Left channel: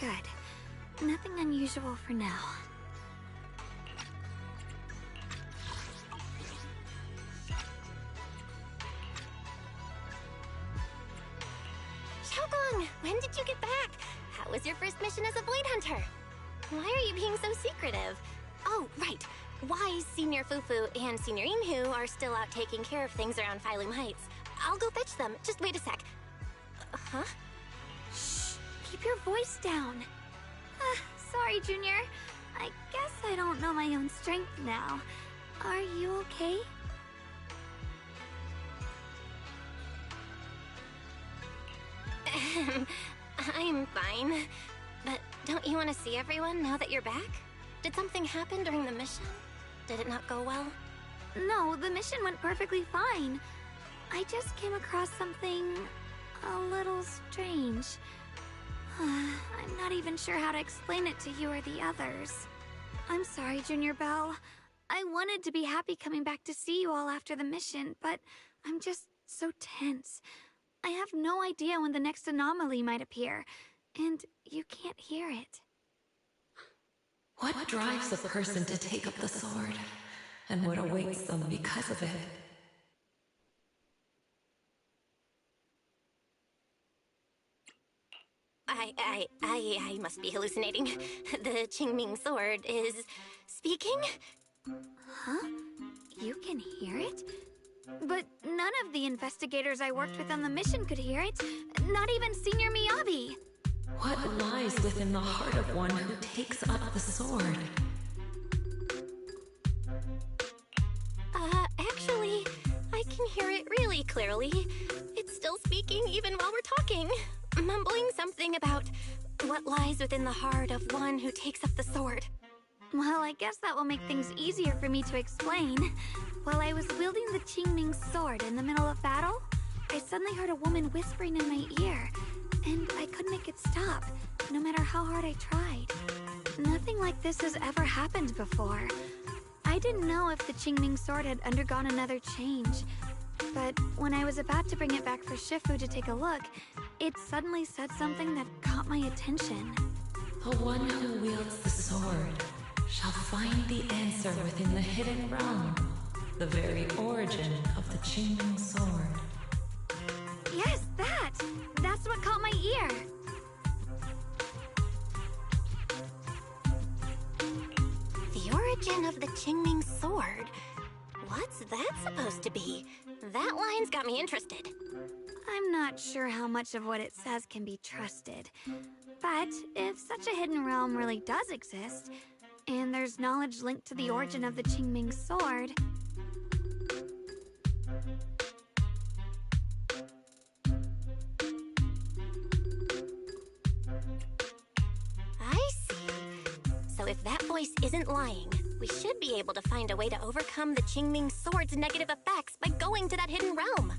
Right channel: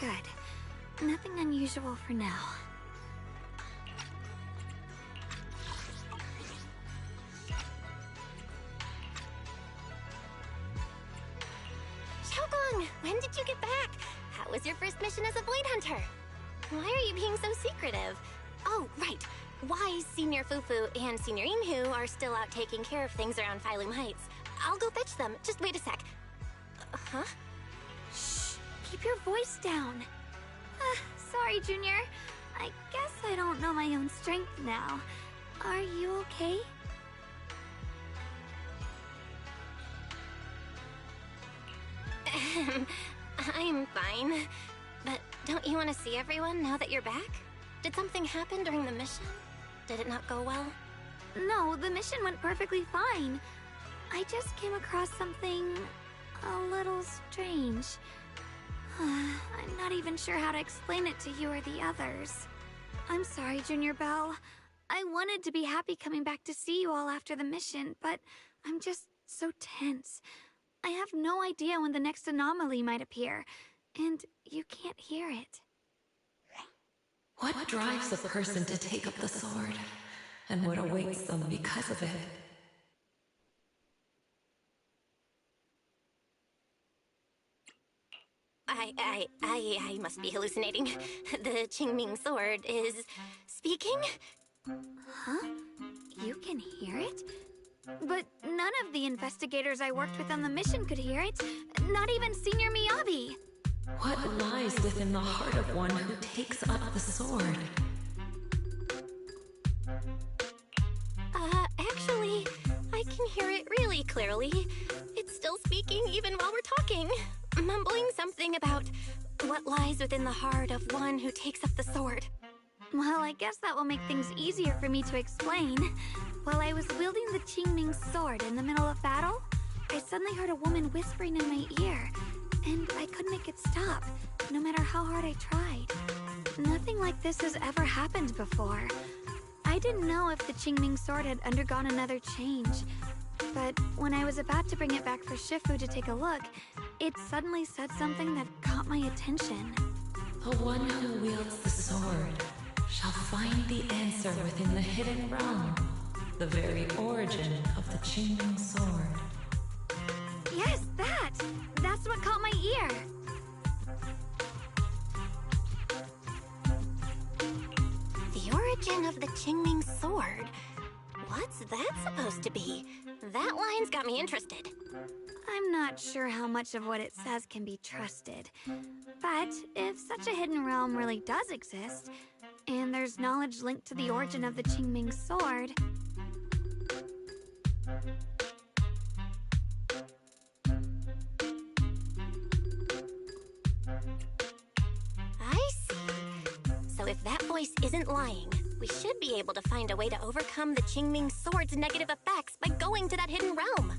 Good. Nothing unusual for now. Shunguang, when did you get back? How was your first mission as a Void Hunter? Why are you being so secretive? Oh, right. Wise Senior Fufu and Senior Inhu are still out taking care of things around Phylum Heights. I'll go fetch them. Just wait a sec. Huh? Shh! Keep your voice down. Sorry, Junior. I guess I don't know my own strength now. Are you okay? I'm fine. But don't you want to see everyone now that you're back? Did something happen during the mission? Did it not go well? No, the mission went perfectly fine. I just came across something a little strange. I'm not even sure how to explain it to you or the others. I'm sorry, Junior Belle. I wanted to be happy coming back to see you all after the mission, but I'm just so tense. I have no idea when the next anomaly might appear, and you can't hear it. What drives a person to take up the sword, and what awaits them because of it? I must be hallucinating. The Qingming sword is speaking? Huh? You can hear it? But none of the investigators I worked with on the mission could hear it. Not even Senior Miyabi. What lies within the heart of one who takes up the sword? Actually, I can hear it really clearly. It's still speaking even while we're talking. Mumbling something about what lies within the heart of one who takes up the sword. Well, I guess that will make things easier for me to explain. While I was wielding the Qingming sword in the middle of battle, I suddenly heard a woman whispering in my ear, and I couldn't make it stop, no matter how hard I tried. Nothing like this has ever happened before. I didn't know if the Qingming sword had undergone another change, but when I was about to bring it back for Shifu to take a look, it suddenly said something that caught my attention. The one who wields the sword shall find the answer within the hidden realm, the very origin of the Qingming sword. Yes, that! That's what caught my ear! The origin of the Qingming sword? What's that supposed to be? That line's got me interested. I'm not sure how much of what it says can be trusted. But if such a hidden realm really does exist, and there's knowledge linked to the origin of the Qingming sword... I see. So if that voice isn't lying, we should be able to find a way to overcome the Qingming sword's negative effects by going to that hidden realm.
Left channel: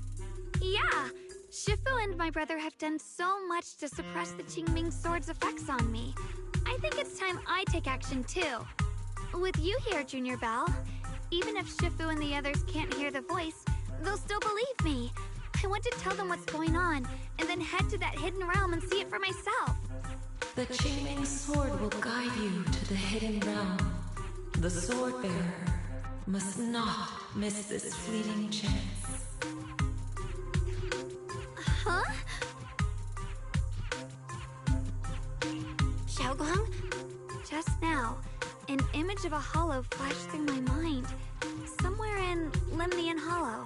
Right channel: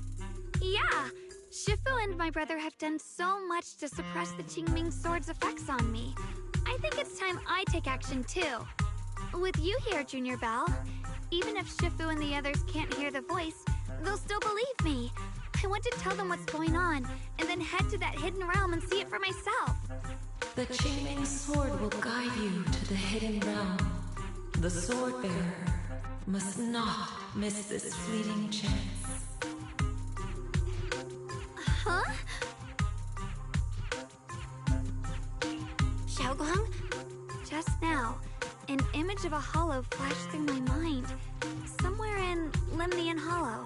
Yeah! Shifu and my brother have done so much to suppress the Qingming sword's effects on me. I think it's time I take action too. With you here, Junior Belle, even if Shifu and the others can't hear the voice, they'll still believe me. I want to tell them what's going on, and then head to that hidden realm and see it for myself. The Qingming sword will guide you to the hidden realm. The sword bearer must not miss this fleeting chance. Huh? Shunguang? Just now, an image of a hollow flashed through my mind. Somewhere in Lemnian Hollow.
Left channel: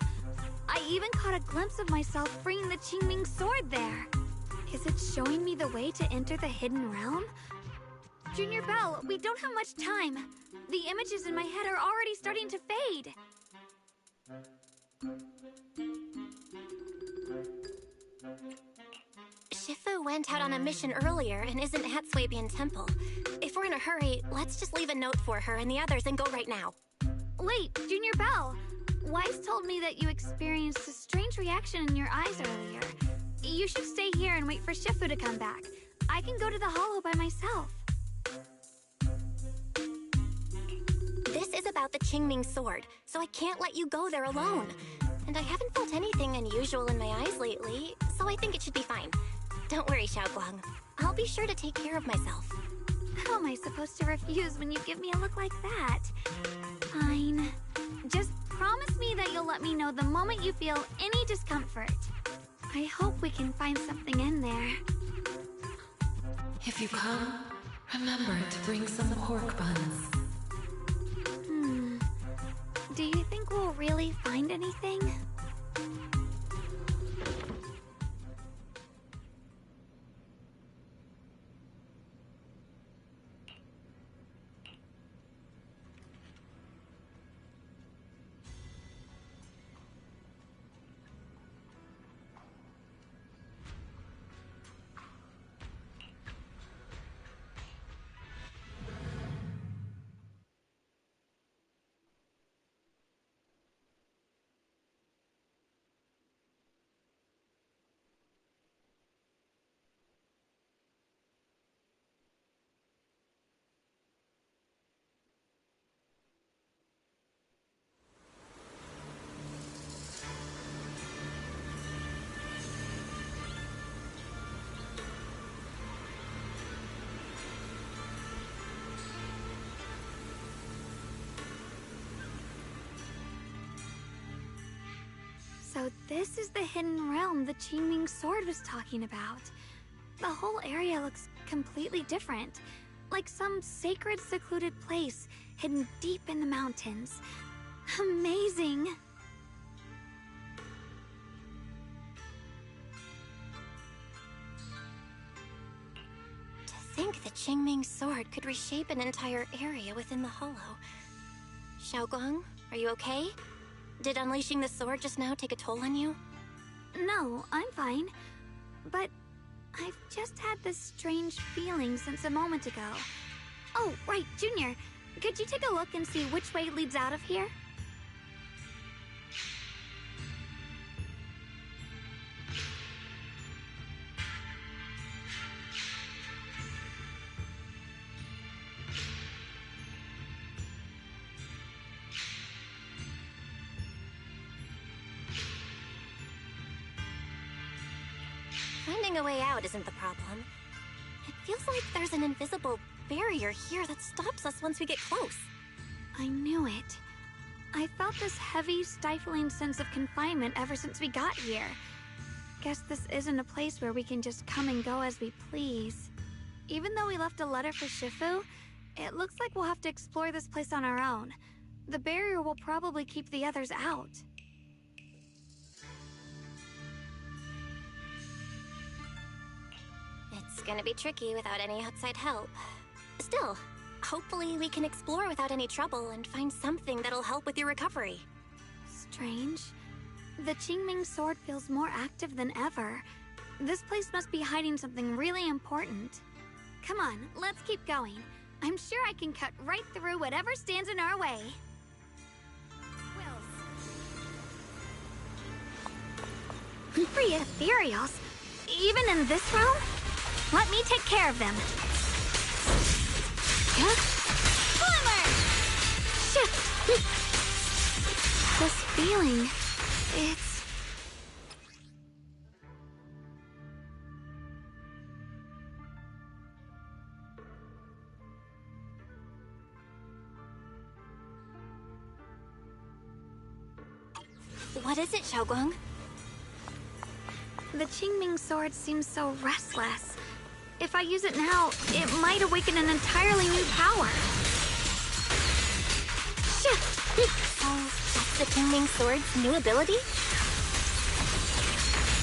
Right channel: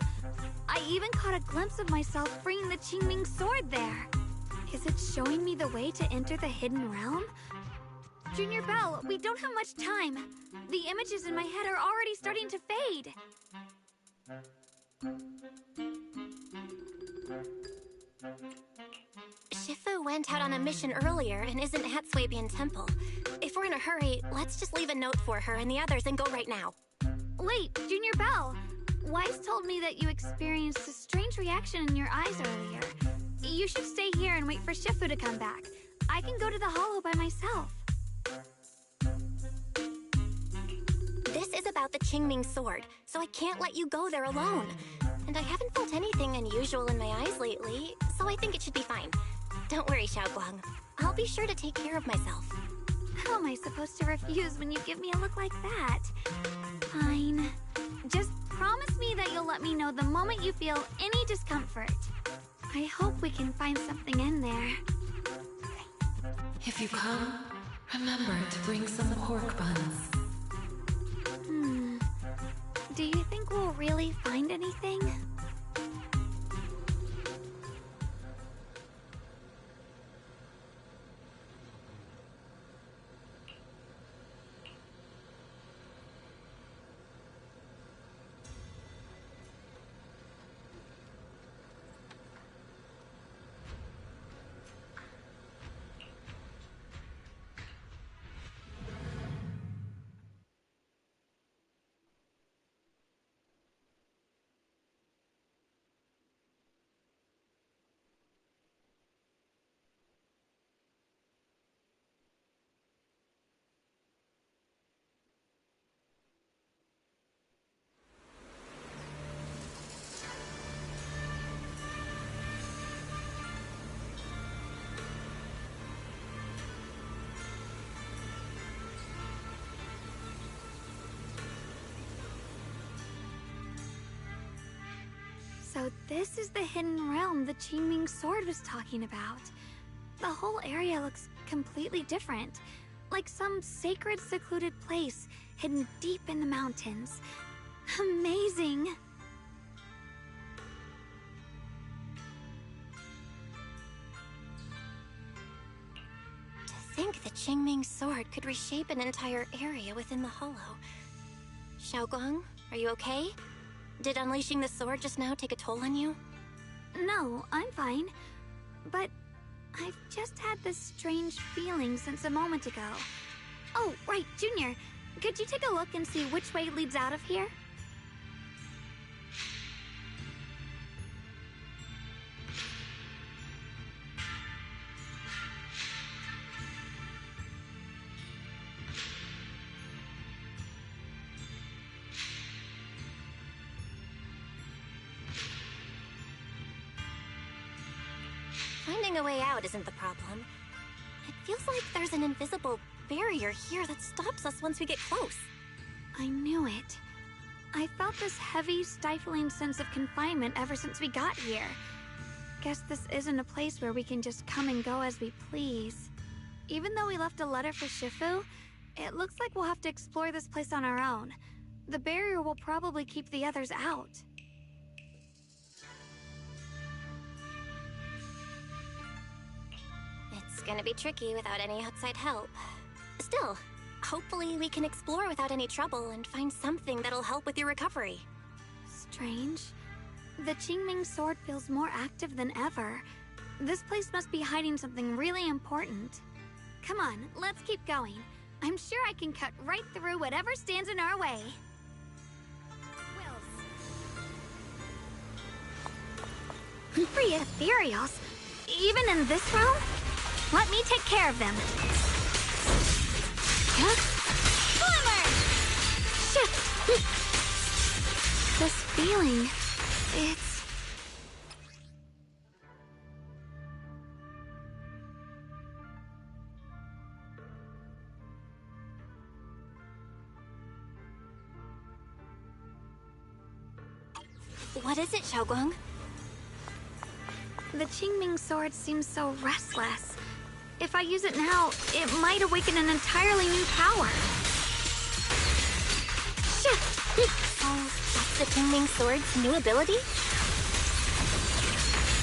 I even caught a glimpse of myself freeing the Qingming sword there. Is it showing me the way to enter the hidden realm? Junior Belle, we don't have much time. The images in my head are already starting to fade. Shifu went out on a mission earlier and isn't at Swabian Temple. If we're in a hurry, let's just leave a note for her and the others and go right now. Wait, Junior Belle! Wise told me that you experienced a strange reaction in your eyes earlier. You should stay here and wait for Shifu to come back. I can go to the hollow by myself. This is about the Qingming sword, so I can't let you go there alone. And I haven't felt anything unusual in my eyes lately, so I think it should be fine. Don't worry, Shunguang. I'll be sure to take care of myself. How am I supposed to refuse when you give me a look like that? Fine. Just promise me that you'll let me know the moment you feel any discomfort. I hope we can find something in there. If you come, remember to bring some pork buns. Do you think we'll really find anything? So this is the hidden realm the Qingming sword was talking about. The whole area looks completely different, like some sacred, secluded place hidden deep in the mountains. Amazing! To think the Qingming sword could reshape an entire area within the hollow. Shunguang, are you okay? Did unleashing the sword just now take a toll on you? No, I'm fine. But I've just had this strange feeling since a moment ago. Oh, right, Junior. Could you take a look and see which way leads out of here? Finding a way out isn't the problem. It feels like there's an invisible barrier here that stops us once we get close. I knew it. I felt this heavy, stifling sense of confinement ever since we got here. Guess this isn't a place where we can just come and go as we please. Even though we left a letter for Shifu, it looks like we'll have to explore this place on our own. The barrier will probably keep the others out. It's gonna be tricky without any outside help. Still, hopefully we can explore without any trouble and find something that'll help with your recovery. Strange. The Qingming sword feels more active than ever. This place must be hiding something really important. Come on, let's keep going. I'm sure I can cut right through whatever stands in our way. Wills. Free ethereals? Even in this realm? Let me take care of them. Huh? Slimmer! Shift! This feeling, it's... What is it, Shunguang? The Qingming sword seems so restless. If I use it now, it might awaken an entirely new power. Shift! Oh, that's the Qingming sword's new ability?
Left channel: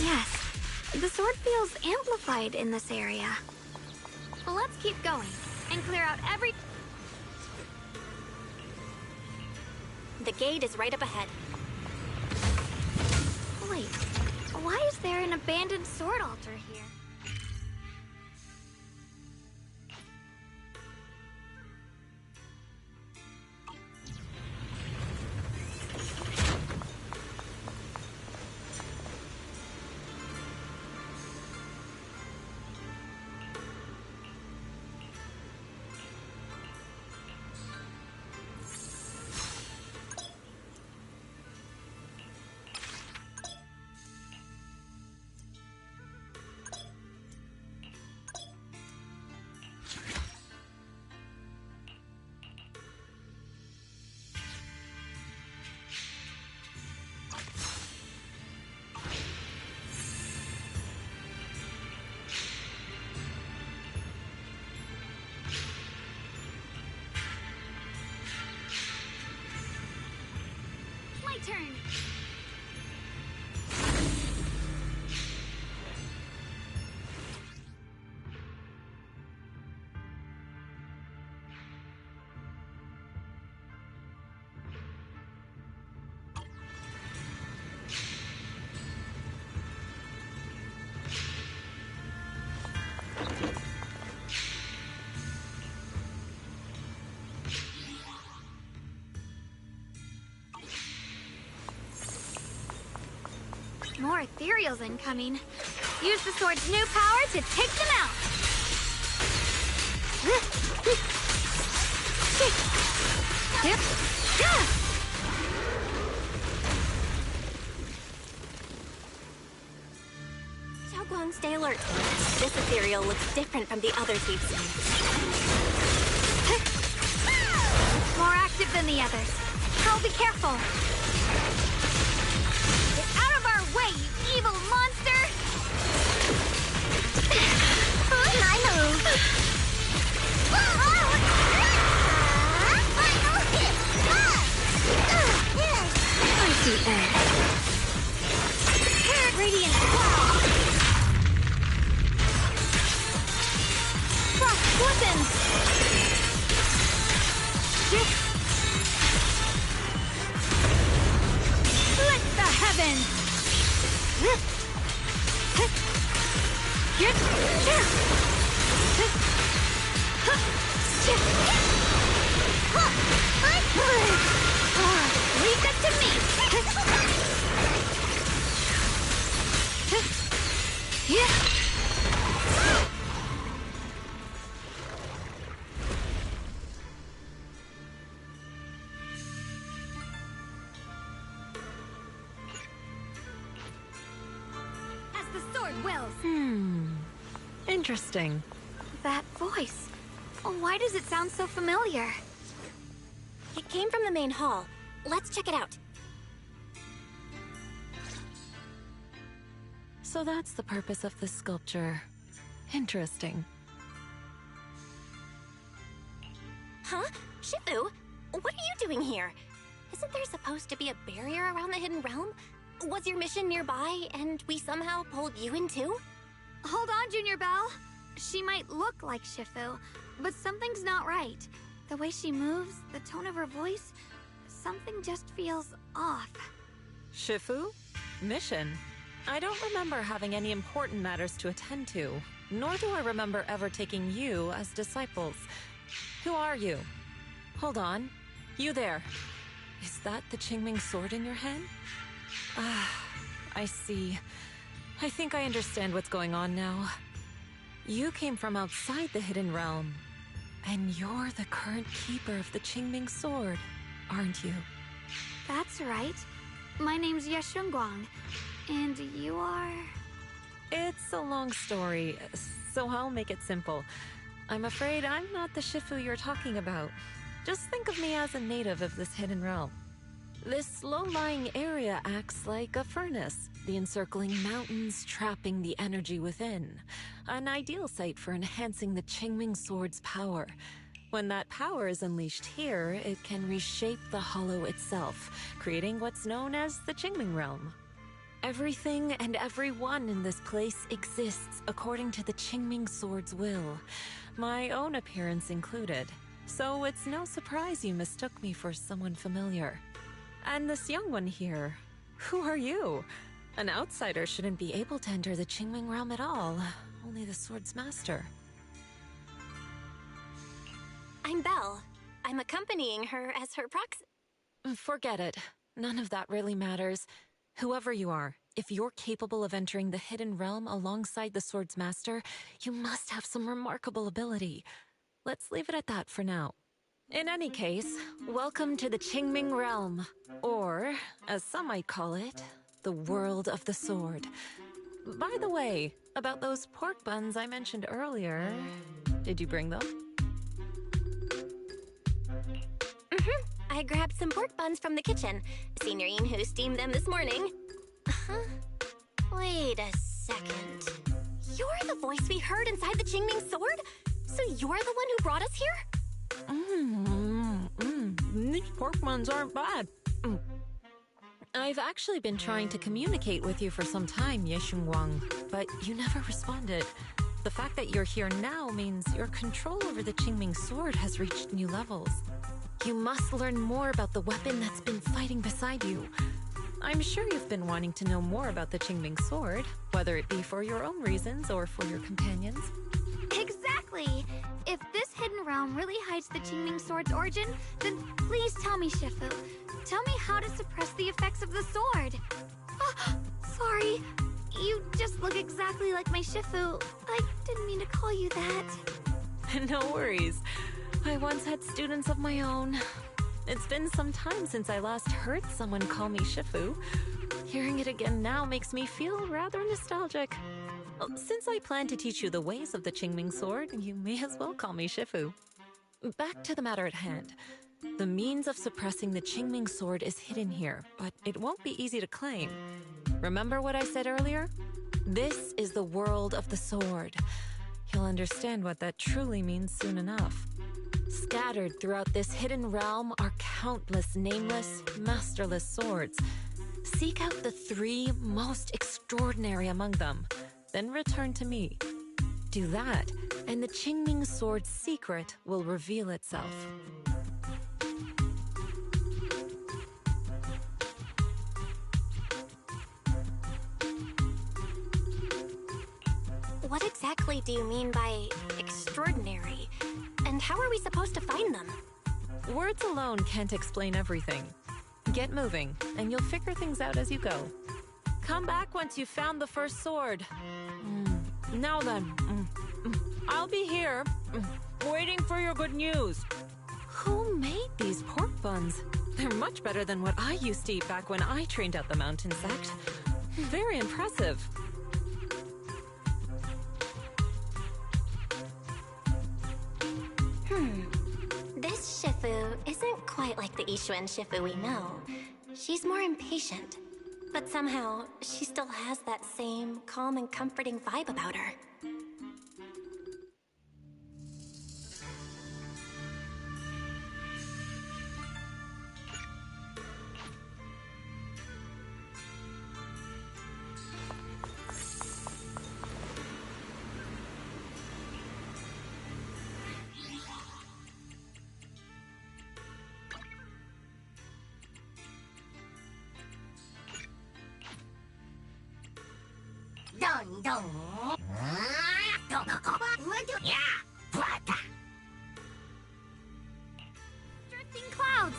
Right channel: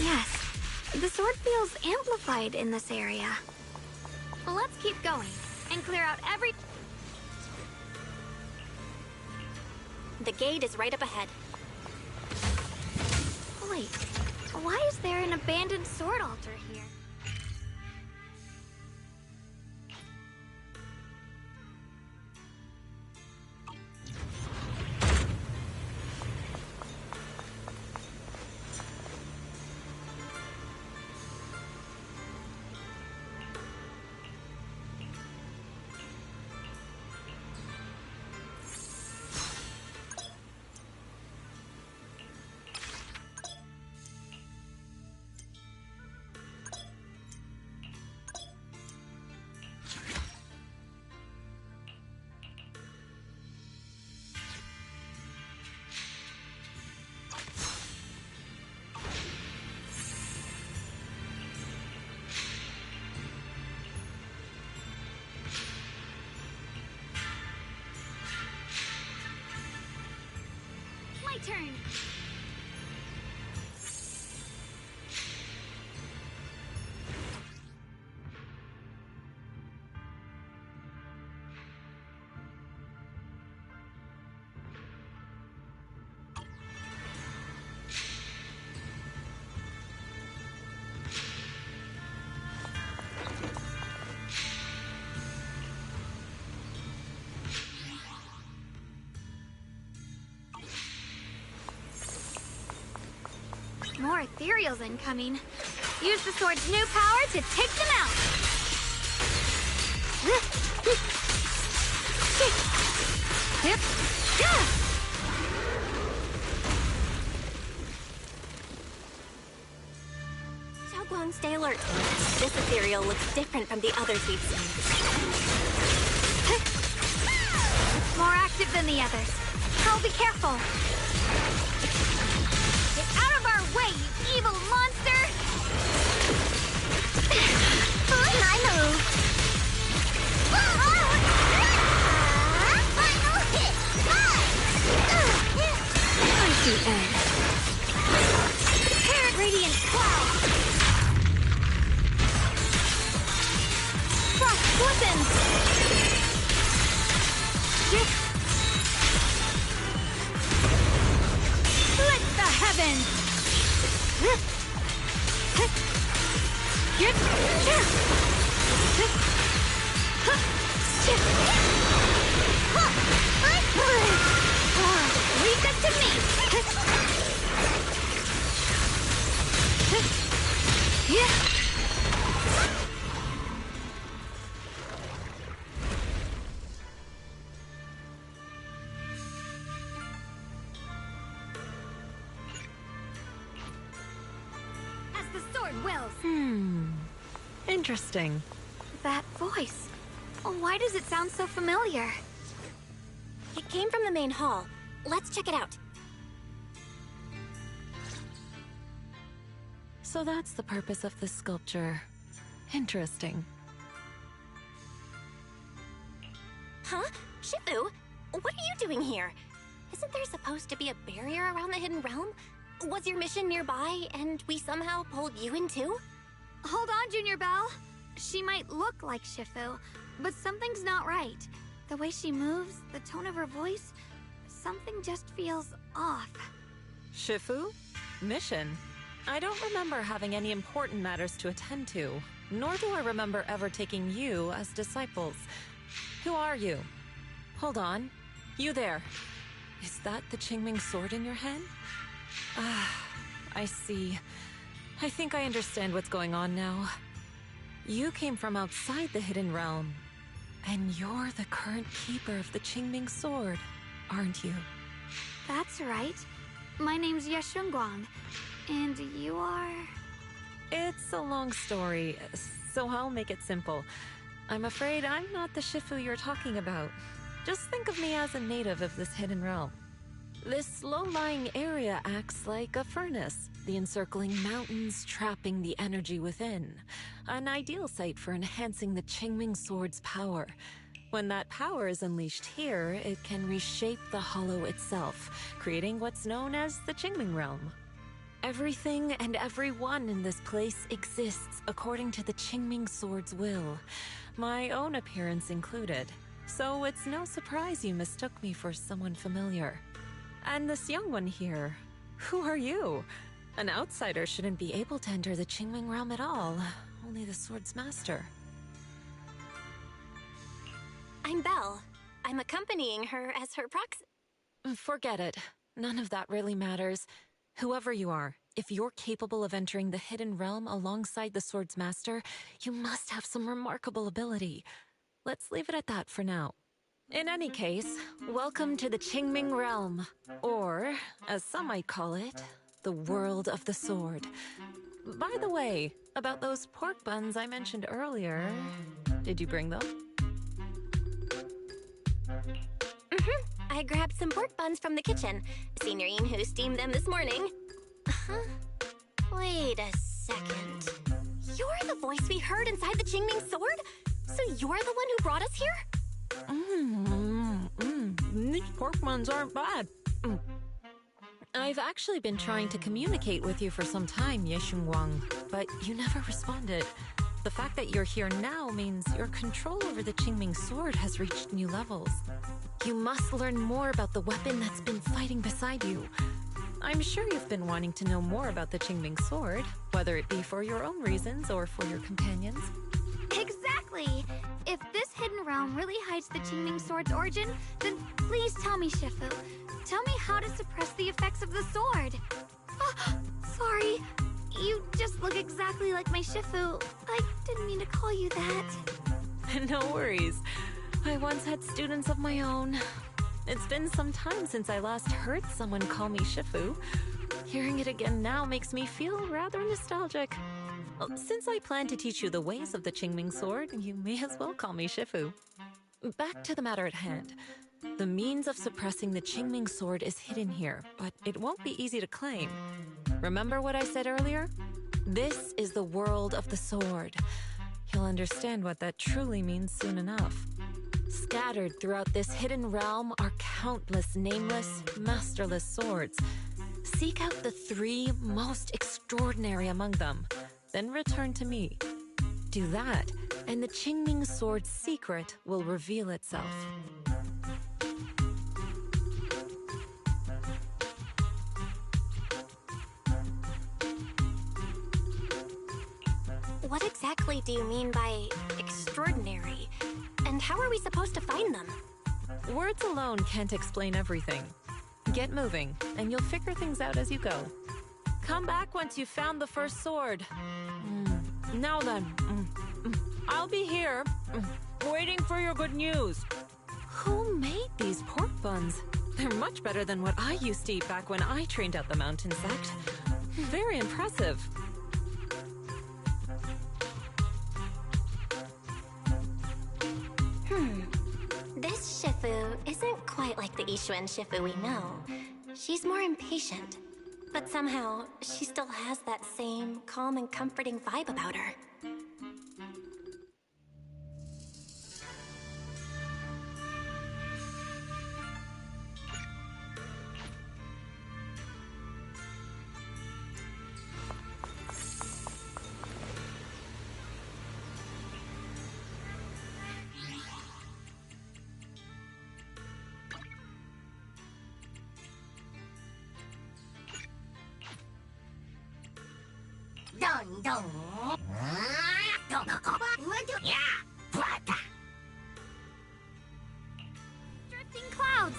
Yes, the sword feels amplified in this area. Well, let's keep going and clear out every... The gate is right up ahead. Wait, why is there an abandoned sword altar here? turn. More ethereals incoming. Use the sword's new power to take them out. Shunguang, stay alert. This ethereal looks different from the others we've seen. More active than the others. I'll be careful. Get out of our way, you evil monster! My move! Icy edge. Radiant cloud. Frost weapons. Split the heavens. Leave that to me. As the sword wills. Interesting. That voice. Why does it sound so familiar? It came from the main hall. Let's check it out. So that's the purpose of this sculpture. Interesting. Huh? Shifu, what are you doing here? Isn't there supposed to be a barrier around the hidden realm? Was your mission nearby and we somehow pulled you in too? Hold on, Junior Belle. She might look like Shifu, but something's not right. The way she moves, the tone of her voice, something just feels off. Shifu? Mission? I don't remember having any important matters to attend to, nor do I remember ever taking you as disciples. Who are you? Hold on. You there. Is that the Qingming sword in your hand? Ah, I see. I think I understand what's going on now. You came from outside the Hidden Realm, and you're the current keeper of the Qingming sword, aren't you? That's right. My name's Shunguang, and you are... It's a long story, so I'll make it simple. I'm afraid I'm not the Shifu you're talking about. Just think of me as a native of this hidden realm. This low-lying area acts like a furnace, the encircling mountains trapping the energy within. An ideal site for enhancing the Qingming sword's power. When that power is unleashed here, it can reshape the hollow itself, creating what's known as the Qingming realm. Everything and everyone in this place exists according to the Qingming sword's will, my own appearance included. So it's no surprise you mistook me for someone familiar. And this young one here, who are you? An outsider shouldn't be able to enter the Qingming realm at all, only the sword's master. I'm Belle. I'm accompanying her as her proxy. Forget it. None of that really matters. Whoever you are, if you're capable of entering the hidden realm alongside the sword's master, you must have some remarkable ability. Let's leave it at that for now. In any case, welcome to the Qingming realm, or, as some might call it, the world of the sword. By the way, about those pork buns I mentioned earlier, did you bring them? I grabbed some pork buns from the kitchen. Senior Yinhu steamed them this morning. Wait a second. You're the voice we heard inside the Qingming sword? So you're the one who brought us here? These pork buns aren't bad. I've actually been trying to communicate with you for some time, Shunguang, but you never responded. The fact that you're here now means your control over the Qingming sword has reached new levels. You must learn more about the weapon that's been fighting beside you. I'm sure you've been wanting to know more about the Qingming sword, whether it be for your own reasons or for your companions. Exactly! If this hidden realm really hides the Qingming sword's origin, then please tell me, Shifu. Tell me how to suppress the effects of the sword. Oh, sorry. You just look exactly like my Shifu. I didn't mean to call you that. No worries. I once had students of my own. It's been some time since I last heard someone call me Shifu. Hearing it again now makes me feel rather nostalgic. Well, since I plan to teach you the ways of the Qingming sword, you may as well call me Shifu. Back to the matter at hand. The means of suppressing the Qingming sword is hidden here, but it won't be easy to claim. Remember what I said earlier? This is the world of the sword. You'll understand what that truly means soon enough. Scattered throughout this hidden realm are countless nameless, masterless swords. Seek out the 3 most extraordinary among them, then return to me. Do that, and the Qingming sword's secret will reveal itself. What exactly do you mean by extraordinary? And how are we supposed to find them? Words alone can't explain everything. Get moving, and you'll figure things out as you go. Come back once you've found the first sword. Now then, I'll be here, waiting for your good news. Who made these pork buns? They're much better than what I used to eat back when I trained at the mountain sect. Very impressive. This Shifu isn't quite like the Ishuan Shifu we know. She's more impatient. But somehow, she still has that same calm and comforting vibe about her. Drifting clouds!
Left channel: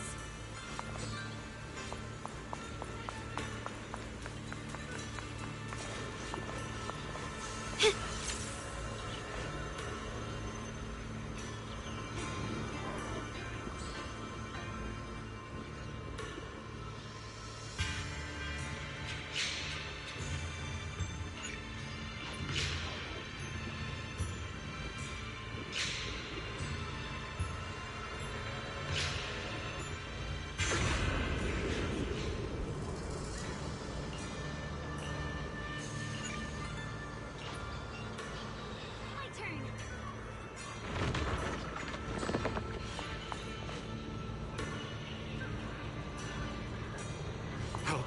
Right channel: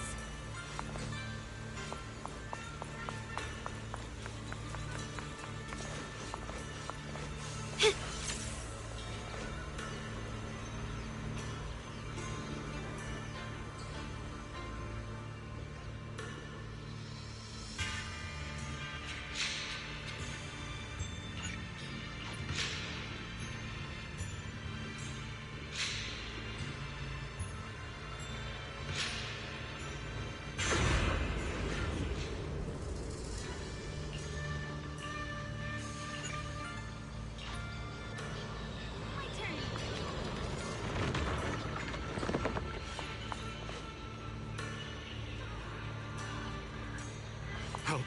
Help!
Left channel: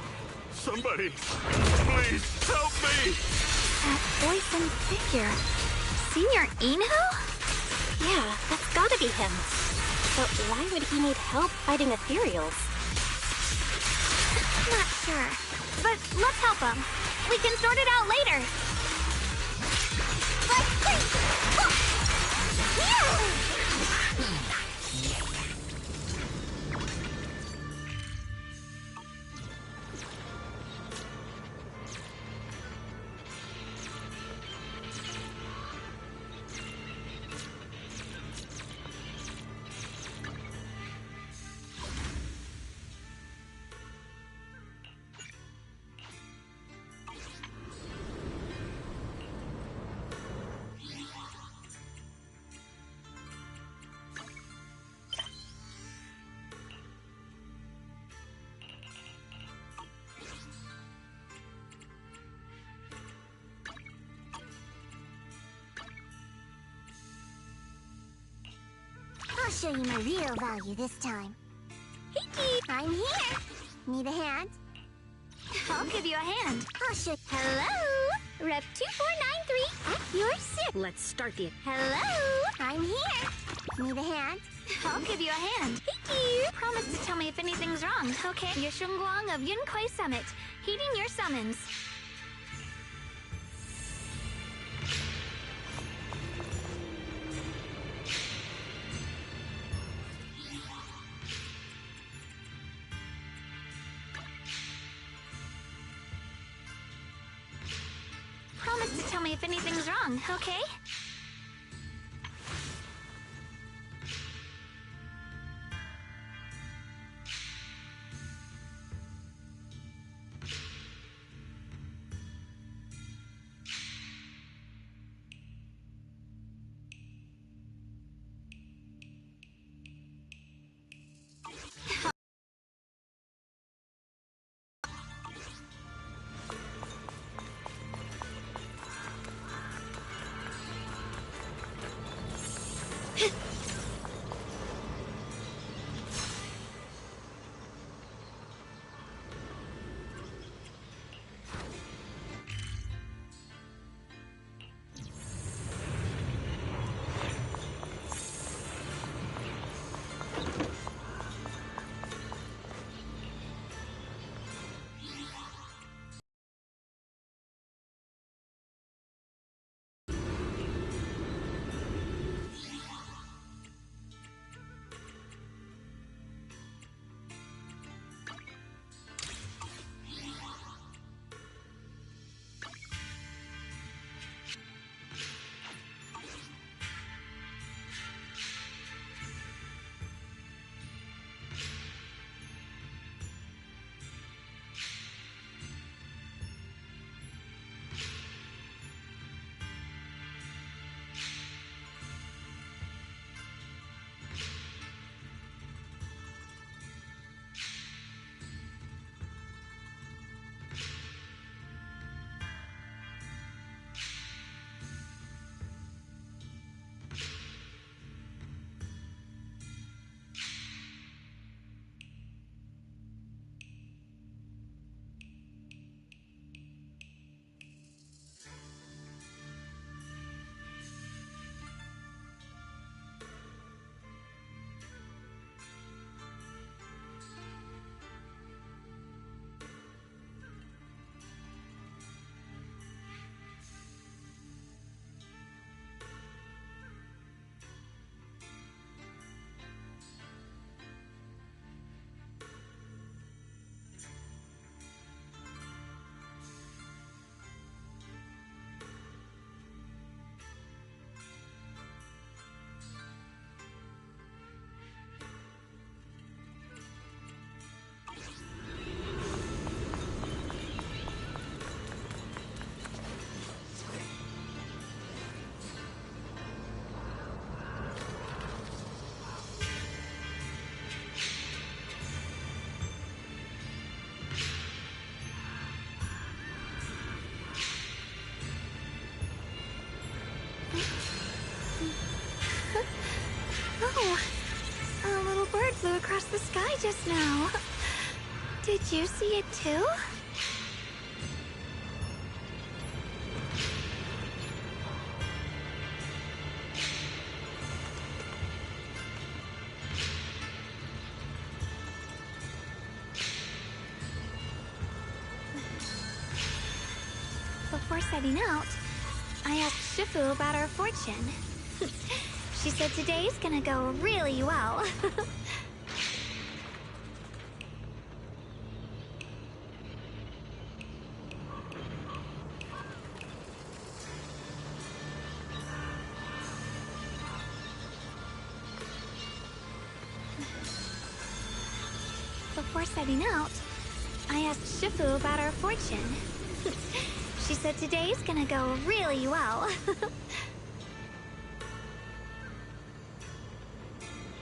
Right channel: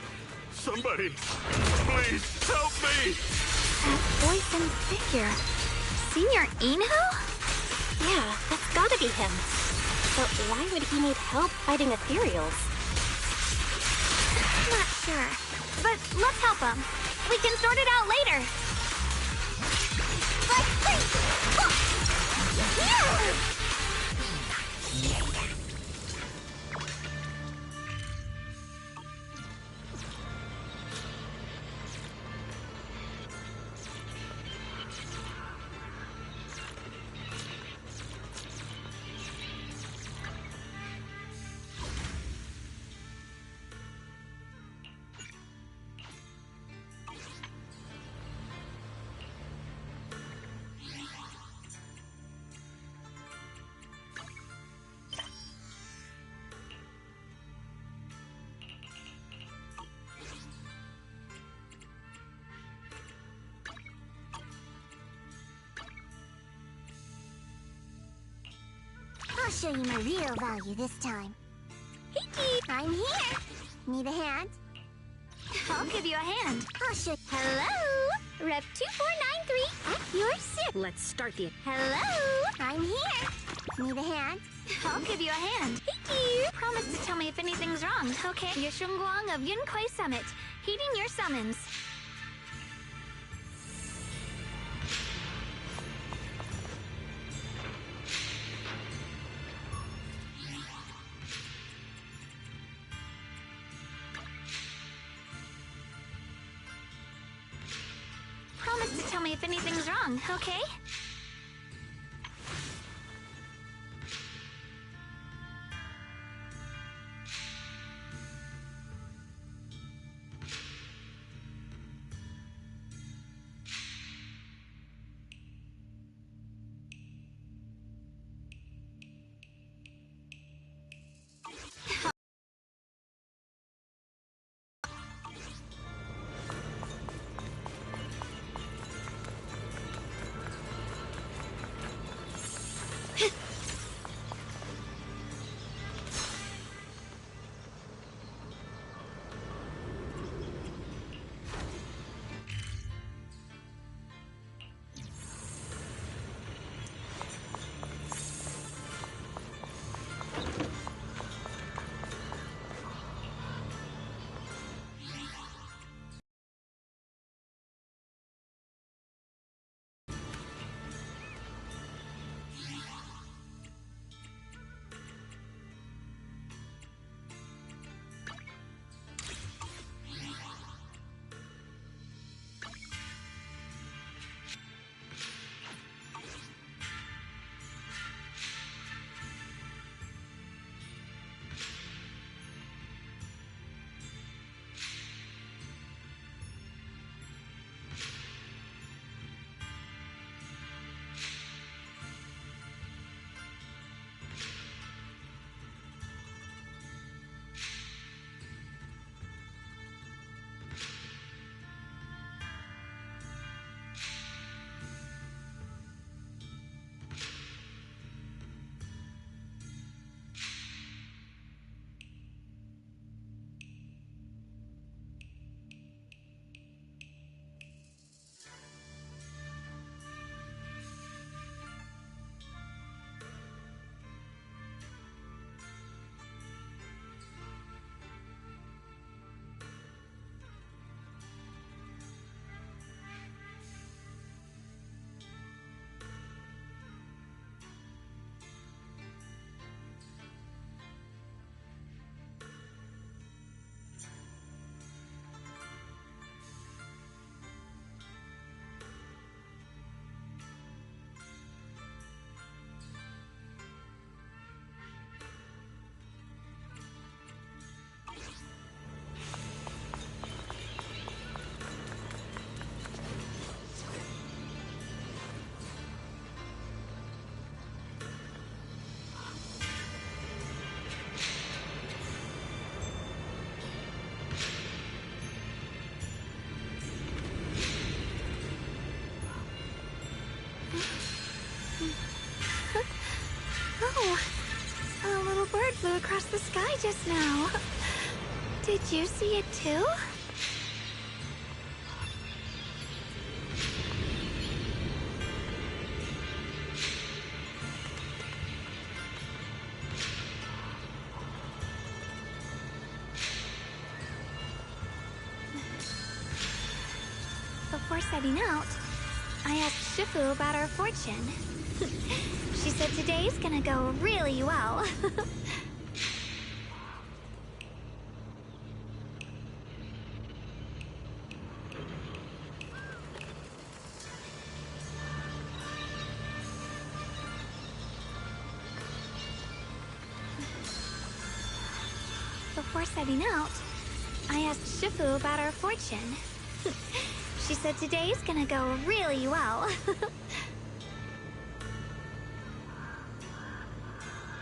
Somebody! Please, help me! That voice and figure. Senior Inhu? Yeah, that's gotta be him. But why would he need help fighting ethereals? Not sure. But let's help him. We can sort it out later. I'll show you my real value this time. I'm here. Need a hand? I'll give you a hand. I'll show. Hello? Rep 2493. At your service. Let's start the... Hello? I'm here. Need a hand? I'll give you a hand. Thank you. Promise to tell me if anything's wrong, okay? You're Shunguang of Yunquai Summit, heeding your summons. Promise to tell me if anything's wrong, okay? Oh, a little bird flew across the sky just now. Did you see it too? Before setting out, I asked Shifu about our fortune. She said today's gonna go really well. Before setting out, I asked Shifu about our fortune. She said today's gonna go really well. Before setting out, I asked Shifu about our fortune. She said today's gonna go really well. She said today's gonna go really well.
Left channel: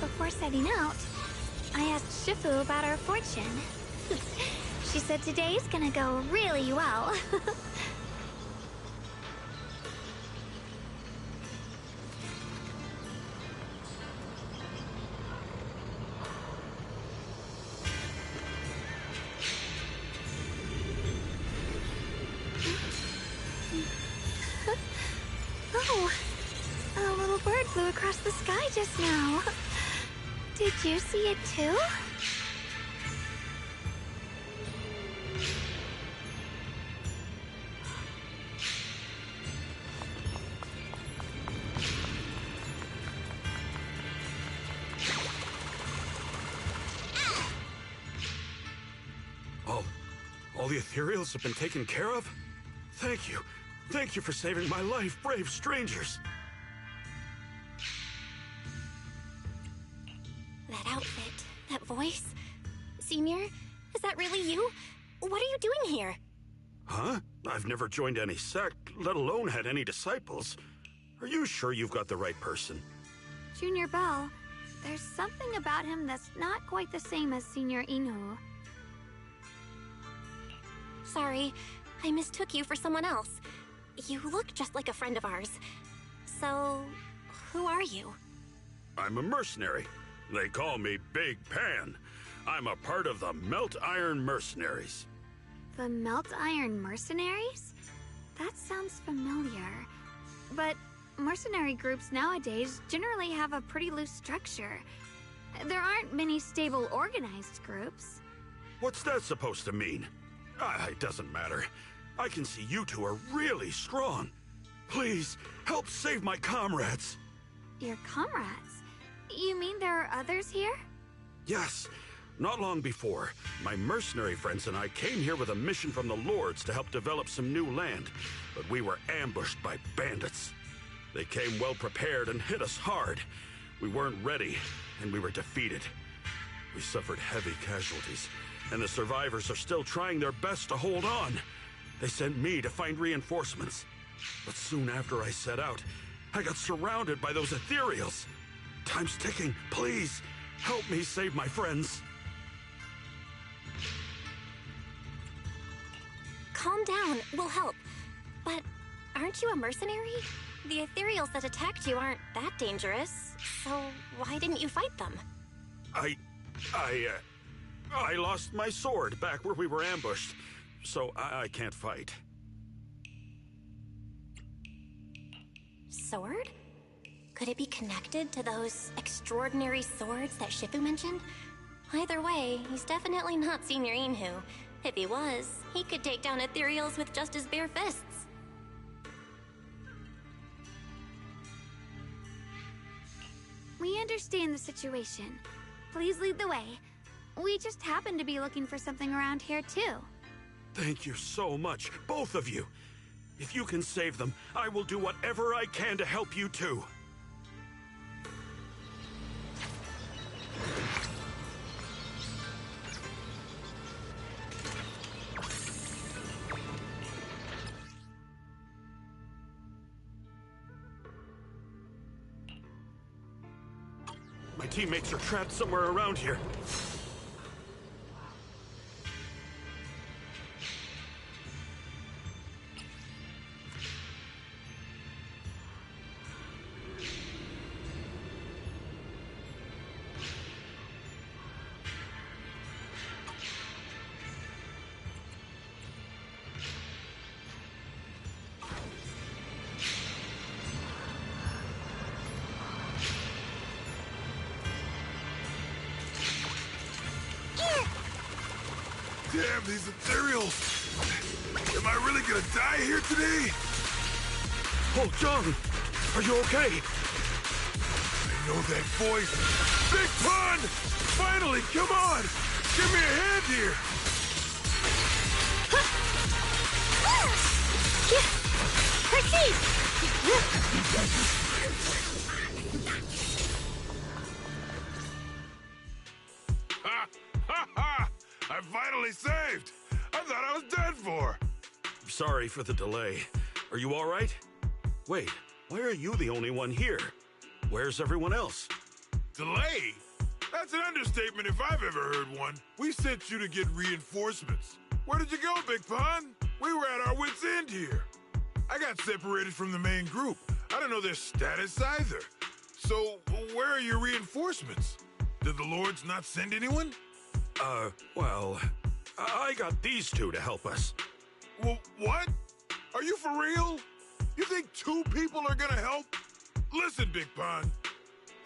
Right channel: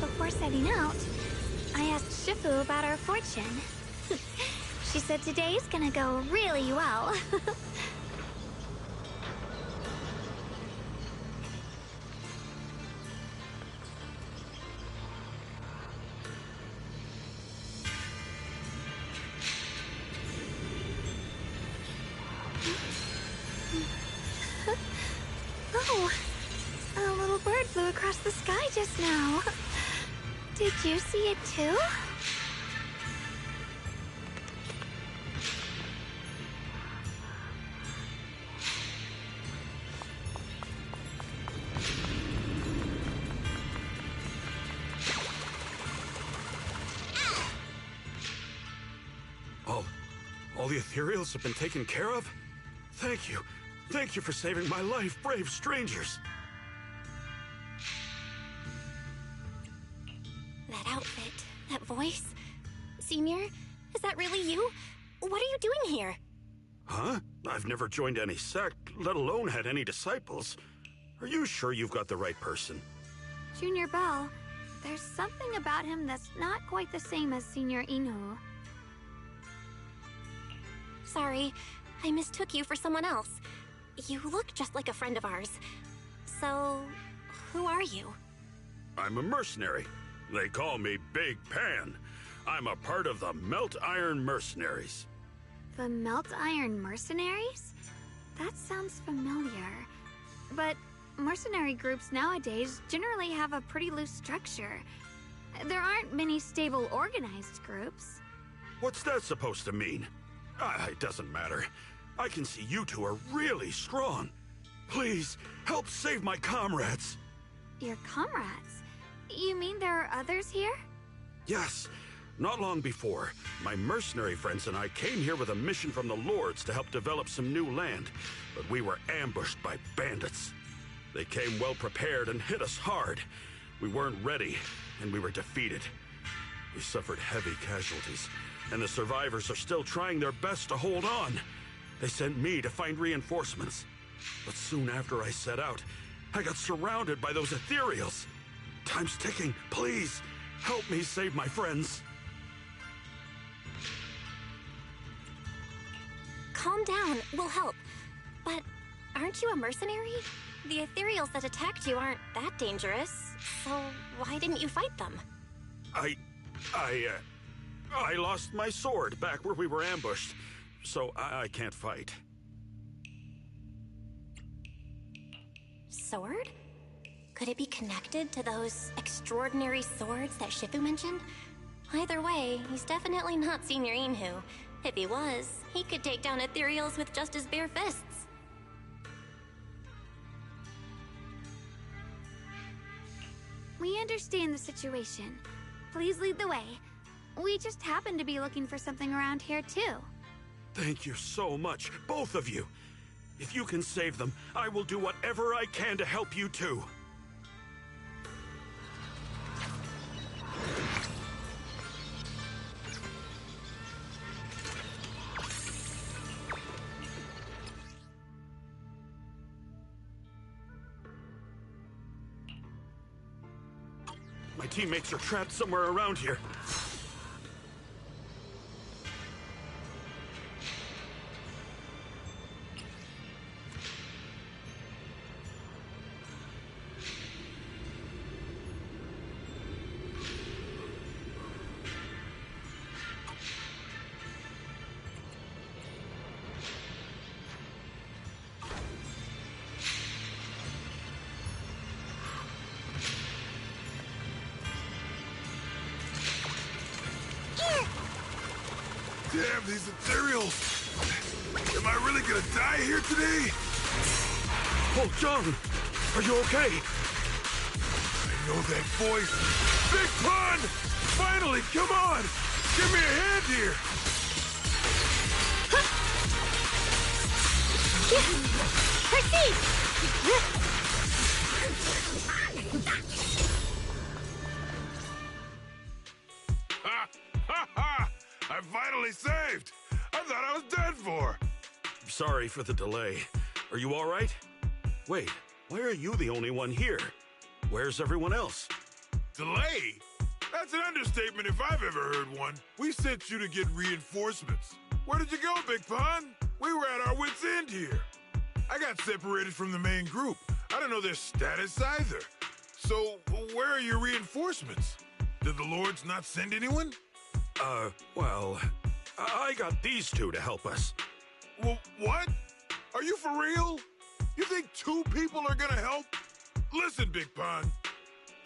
Before setting out, I asked Shifu about our fortune. She said today's gonna go really well. She said today's gonna go really well. Before setting out, I asked Shifu about our fortune. She said today's gonna go really well. Before setting out, I asked Shifu about our fortune. She said today's gonna go really well. Did you see it too? All the ethereals have been taken care of? Thank you. Thank you for saving my life, brave strangers. That outfit, that voice. Senior, is that really you? What are you doing here? Huh? I've never joined any sect, let alone had any disciples. Are you sure you've got the right person? Junior Bell, there's something about him that's not quite the same as Senior Inhu. Sorry, I mistook you for someone else. You look just like a friend of ours. So, who are you? I'm a mercenary. They call me Big Pan. I'm a part of the Melt Iron Mercenaries. The Melt Iron Mercenaries? That sounds familiar. But mercenary groups nowadays generally have a pretty loose structure. There aren't many stable organized groups. What's that supposed to mean? It doesn't matter. I can see you two are really strong. Please, help save my comrades. Your comrades? You mean there are others here? Yes. Not long before, my mercenary friends and I came here with a mission from the Lords to help develop some new land, but we were ambushed by bandits. They came well prepared and hit us hard. We weren't ready, and we were defeated. We suffered heavy casualties, and the survivors are still trying their best to hold on. They sent me to find reinforcements. But soon after I set out, I got surrounded by those ethereals. Time's ticking. Please, help me save my friends. Calm down, we'll help. But aren't you a mercenary? The ethereals that attacked you aren't that dangerous, so why didn't you fight them? I lost my sword back where we were ambushed, so I can't fight. Sword? Could it be connected to those extraordinary swords that Shifu mentioned? Either way, he's definitely not Senior Inhu. If he was, he could take down ethereals with just his bare fists. We understand the situation. Please lead the way. We just happen to be looking for something around here, too. Thank you so much, both of you. If you can save them, I will do whatever I can to help you too. My teammates are trapped somewhere around here. Damn, these ethereals! Am I really gonna die here today? Oh, Jung! Are you okay? I know that voice! Big Pun! Finally, come on! Give me a hand here! Proceed! Ha! Ha ha! I'm finally saved! I thought I was dead for! Sorry for the delay. Are you all right? Wait, why are you the only one here? Where's everyone else? Delay? That's an understatement if I've ever heard one. We sent you to get reinforcements. Where did you go, Big Pun? We were at our wits' end here. I got separated from the main group. I don't know their status either. So, where are your reinforcements? Did the Lords not send anyone? Well, I got these two to help us. Well, what? Are you for real? You think two people are gonna help? Listen, Big Pun.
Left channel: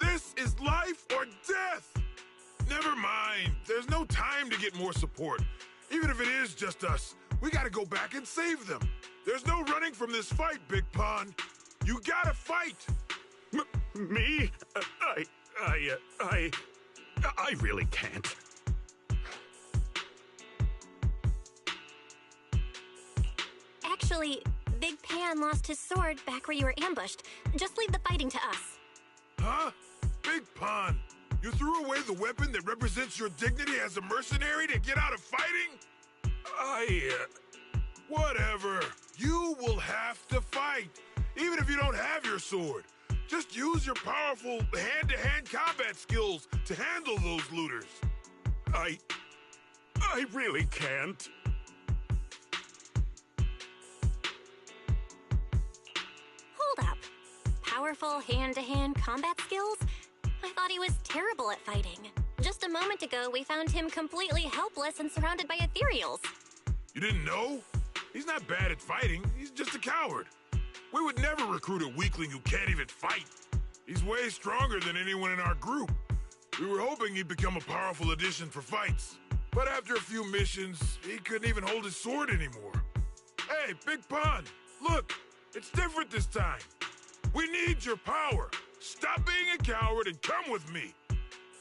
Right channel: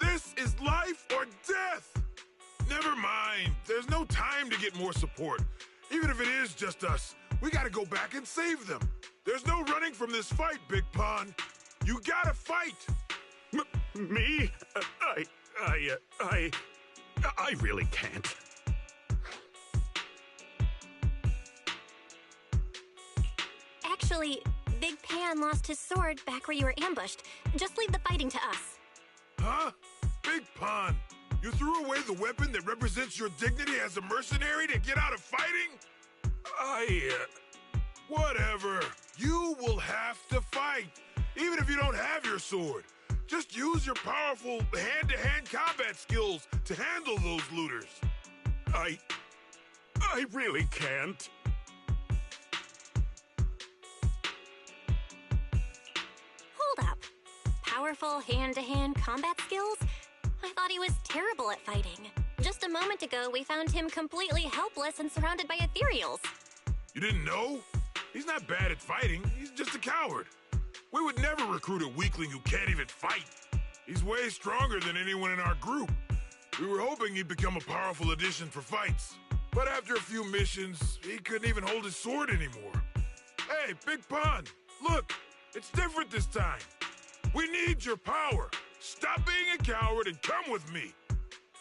This is life or death! Never mind. There's no time to get more support. Even if it is just us, we gotta go back and save them. There's no running from this fight, Big Pond. You gotta fight! Me? I really can't. Actually, Big Pan lost his sword back where you were ambushed. Just leave the fighting to us. Huh? Big Pond, you threw away the weapon that represents your dignity as a mercenary to get out of fighting? Whatever. You will have to fight, even if you don't have your sword. Just use your powerful hand-to-hand combat skills to handle those looters. I really can't. Hold up. Powerful hand-to-hand combat skills? I thought he was terrible at fighting. Just a moment ago, we found him completely helpless and surrounded by ethereals. You didn't know? He's not bad at fighting. He's just a coward. We would never recruit a weakling who can't even fight. He's way stronger than anyone in our group. We were hoping he'd become a powerful addition for fights. But after a few missions, he couldn't even hold his sword anymore. Hey, Big Pond, look, it's different this time. We need your power. Stop being a coward and come with me.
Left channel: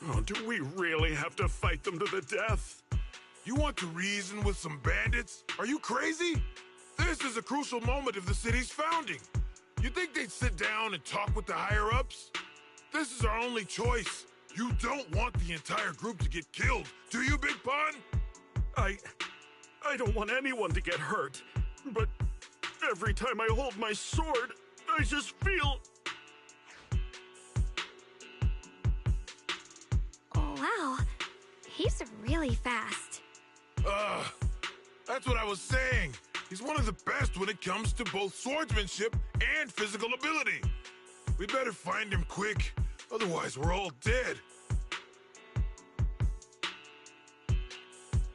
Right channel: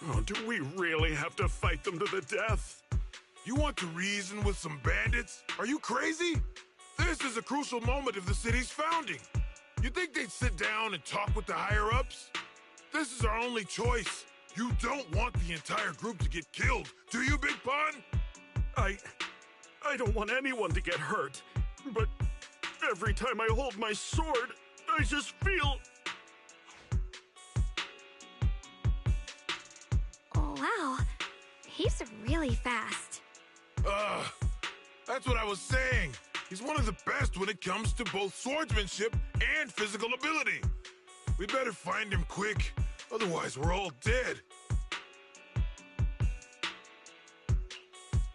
Oh, do we really have to fight them to the death? You want to reason with some bandits? Are you crazy? This is a crucial moment of the city's founding. You think they'd sit down and talk with the higher-ups? This is our only choice. You don't want the entire group to get killed, do you, Big Pond? I don't want anyone to get hurt, but every time I hold my sword, I just feel... Oh, wow. He's really fast. That's what I was saying. He's one of the best when it comes to both swordsmanship and physical ability. We better find him quick, otherwise we're all dead.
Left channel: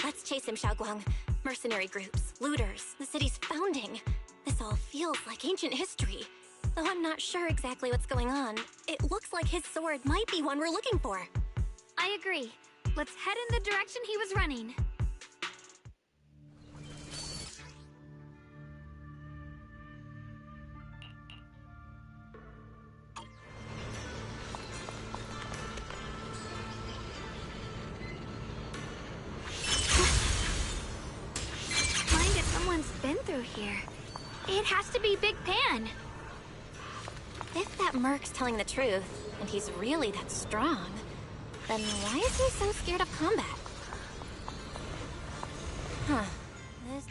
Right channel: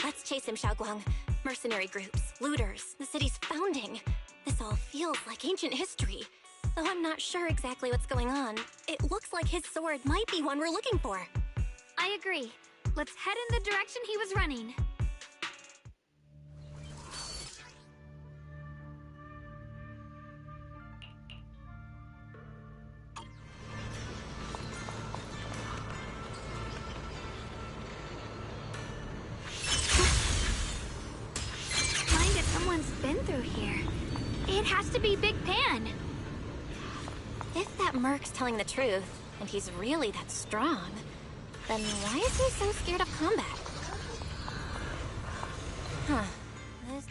Let's chase him, Shunguang. Mercenary groups, looters, the city's founding. This all feels like ancient history. Though I'm not sure exactly what's going on, it looks like his sword might be one we're looking for. I agree. Let's head in the direction he was running. Mind if someone's been through here. It has to be Big Pan. If that merc's telling the truth, and he's really that strong, then why is he so scared of combat? Huh. This...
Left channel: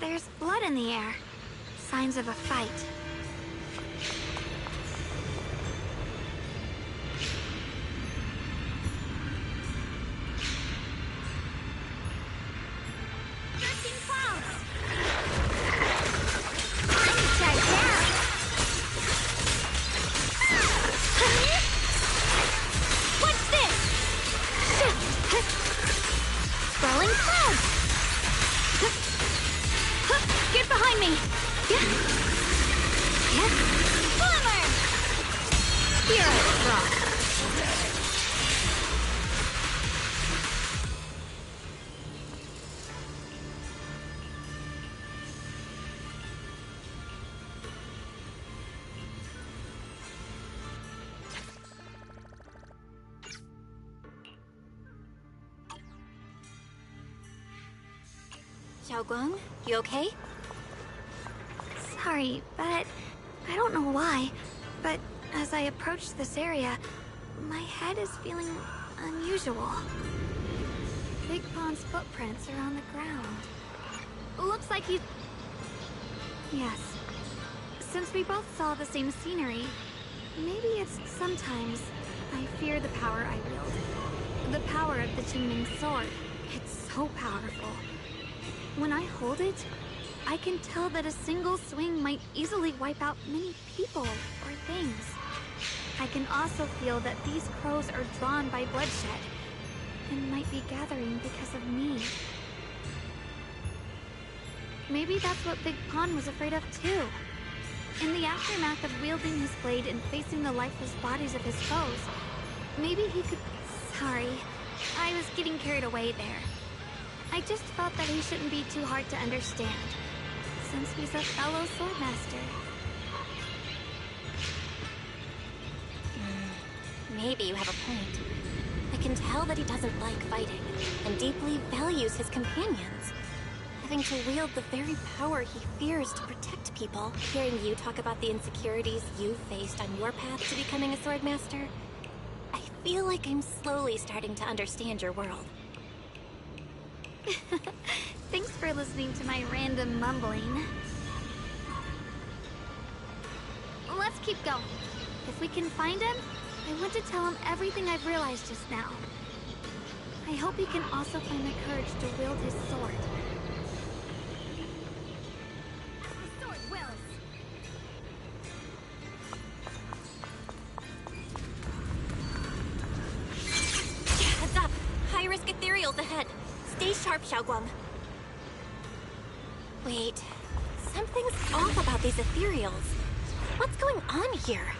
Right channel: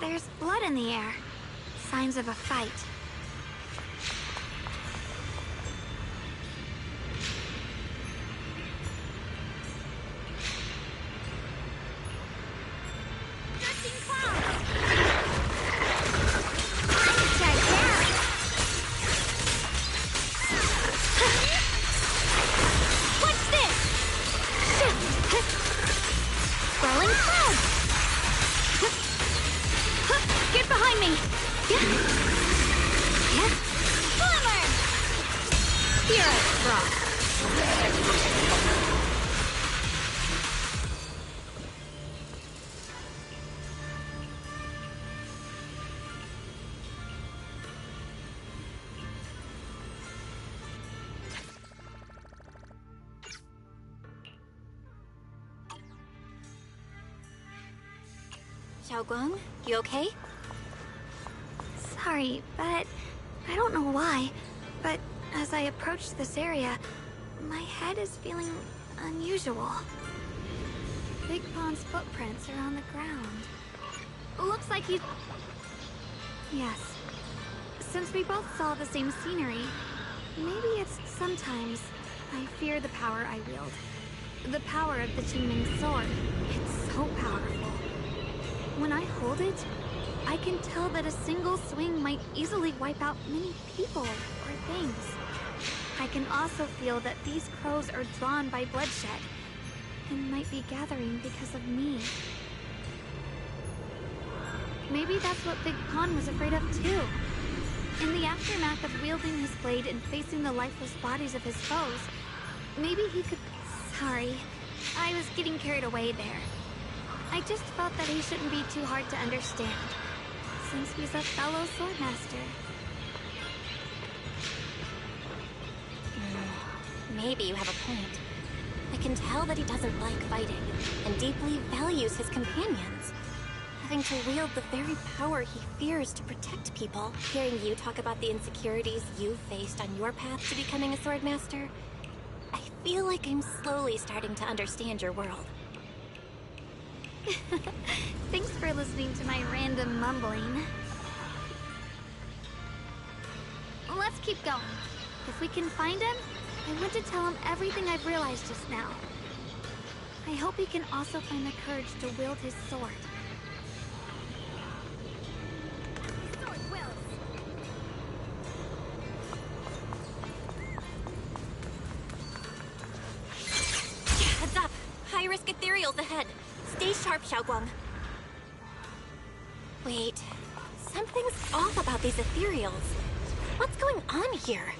There's blood in the air. Signs of a fight. Drifting clouds! I'm checked out! What's this? Swirling clouds! Get behind me! Boomer! Hero Frost! Shunguang, you okay? Sorry, but I don't know why, but as I approach this area, my head is feeling unusual. Big Pond's footprints are on the ground. Looks like he's... Yes. Since we both saw the same scenery, maybe it's sometimes I fear the power I wield. The power of the Qingming sword. It's so powerful. When I hold it, I can tell that a single swing might easily wipe out many people or things. I can also feel that these crows are drawn by bloodshed and might be gathering because of me. Maybe that's what Big Pond was afraid of too. In the aftermath of wielding his blade and facing the lifeless bodies of his foes, maybe he could... Sorry, I was getting carried away there. I just felt that he shouldn't be too hard to understand, since he's a fellow swordmaster. Maybe you have a point. I can tell that he doesn't like fighting, and deeply values his companions. Having to wield the very power he fears to protect people, hearing you talk about the insecurities you faced on your path to becoming a swordmaster, I feel like I'm slowly starting to understand your world. Thanks for listening to my random mumbling. Let's keep going. If we can find him, I want to tell him everything I've realized just now. I hope he can also find the courage to wield his sword. The sword wills. Heads up! High-risk ethereals ahead. Stay sharp, Shunguang. Wait, something's off about these ethereals. What's going on here?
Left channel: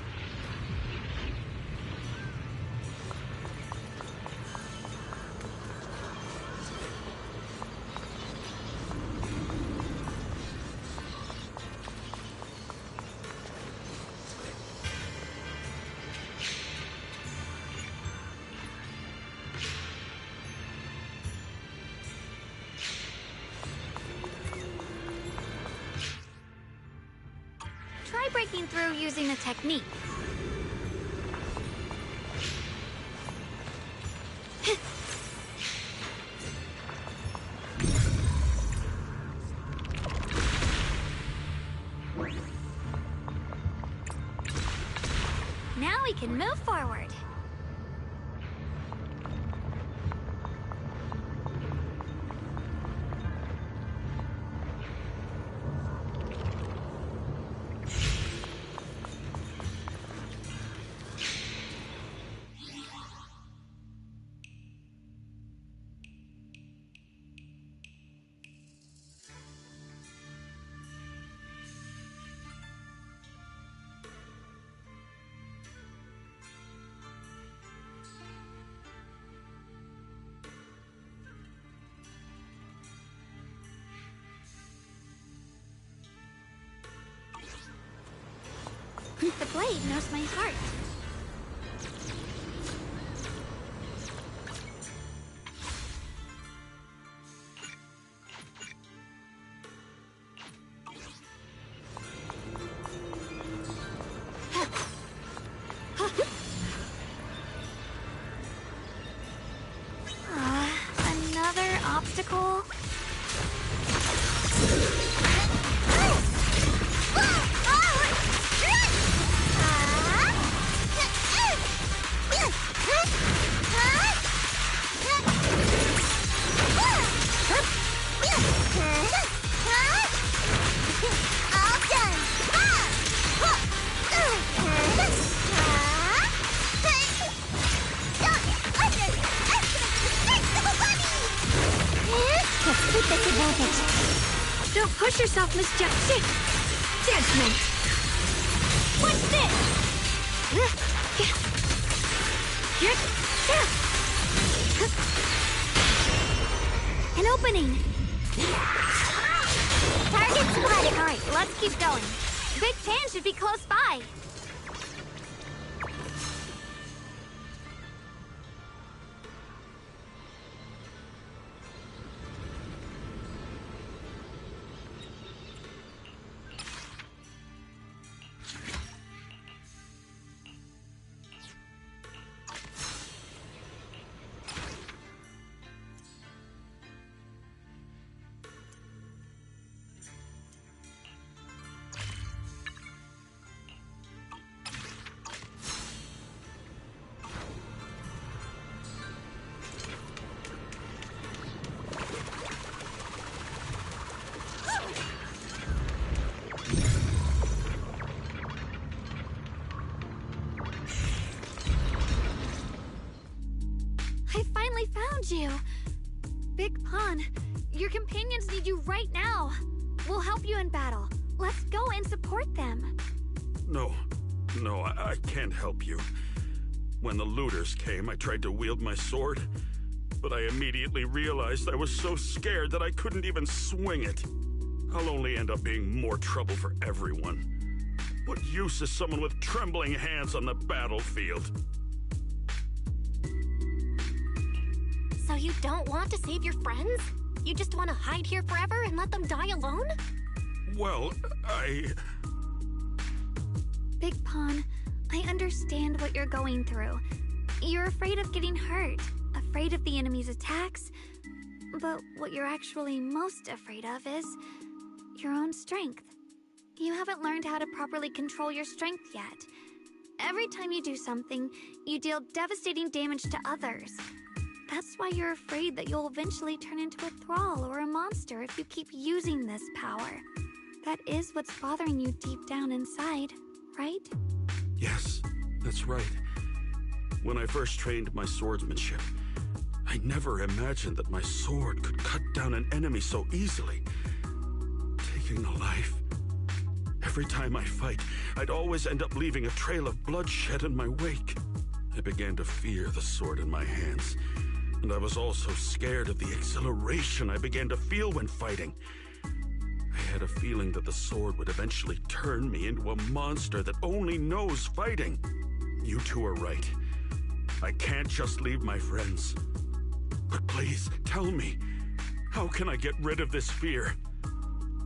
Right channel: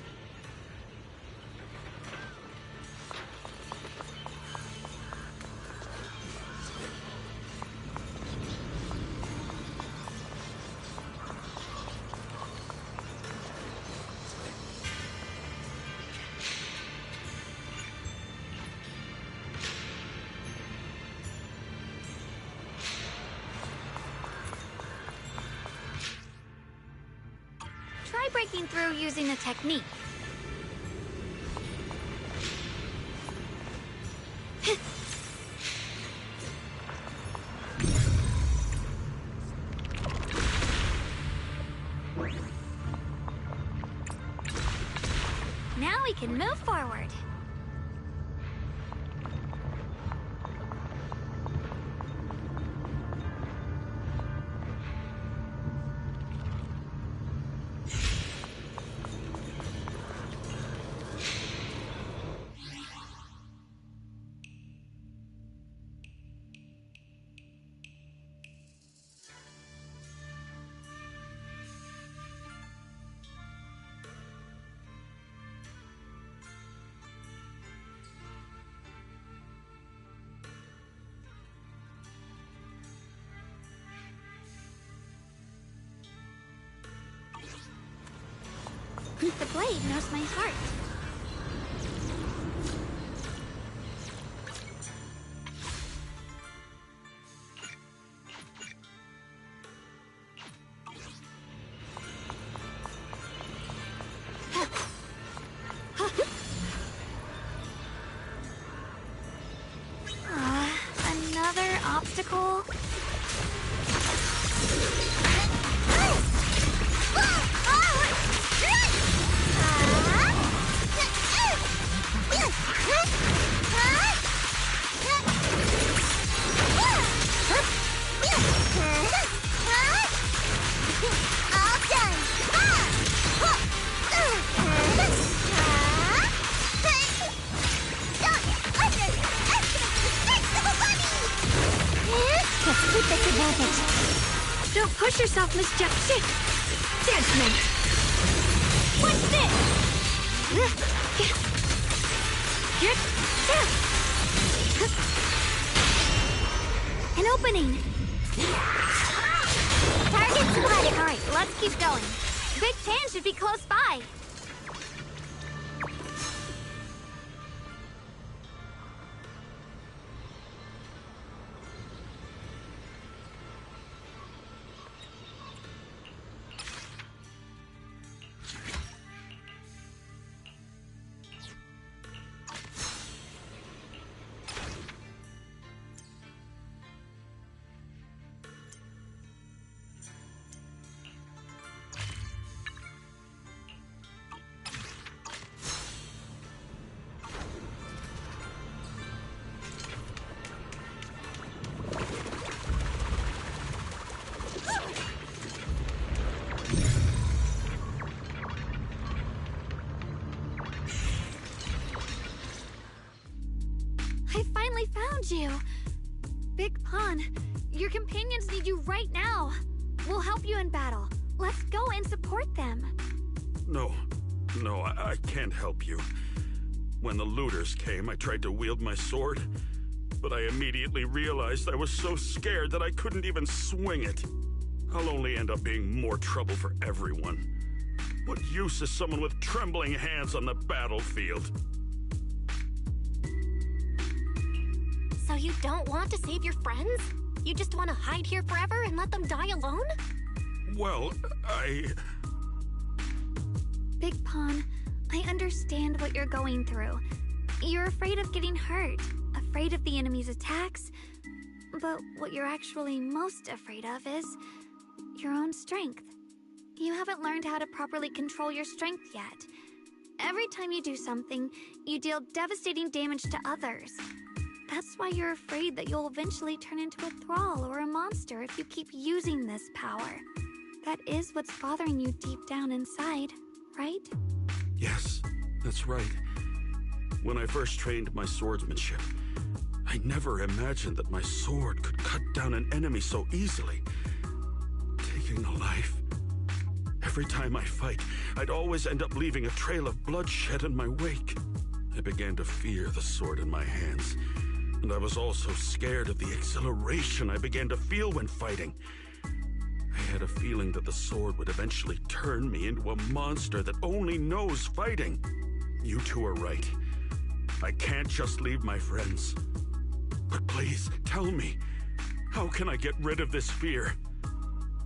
Try breaking through using a technique. Now we can move forward. The blade knows my heart. Another obstacle? Keep this advantage. Don't push yourself, Miss Judgment. What's this? An opening. Target spotted. All right, let's keep going. Big Pan should be close by. finally found you! Big Pun, your companions need you right now! We'll help you in battle. Let's go and support them. No, I can't help you. When the looters came, I tried to wield my sword, but I immediately realized I was so scared that I couldn't even swing it. I'll only end up being more trouble for everyone. What use is someone with trembling hands on the battlefield? So you don't want to save your friends? You just want to hide here forever and let them die alone? Well, Big Pun, I understand what you're going through. You're afraid of getting hurt, afraid of the enemy's attacks, but what you're actually most afraid of is your own strength. You haven't learned how to properly control your strength yet. Every time you do something, you deal devastating damage to others. That's why you're afraid that you'll eventually turn into a thrall or a monster if you keep using this power. That is what's bothering you deep down inside, right? yes, that's right. When I first trained my swordsmanship, I never imagined that my sword could cut down an enemy so easily. Taking a life. Every time I fight, I'd always end up leaving a trail of bloodshed in my wake. I began to fear the sword in my hands, and I was also scared of the exhilaration I began to feel when fighting. I had a feeling that the sword would eventually turn me into a monster that only knows fighting. You two are right. I can't just leave my friends. But please, tell me, how can I get rid of this fear?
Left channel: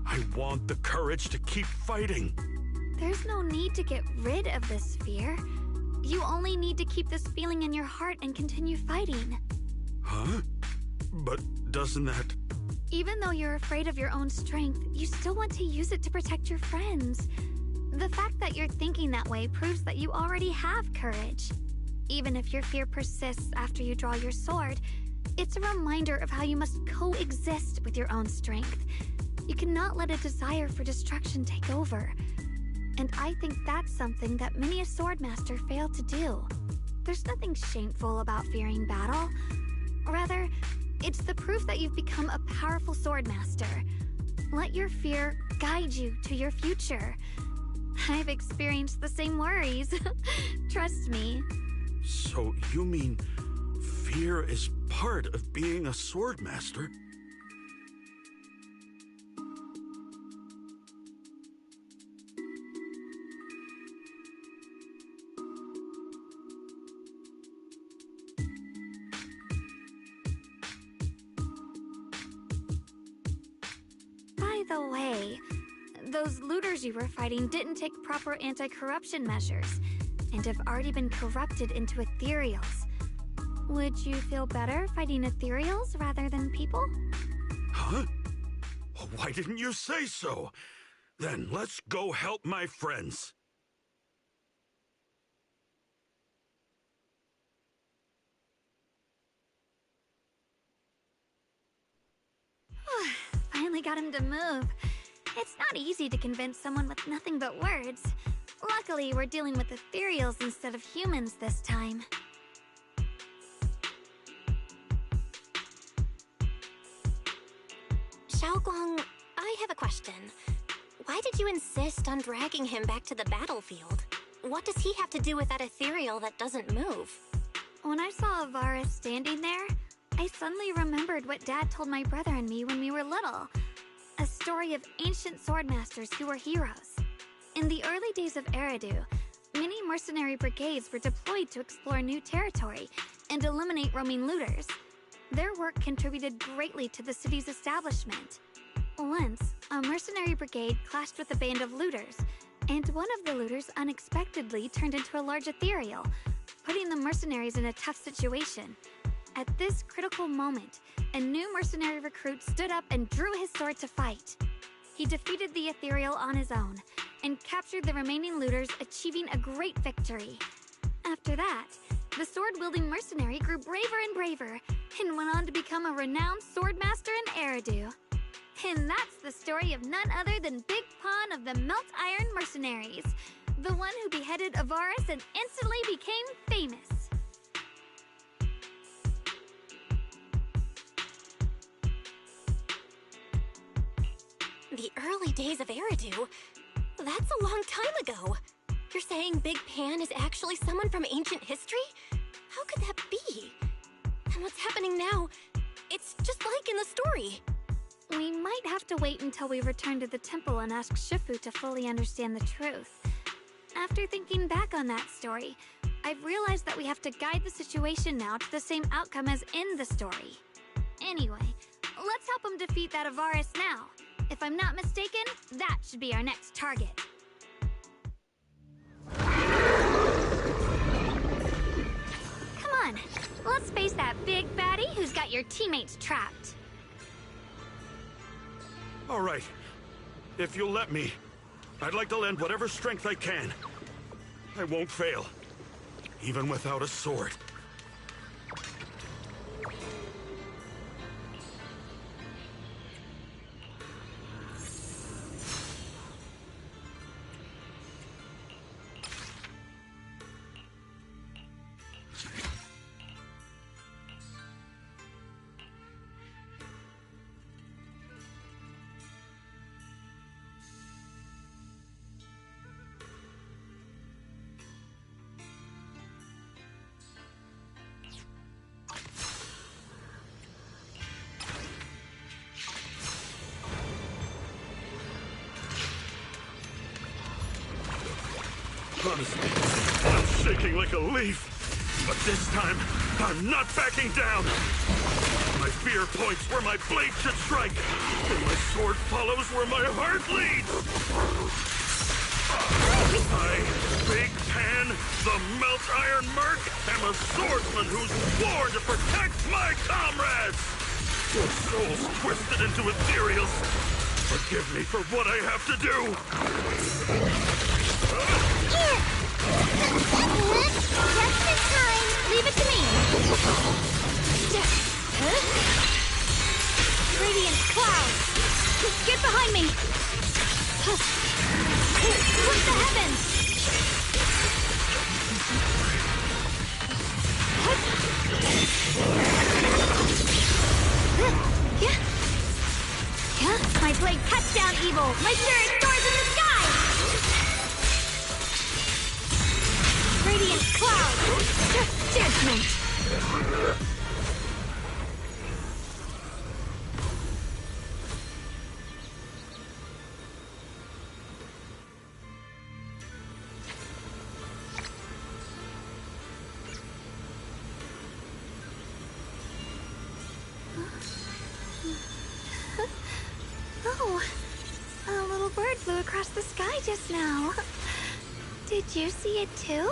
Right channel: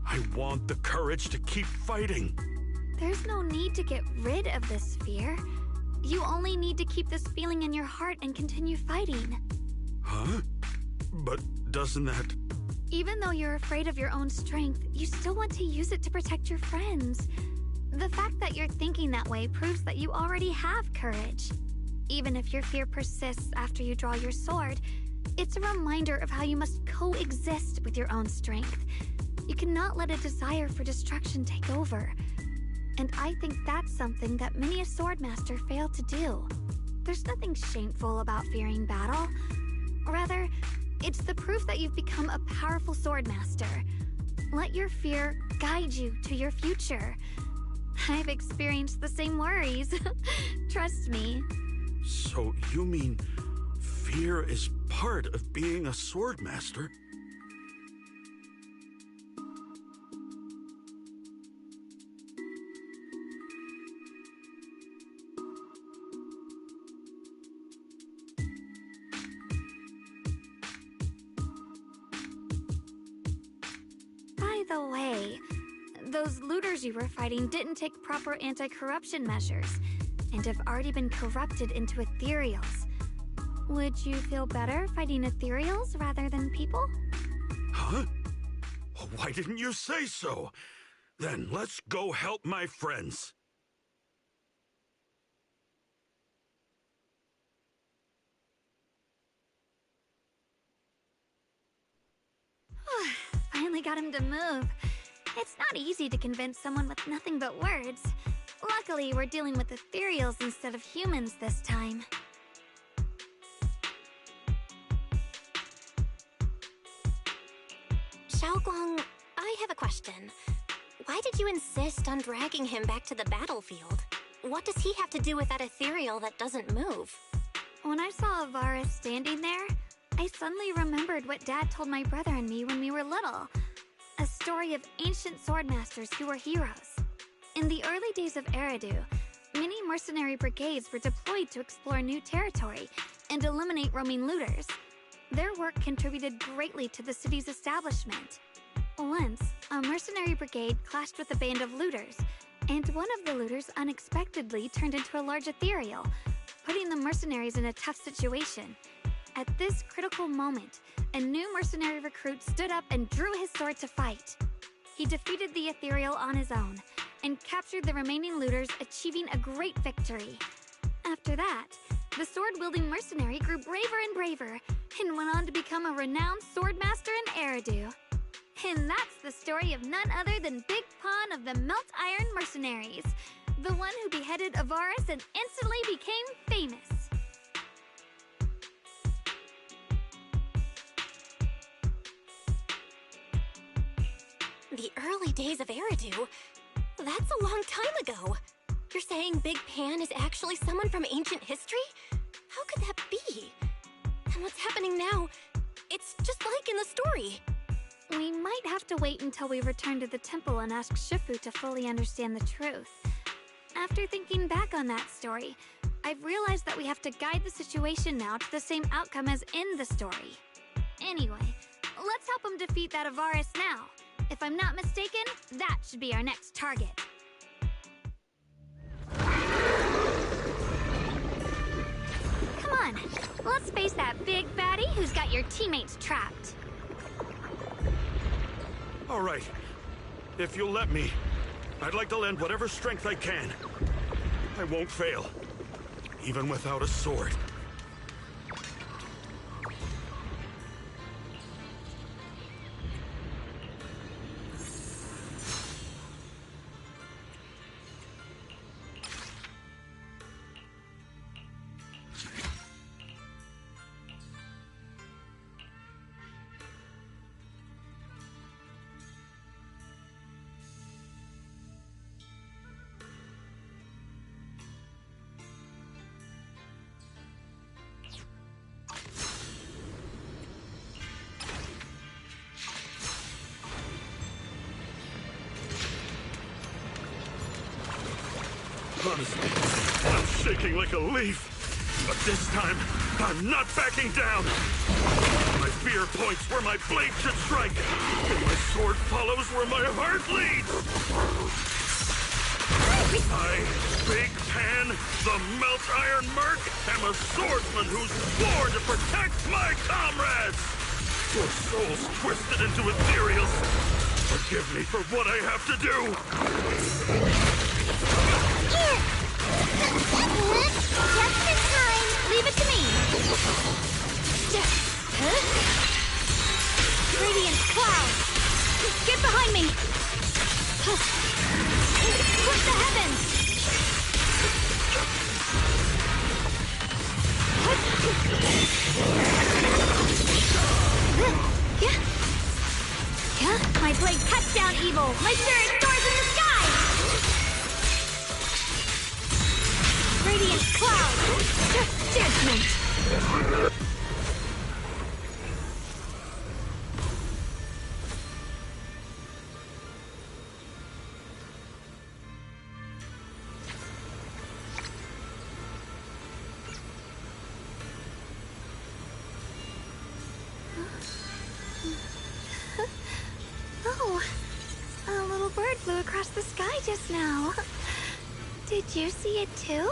I want the courage to keep fighting. There's no need to get rid of this fear. You only need to keep this feeling in your heart and continue fighting. Huh? But doesn't that... Even though you're afraid of your own strength, you still want to use it to protect your friends. The fact that you're thinking that way proves that you already have courage. Even if your fear persists after you draw your sword, it's a reminder of how you must coexist with your own strength. You cannot let a desire for destruction take over. And I think that's something that many a swordmaster fail to do. There's nothing shameful about fearing battle. Rather, it's the proof that you've become a powerful swordmaster. Let your fear guide you to your future. I've experienced the same worries. Trust me. So you mean fear is part of being a swordmaster? By the way, those looters you were fighting didn't take proper anti-corruption measures, and have already been corrupted into ethereals. Would you feel better fighting ethereals rather than people? Huh? Why didn't you say so? Then let's go help my friends. Finally got him to move. It's not easy to convince someone with nothing but words. Luckily, we're dealing with ethereals instead of humans this time. Shunguang, I have a question. Why did you insist on dragging him back to the battlefield? What does he have to do with that ethereal that doesn't move? When I saw Avara standing there, I suddenly remembered what Dad told my brother and me when we were little. A story of ancient swordmasters who were heroes. In the early days of Eridu, many mercenary brigades were deployed to explore new territory and eliminate roaming looters. Their work contributed greatly to the city's establishment. Once, a mercenary brigade clashed with a band of looters, and one of the looters unexpectedly turned into a large ethereal, putting the mercenaries in a tough situation. At this critical moment, a new mercenary recruit stood up and drew his sword to fight. He defeated the ethereal on his own, and captured the remaining looters, achieving a great victory. After that, the sword-wielding mercenary grew braver and braver, and went on to become a renowned swordmaster in Eridu. And that's the story of none other than Big Pun of the Melt Iron Mercenaries, the one who beheaded Avaris and instantly became famous. early days of Eridu. That's a long time ago. You're saying Big Pan is actually someone from ancient history? How could that be? And what's happening now? It's just like in the story. We might have to wait until we return to the temple and ask Shifu to fully understand the truth. After thinking back on that story, I've realized that we have to guide the situation now to the same outcome as in the story. Anyway, let's help him defeat that Avaris now. If I'm not mistaken, that should be our next target. Come on, let's face that big baddie who's got your teammates trapped. All right. If you'll let me, I'd like to lend whatever strength I can. I won't fail, even without a sword. Honestly, I'm shaking like a leaf. But this time, I'm not backing down. My fear points where my blade should strike, and my sword follows where my heart leads. I, Big Pan, the Melt Iron Merc, am a swordsman who swore to protect my comrades. Your souls twisted into ethereals. Forgive me for what I have to do. Just in time. Leave it to me. Radiant cloud. Get behind me. Split the heavens. My blade cuts down evil. My spirit soars in the sky. Radiant cloud! Judgment! Oh, a little bird flew across the sky just now. Did you see it too?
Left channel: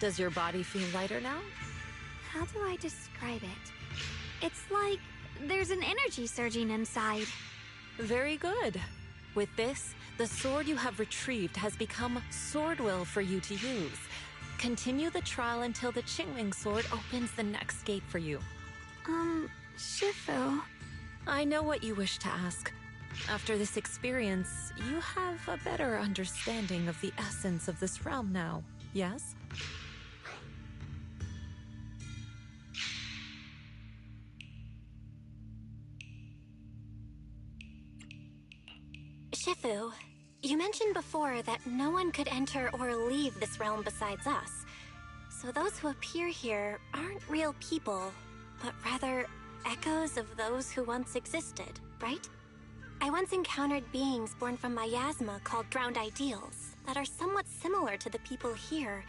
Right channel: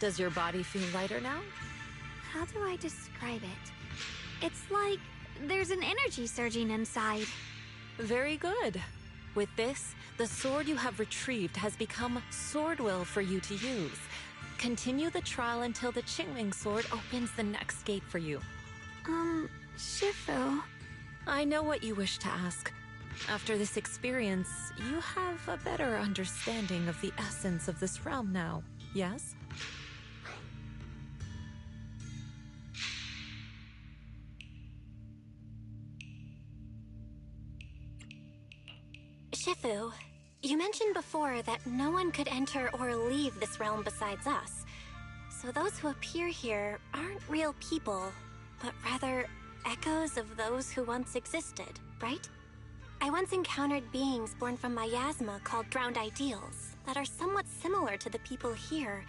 Does your body feel lighter now? How do I describe it? It's like there's an energy surging inside. Very good. With this, the sword you have retrieved has become sword will for you to use. Continue the trial until the Qingming sword opens the next gate for you. Shifu. I know what you wish to ask. After this experience, you have a better understanding of the essence of this realm now, yes? Shifu, you mentioned before that no one could enter or leave this realm besides us. So those who appear here aren't real people, but rather echoes of those who once existed, right? I once encountered beings born from miasma called drowned ideals that are somewhat similar to the people here,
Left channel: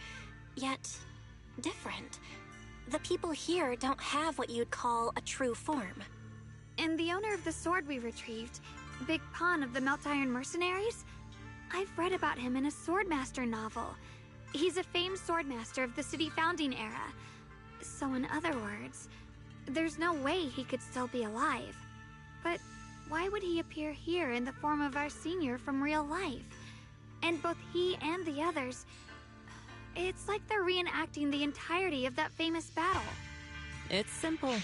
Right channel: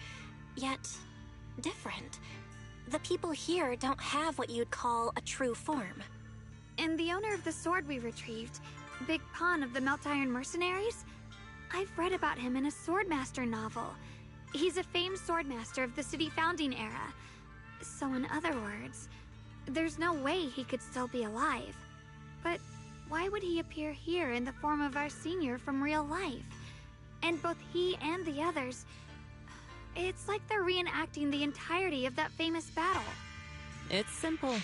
yet different. The people here don't have what you'd call a true form. And the owner of the sword we retrieved, Big Pun of the Melt Iron Mercenaries? I've read about him in a Swordmaster novel. He's a famed swordmaster of the city founding era. So in other words, there's no way he could still be alive. But why would he appear here in the form of our senior from real life? And both he and the others, it's like they're reenacting the entirety of that famous battle. It's simple.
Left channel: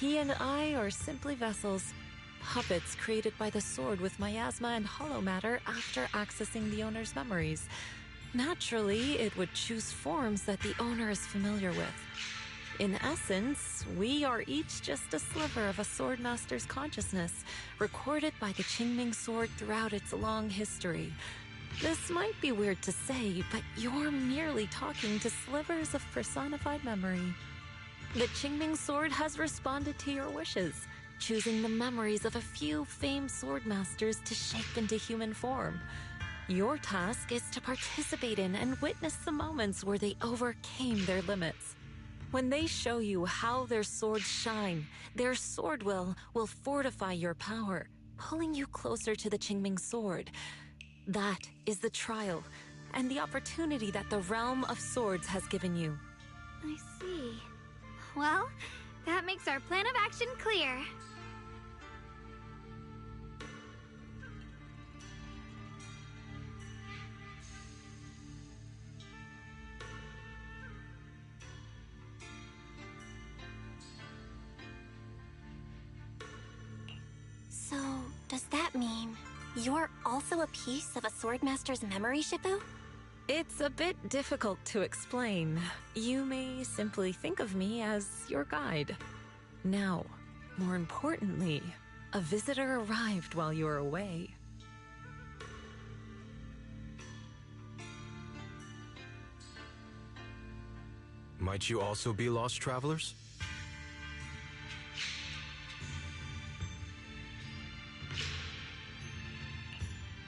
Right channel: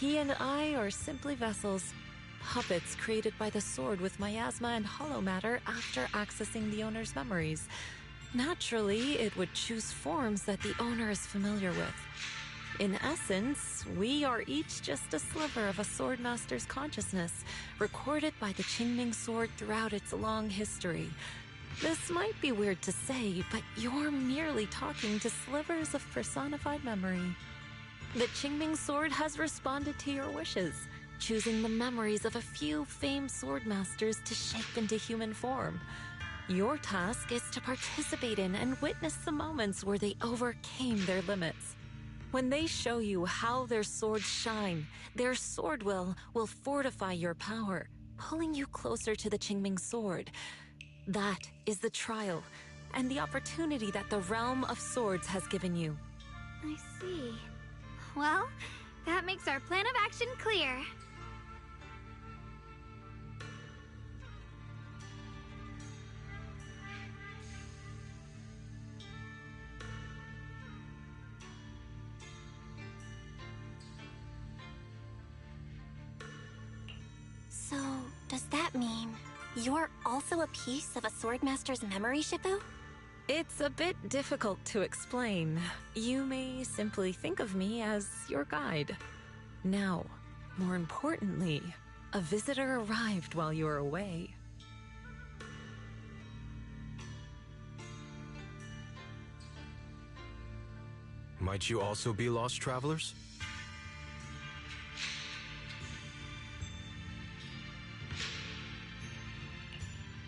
He and I are simply vessels. Puppets created by the sword with miasma and hollow matter after accessing the owner's memories. Naturally, it would choose forms that the owner is familiar with. In essence, we are each just a sliver of a swordmaster's consciousness, recorded by the Qingming sword throughout its long history. This might be weird to say, but you're merely talking to slivers of personified memory. The Qingming sword has responded to your wishes, choosing the memories of a few famed swordmasters to shape into human form. Your task is to participate in and witness the moments where they overcame their limits. When they show you how their swords shine, their sword will fortify your power, pulling you closer to the Qingming sword. That is the trial, and the opportunity that the realm of swords has given you. I see. Well, that makes our plan of action clear. So, does that mean you're also a piece of a swordmaster's memory, Shifu? It's a bit difficult to explain. You may simply think of me as your guide. Now, more importantly, a visitor arrived while you were away. Might you also be lost travelers?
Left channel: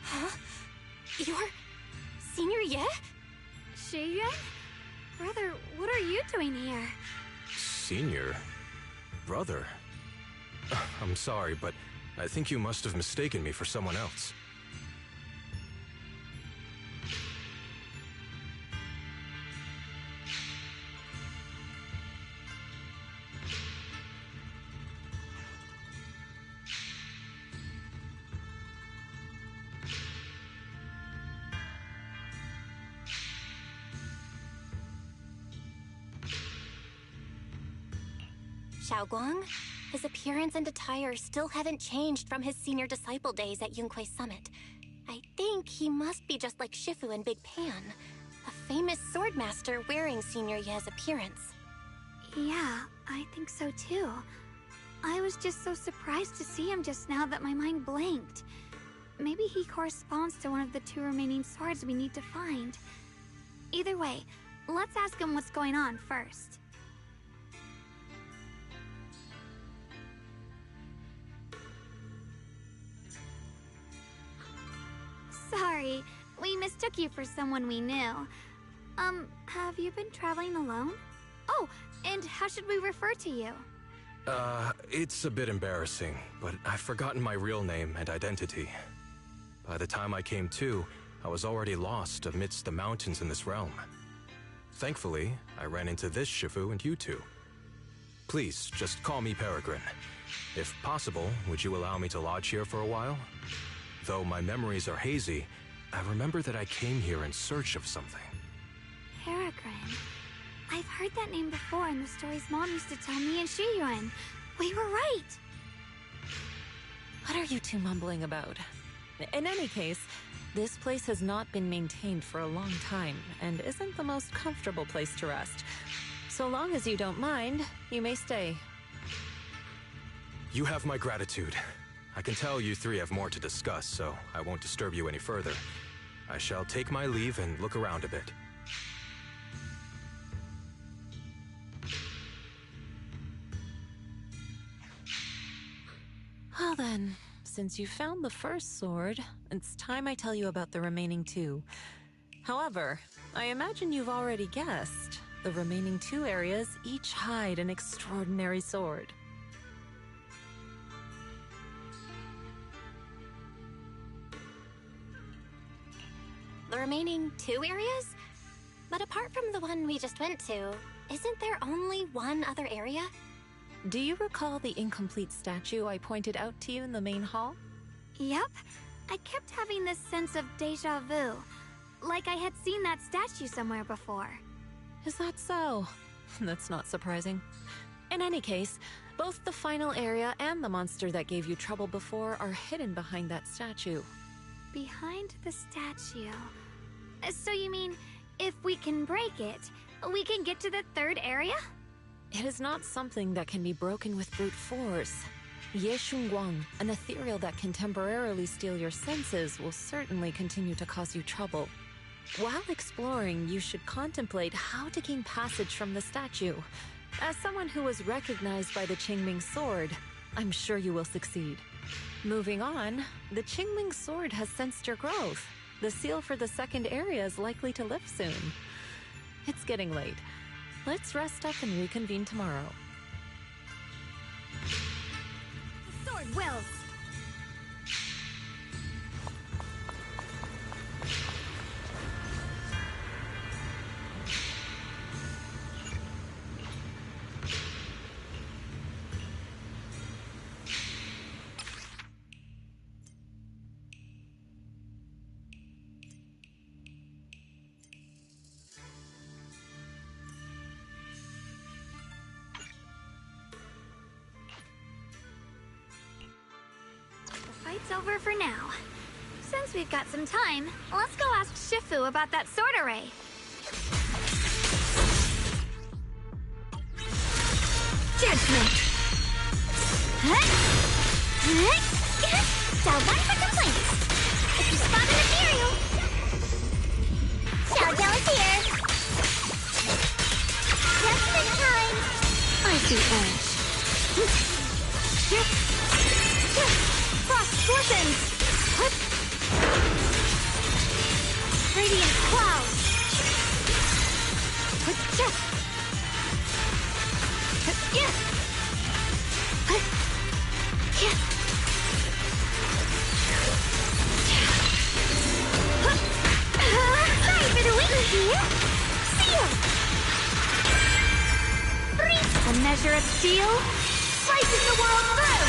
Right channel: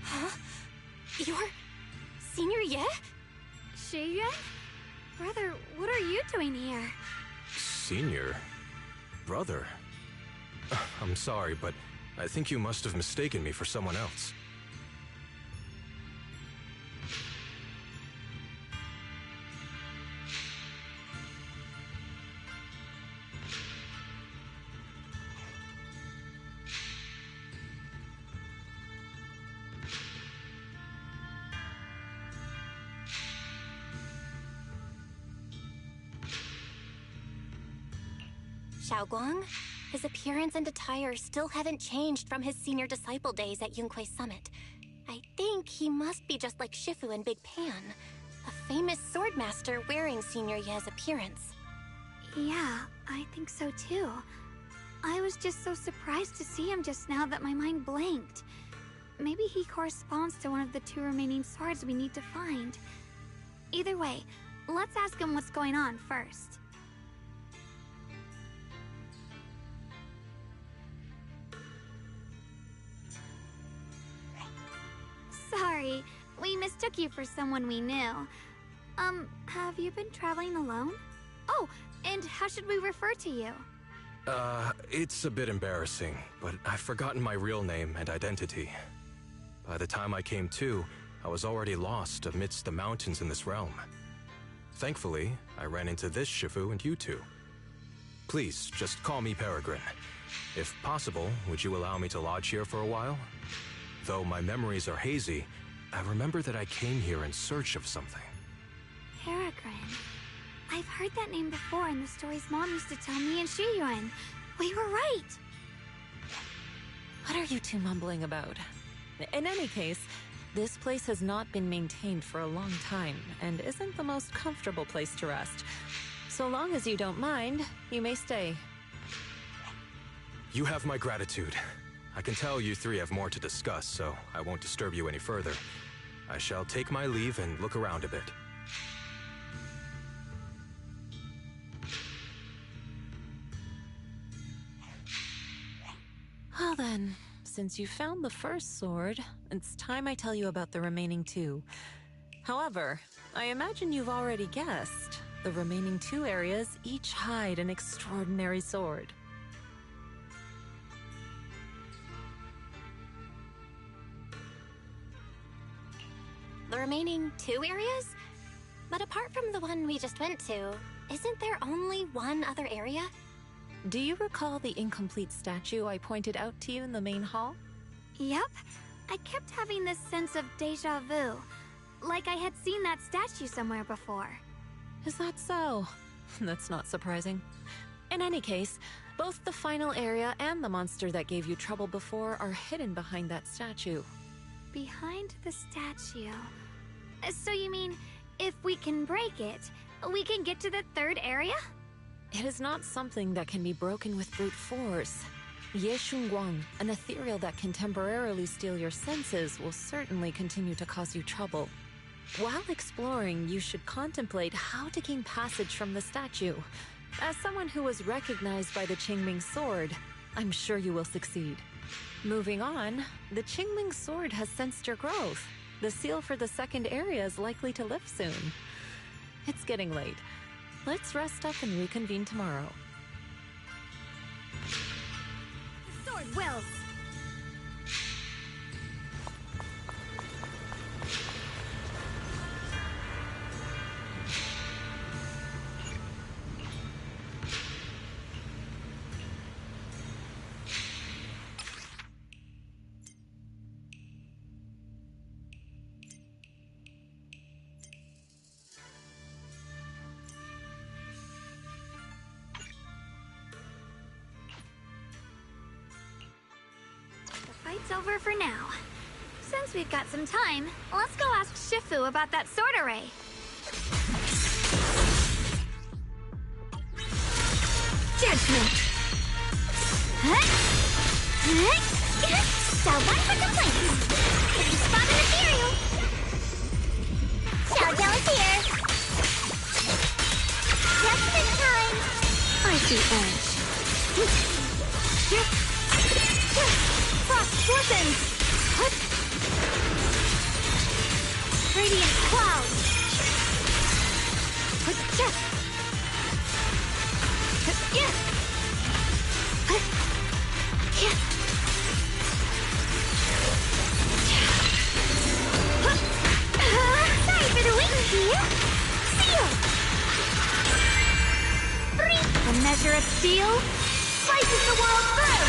Huh? You're Senior Ye? Shiyuan? Brother, what are you doing here? Senior? Brother? I'm sorry, but I think you must have mistaken me for someone else. Shunguang? His appearance and attire still haven't changed from his senior disciple days at Yunquei Summit. I think he must be just like Shifu and Big Pan, a famous swordmaster wearing Senior Ye's appearance. Yeah, I think so too. I was just so surprised to see him just now that my mind blanked. Maybe he corresponds to one of the 2 remaining swords we need to find. Either way, let's ask him what's going on first. Sorry, we mistook you for someone we knew. Have you been traveling alone? Oh, and how should we refer to you? It's a bit embarrassing, but I've forgotten my real name and identity. By the time I came to, I was already lost amidst the mountains in this realm. Thankfully, I ran into this Shifu and you two. Please, just call me Peregrine. If possible, would you allow me to lodge here for a while? Though my memories are hazy, I remember that I came here in search of something. Peregrine. I've heard that name before in the stories Mom used to tell me and Shiyuan. We were right! What are you two mumbling about? In any case, this place has not been maintained for a long time and isn't the most comfortable place to rest. So long as you don't mind, you may stay. You have my gratitude. I can tell you three have more to discuss, so I won't disturb you any further. I shall take my leave and look around a bit. Well then, since you found the first sword, it's time I tell you about the remaining two. However, I imagine you've already guessed. The remaining two areas each hide an extraordinary sword. The remaining 2 areas? But apart from the one we just went to, isn't there only one other area? Do you recall the incomplete statue I pointed out to you in the main hall? Yep. I kept having this sense of deja vu. Like I had seen that statue somewhere before. Is that so? That's not surprising. In any case, both the final area and the monster that gave you trouble before are hidden behind that statue. Behind the statue. So you mean, if we can break it, we can get to the third area? It is not something that can be broken with brute force. Shunguang, an ethereal that can temporarily steal your senses, will certainly continue to cause you trouble. While exploring, you should contemplate how to gain passage from the statue. As someone who was recognized by the Qingming sword, I'm sure you will succeed. Moving on, the Qingming sword has sensed your growth. The seal for the second area is likely to lift soon. It's getting late. Let's rest up and reconvene tomorrow. The sword wills! Fight's over for now. Since we've got some time, let's go ask Shifu about that sword array. Judgment! One for complaints. If you spot an ethereal, Xiao is here. Just in time. I see edge. Frost glistens! Radiant clouds! Sorry for the wait here. Seal. The measure of steel slices the world through!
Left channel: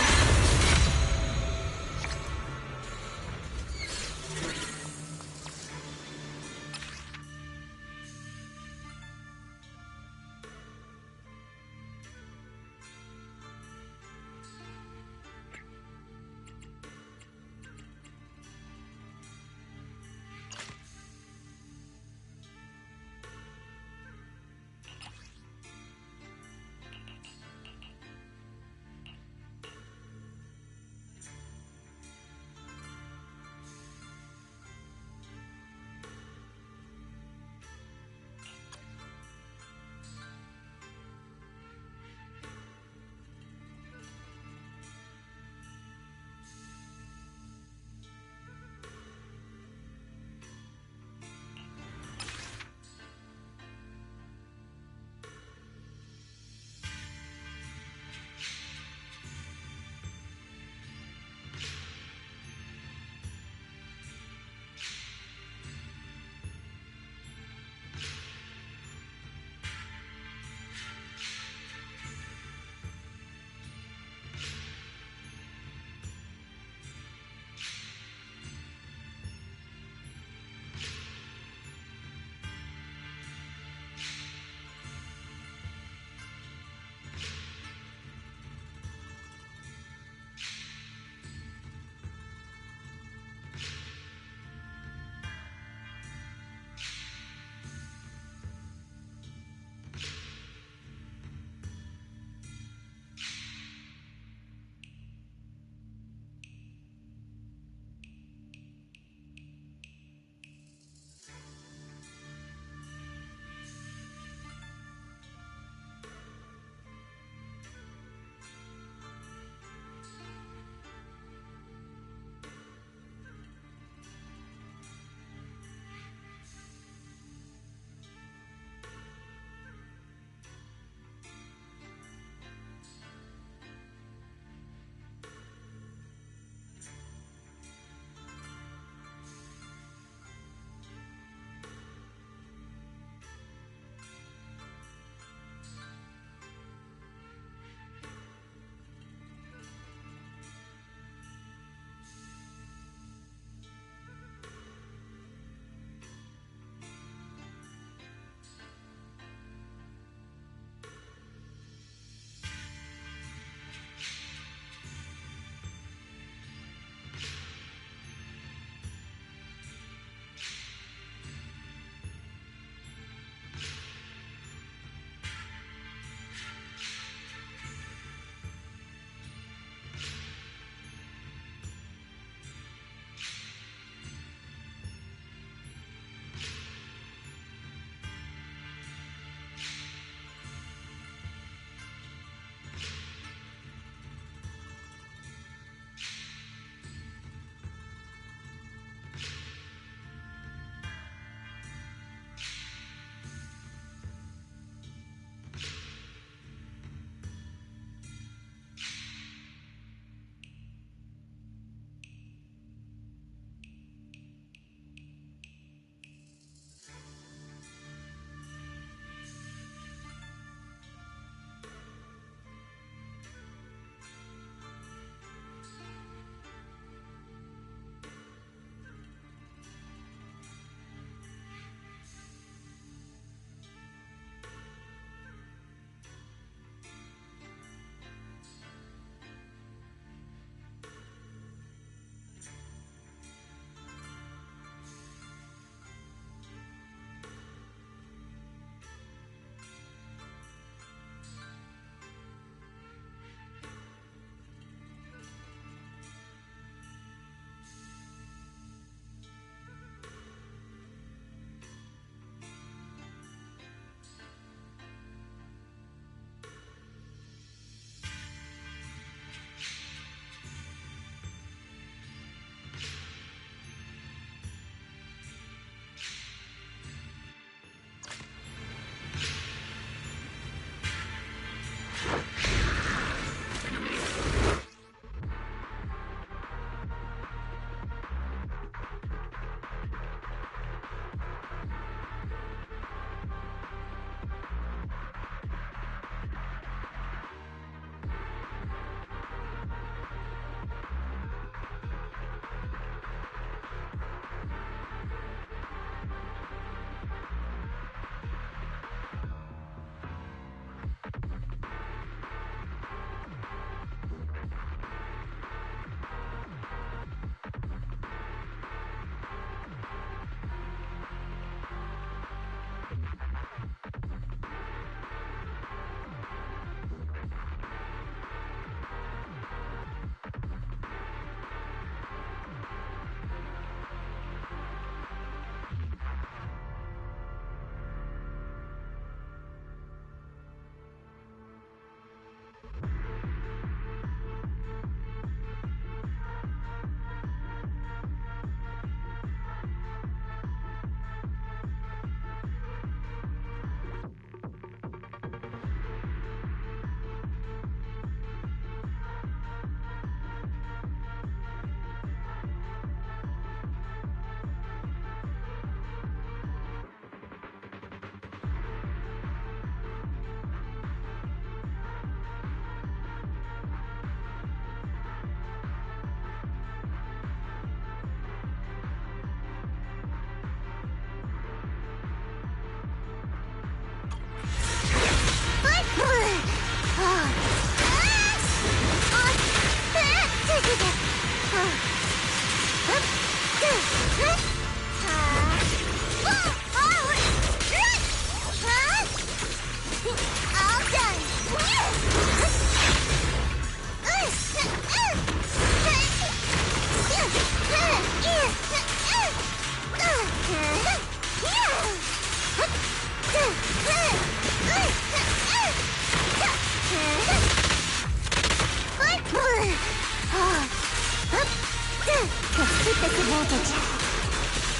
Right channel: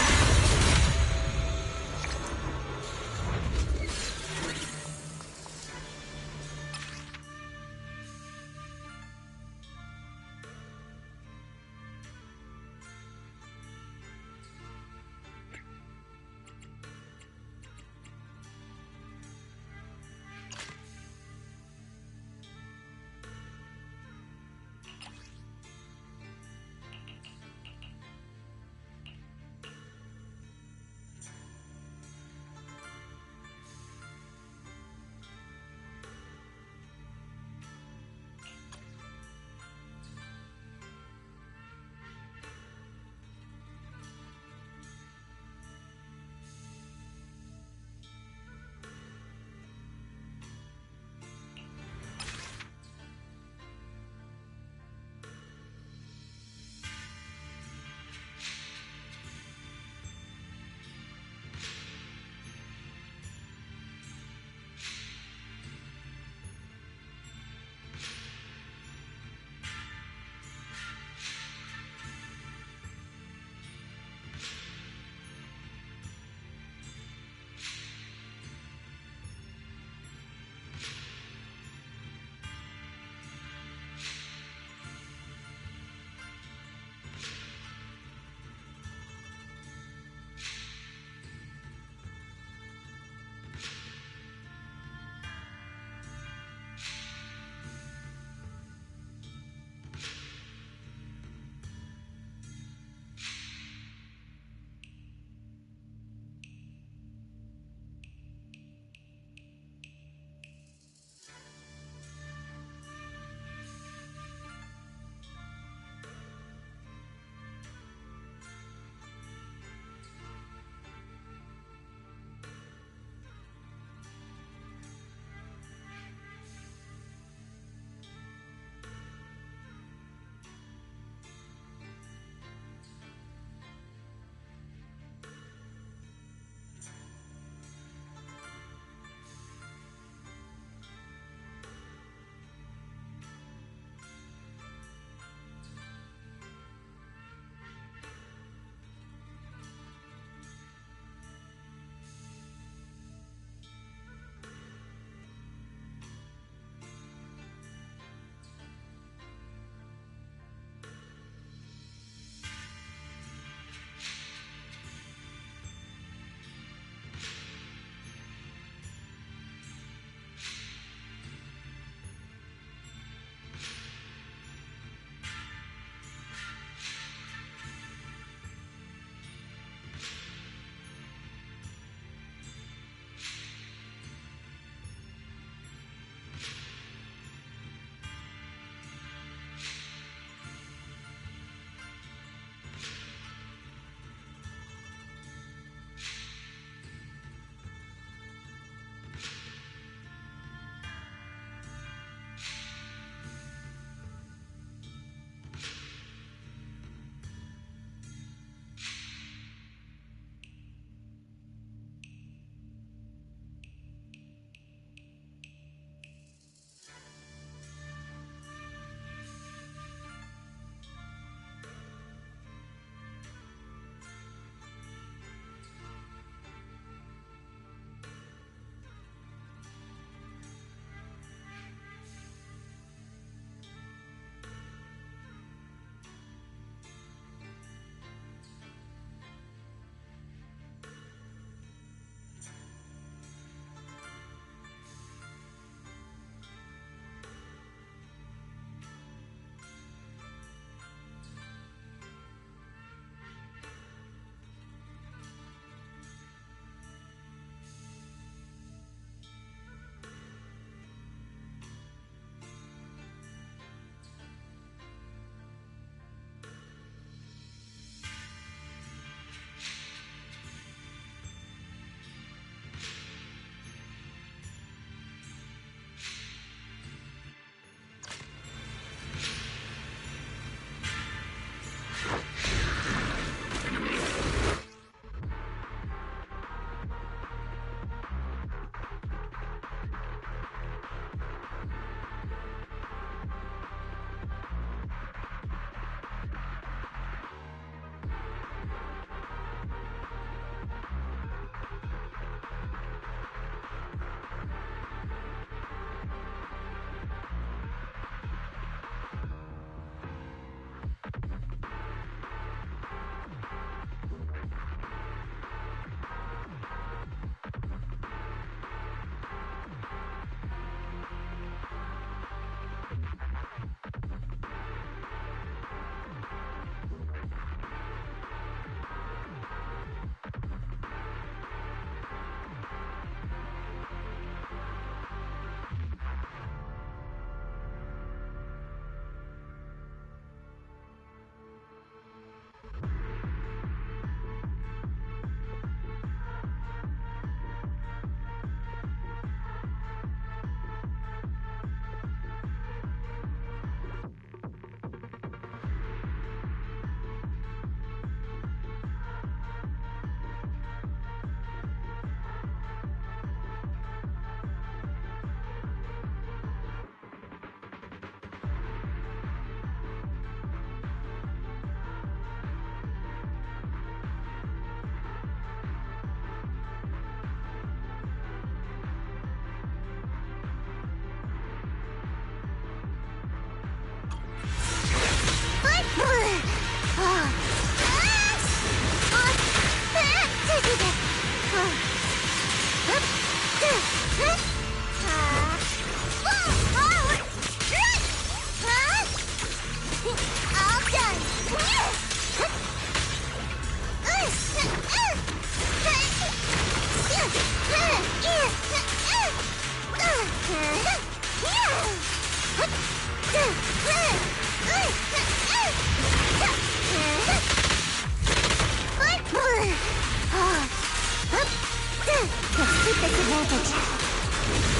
take this advantage.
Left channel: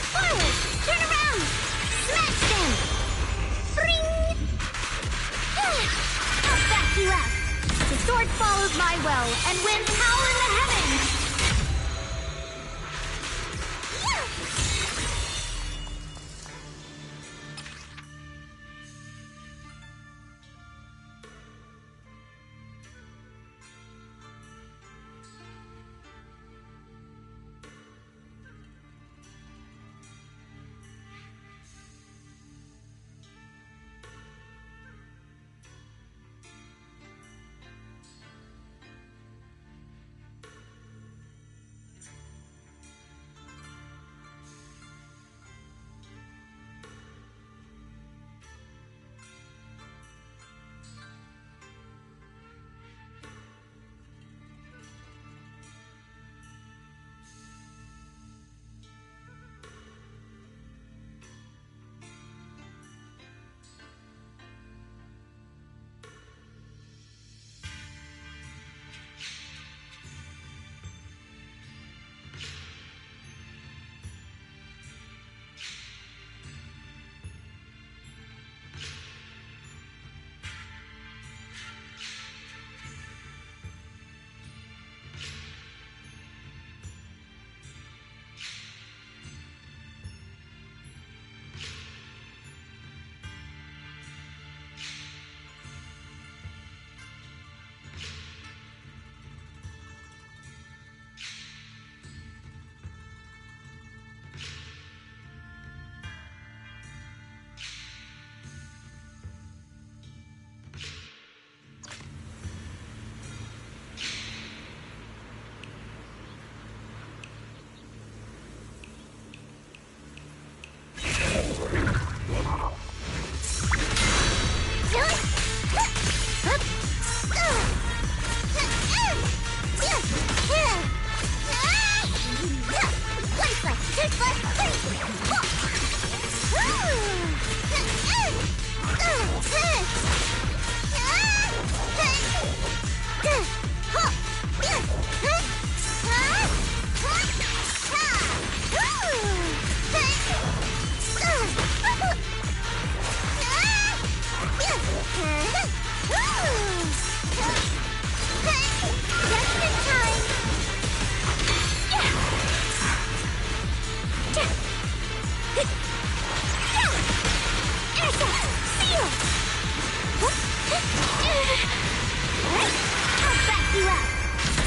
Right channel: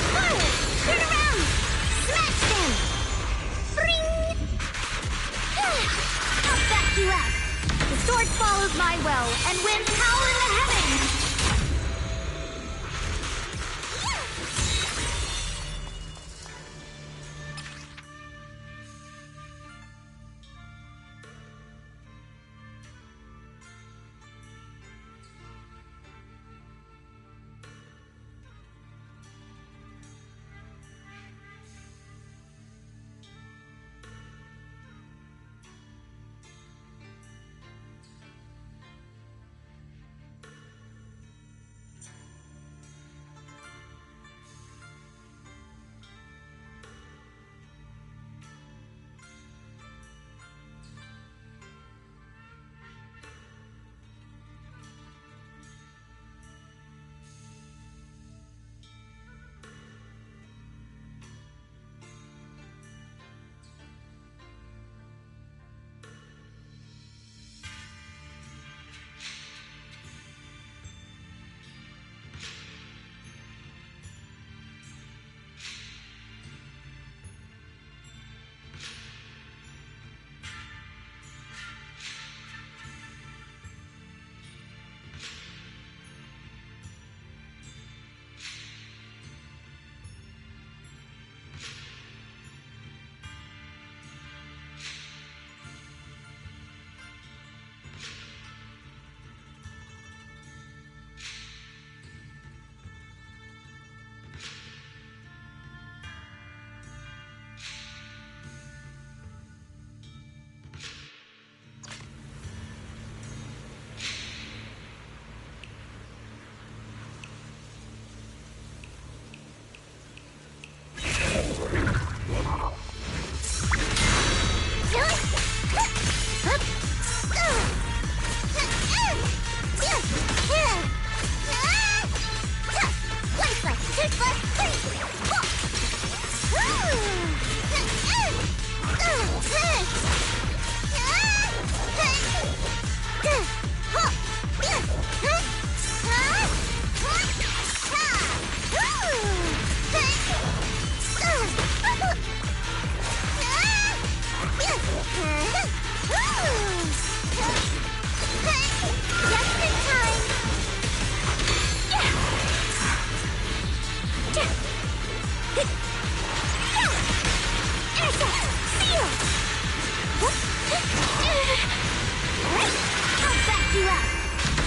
Forward! Turn around! Smash them! Bring! I'll back you up! The sword follows my will and wins power in the heavens!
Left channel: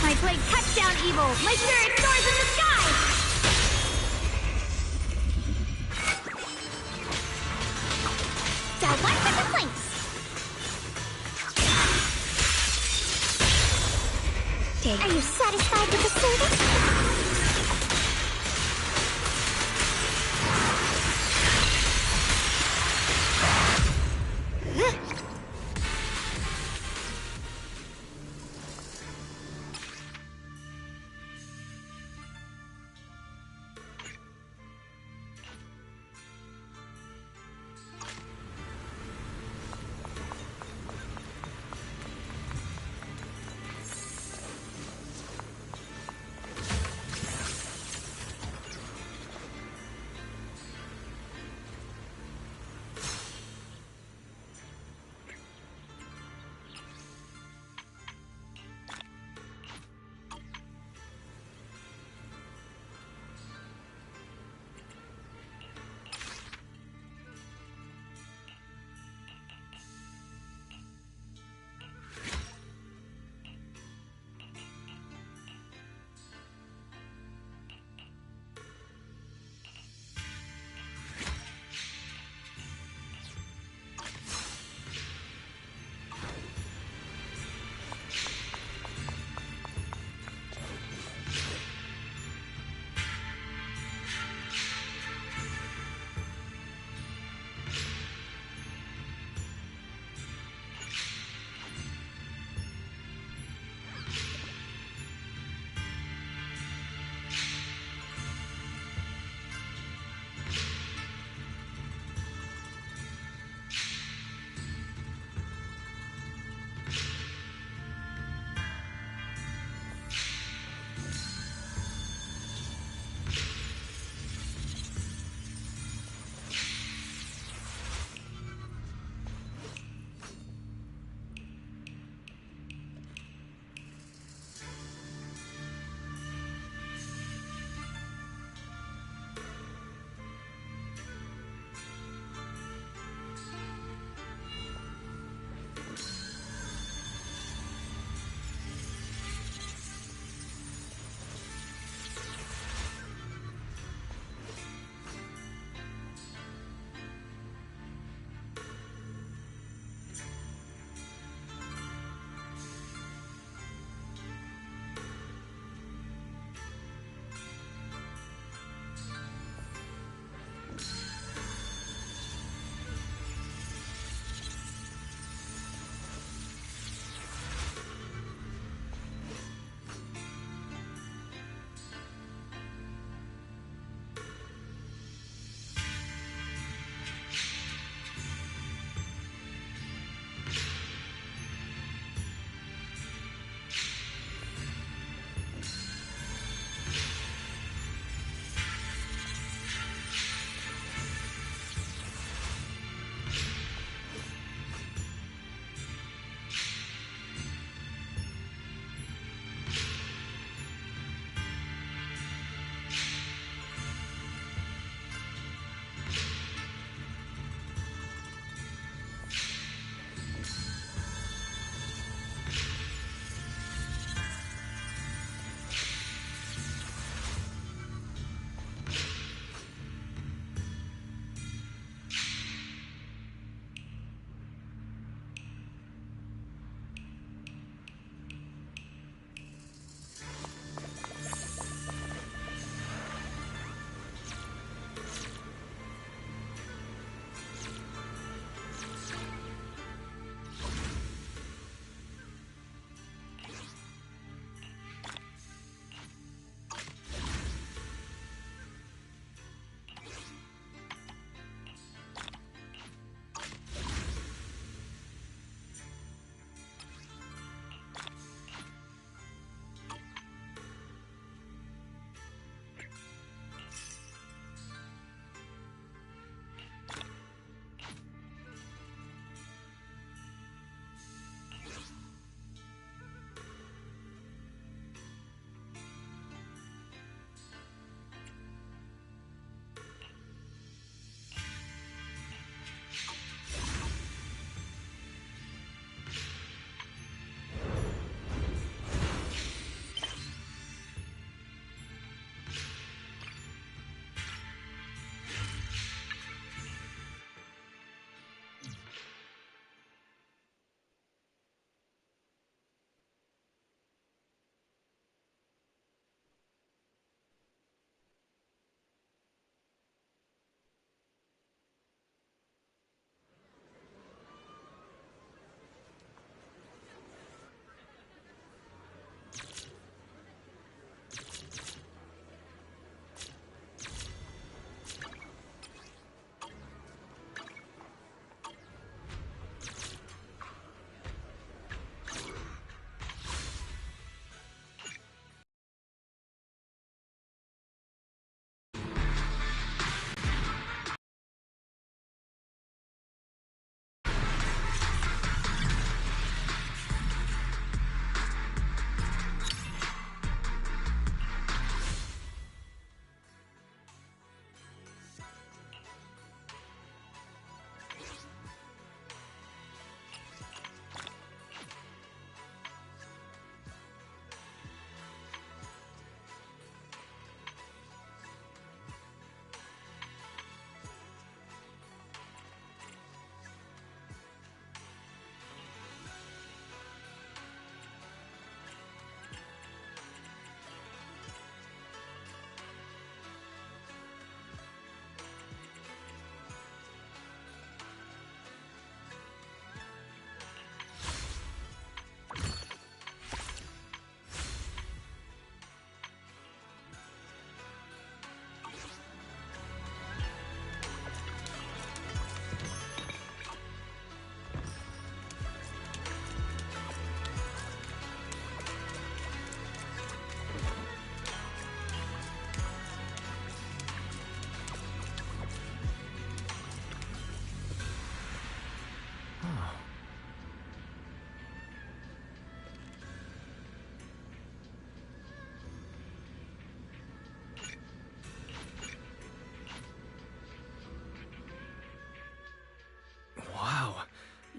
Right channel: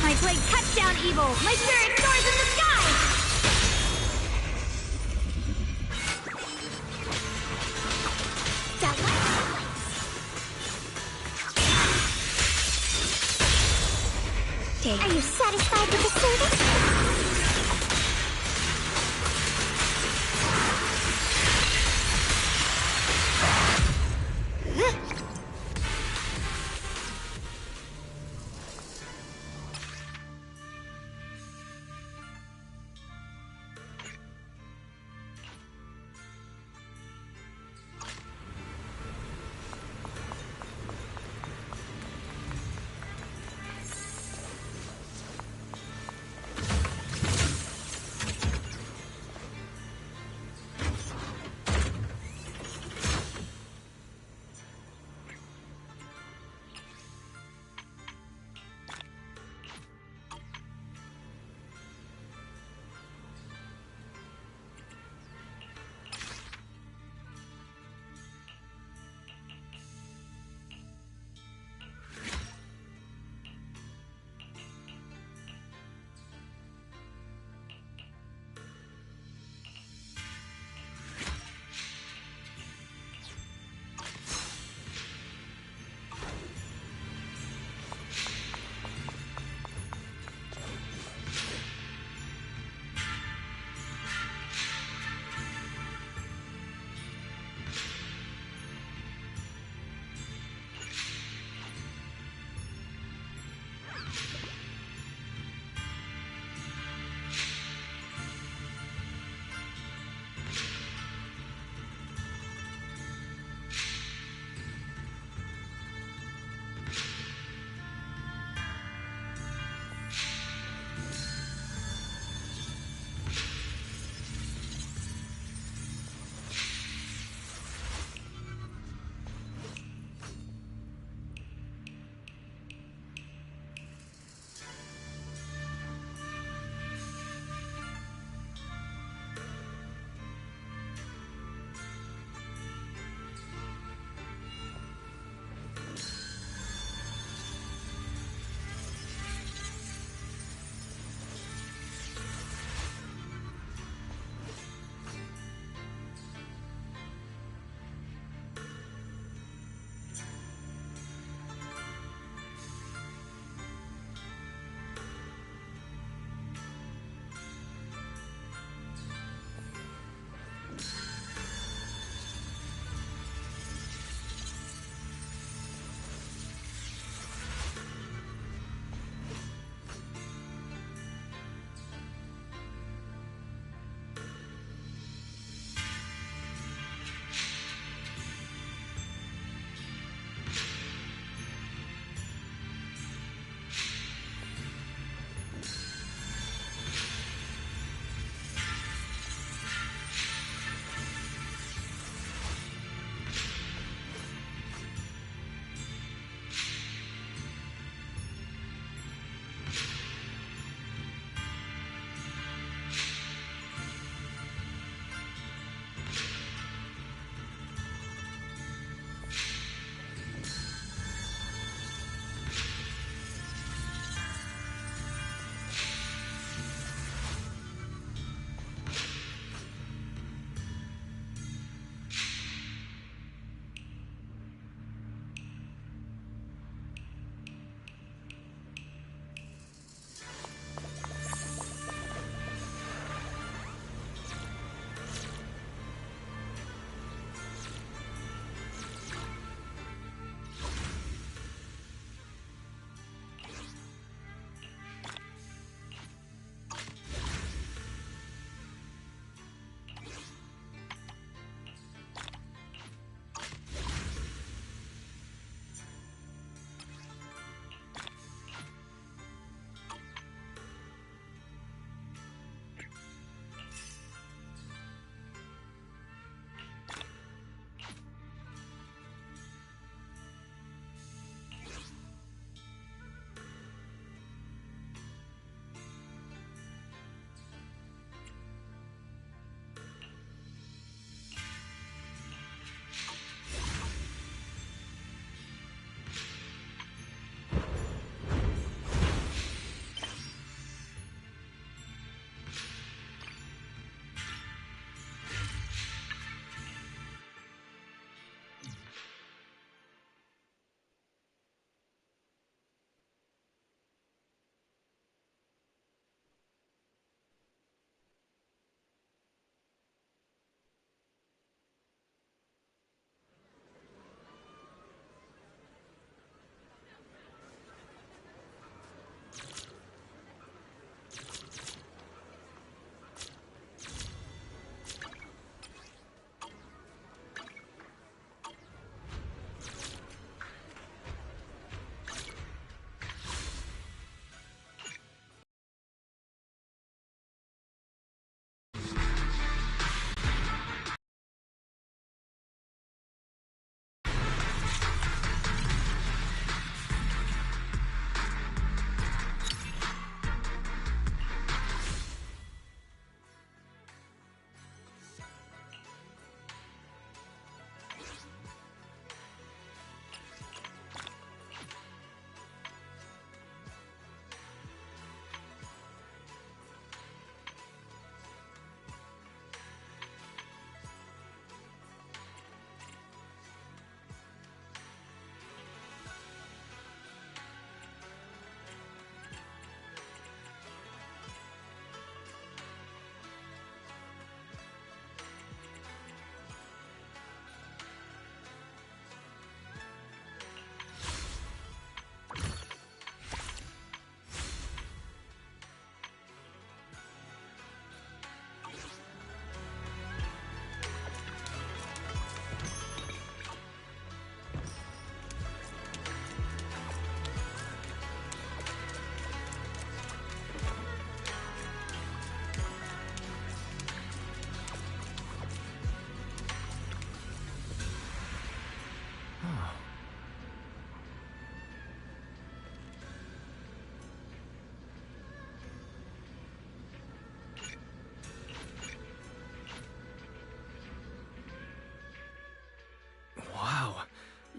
My blade cuts down evil! My spirit soars in the sky! Down one for the points! Are you satisfied with the service?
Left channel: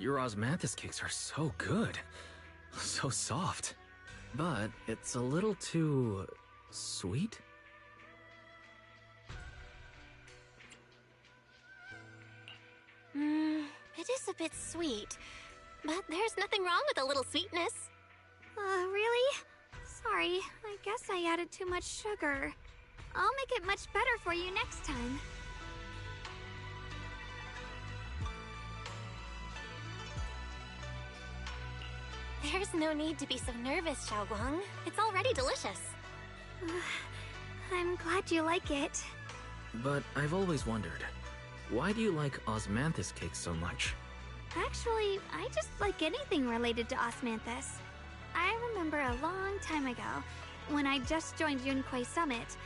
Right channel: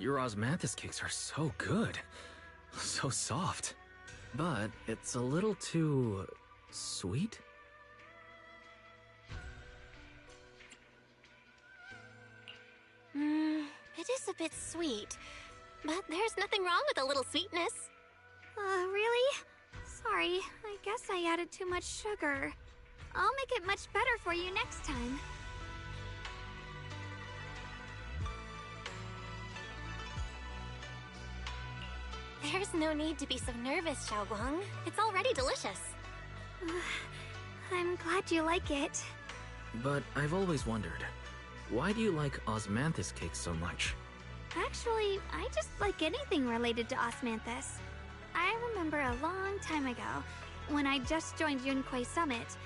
Your osmanthus cakes are so good. So soft. But it's a little too... sweet? It is a bit sweet. But there's nothing wrong with a little sweetness. Really? Sorry, I guess I added too much sugar. I'll make it much better for you next time. There's no need to be so nervous, Shunguang. It's already delicious. I'm glad you like it. But I've always wondered, why do you like osmanthus cakes so much? Actually, I just like anything related to osmanthus. I remember a long time ago, when I just joined Yunquay Summit,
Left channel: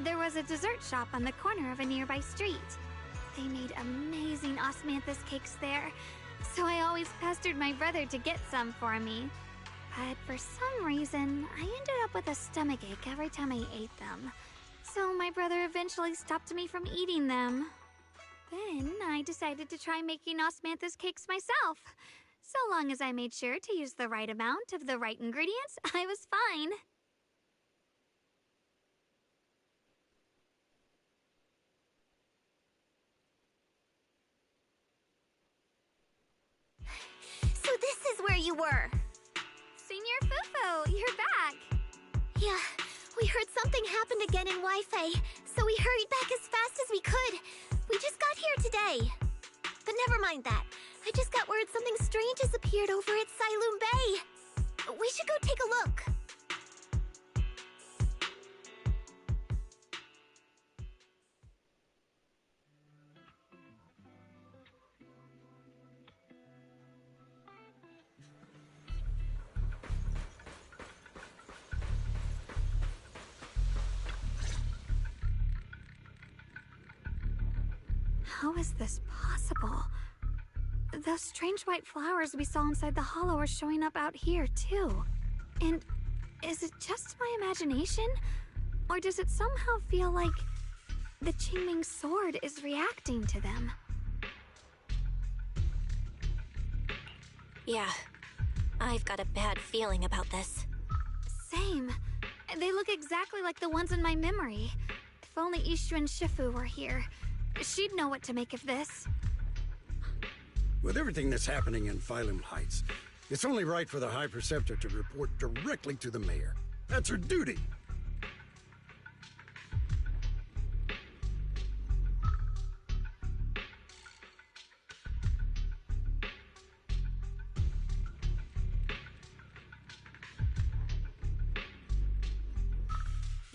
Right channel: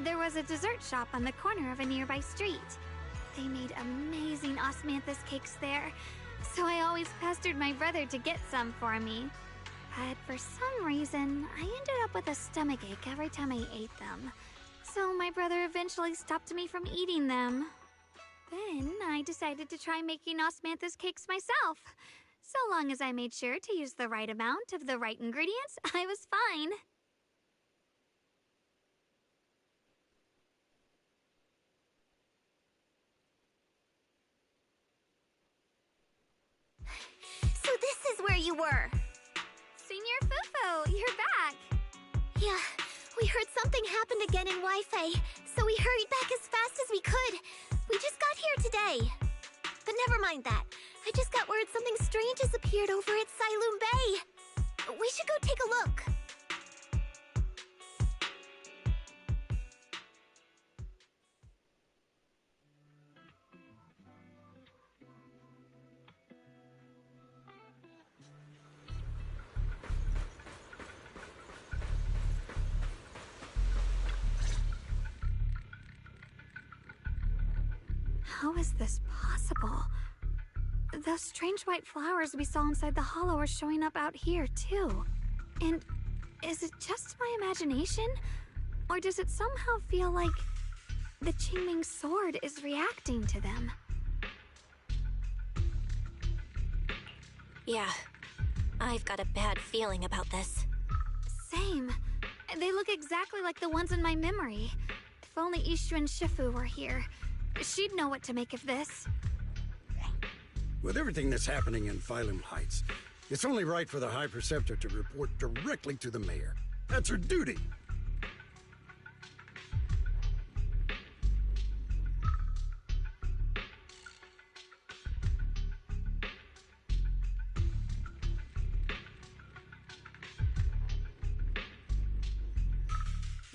there was a dessert shop on the corner of a nearby street. They made amazing osmanthus cakes there, so I always pestered my brother to get some for me. But for some reason, I ended up with a stomachache every time I ate them. So my brother eventually stopped me from eating them. Then I decided to try making osmanthus cakes myself. So long as I made sure to use the right amount of the right ingredients, I was fine. So this is where you were. Senior Fufu, you're back. Yeah, we heard something happened again in Wi-Fi, so we hurried back as fast as we could. We just got here today. But never mind that. I just got word something strange has appeared over at Saavlewd Bay. We should go take a look. How is this possible? Those strange white flowers we saw inside the hollow are showing up out here, too. And is it just my imagination? Or does it somehow feel like the Qingming sword is reacting to them? Yeah, I've got a bad feeling about this. Same. They look exactly like the ones in my memory. If only Ishu and Shifu were here, she'd know what to make of this. With everything that's happening in Phylum Heights, it's only right for the High Preceptor to report directly to the mayor. That's her duty.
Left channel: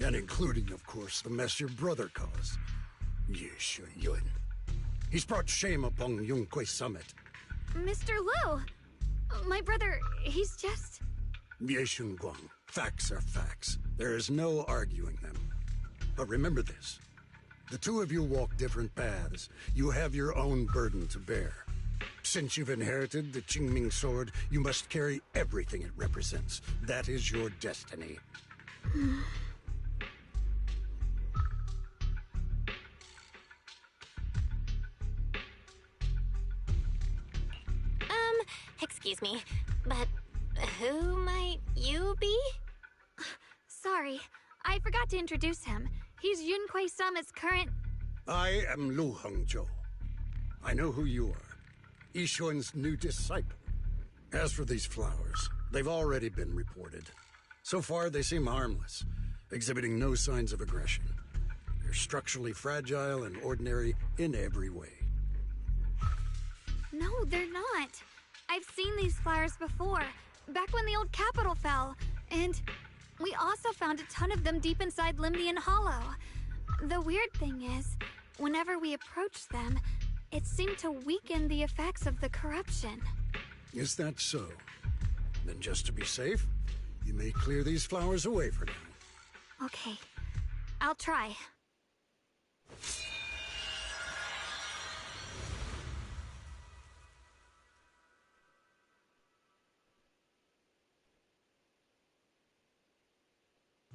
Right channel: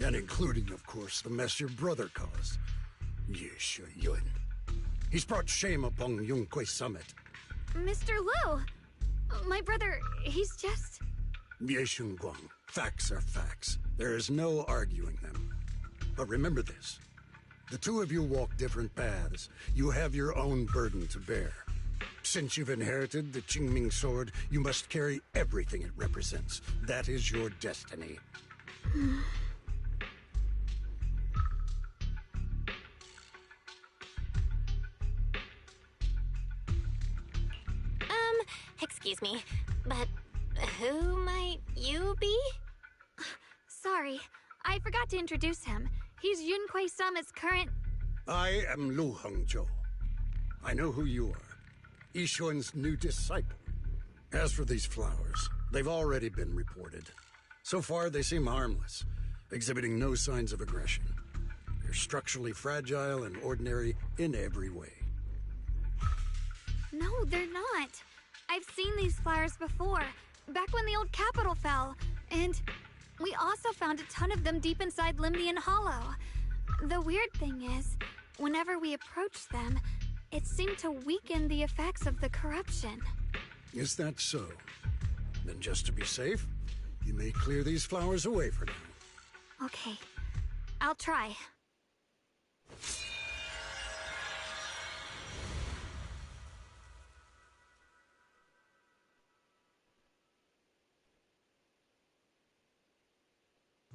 And including, of course, the mess your brother caused. Yes, Yun. He's brought shame upon Yunquay Summit. Mr. Liu! My brother, he's just... Yes, Shunguang. Facts are facts. There is no arguing them. But remember this. The two of you walk different paths. You have your own burden to bear. Since you've inherited the Qingming sword, you must carry everything it represents. That is your destiny. Excuse me, but who might you be? Sorry, I forgot to introduce him. He's Yunquay Summit's current... I am Lu Hengzhou. I know who you are. Yixuan's new disciple. As for these flowers, they've already been reported. So far, they seem harmless, exhibiting no signs of aggression. They're structurally fragile and ordinary in every way. No, they're not. I've seen these flowers before, back when the old capital fell, and we also found a ton of them deep inside Limdian Hollow. The weird thing is, whenever we approached them, it seemed to weaken the effects of the corruption. Is that so? Then just to be safe, you may clear these flowers away for now. Okay, I'll try.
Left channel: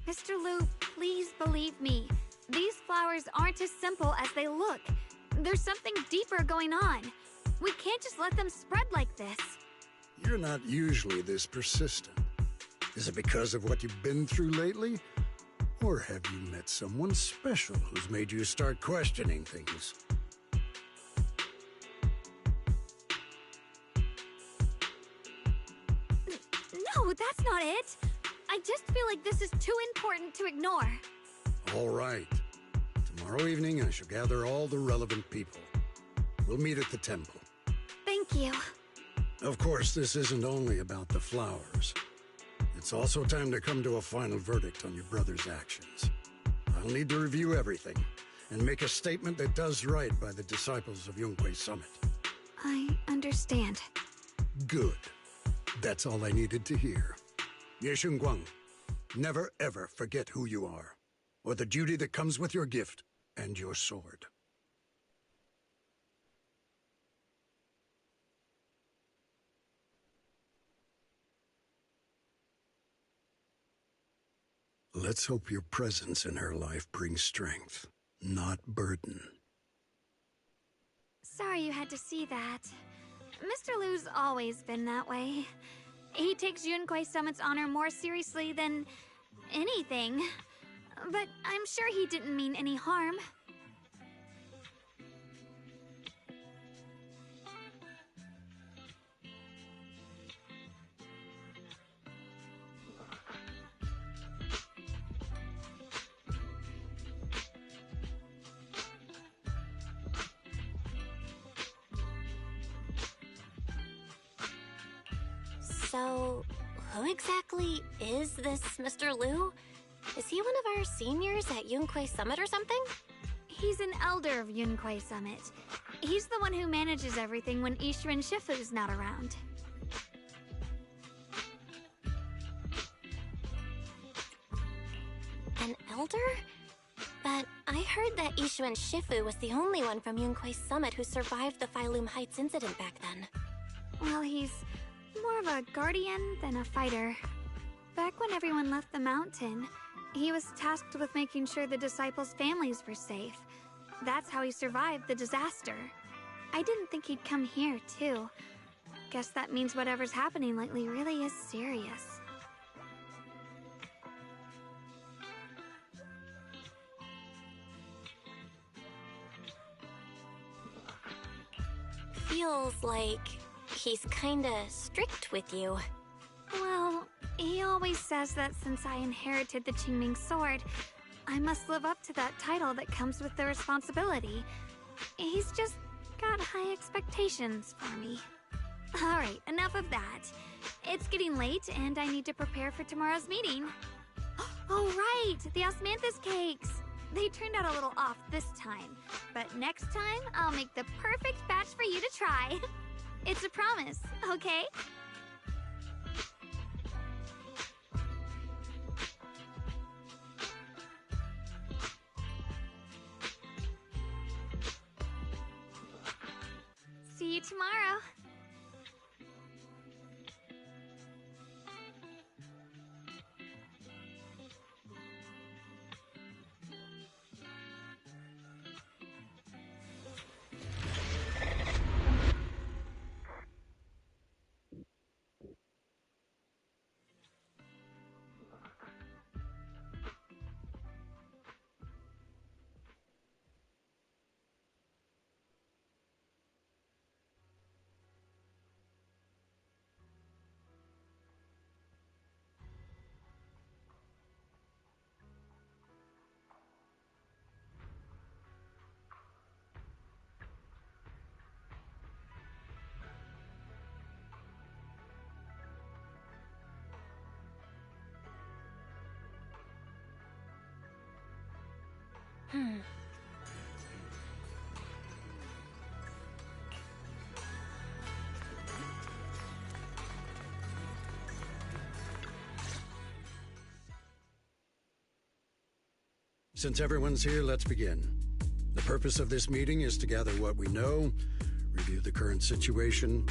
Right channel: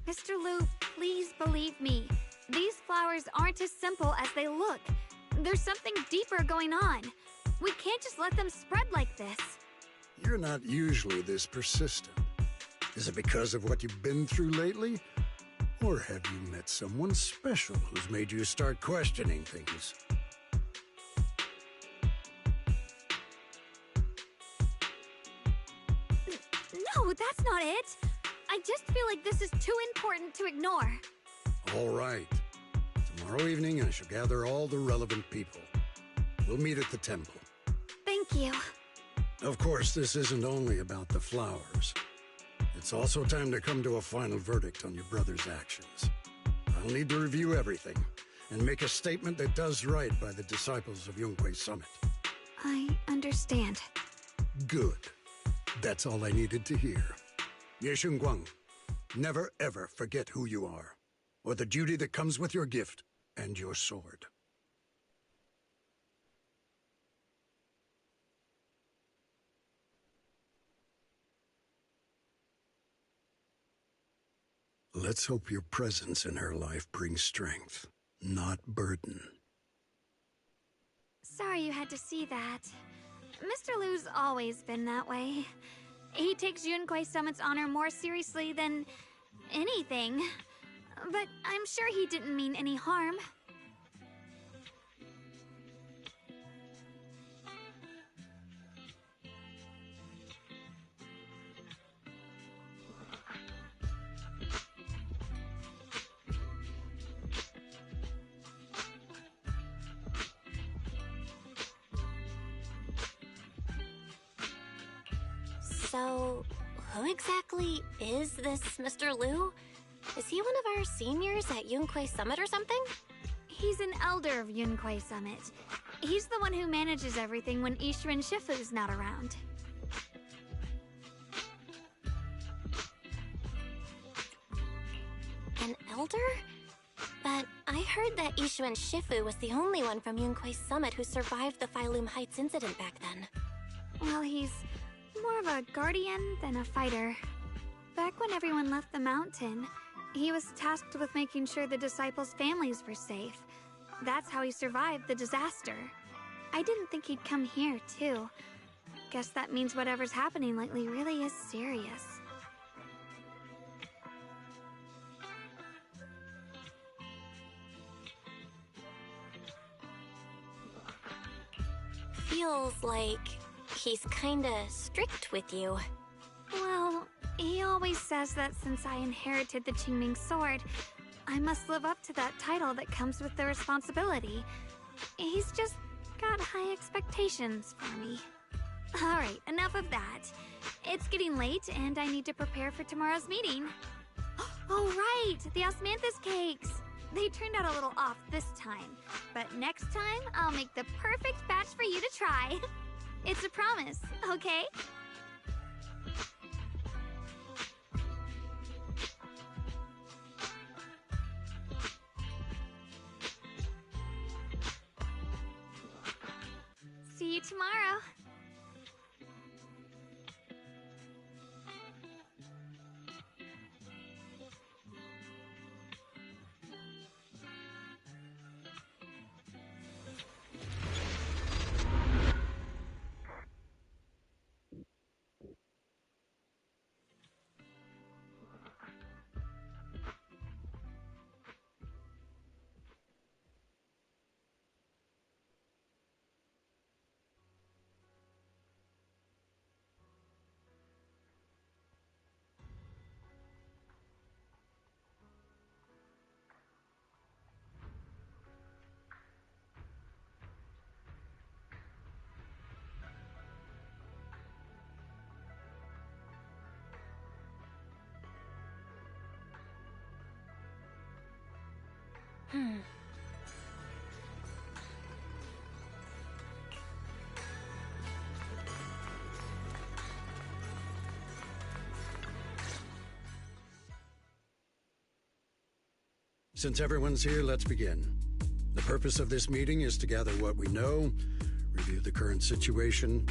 Mr. Liu, please believe me. These flowers aren't as simple as they look. There's something deeper going on. We can't just let them spread like this. You're not usually this persistent. Is it because of what you've been through lately? Or have you met someone special who's made you start questioning things? No, that's not it. I just feel like this is too important to ignore. All right. Tomorrow evening, I shall gather all the relevant people. We'll meet at the temple. Thank you. Of course, this isn't only about the flowers. It's also time to come to a final verdict on your brother's actions. I'll need to review everything and make a statement that does right by the disciples of Yunque Summit. I understand. Good. That's all I needed to hear. Ye Shunguang, never ever forget who you are, or the duty that comes with your gift and your sword. Let's hope your presence in her life brings strength, not burden. Sorry you had to see that. Mr. Liu's always been that way. He takes Yunque Summit's honor more seriously than anything. But I'm sure he didn't mean any harm. So, who exactly is this Mr. Liu? Is he one of our seniors at Yunque Summit or something? He's an elder of Yunque Summit. He's the one who manages everything when Ishu and Shifu's not around. An elder? But I heard that Ishu and Shifu was the only one from Yunque Summit who survived the Phylum Heights incident back then. Well, he's more of a guardian than a fighter. Back when everyone left the mountain, he was tasked with making sure the disciples' families were safe. That's how he survived the disaster. I didn't think he'd come here, too. Guess that means whatever's happening lately really is serious. Feels like he's kinda strict with you. Well, he always says that since I inherited the Qingming sword, I must live up to that title that comes with the responsibility. He's just got high expectations for me. Alright, enough of that. It's getting late and I need to prepare for tomorrow's meeting. Oh right, the osmanthus cakes! They turned out a little off this time, but next time I'll make the perfect batch for you to try. It's a promise, okay? See you tomorrow. Since everyone's here, let's begin. The purpose of this meeting is to gather what we know, review the current situation,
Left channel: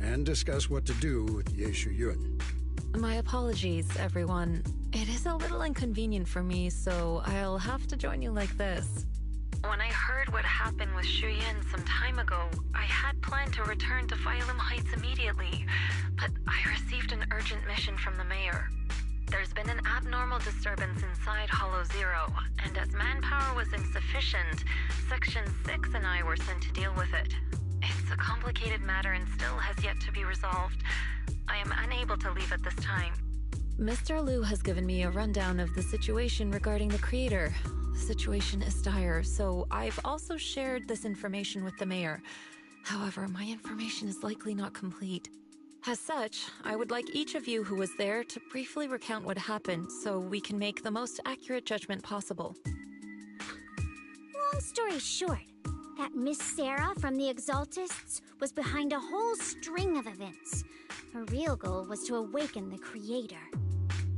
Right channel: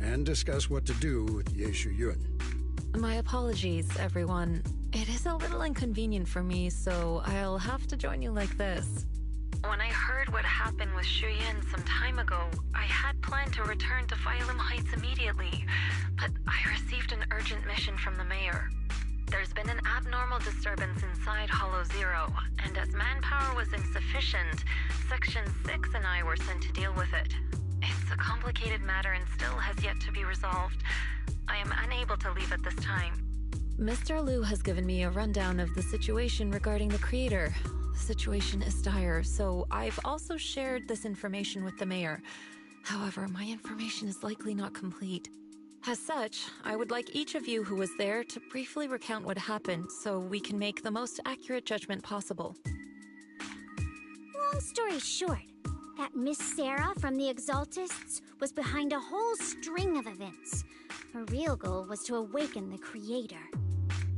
and discuss what to do with Ye Shuyun. My apologies, everyone. It is a little inconvenient for me, so I'll have to join you like this. When I heard what happened with Shuyan some time ago, I had planned to return to Phylum Heights immediately, but I received an urgent mission from the mayor. There's been an abnormal disturbance inside Hollow Zero, and as manpower was insufficient, Section 6 and I were sent to deal with it. It's a complicated matter and still has yet to be resolved. I am unable to leave at this time. Mr. Liu has given me a rundown of the situation regarding the creator. The situation is dire, so I've also shared this information with the mayor. However, my information is likely not complete. As such, I would like each of you who was there to briefly recount what happened so we can make the most accurate judgment possible. Long story short, that Miss Sarah from the Exaltists was behind a whole string of events. Her real goal was to awaken the creator.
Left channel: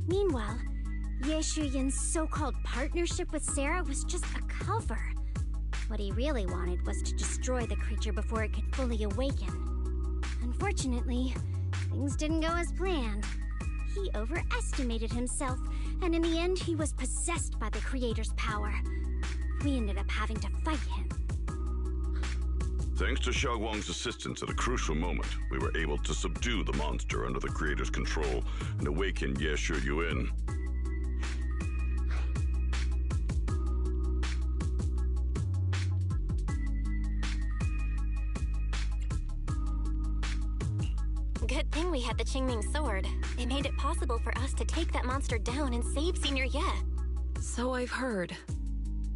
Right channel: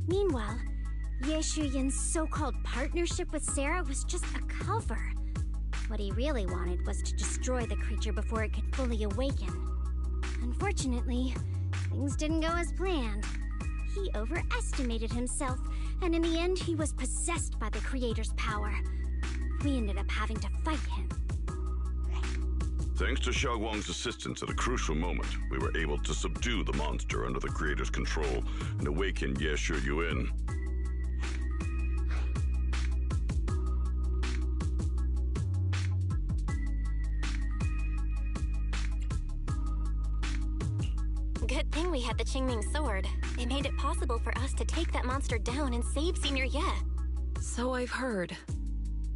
Meanwhile, Ye Shuyan's so-called partnership with Sarah was just a cover. What he really wanted was to destroy the creature before it could fully awaken. Unfortunately, things didn't go as planned. He overestimated himself, and in the end he was possessed by the creator's power. We ended up having to fight him. Thanks to Shunguang's assistance at a crucial moment, we were able to subdue the monster under the creator's control and awaken Ye Shuyan. Good thing we had the Qingming sword. It made it possible for us to take that monster down and save Senior Ye. So I've heard.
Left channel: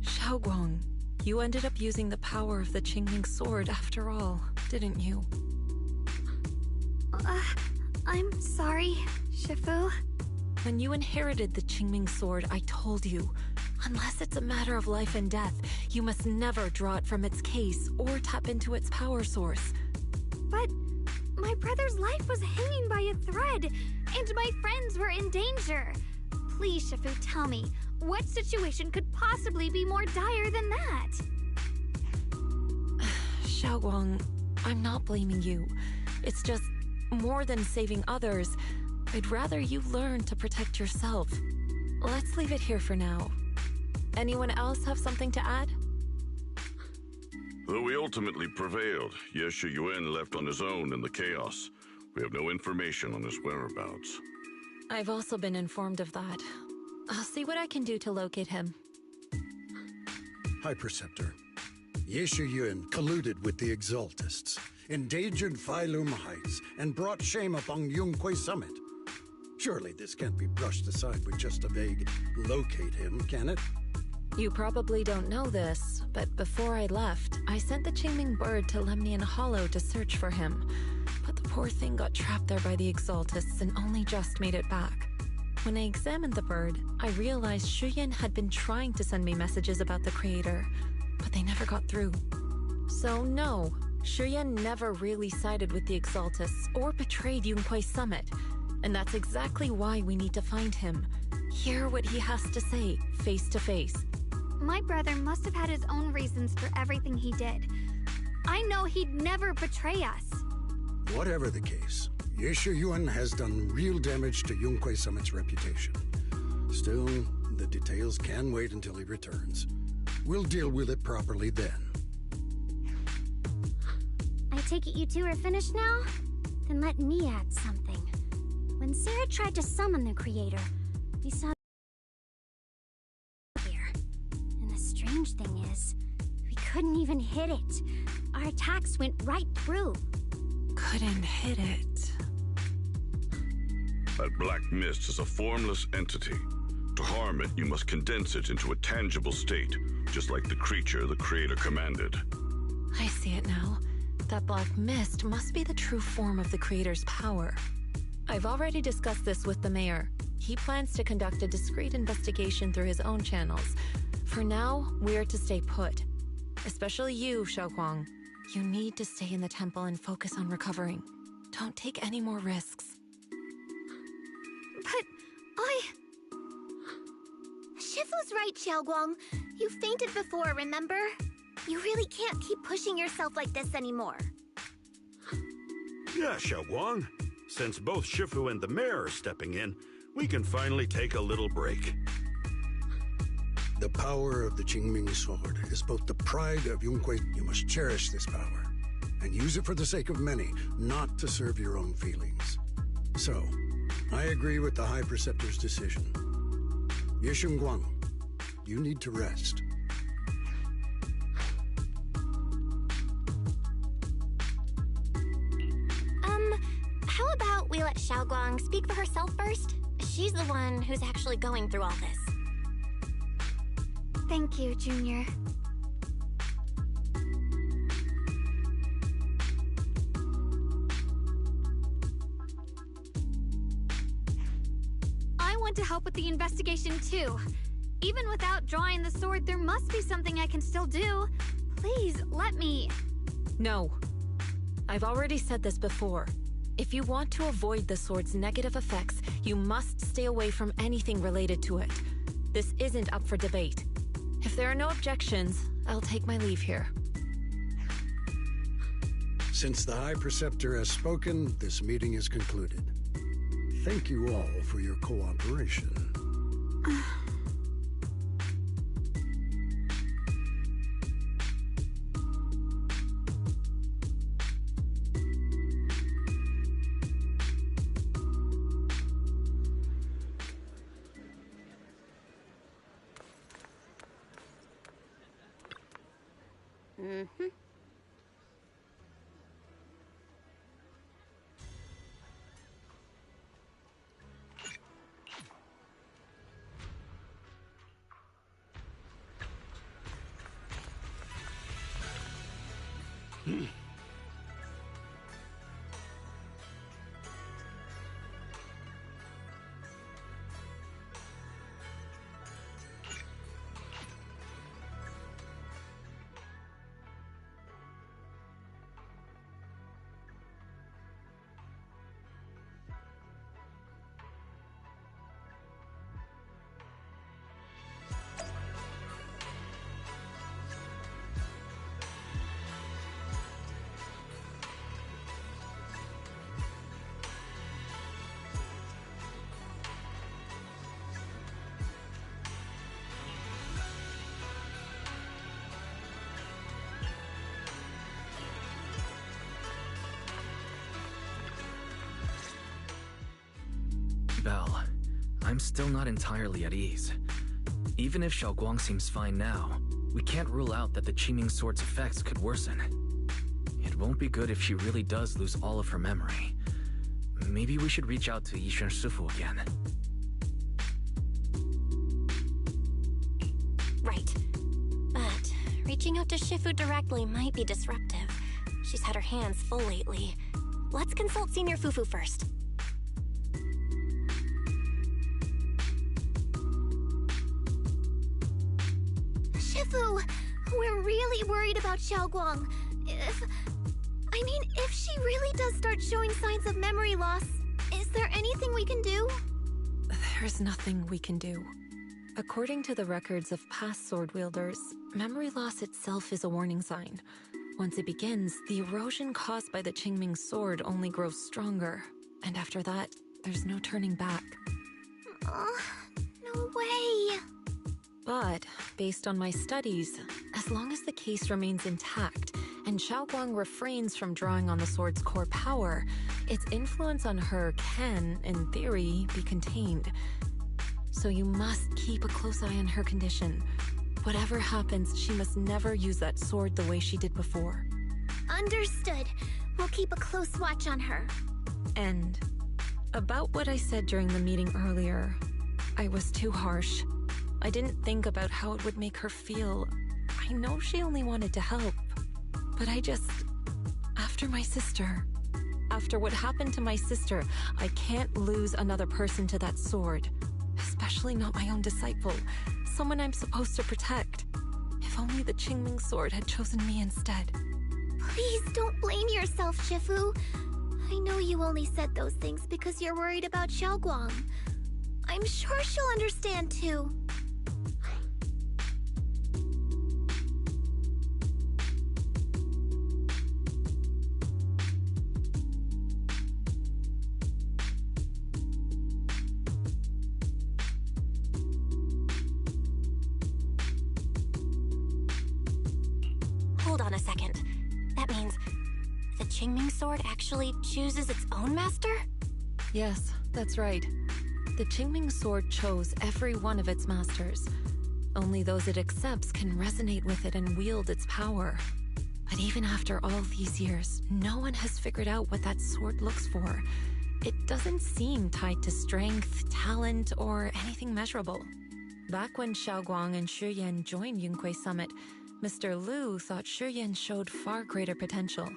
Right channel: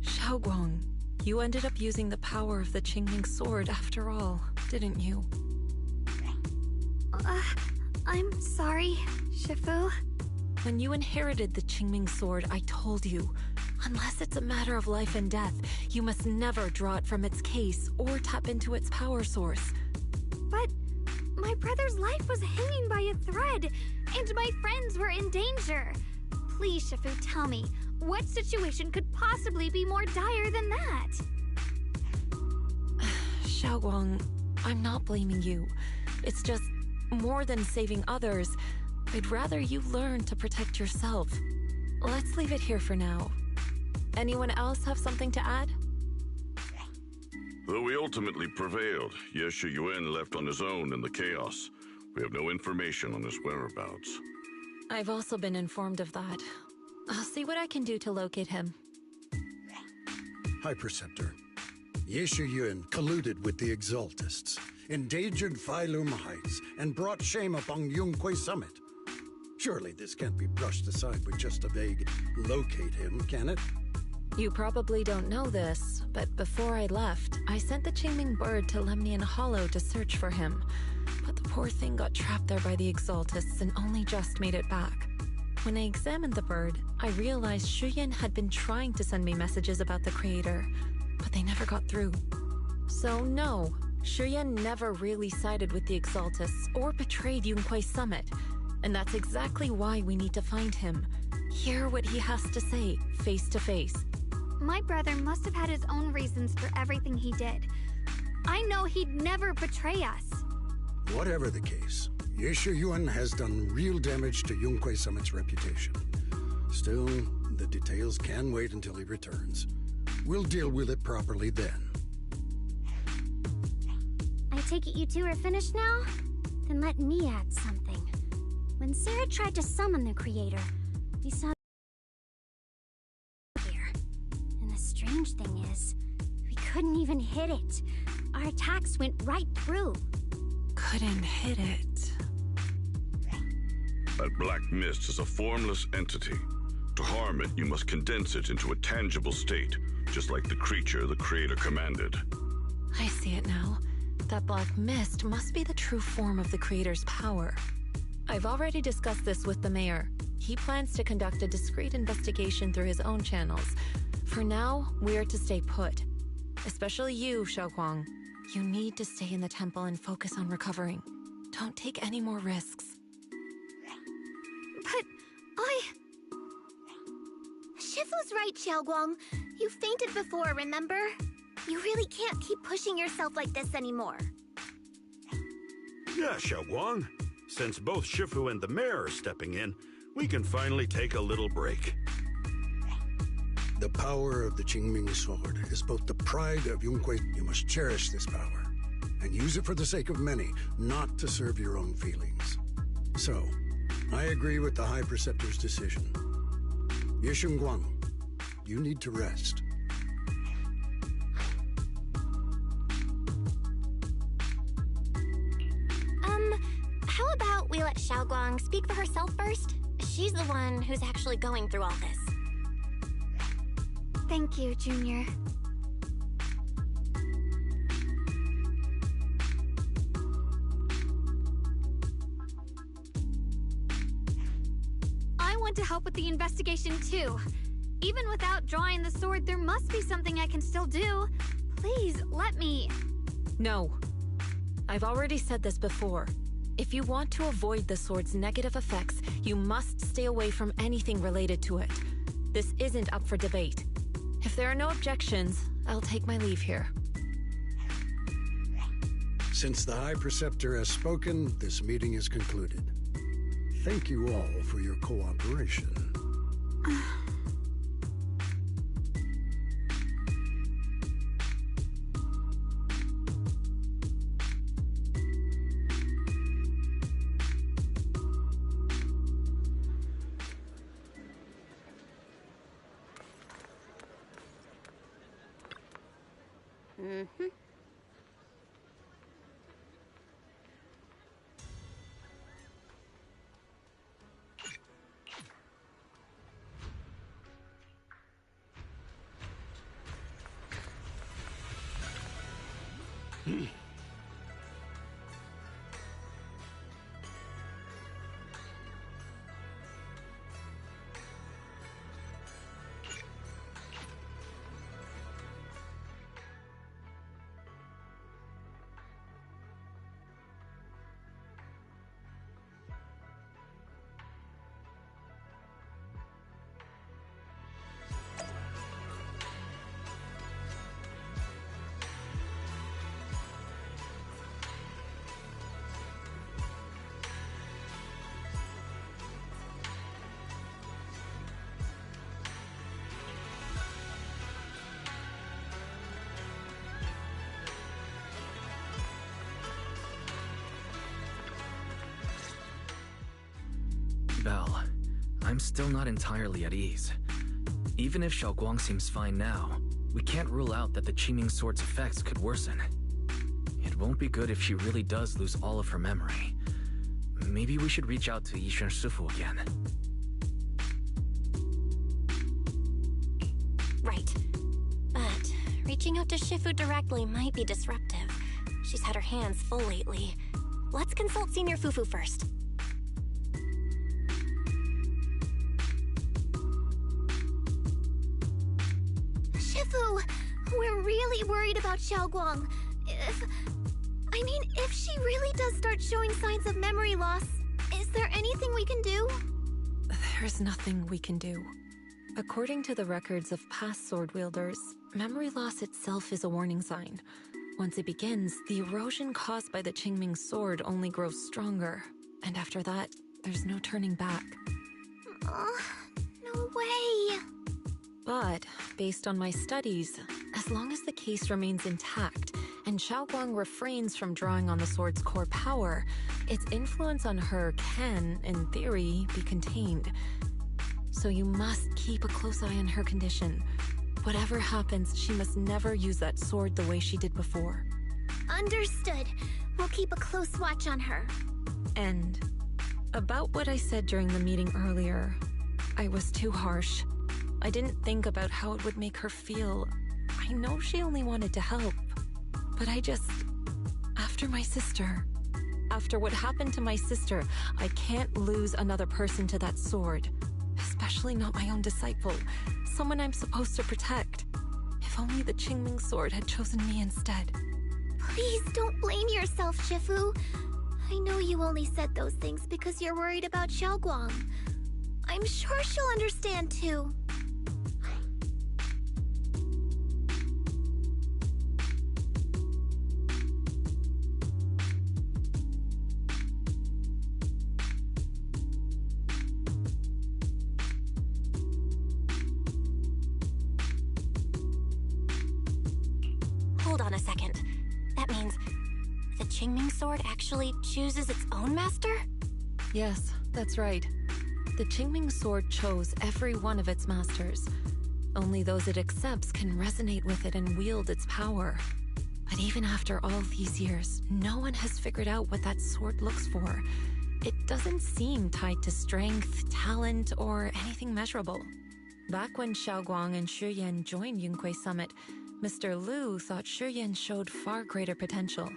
Shunguang, you ended up using the power of the Qingming sword after all, didn't you? I'm sorry, Shifu. When you inherited the Qingming sword, I told you, unless it's a matter of life and death, you must never draw it from its case or tap into its power source. But my brother's life was hanging by a thread, and my friends were in danger. Please, Shifu, tell me, what situation could possibly be more dire than that? Shunguang, I'm not blaming you. It's just, more than saving others, I'd rather you learn to protect yourself. Let's leave it here for now. Anyone else have something to add? Though we ultimately prevailed, Ye Shuyan left on his own in the chaos. We have no information on his whereabouts. I've also been informed of that. I'll see what I can do to locate him. High Preceptor. Ye Shuyan colluded with the Exaltists, endangered Phylum Heights, and brought shame upon Yunque Summit. Surely this can't be brushed aside with just a vague locate him, can it? You probably don't know this, but before I left, I sent the Qingming bird to Lemnian Hollow to search for him. But the poor thing got trapped there by the Exaltists and only just made it back. When I examined the bird, I realized Shuyan had been trying to send me messages about the creator, but they never got through. So no, Shuyan never really sided with the Exaltists or betrayed Yunque Summit. And that's exactly why we need to find him. Hear what he has to say, face to face. My brother must have had his own reasons for everything he did. I know he'd never betray us. Whatever the case, Ye Shuyan has done real damage to Yunque Summit's reputation. Still, the details can wait until he returns. We'll deal with it properly then. I take it you two are finished now? Then let me add something. When Sarah tried to summon the creator, we saw here. And the strange thing is, we couldn't even hit it. Our attacks went right through. Couldn't hit it. That black mist is a formless entity. To harm it, you must condense it into a tangible state, just like the creature the creator commanded. I see it now. That black mist must be the true form of the creator's power. I've already discussed this with the mayor. He plans to conduct a discreet investigation through his own channels. For now, we're to stay put. Especially you, Shunguang. You need to stay in the temple and focus on recovering. Don't take any more risks. But Shifu's right, Shunguang. You fainted before, remember? You really can't keep pushing yourself like this anymore. Yeah, Shunguang. Since both Shifu and the mayor are stepping in, we can finally take a little break. The power of the Qingming sword is both the pride of Yonghui. You must cherish this power, and use it for the sake of many, not to serve your own feelings. So, I agree with the High Preceptor's decision. Shunguang, you need to rest. How about we let Shunguang speak for herself first? She's the one who's actually going through all this. Thank you, Junior. I want to help with the investigation too. Even without drawing the sword, there must be something I can still do. Please, let me. No. I've already said this before. If you want to avoid the sword's negative effects, you must stay away from anything related to it. This isn't up for debate. If there are no objections, I'll take my leave here. Since the High Preceptor has spoken, this meeting is concluded. Thank you all for your cooperation. Belle, I'm still not entirely at ease. Even if Shunguang seems fine now, we can't rule out that the Qingming sword's effects could worsen. It won't be good if she really does lose all of her memory. Maybe we should reach out to Yishen Shifu again. Right. But reaching out to Shifu directly might be disruptive. She's had her hands full lately. Let's consult Senior Fufu first. Shifu, we're really worried about Shunguang. If she really does start showing signs of memory loss, is there anything we can do? There's nothing we can do. According to the records of past sword wielders, memory loss itself is a warning sign. Once it begins, the erosion caused by the Qingming sword only grows stronger, and after that, there's no turning back. No way. But, based on my studies, as long as the case remains intact, and Shunguang refrains from drawing on the sword's core power, its influence on her can, in theory, be contained. So you must keep a close eye on her condition. Whatever happens, she must never use that sword the way she did before. Understood. We'll keep a close watch on her. And about what I said during the meeting earlier, I was too harsh. I didn't think about how it would make her feel. I know she only wanted to help, but after my sister, after what happened to my sister, I can't lose another person to that sword. Especially not my own disciple, someone I'm supposed to protect. If only the Qingming sword had chosen me instead. Please don't blame yourself, Shifu. I know you only said those things because you're worried about Shunguang. I'm sure she'll understand too. hold on a second. That means the Qingming sword actually chooses its own master? Yes, that's right. The Qingming sword chose every one of its masters. Only those it accepts can resonate with it and wield its power. But even after all these years, no one has figured out what that sword looks for. It doesn't seem tied to strength, talent, or anything measurable. Back when Shunguang and Shiyan joined Yunque Summit, Mr. Liu thought Shiyan showed far greater potential.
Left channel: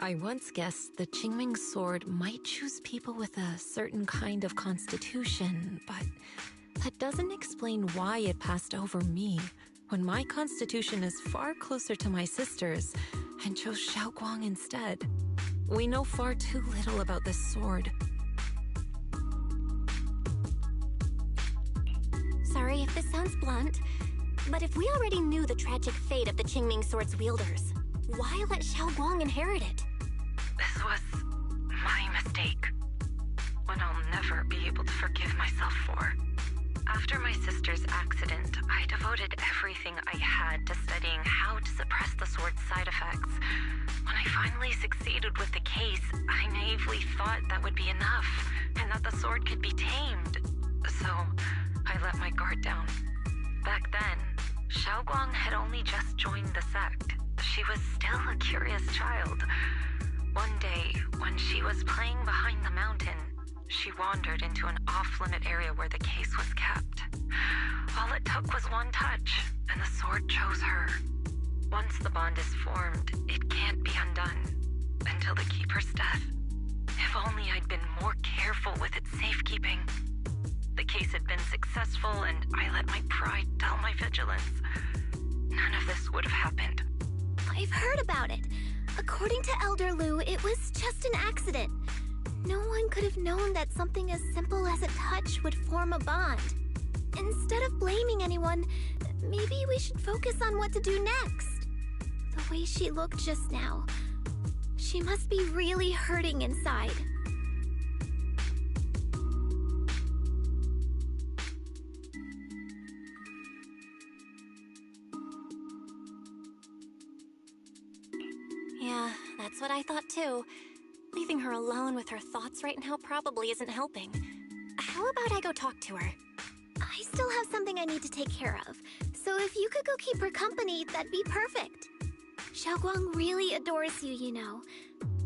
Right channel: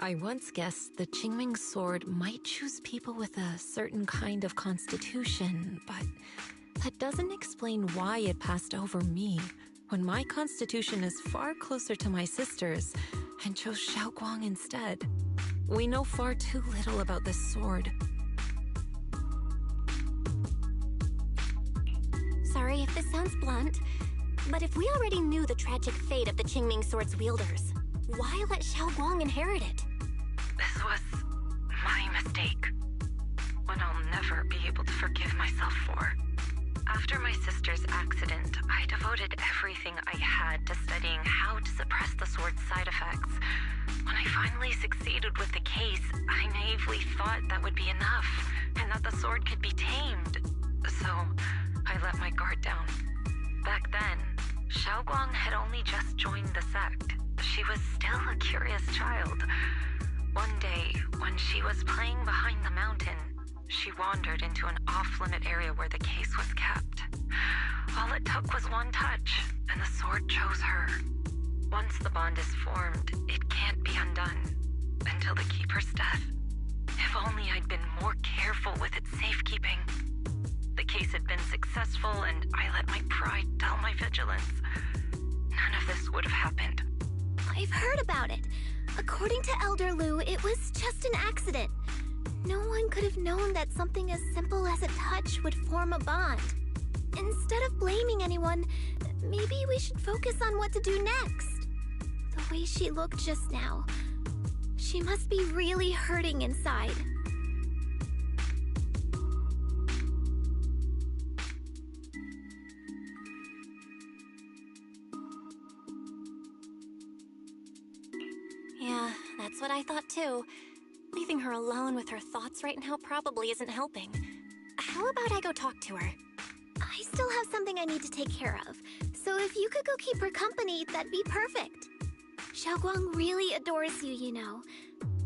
I once guessed the Qingming sword might choose people with a certain kind of constitution, but that doesn't explain why it passed over me, when my constitution is far closer to my sister's, and chose Shunguang instead. We know far too little about this sword. Sorry if this sounds blunt, but if we already knew the tragic fate of the Qingming sword's wielders, why let Shunguang inherit it? This was my mistake. One I'll never be able to forgive myself for. After my sister's accident, I devoted everything I had to studying how to suppress the sword's side effects. When I finally succeeded with the case, I naively thought that would be enough, and that the sword could be tamed. So, I let my guard down. Back then, Shunguang had only just joined the sect. She was still a curious child. One day, when she was playing behind the mountain, she wandered into an off-limit area where the case was kept. All it took was one touch, and the sword chose her. Once the bond is formed, it can't be undone until the Keeper's death. If only I'd been more careful with its safekeeping. The case had been successful, and I let my pride dull my vigilance. None of this would have happened. I've heard about it. According to Elder Liu, it was just an accident. No one could have known that something as simple as a touch would form a bond. Instead of blaming anyone, maybe we should focus on what to do next. The way she looked just now, she must be really hurting inside. Yeah, that's what I thought too. Leaving her alone with her thoughts right now probably isn't helping. How about I go talk to her? I still have something I need to take care of, so if you could go keep her company, that'd be perfect. Shunguang really adores you, you know.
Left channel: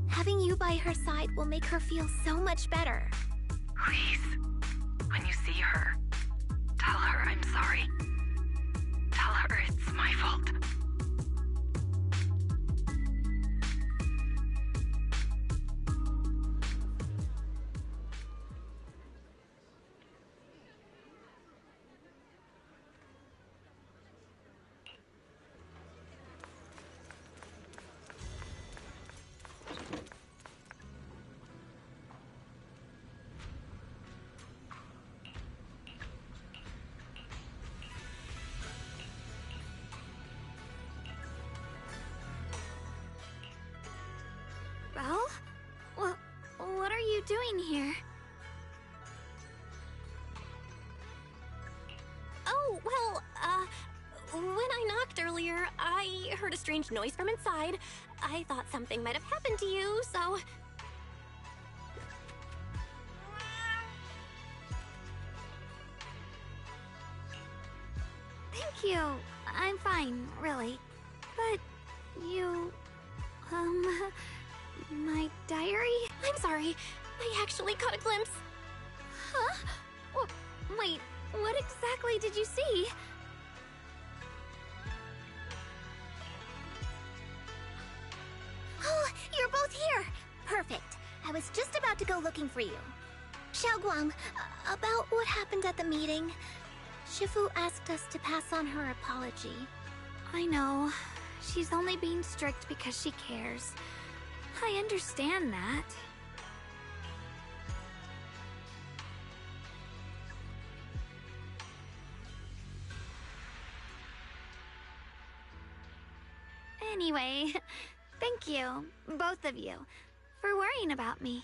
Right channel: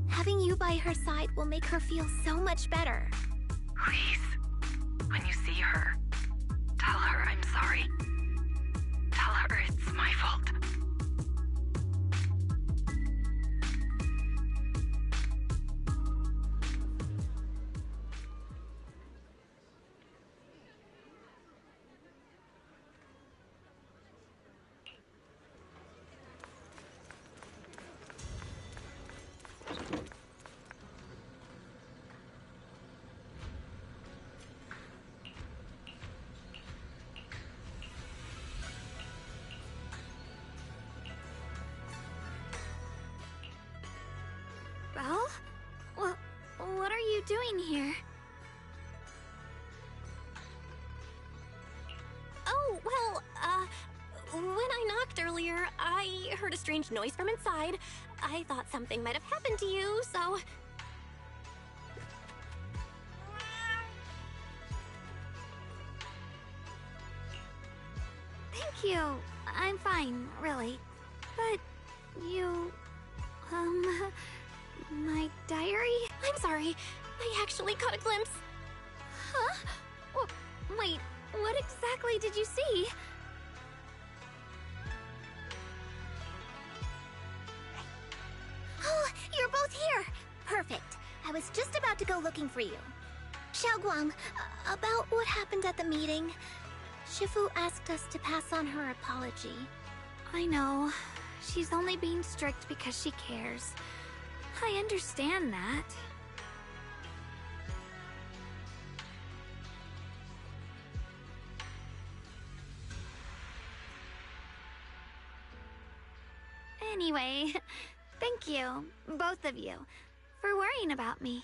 Having you by her side will make her feel so much better. Please, when you see her, tell her I'm sorry. Tell her it's my fault. Well, what are you doing here? Oh, well, when I knocked earlier, I heard a strange noise from inside. I thought something might have happened to you, so... Thank you. I'm fine, really. But you... my diary? I'm sorry. I actually caught a glimpse. Huh? Wait, what exactly did you see? Oh, you're both here! Perfect. I was just about to go looking for you. Shunguang, about what happened at the meeting. Shifu asked us to pass on her apology. I know. She's only being strict because she cares. I understand that. Anyway, thank you, both of you, for worrying about me.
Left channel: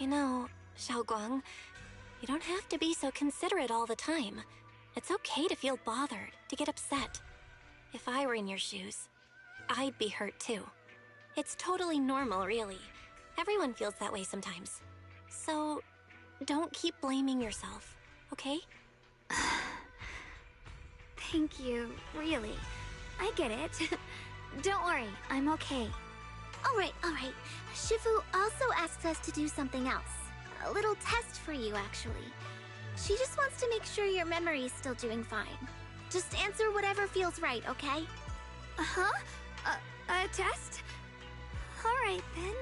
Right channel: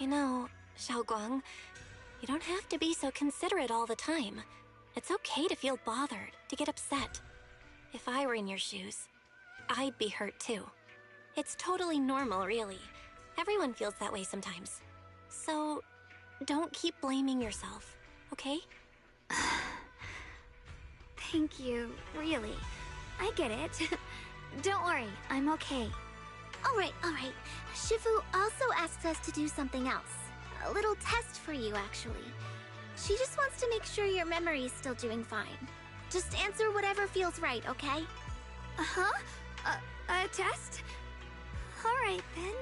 You know, Shunguang, you don't have to be so considerate all the time. It's okay to feel bothered, to get upset. If I were in your shoes, I'd be hurt too. It's totally normal, really. Everyone feels that way sometimes. So, don't keep blaming yourself, okay? Thank you, really. I get it. Don't worry, I'm okay. Alright. Shifu also asks us to do something else. A little test for you, actually. She just wants to make sure your memory is still doing fine. Just answer whatever feels right, okay? Uh-huh? A test? Alright, then.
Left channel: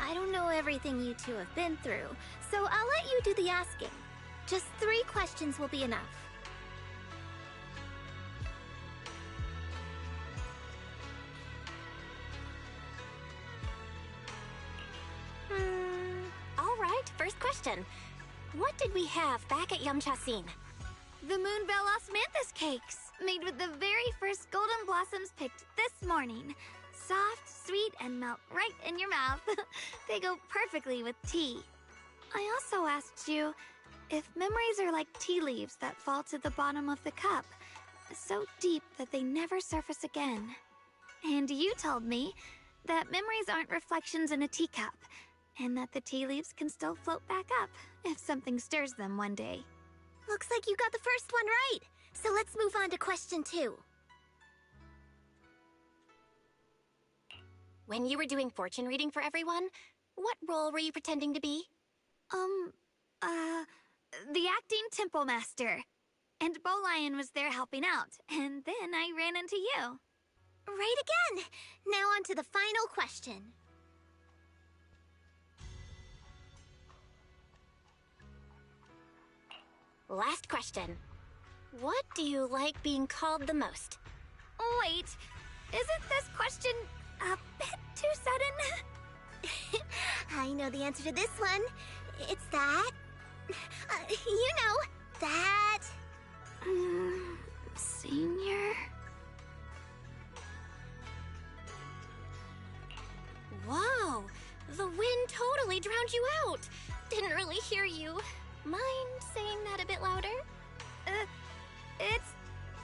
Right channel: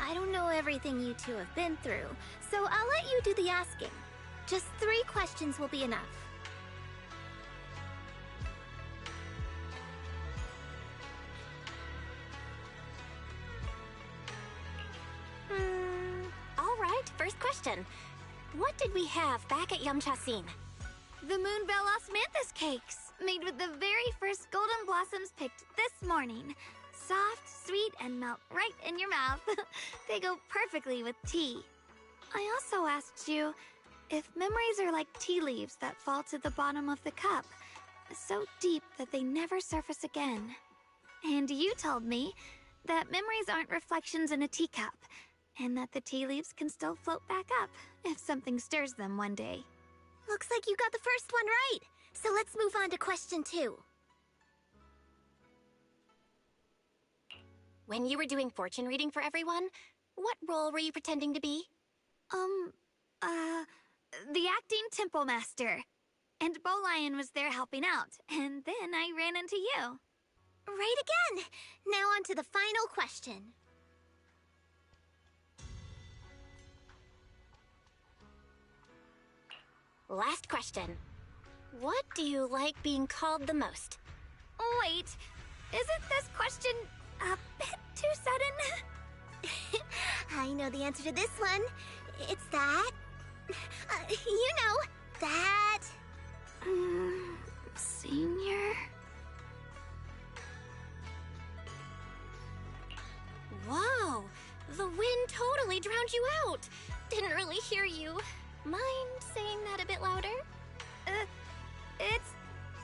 I don't know everything you two have been through, so I'll let you do the asking. Just 3 questions will be enough. All right, first question. What did we have back at Yamchasin? The Moonbell Osmanthus cakes, made with the very first golden blossoms picked this morning. Soft, sweet, and melt right in your mouth. They go perfectly with tea. I also asked you if memories are like tea leaves that fall to the bottom of the cup, so deep that they never surface again. And you told me that memories aren't reflections in a teacup, and that the tea leaves can still float back up if something stirs them one day. Looks like you got the first one right. So let's move on to question 2. When you were doing fortune reading for everyone, what role were you pretending to be? The acting temple master. And Bowlion was there helping out, and then I ran into you. Right again! Now on to the final question. Last question. What do you like being called the most? Wait, isn't this question a bit too sudden? I know the answer to this one. It's that. You know, that. Senior? Whoa! The wind totally drowned you out! Didn't really hear you. Mind saying that a bit louder? It's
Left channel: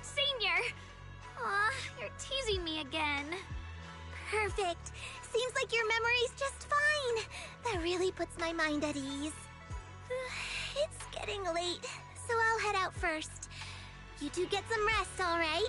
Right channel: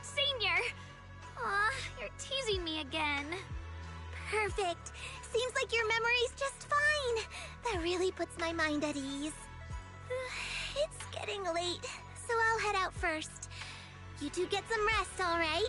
Senior. Aw, you're teasing me again. Perfect. Seems like your memory's just fine. That really puts my mind at ease. It's getting late, so I'll head out first. You two get some rest, all right?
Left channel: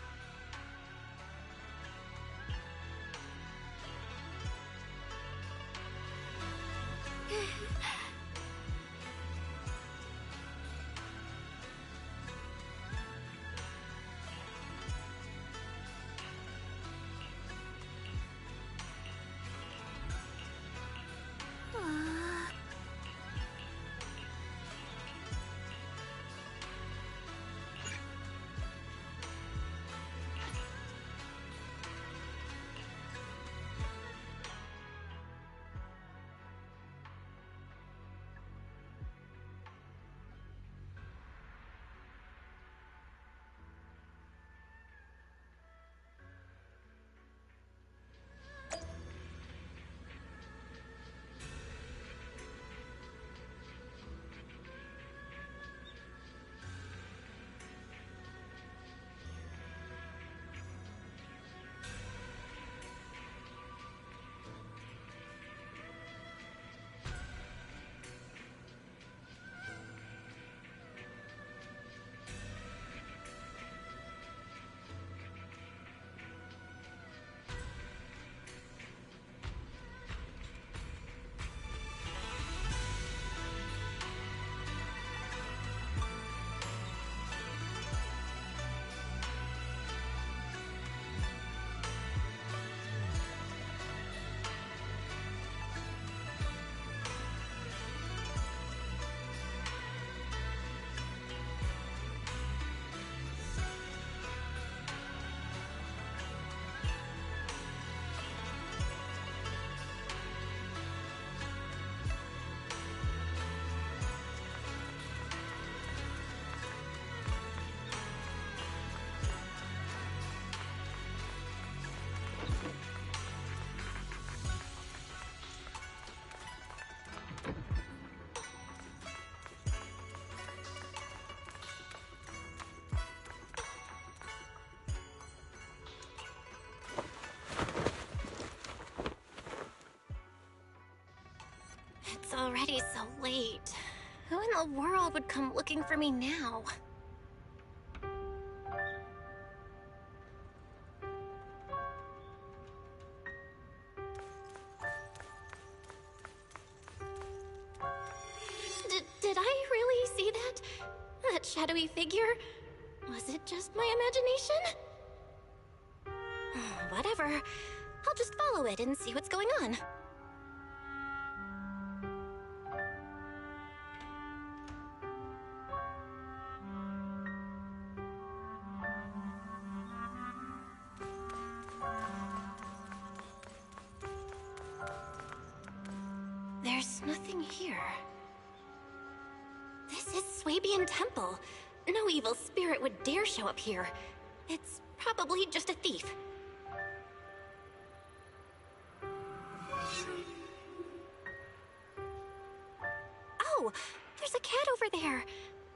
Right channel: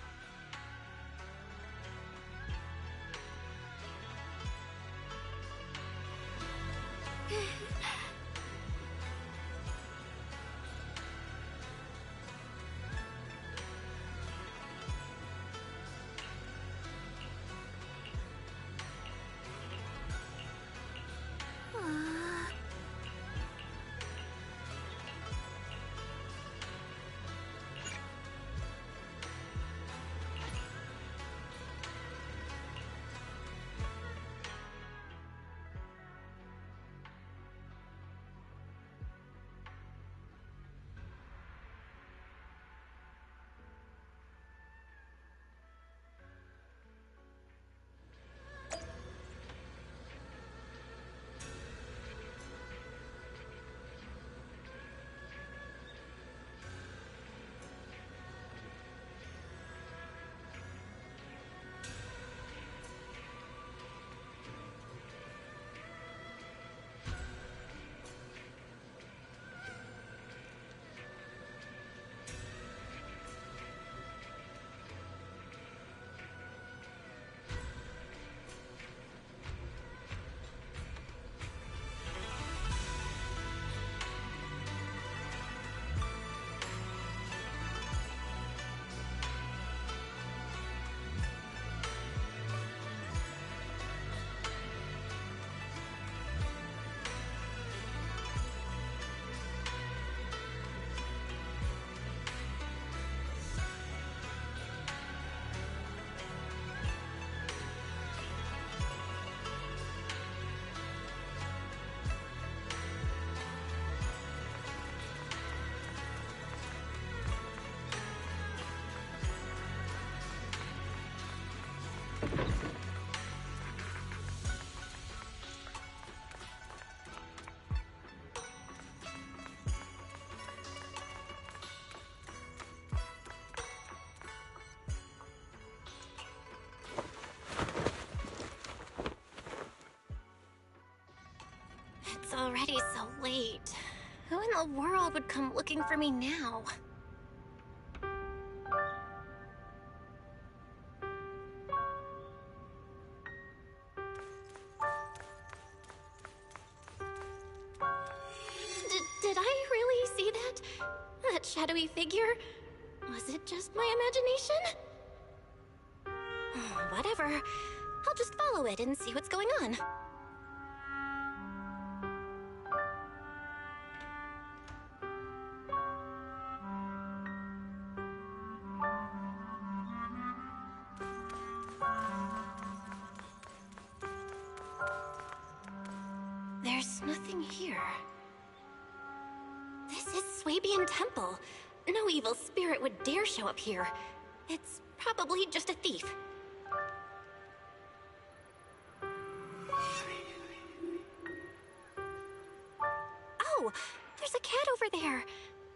It's already so late. Who in the world would come looking for me now? Did I really see that? That shadowy figure? Was it just my imagination? Whatever. I'll just follow it and see what's going on. There's nothing here. This is Swabian Temple. No evil spirit would dare show up here. It's probably just a thief. Oh, there's a cat over there.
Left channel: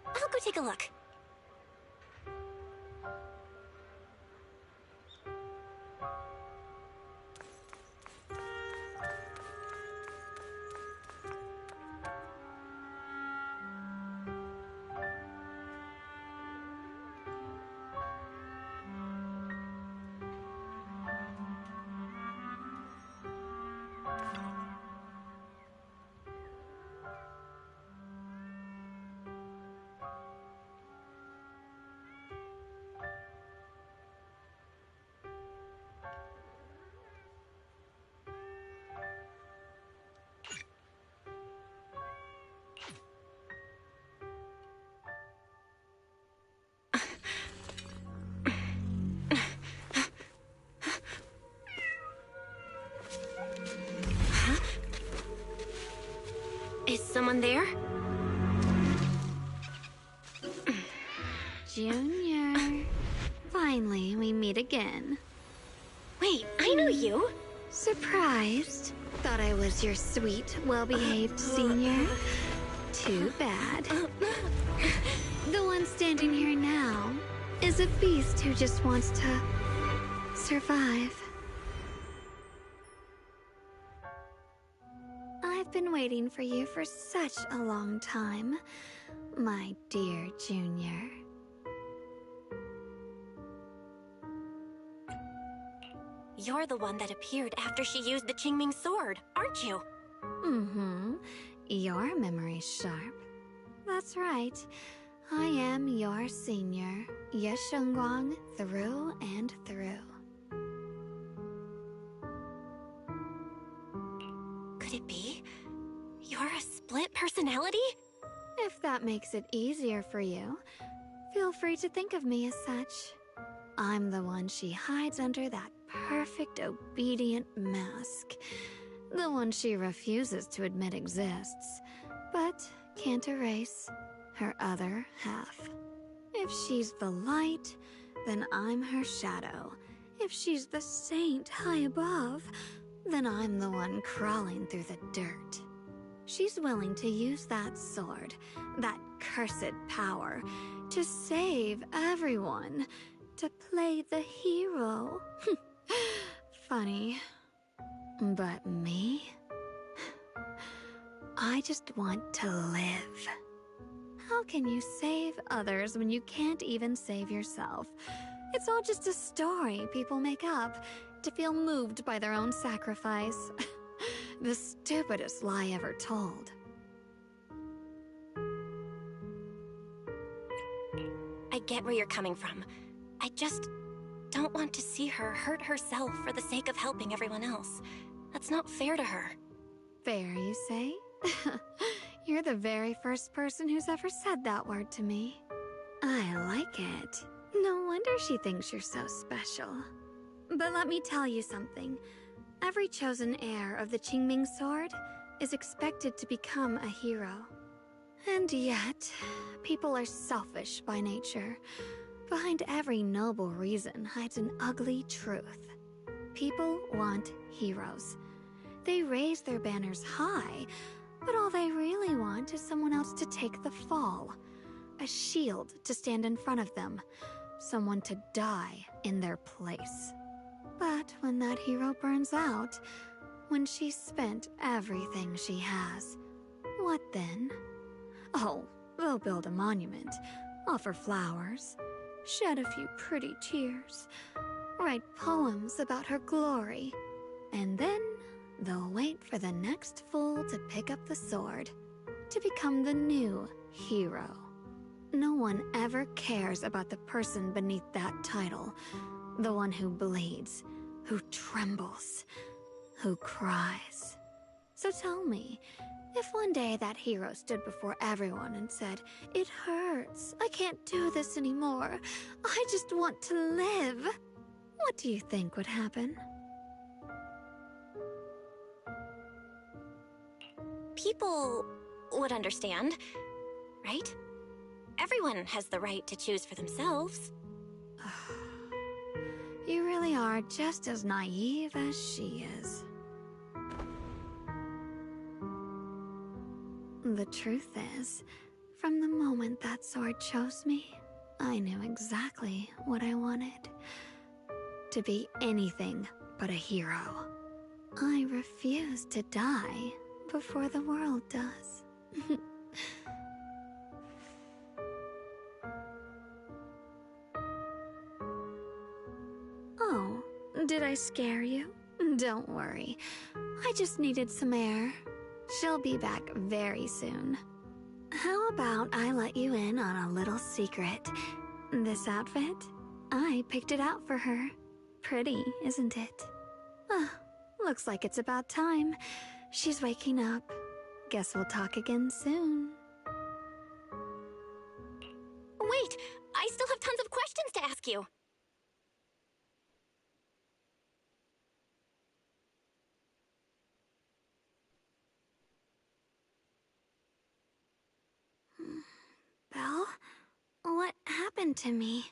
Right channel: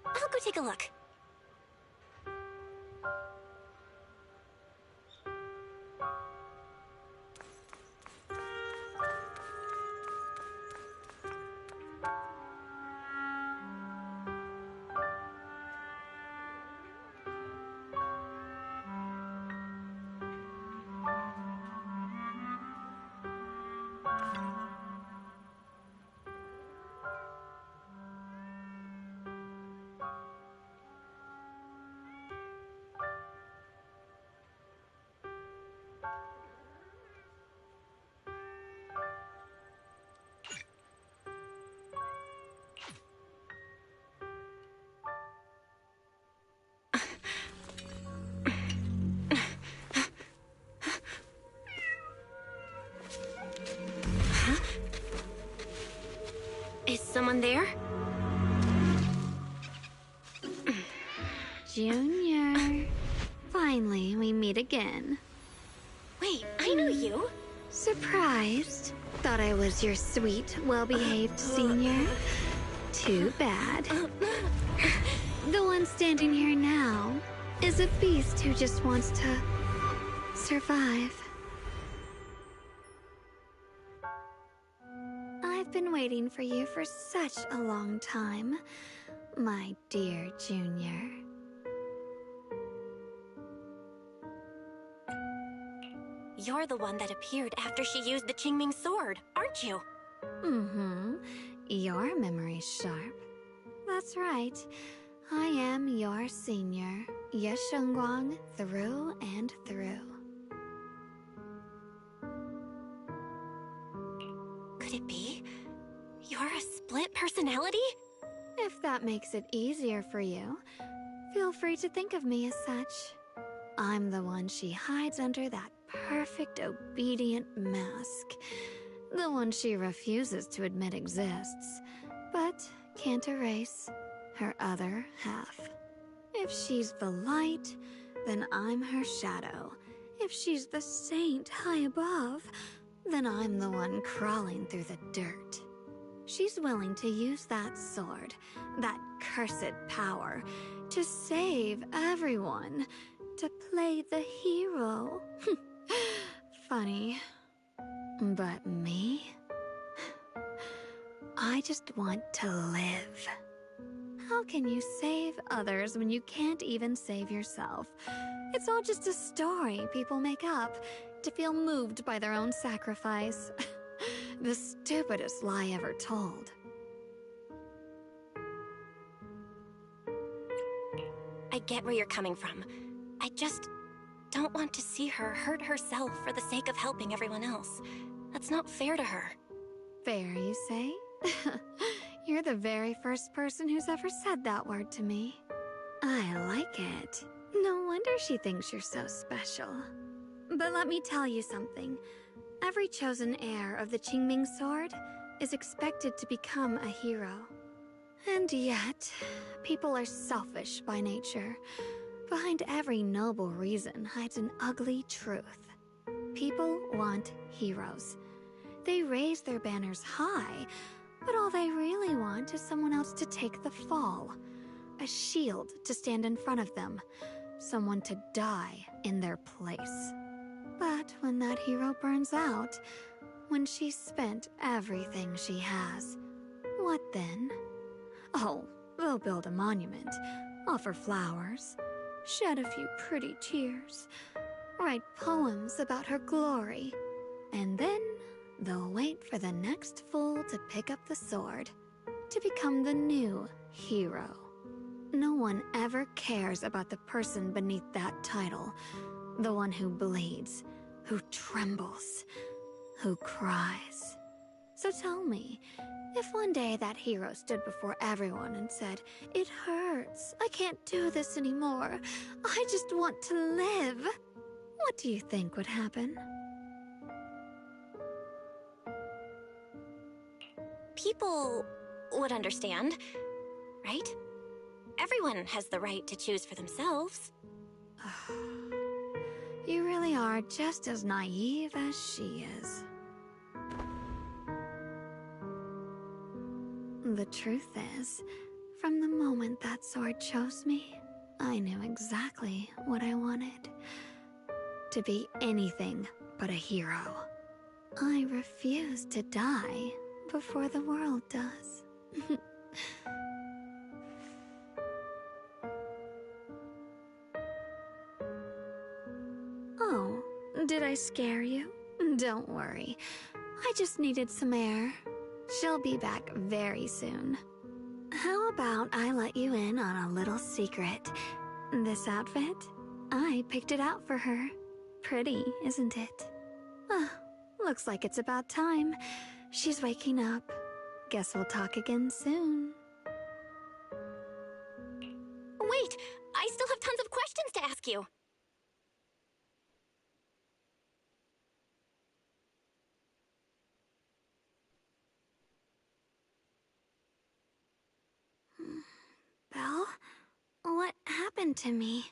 I'll go take a look. Is someone there? Junior. Finally, we meet again. Wait, I know you. Surprised? Thought I was your sweet, well-behaved senior? Too bad. The one standing here now is a beast who just wants to survive. I've been waiting for you for such a long time, my dear Junior. You're the one that appeared after she used the Qingming sword, aren't you? Mm-hmm. Your memory's sharp. That's right. I am your senior, Shunguang, through and through. Could it be? You're a split personality? If that makes it easier for you, feel free to think of me as such. I'm the one she hides under that perfect obedient mask. The one she refuses to admit exists, but can't erase her other half. If she's the light, then I'm her shadow. If she's the saint high above, then I'm the one crawling through the dirt. She's willing to use that sword, that cursed power, to save everyone, to play the hero. Funny. But me? I just want to live. How can you save others when you can't even save yourself? It's all just a story people make up to feel moved by their own sacrifice. The stupidest lie ever told. I get where you're coming from. I just don't want to see her hurt herself for the sake of helping everyone else. That's not fair to her. Fair, you say? You're the very first person who's ever said that word to me. I like it. No wonder she thinks you're so special. But let me tell you something. Every chosen heir of the Qingming sword is expected to become a hero. And yet, people are selfish by nature. Behind every noble reason hides an ugly truth. People want heroes. They raise their banners high, but all they really want is someone else to take the fall. A shield to stand in front of them. Someone to die in their place. But when that hero burns out, when she's spent everything she has, What then? Oh, they'll build a monument, offer flowers, shed a few pretty tears, write poems about her glory, and then they'll wait for the next fool to pick up the sword, to become the new hero. No one ever cares about the person beneath that title, the one who bleeds, who trembles, who cries. So tell me, if one day that hero stood before everyone and said, "It hurts, I can't do this anymore, I just want to live," what do you think would happen? People would understand, right? Everyone has the right to choose for themselves. You really are just as naive as she is. The truth is, from the moment that sword chose me, I knew exactly what I wanted. To be anything but a hero. I refuse to die before the world does. Oh, did I scare you? Don't worry. I just needed some air. She'll be back very soon. How about I let you in on a little secret? This outfit? I picked it out for her. Pretty, isn't it? Looks like it's about time. She's waking up. Guess we'll talk again soon. Wait, I still have tons of questions to ask you. Belle? What happened to me?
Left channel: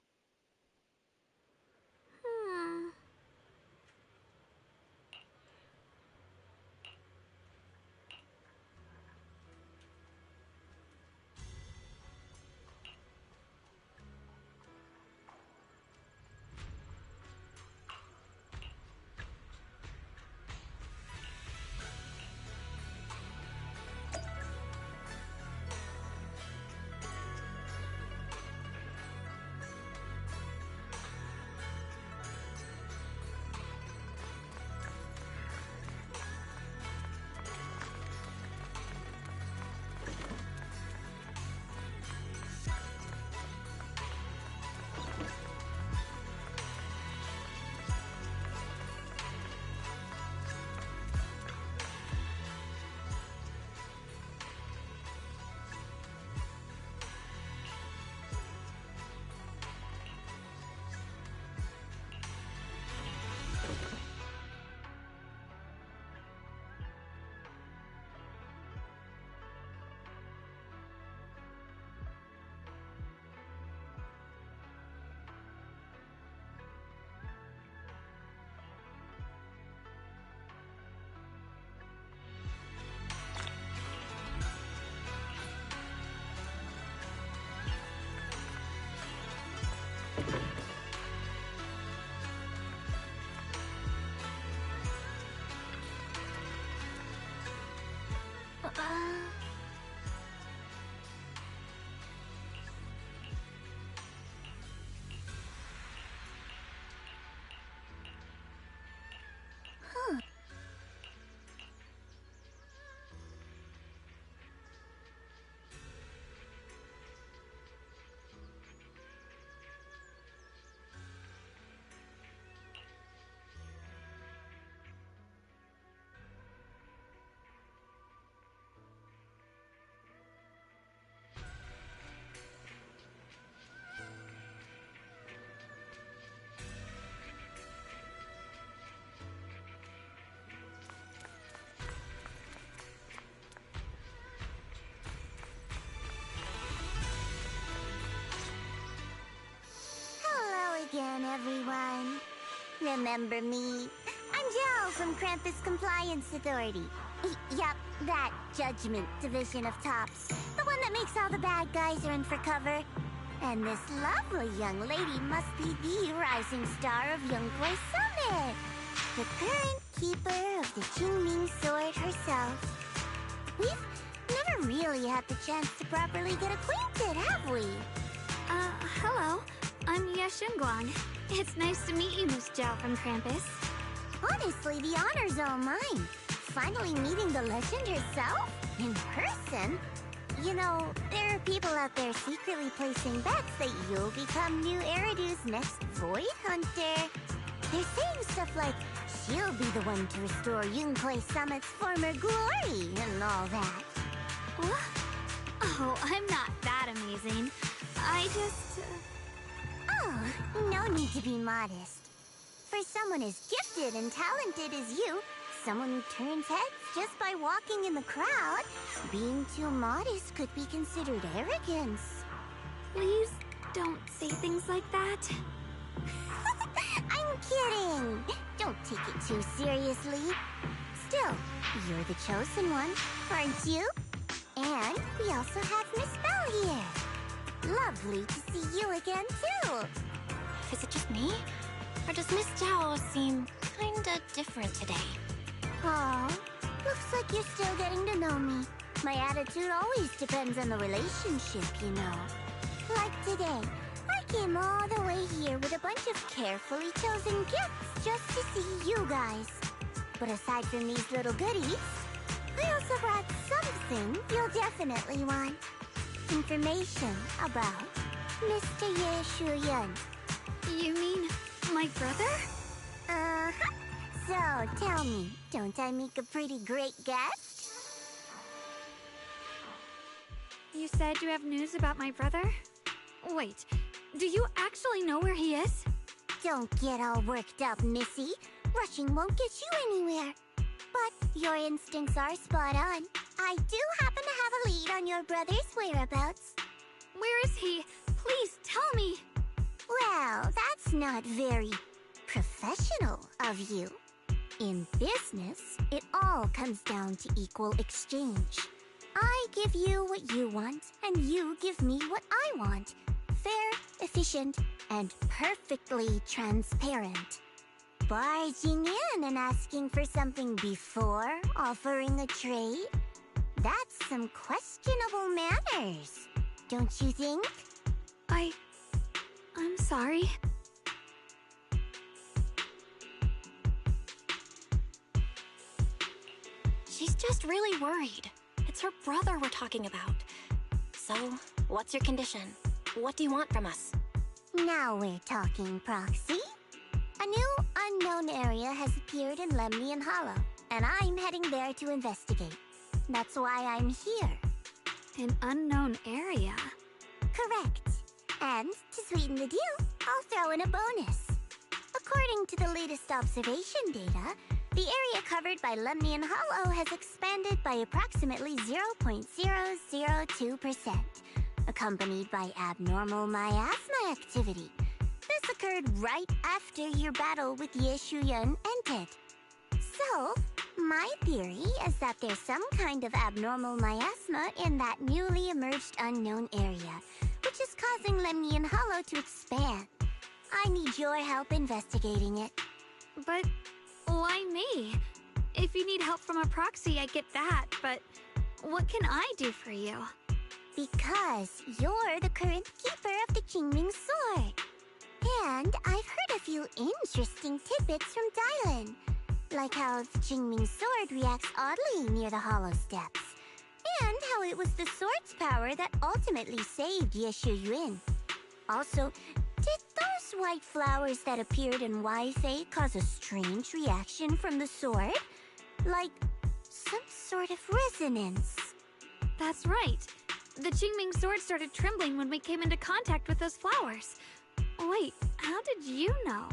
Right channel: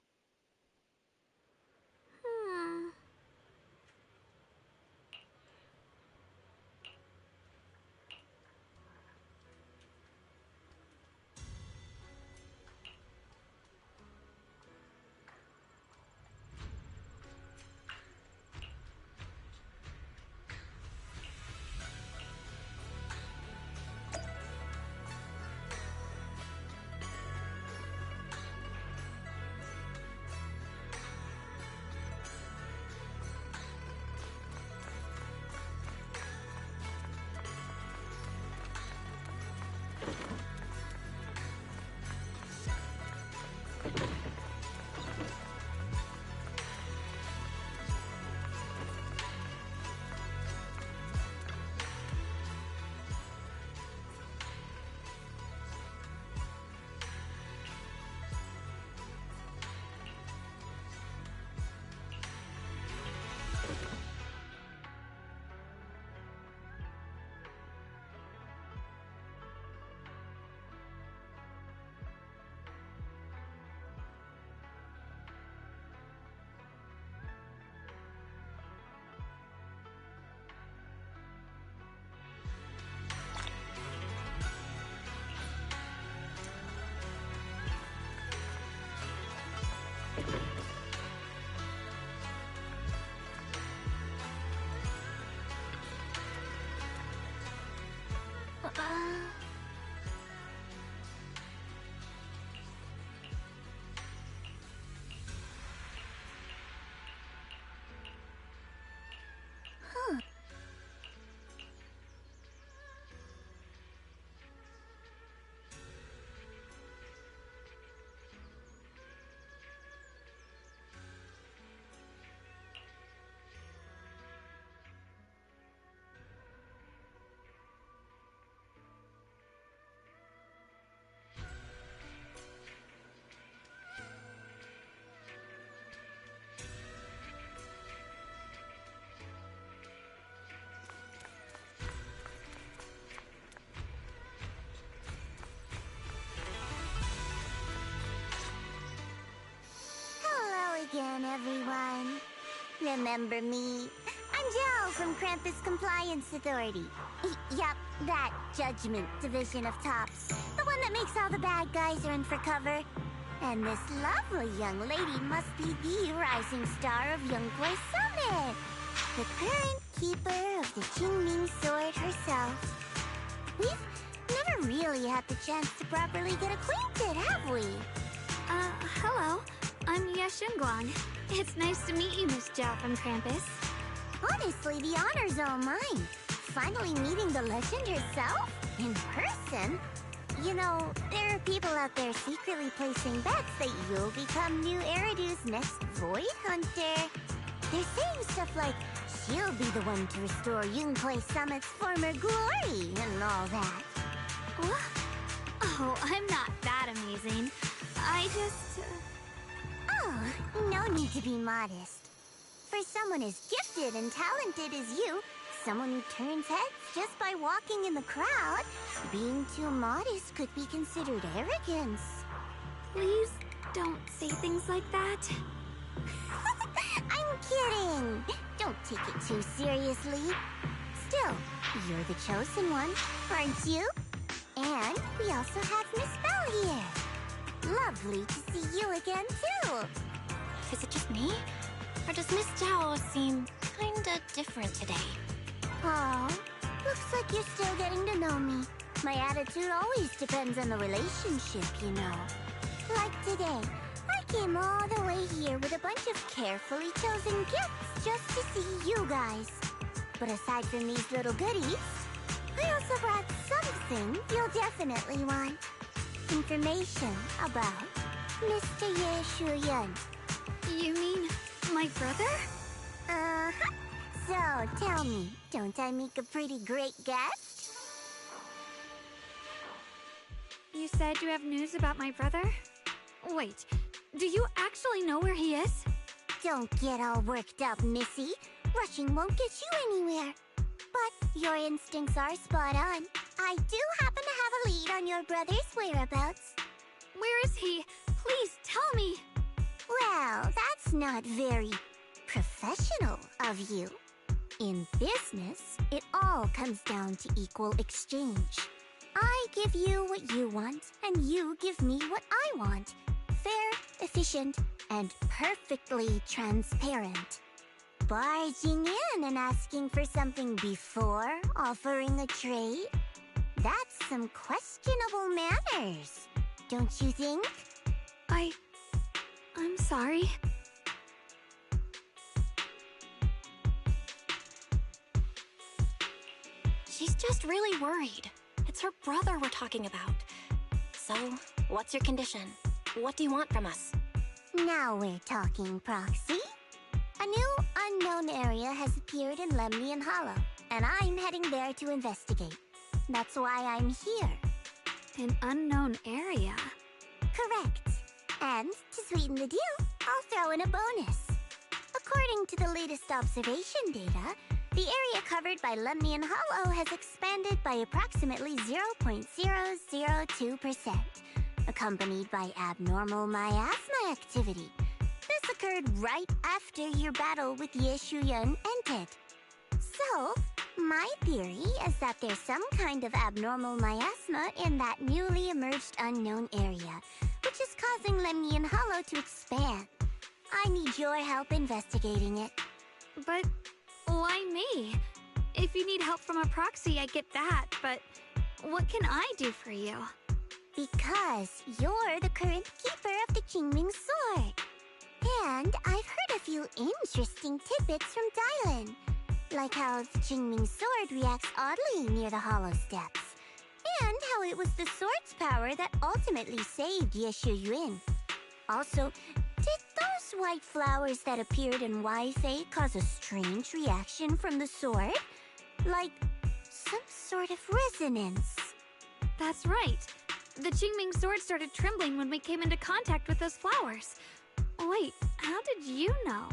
Again, everyone. Remember me? I'm Jill from Krampus Compliance Authority. Yup, that Judgment Division of Tops. The one that makes all the bad guys run for cover. And this lovely young lady must be the rising star of Youngboy Summit. The current keeper of the Qingming Sword herself. We've never never really had the chance to properly get acquainted, have we? Hello. I'm Shunguang. It's nice to meet you, Miss Zhao from Krampus. Honestly, the honor's all mine. Finally meeting the legend herself? In person? You know, there are people out there secretly placing bets that you'll become new Eridu's next Void Hunter. They're saying stuff like, she'll be the one to restore Yunquay Summit's former glory and all that. What? Oh, I'm not that amazing. I just... Oh, no need to be modest. For someone as gifted and talented as you, someone who turns heads just by walking in the crowd, being too modest could be considered arrogance. Please don't say things like that. I'm kidding! Don't take it too seriously. Still, you're the chosen one, aren't you? And we also have Miss Belle here. Lovely to see you again, too. Is it just me? Or does Miss Zhao seem kinda different today? Aw, looks like you're still getting to know me. My attitude always depends on the relationship, you know. Like today, I came all the way here with a bunch of carefully chosen gifts just to see you guys. But aside from these little goodies, I also brought something you'll definitely want. Information about Mr. Ye Shuyan. You mean my brother? Uh-huh. So, tell me, don't I make a pretty great guest? You said you have news about my brother? Wait, do you actually know where he is? Don't get all worked up, Missy. Rushing won't get you anywhere. But your instincts are spot on. I do happen to have a lead on your brother's whereabouts. Where is he? Please tell me. Well, that's not very professional of you. In business, it all comes down to equal exchange. I give you what you want, and you give me what I want. Fair, efficient, and perfectly transparent. Barging in and asking for something before offering a trade? That's some questionable manners, don't you think? I'm sorry. She's just really worried. It's her brother we're talking about. So, what's your condition? What do you want from us? Now we're talking, Proxy. A new unknown area has appeared in Lemnian Hollow, and I'm heading there to investigate. That's why I'm here. An unknown area? Correct. And to sweeten the deal, I'll throw in a bonus. According to the latest observation data, the area covered by Lemnian Hollow has expanded by approximately 0.002%, accompanied by abnormal miasma activity. This occurred right after your battle with Ye Shuyan ended. So, my theory is that there's some kind of abnormal miasma in that newly emerged unknown area, which is causing Lemnian Hollow to expand. I need your help investigating it. But why me? If you need help from a proxy, I get that, but what can I do for you? Because you're the current keeper of the Qingming Sword. And I've heard a few interesting tidbits from Dylan, like how the Qingming Sword reacts oddly near the Hollow Steps, and how it was the sword's power that ultimately saved Ye Shuyan. Also, did those white flowers that appeared in Wi-Fi cause a strange reaction from the sword? Like some sort of resonance? That's right. The Qingming sword started trembling when we came into contact with those flowers. Wait, how did you know?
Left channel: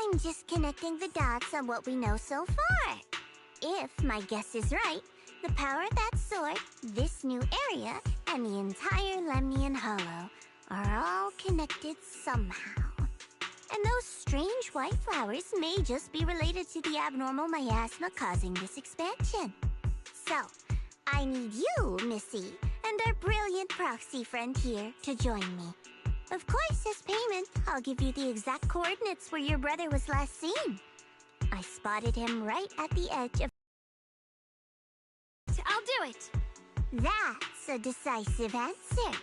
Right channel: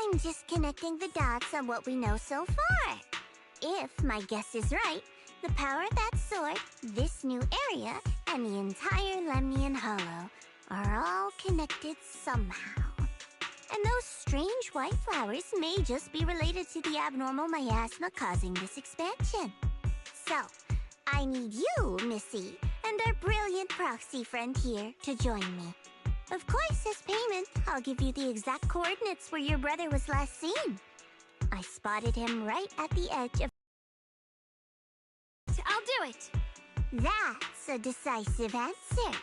I'm just connecting the dots on what we know so far. If my guess is right, the power of that sword, this new area, and the entire Lemnian Hollow are all connected somehow. And those strange white flowers may just be related to the abnormal miasma causing this expansion. So, I need you, Missy, and our brilliant proxy friend here to join me. Of course, as payment, I'll give you the exact coordinates where your brother was last seen. I spotted him right at the edge of... I'll do it! That's a decisive answer.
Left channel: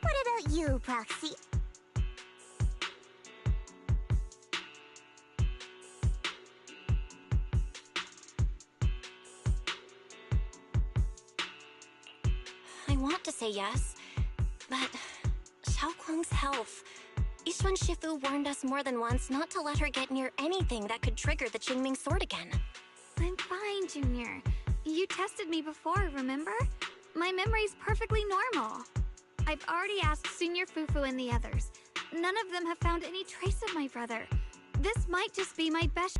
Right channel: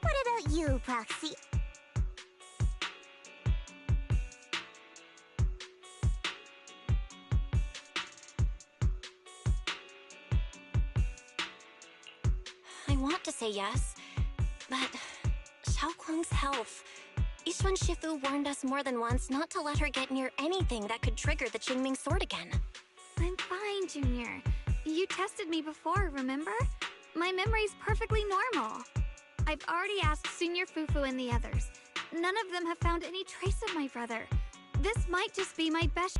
What about you, Proxy? I want to say yes, but Xiaoguang's health. Yixuan Shifu warned us more than once not to let her get near anything that could trigger the Qingming sword again. I'm fine, Junior. You tested me before, remember? My memory's perfectly normal. I've already asked Senior Fufu and the others. None of them have found any trace of my brother. This might just be my best...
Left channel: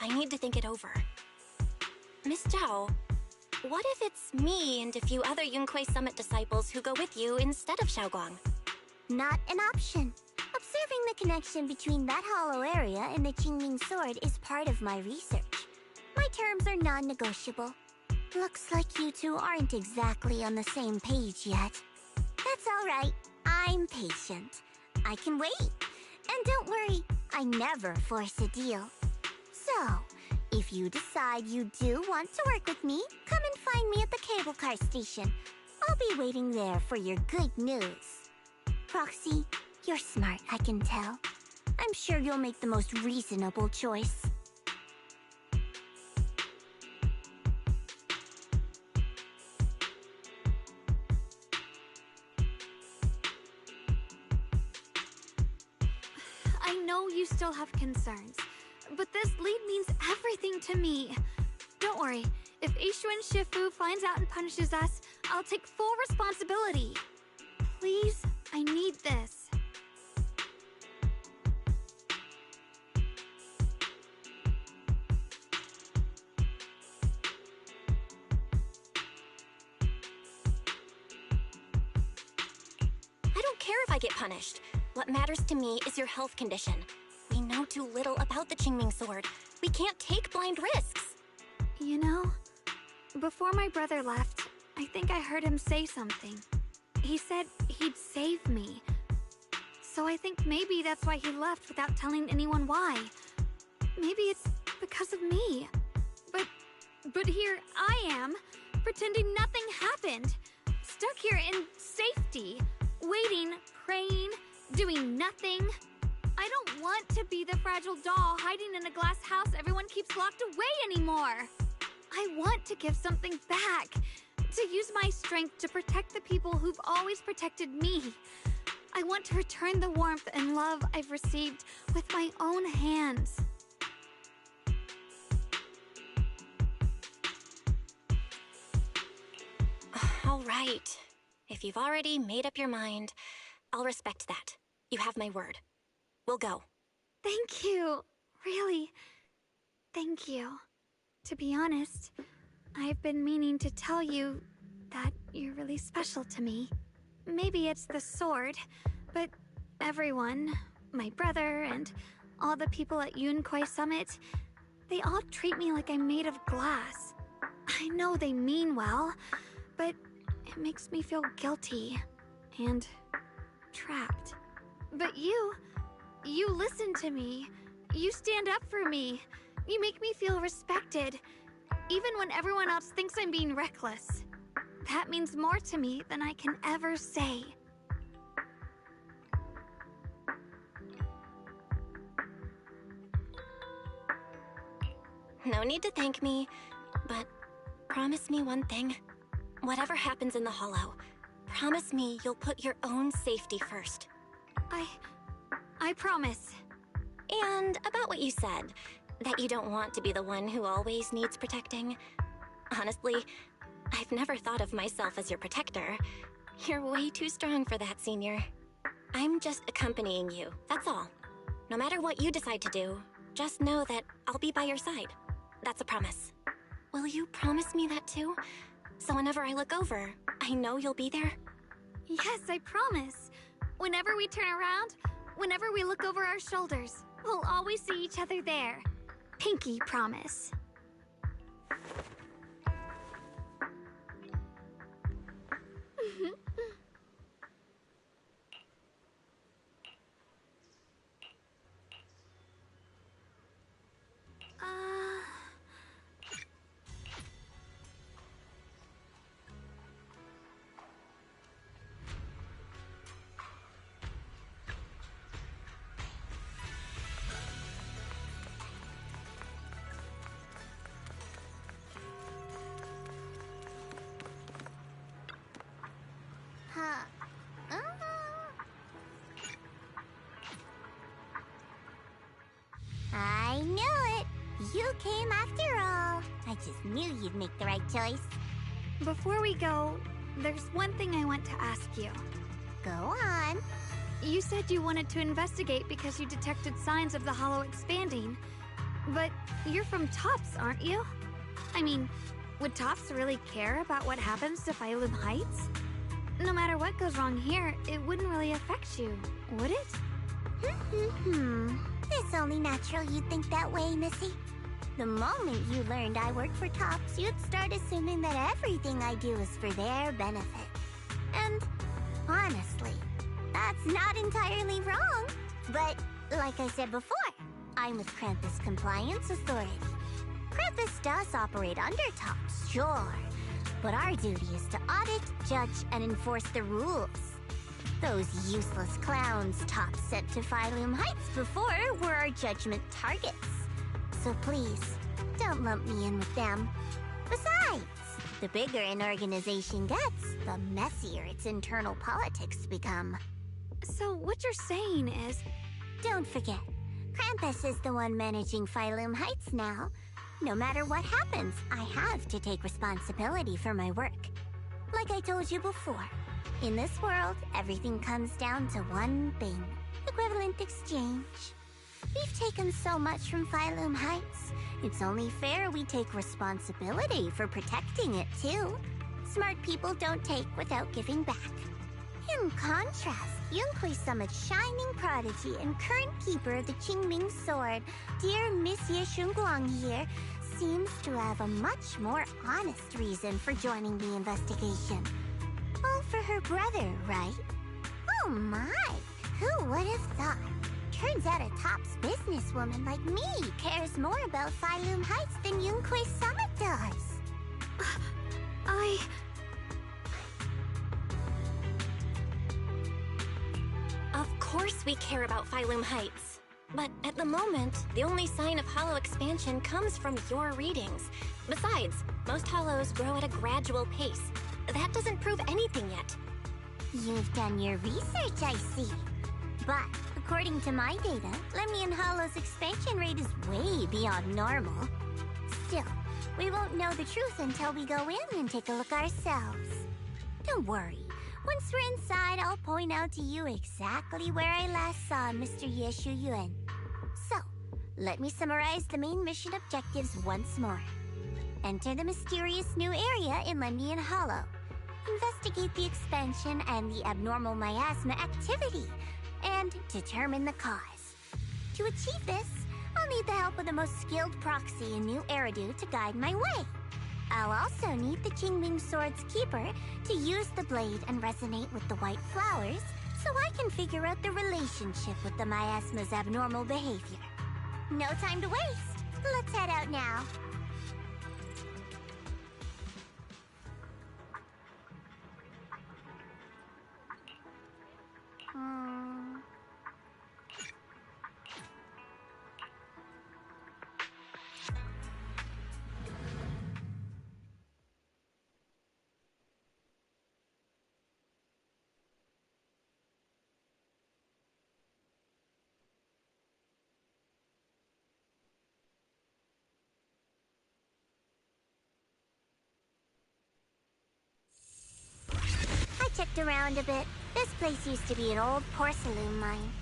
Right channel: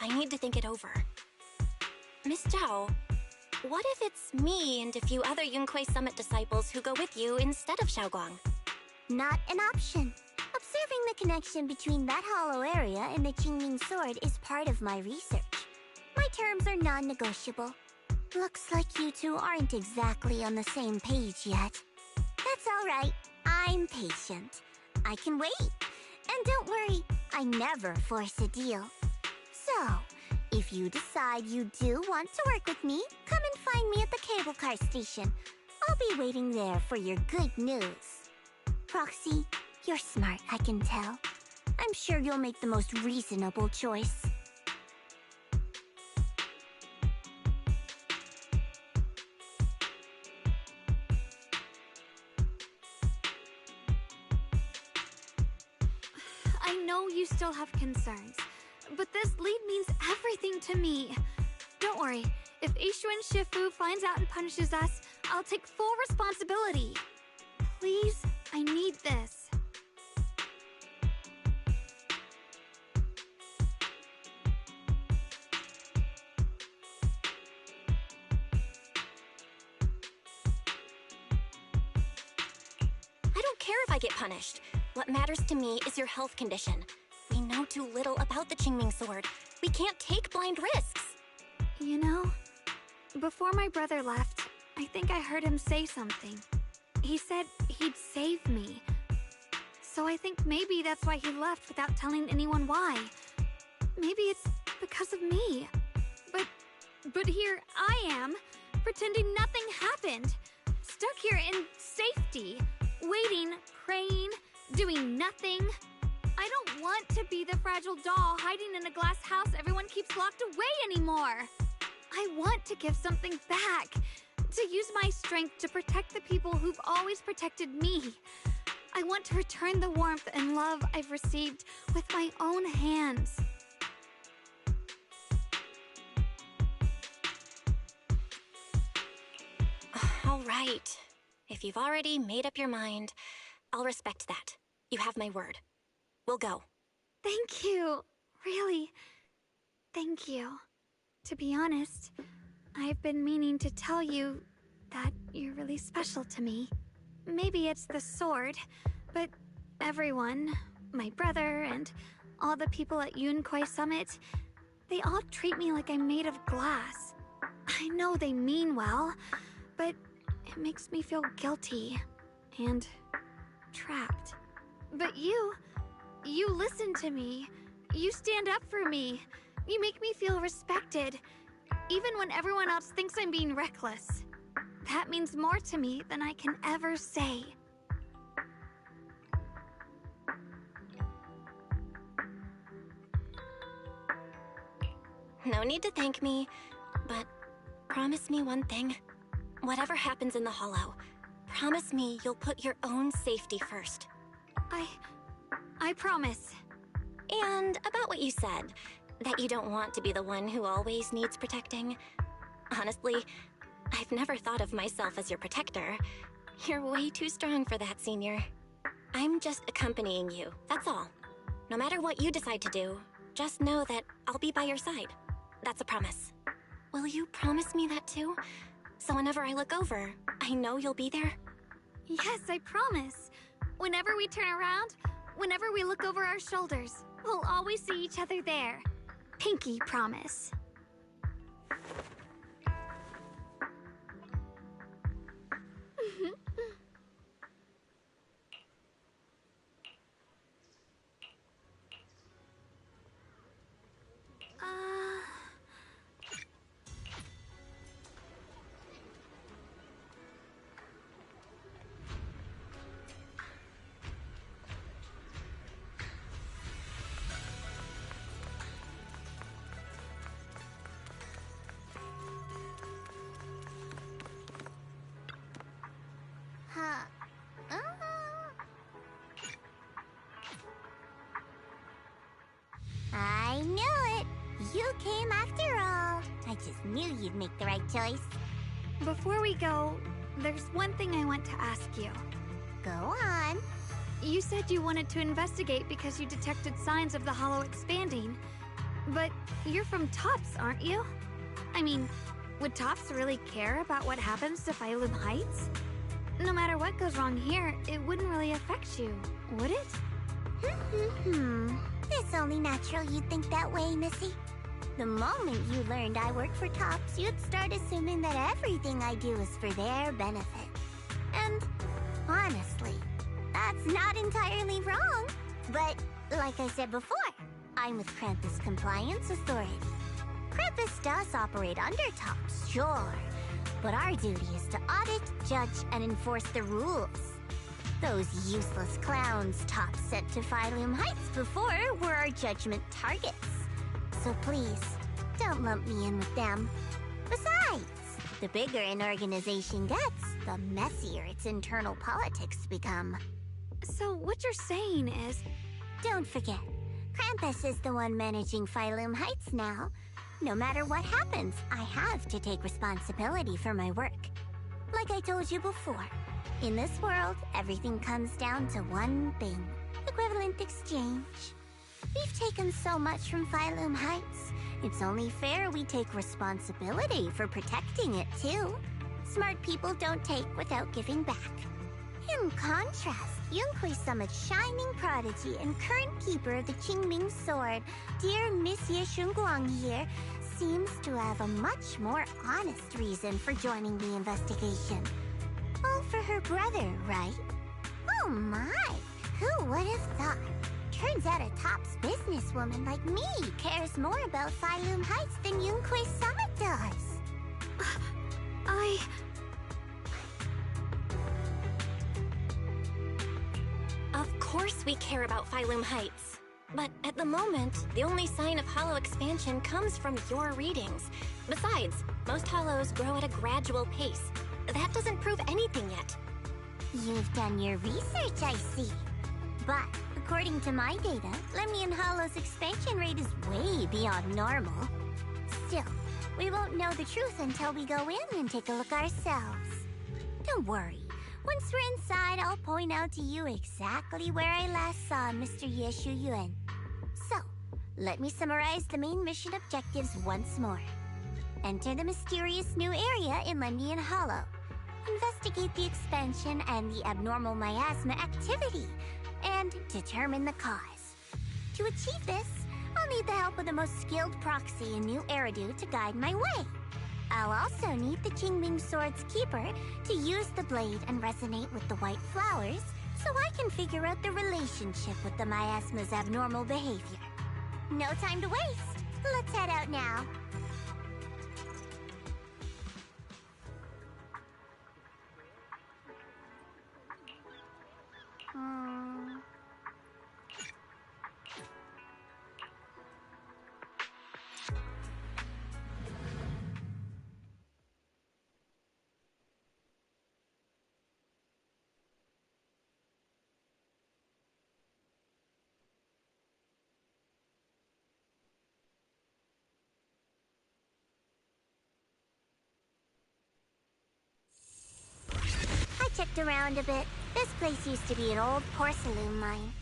I need to think it over. Miss Zhao, what if it's me and a few other Yunkuei Summit disciples who go with you instead of Xiaoguang? Not an option. Observing the connection between that hollow area and the Qingming sword is part of my research. My terms are non-negotiable. Looks like you two aren't exactly on the same page yet. That's all right. I'm patient. I can wait. And don't worry, I never force a deal. So, if you decide you do want to work with me, come and find me at the cable car station. I'll be waiting there for your good news. Proxy, you're smart, I can tell. I'm sure you'll make the most reasonable choice. I know you still have concerns, but this lead means everything to me. Don't worry, if Yixuan Shifu finds out and punishes us, I'll take full responsibility. Please, I need this. I don't care if I get punished. What matters to me is your health condition. We know too little about the Qingming sword. We can't take blind risks. You know, before my brother left, I think I heard him say something. He said he'd save me. So I think maybe that's why he left without telling anyone why. Maybe it's because of me. But here I am, pretending nothing happened. Stuck here in safety, waiting, praying, doing nothing. I don't want to be the fragile doll hiding in a glass house everyone keeps locked away anymore. I want to give something back, to use my strength to protect the people who've always protected me. I want to return the warmth and love I've received with my own hands. All right. If you've already made up your mind, I'll respect that. You have my word. We'll go. Thank you. Really, thank you. To be honest, I've been meaning to tell you that you're really special to me. Maybe it's the sword, but everyone, my brother and all the people at Yunkuei Summit, they all treat me like I'm made of glass. I know they mean well, but it makes me feel guilty and trapped. But you listen to me. You stand up for me. You make me feel respected, even when everyone else thinks I'm being reckless. That means more to me than I can ever say. No need to thank me, but promise me one thing. Whatever happens in the Hollow, promise me you'll put your own safety first. I promise. And about what you said, that you don't want to be the one who always needs protecting. Honestly, I've never thought of myself as your protector. You're way too strong for that, Senior. I'm just accompanying you, that's all. No matter what you decide to do, just know that I'll be by your side. That's a promise. Will you promise me that too? So whenever I look over, I know you'll be there? Yes, I promise. Whenever we turn around, whenever we look over our shoulders, we'll always see each other there. Pinky promise. you came after all. I just knew you'd make the right choice. Before we go, there's one thing I want to ask you. Go on. You said you wanted to investigate because you detected signs of the hollow expanding. But you're from Tops, aren't you? I mean, would Tops really care about what happens to Phylum Heights? No matter what goes wrong here, it wouldn't really affect you, would it? It's only natural you'd think that way, Missy. The moment you learned I work for Tops, you'd start assuming that everything I do is for their benefit. And honestly, that's not entirely wrong. But like I said before, I'm with Krampus Compliance Authority. Krampus does operate under Tops, sure. But our duty is to audit, judge, and enforce the rules. Those useless clowns Tops sent to Phylum Heights before were our judgment targets. So please, don't lump me in with them. Besides, the bigger an organization gets, the messier its internal politics become. So what you're saying is... Don't forget, Krampus is the one managing Phylum Heights now. No matter what happens, I have to take responsibility for my work. Like I told you before, in this world, everything comes down to one thing: equivalent exchange. We've taken so much from Phylum Heights. It's only fair we take responsibility for protecting it, too. Smart people don't take without giving back. In contrast, Yunhui Summit's shining prodigy and current keeper of the Qingming Sword, dear Monsieur Shunguang here, seems to have a much more honest reason for joining the investigation. All for her brother, right? Oh my! Who would have thought? Turns out a Tops businesswoman like me cares more about Phylum Heights than Yunhui Summit does. Of course we care about Phylum Heights. But at the moment, the only sign of hollow expansion comes from your readings. Besides, most hollows grow at a gradual pace. That doesn't prove anything yet. You've done your research, I see. But according to my data, Lemnian Hollow's expansion rate is way beyond normal. Still, we won't know the truth until we go in and take a look ourselves. Don't worry. Once we're inside, I'll point out to you exactly where I last saw Mr. Yeshu Yuan. So, let me summarize the main mission objectives once more. Enter the mysterious new area in Lemnian Hollow. Investigate the expansion and the abnormal miasma activity, and determine the cause. To achieve this, I'll need the help of the most skilled proxy in New Eridu to guide my way. I'll also need the Qingming Sword's keeper to use the blade and resonate with the white flowers so I can figure out the relationship with the miasma's abnormal behavior. No time to waste. Let's head out now. Checked around a bit. This place used to be an old porcelain mine.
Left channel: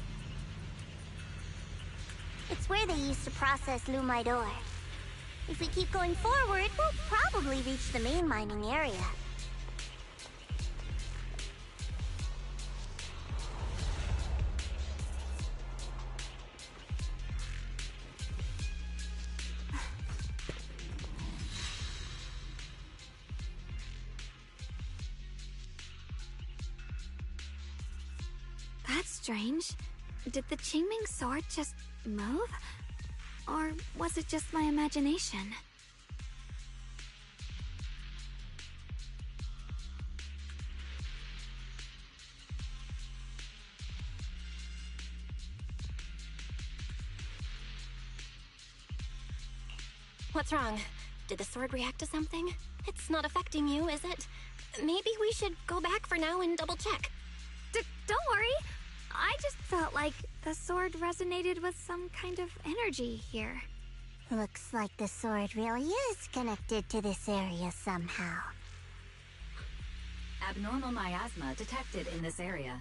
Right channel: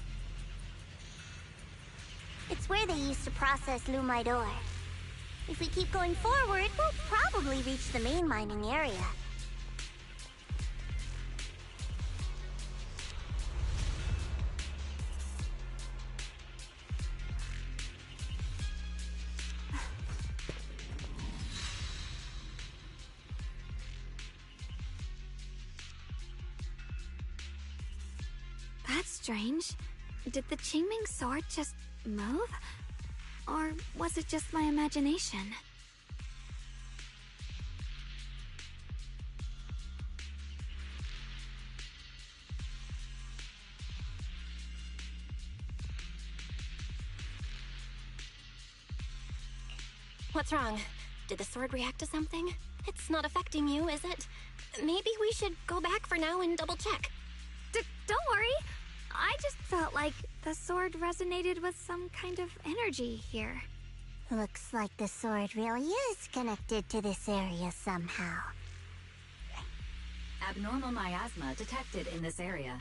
It's where they used to process lumite ore. If we keep going forward, we'll probably reach the main mining area. That's strange. Did the Qingming Sword just move? Or was it just my imagination? What's wrong? Did the sword react to something? It's not affecting you, is it? Maybe we should go back for now and double check. Don't worry. I just felt like the sword resonated with some kind of energy here. Looks like the sword really is connected to this area somehow. Abnormal miasma detected in this area.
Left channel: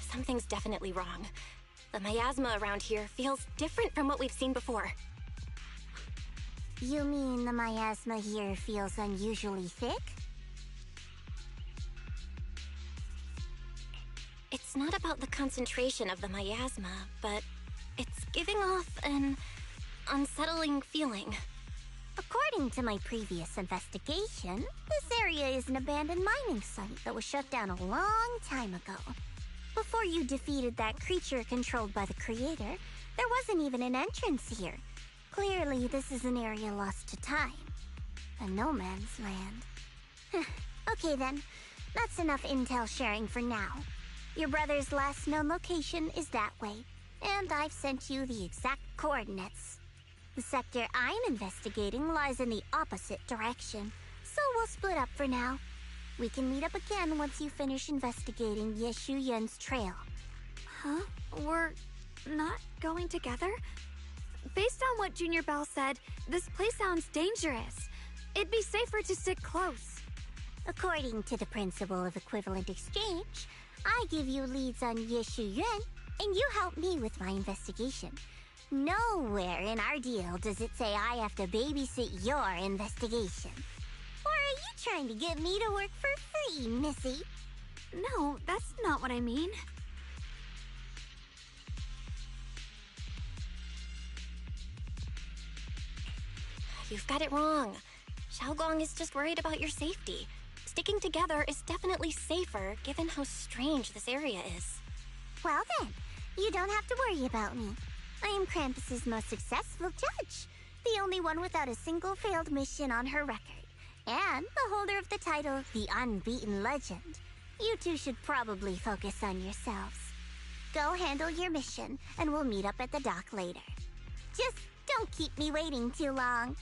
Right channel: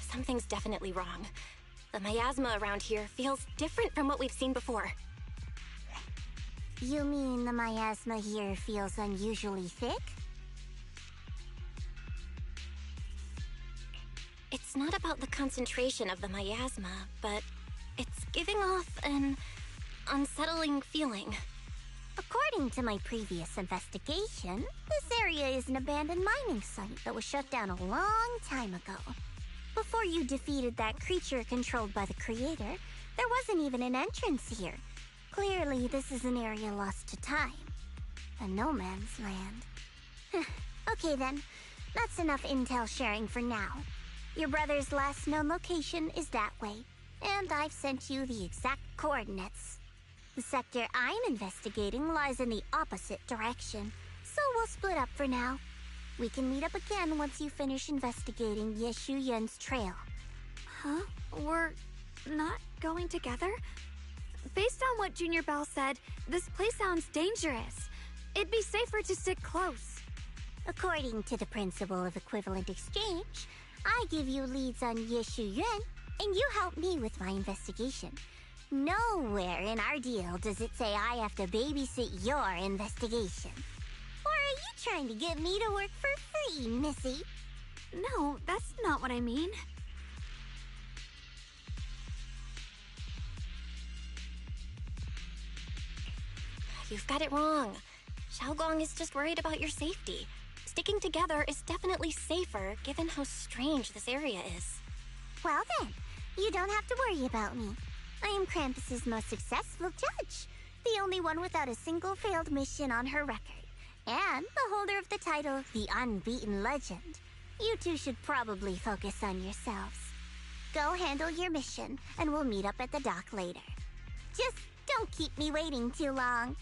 Something's definitely wrong. The miasma around here feels different from what we've seen before. You mean the miasma here feels unusually thick? It's not about the concentration of the miasma, but it's giving off an unsettling feeling. According to my previous investigation, this area is an abandoned mining site that was shut down a long time ago. Before you defeated that creature controlled by the creator, there wasn't even an entrance here. Clearly, this is an area lost to time. A no man's land. Okay then, that's enough intel sharing for now. Your brother's last known location is that way, and I've sent you the exact coordinates. The sector I'm investigating lies in the opposite direction, so we'll split up for now. We can meet up again once you finish investigating Yeshu Yun's trail. Huh? We're not going together? Based on what Junior Bell said, this place sounds dangerous. It'd be safer to stick close. According to the principle of equivalent exchange, I give you leads on Yeshu Yun, and you help me with my investigation. Nowhere in our deal does it say I have to babysit your investigation. Or are you trying to get me to work for free, Missy? No, that's not what I mean. You've got it wrong. Shunguang is just worried about your safety. Sticking together is definitely safer, given how strange this area is. Well then, you don't have to worry about me. I am Krampus's most successful judge, the only one without a single failed mission on her record, and the holder of the title, the Unbeaten Legend. You two should probably focus on yourselves. Go handle your mission, and we'll meet up at the dock later. Just don't keep me waiting too long.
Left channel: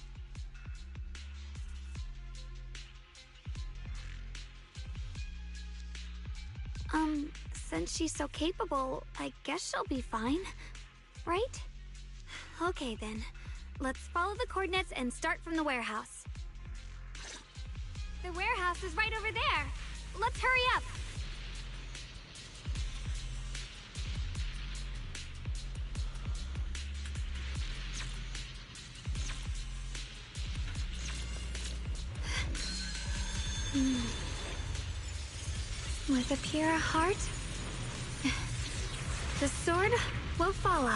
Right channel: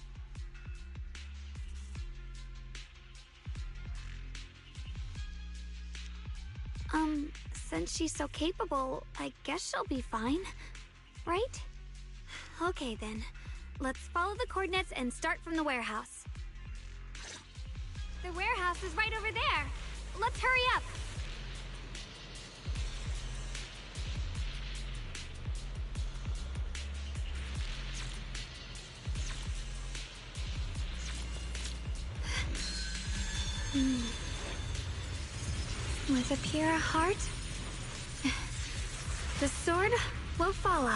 Since she's so capable, I guess she'll be fine, right? Okay then, let's follow the coordinates and start from the warehouse. The warehouse is right over there. Let's hurry up. With a pure heart, the sword will follow.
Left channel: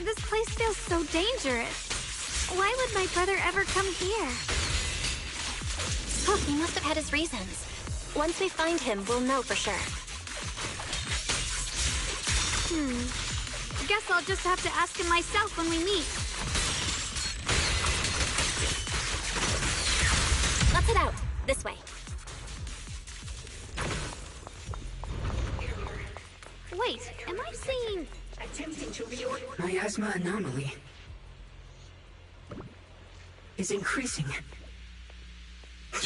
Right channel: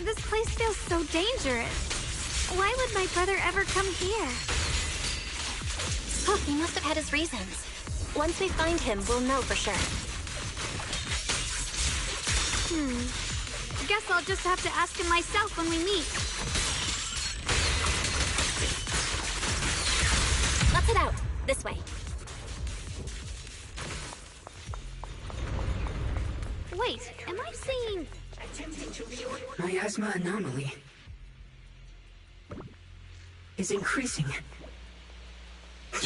This place feels so dangerous. Why would my brother ever come here? He must have had his reasons. Once we find him, we'll know for sure. Guess I'll just have to ask him myself when we meet. Let's head out. This way. Wait, am I seeing... Miasma anomaly is increasing. I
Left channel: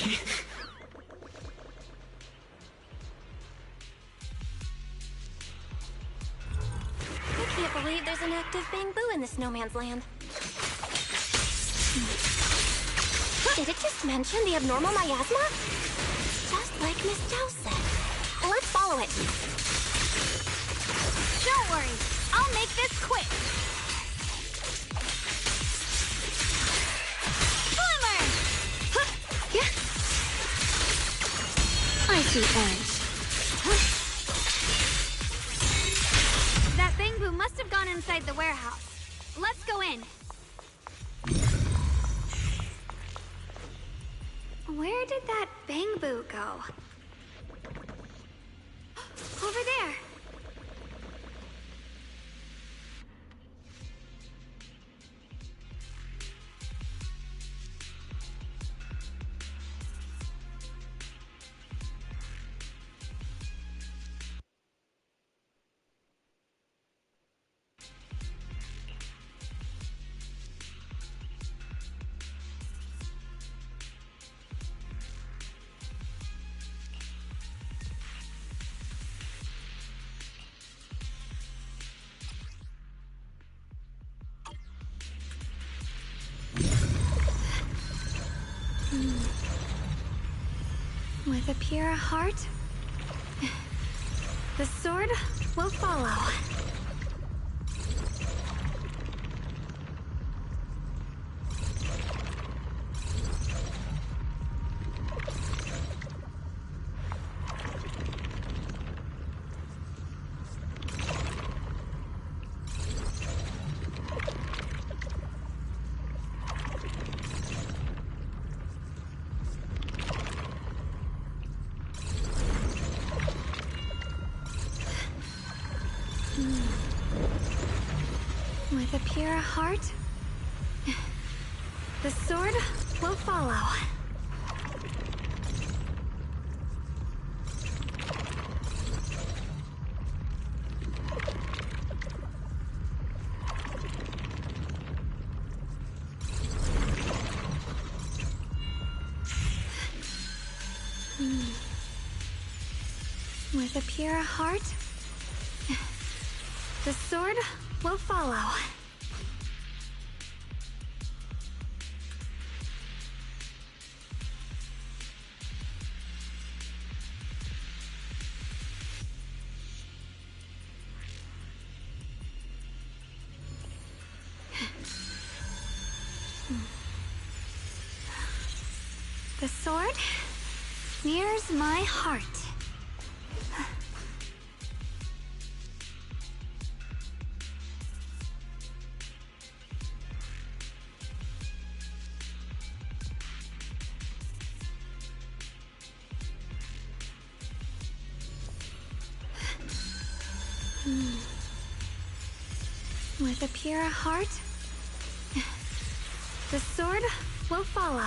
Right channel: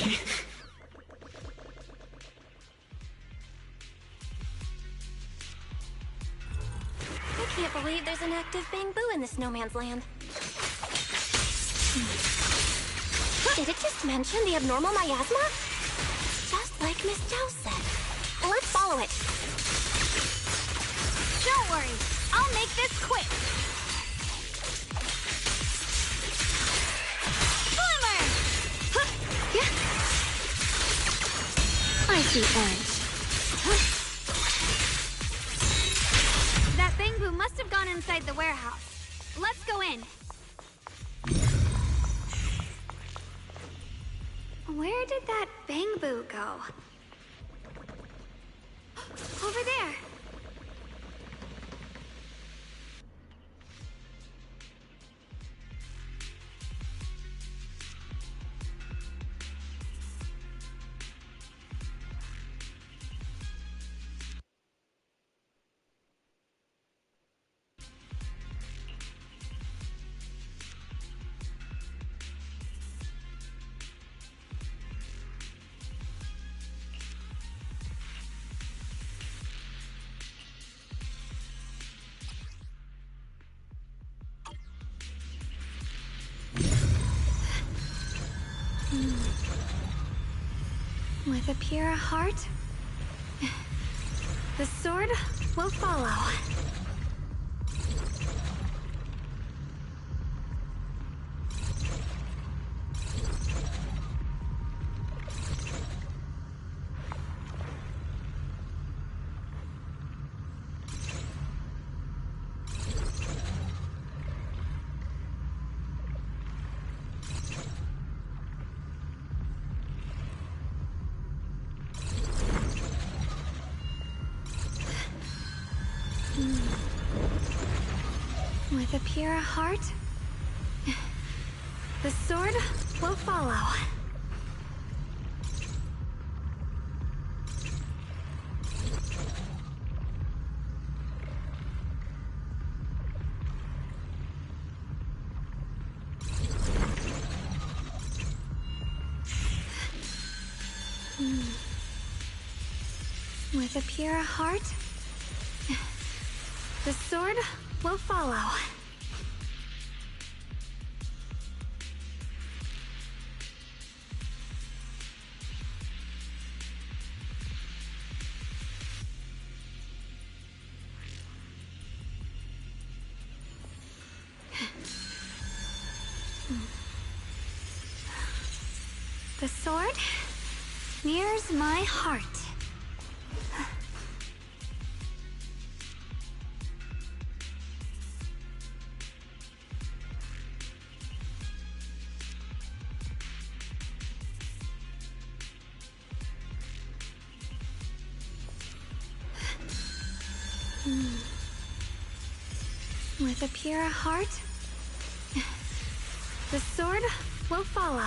can't believe there's an active bamboo in the snowman's land. Did it just mention the abnormal miasma? Just like Miss Zhao said. Let's follow it. Don't worry, I'll make this quick. Glimmer! I Spicy edge. That Bangbu must have gone inside the warehouse. Let's go in. Where did that Bangbu go? Over there. With a pure heart, the sword will follow. With a pure heart, the sword will follow. With a pure heart, the sword will follow. The sword mirrors my heart. With a pure heart, the sword will follow.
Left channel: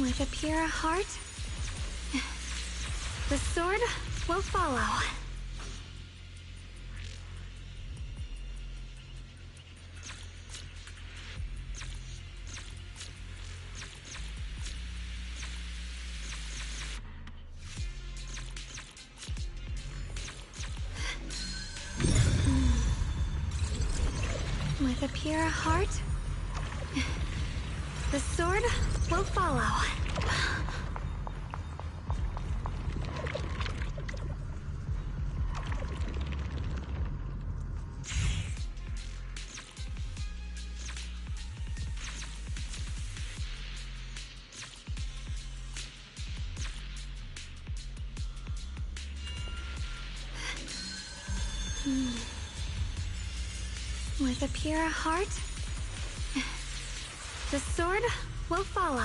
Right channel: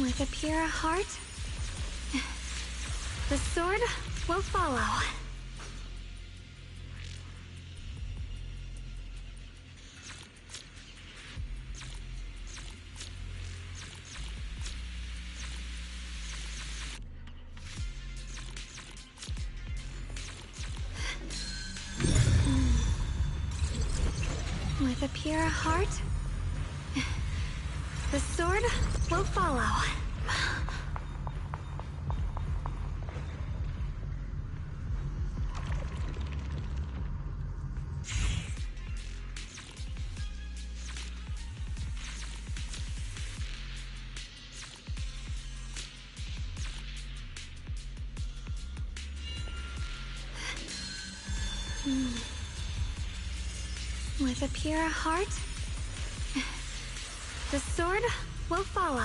With a pure heart, the sword will follow. With a pure heart, the sword will follow. With a pure heart, the sword will follow.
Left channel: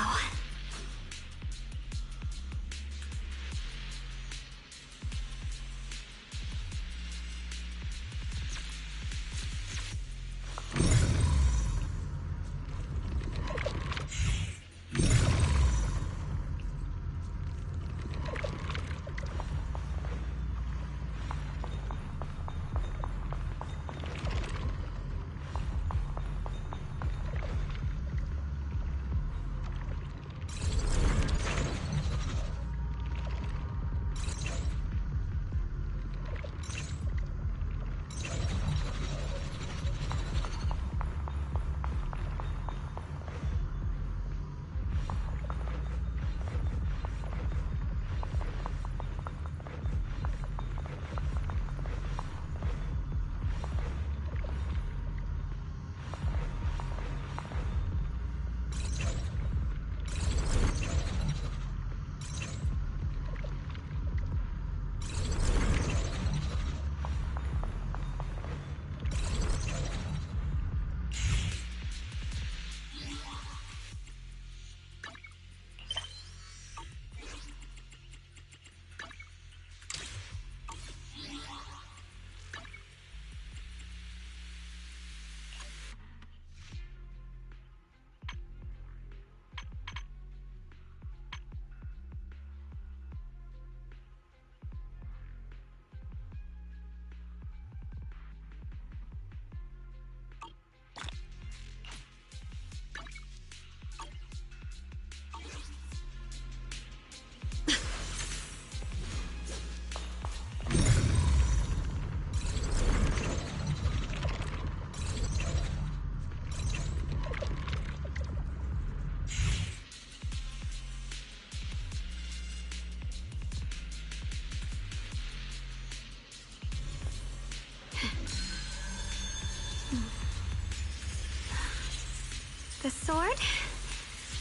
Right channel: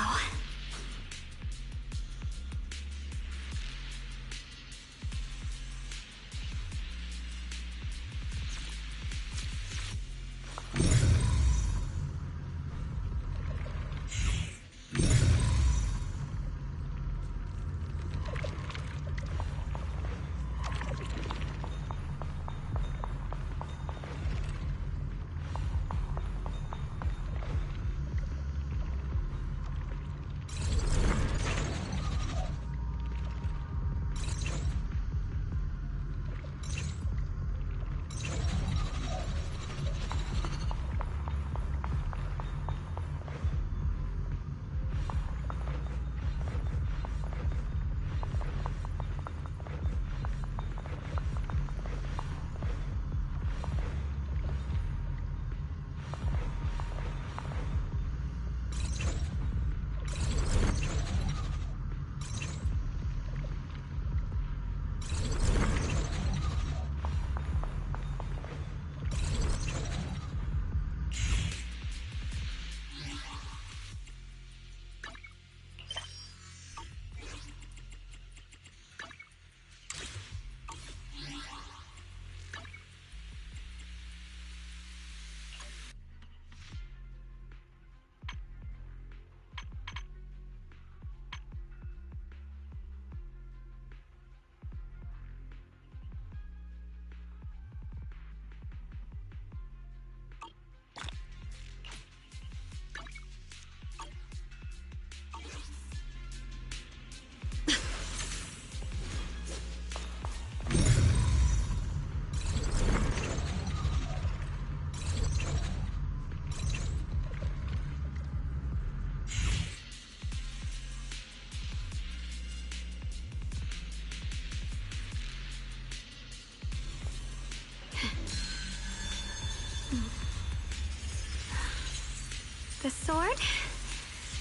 The sword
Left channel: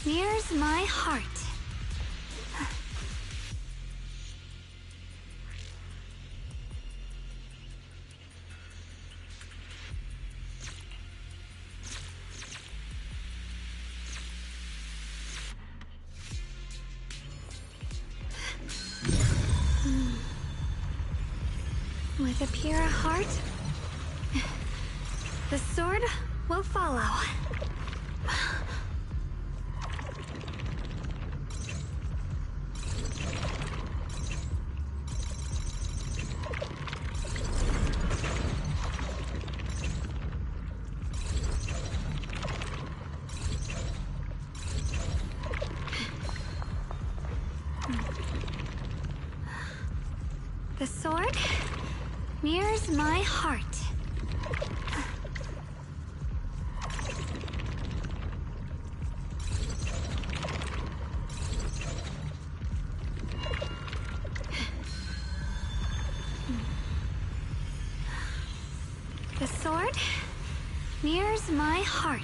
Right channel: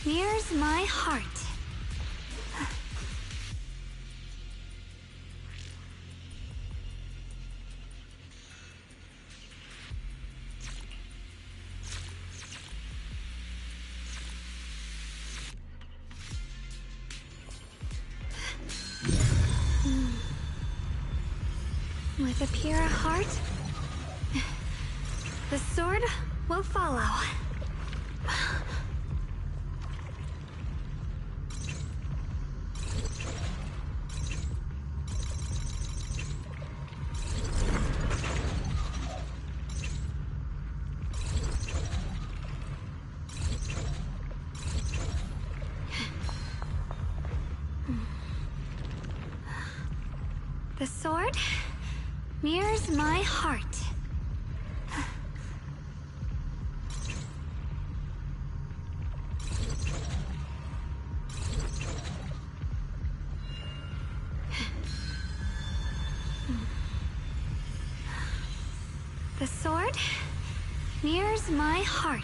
mirrors my heart. With a pure heart, the sword will follow. The sword mirrors my heart. The sword mirrors my heart.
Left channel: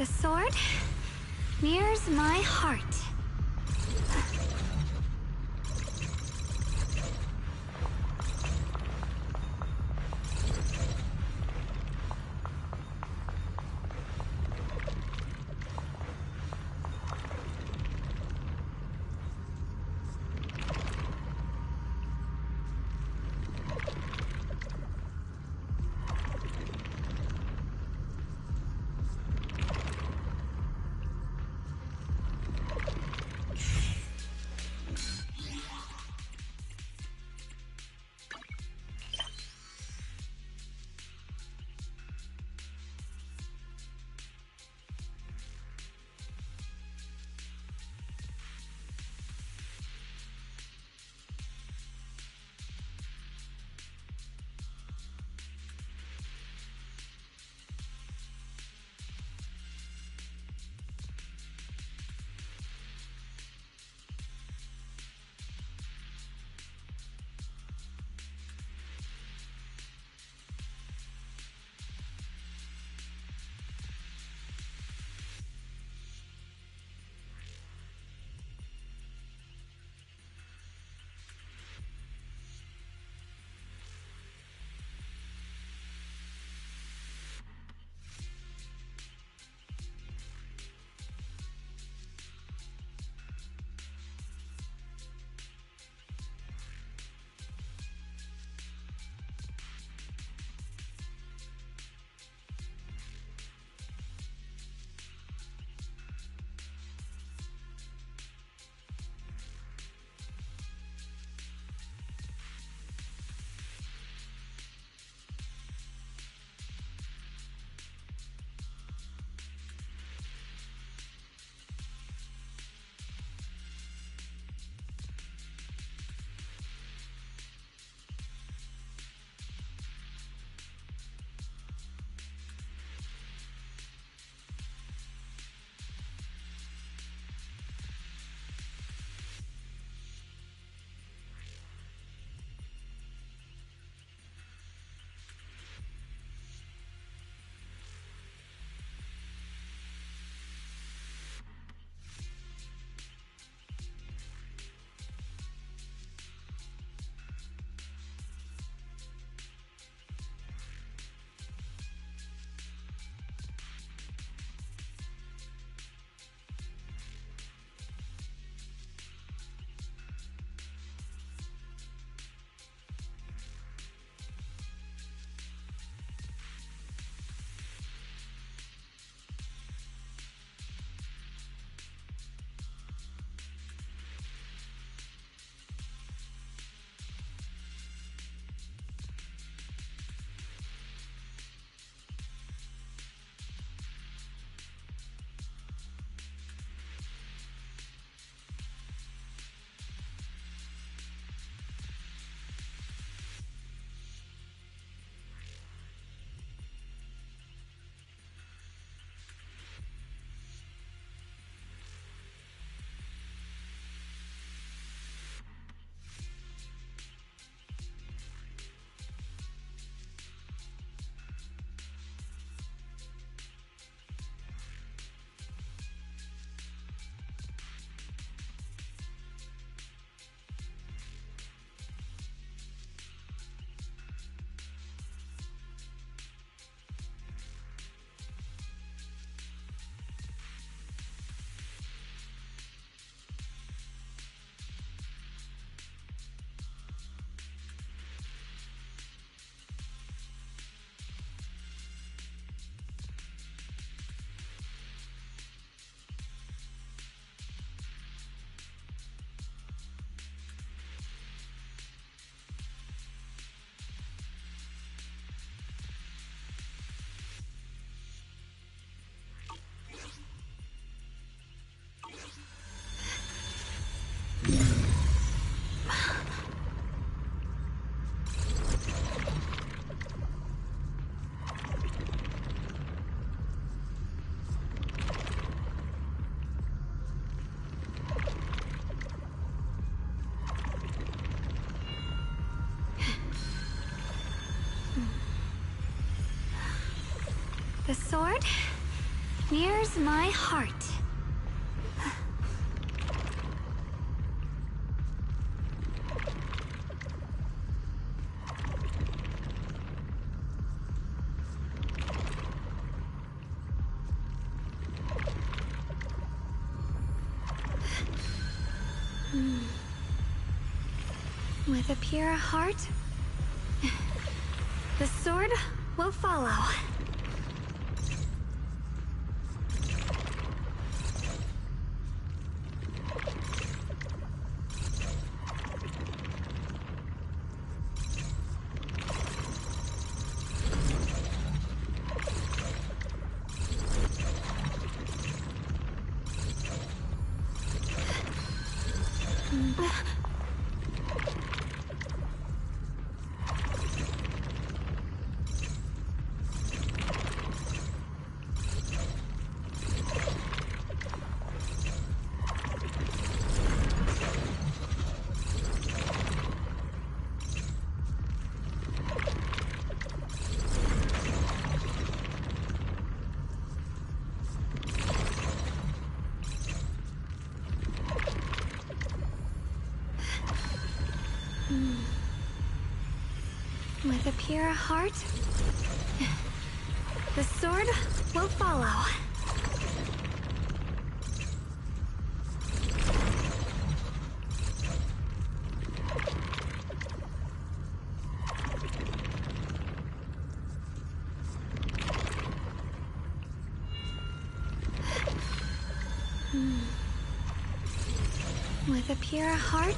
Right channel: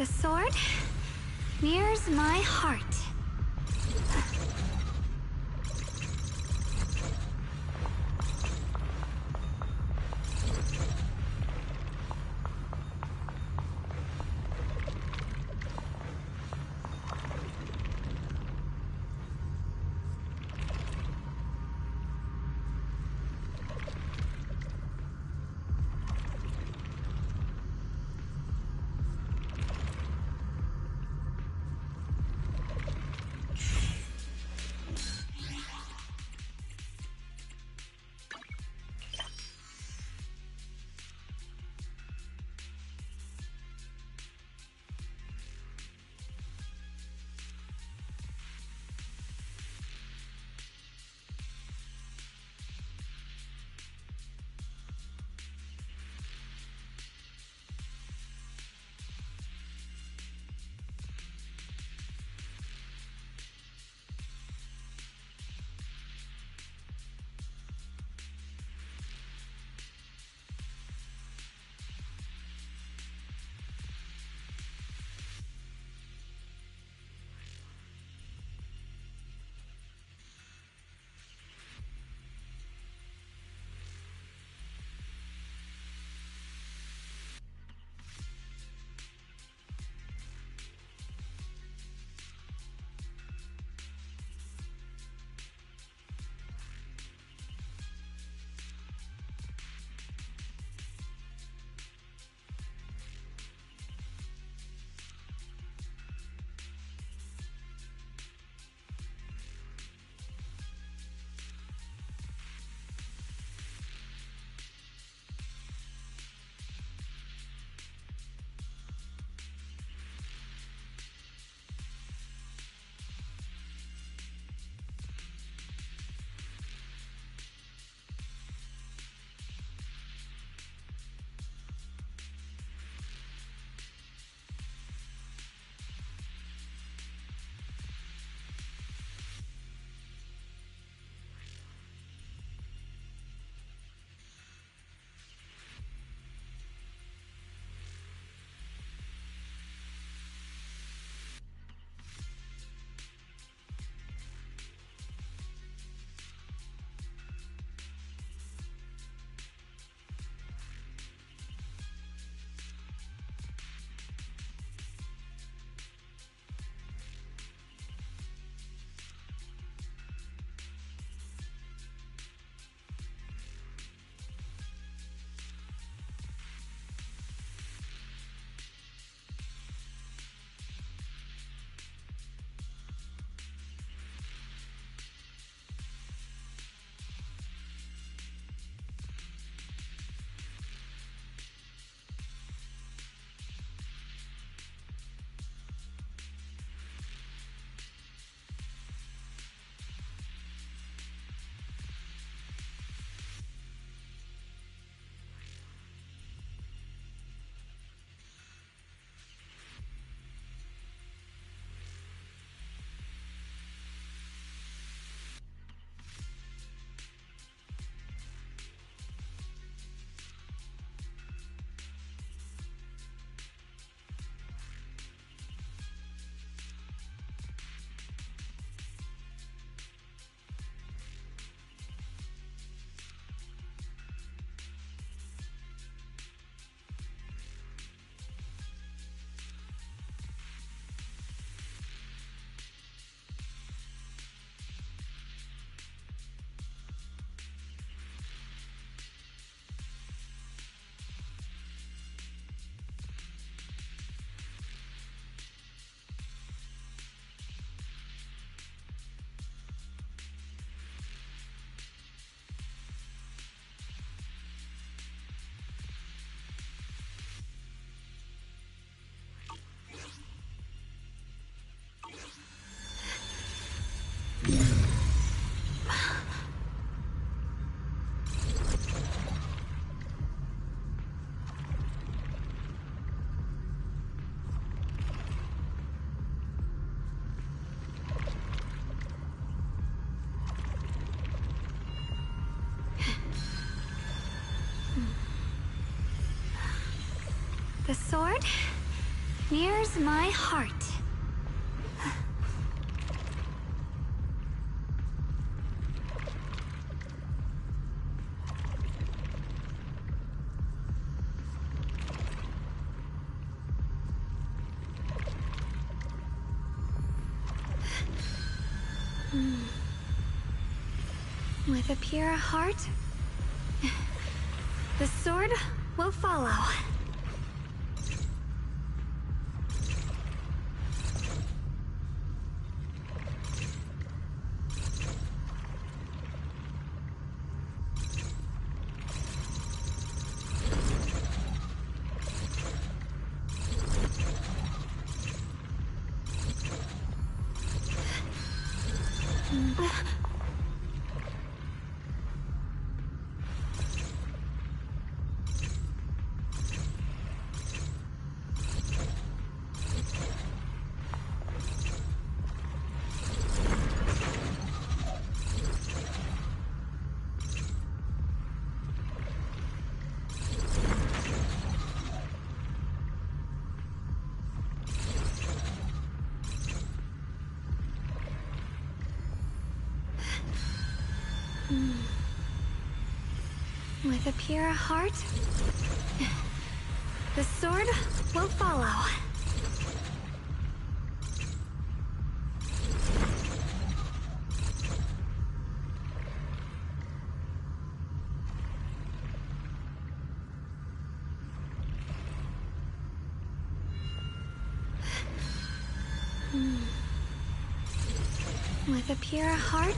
The sword mirrors my heart. sword mirrors my heart. With a pure heart, the sword will follow. With a pure heart, the sword will follow. With a pure heart,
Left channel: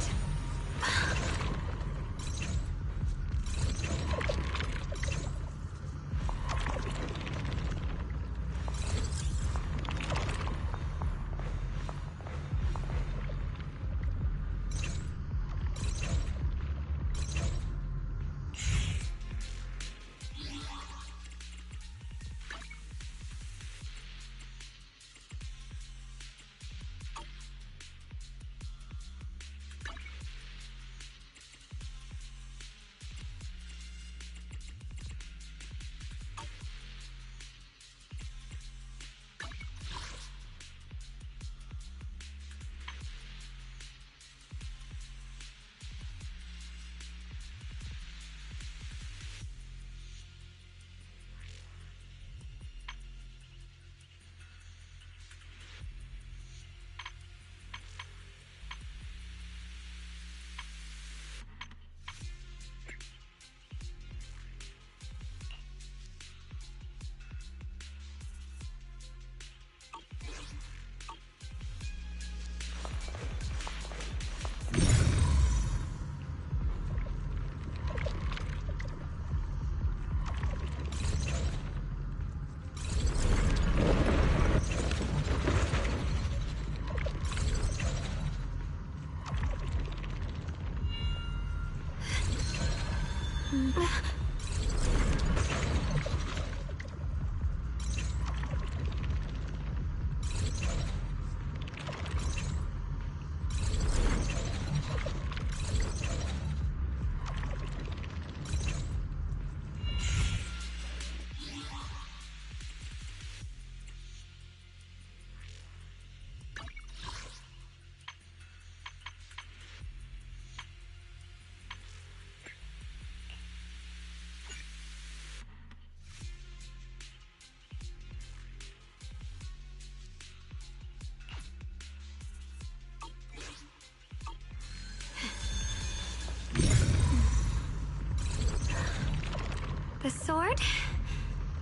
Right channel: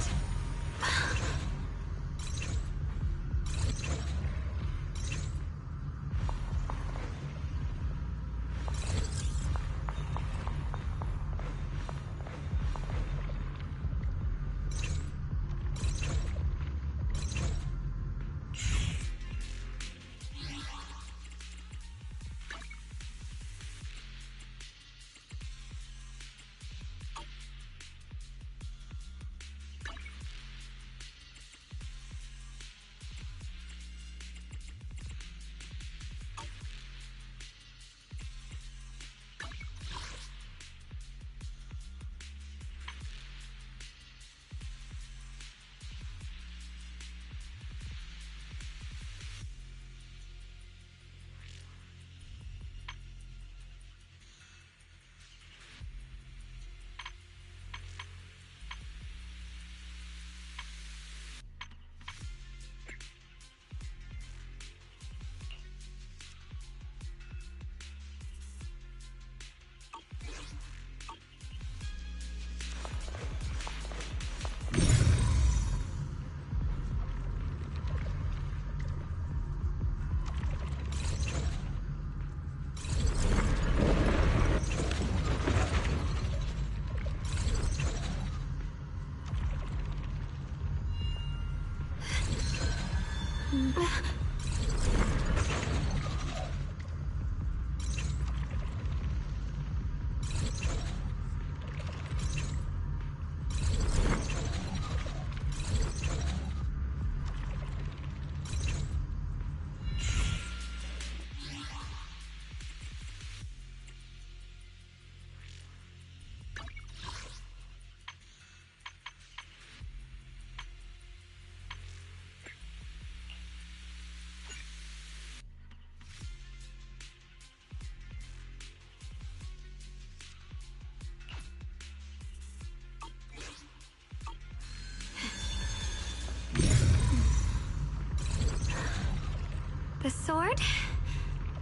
the sword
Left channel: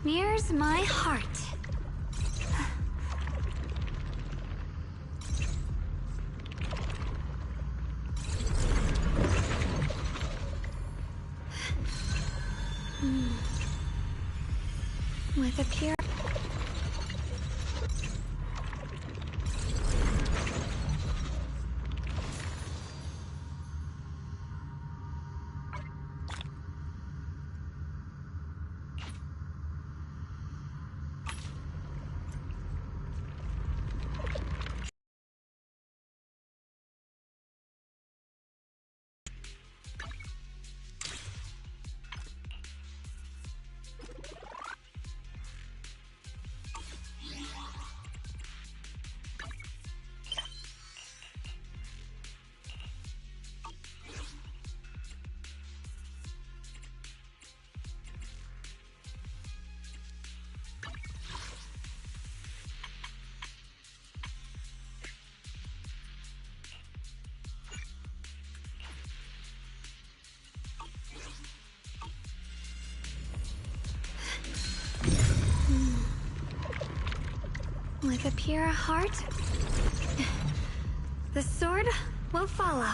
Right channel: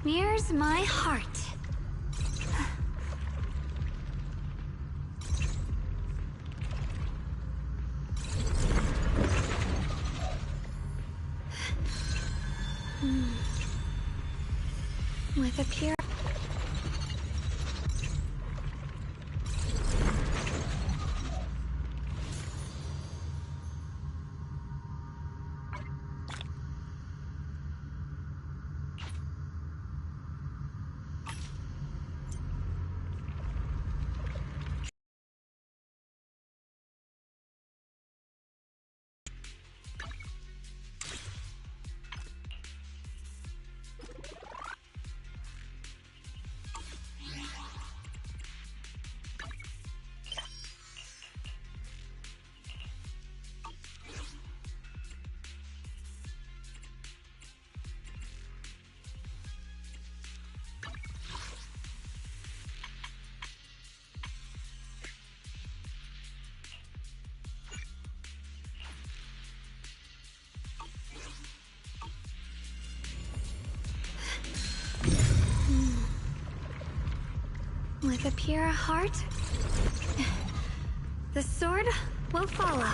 mirrors my heart. With a pure With a pure heart, the sword will follow.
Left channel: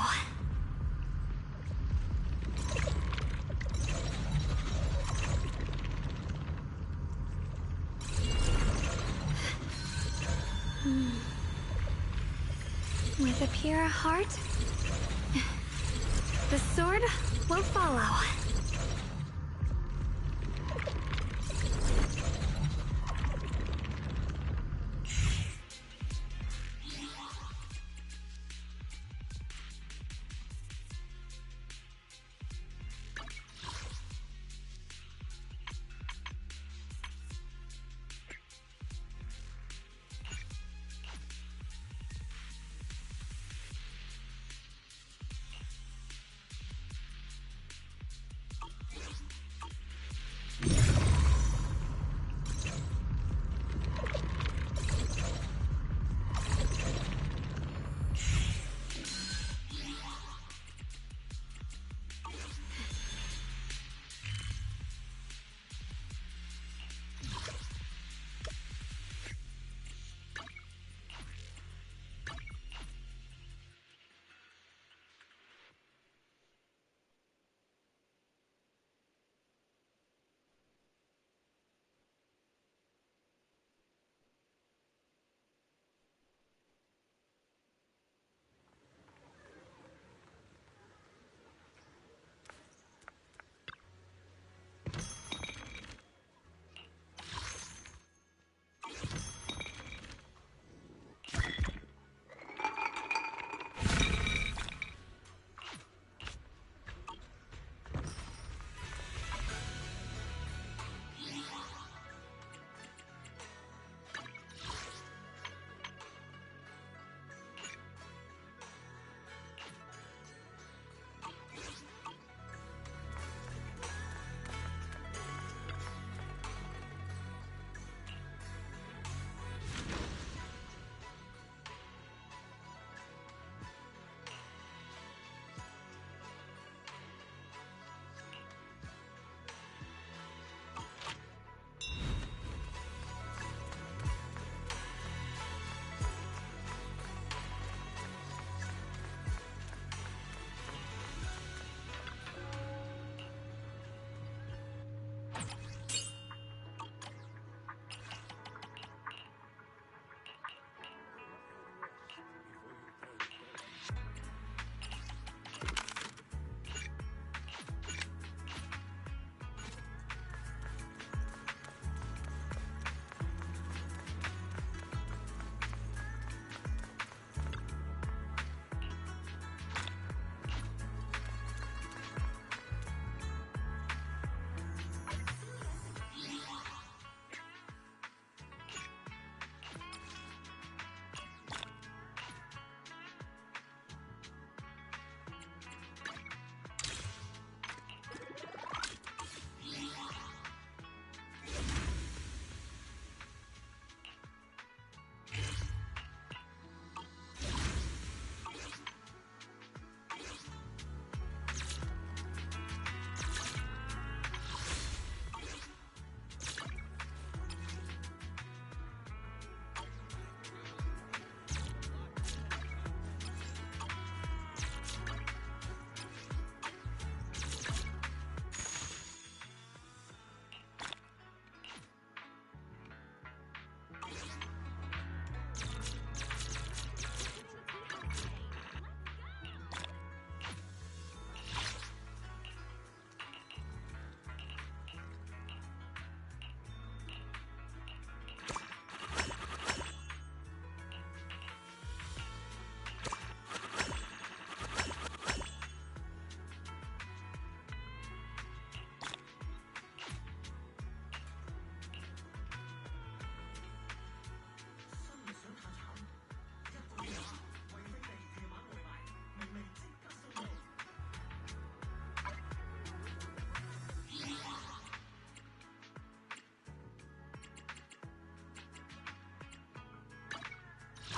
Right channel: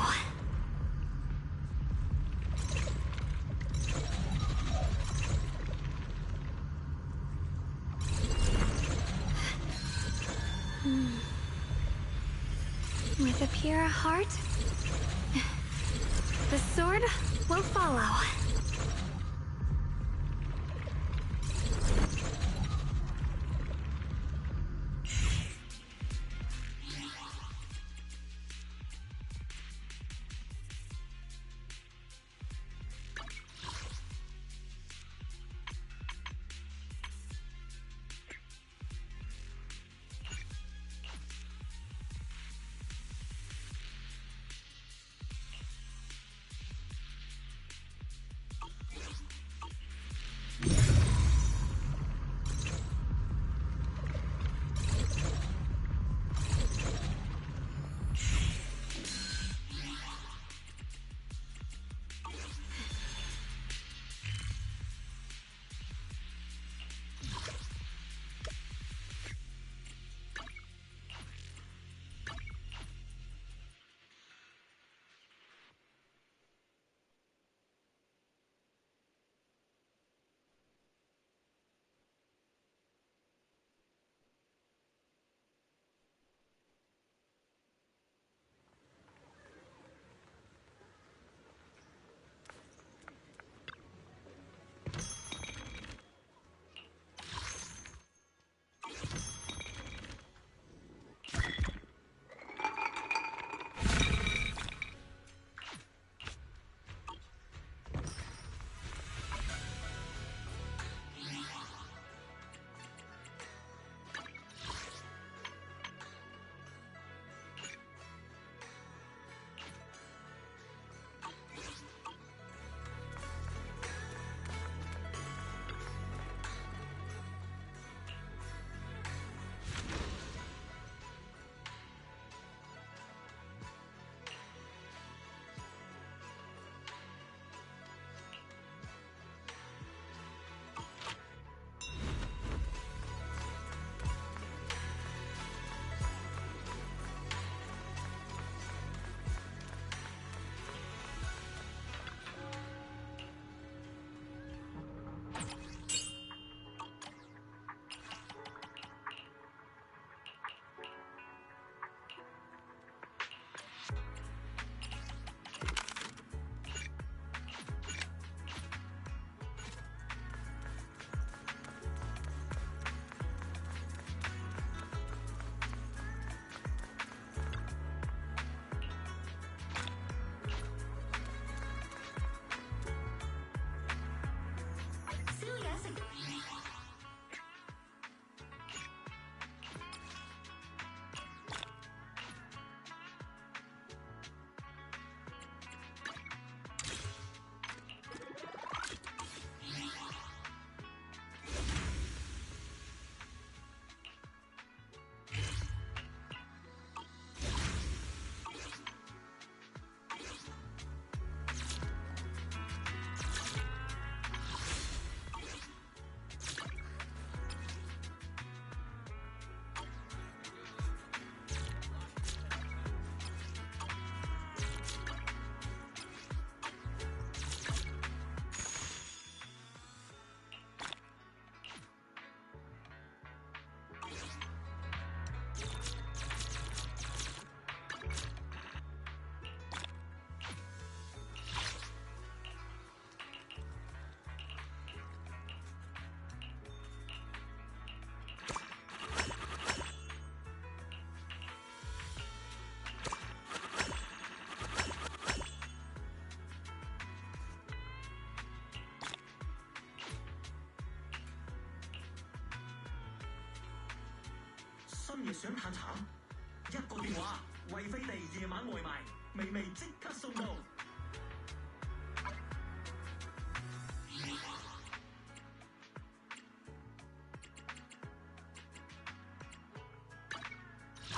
With a pure heart, the sword will follow.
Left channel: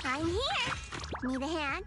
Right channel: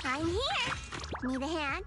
I'm here. Need a hand?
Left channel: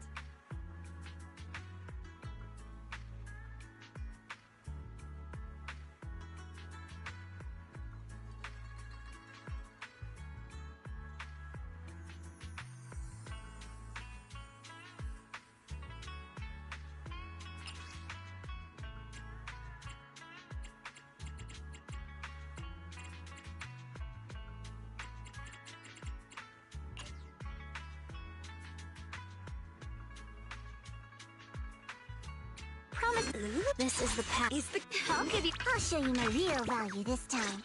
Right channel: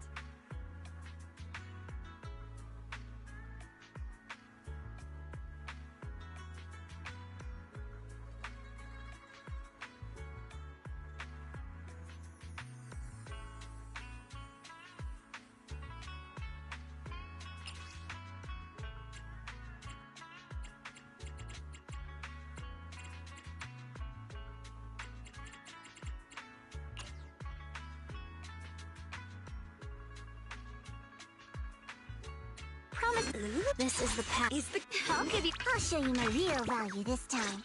This is the path. I'll show you my real value this time.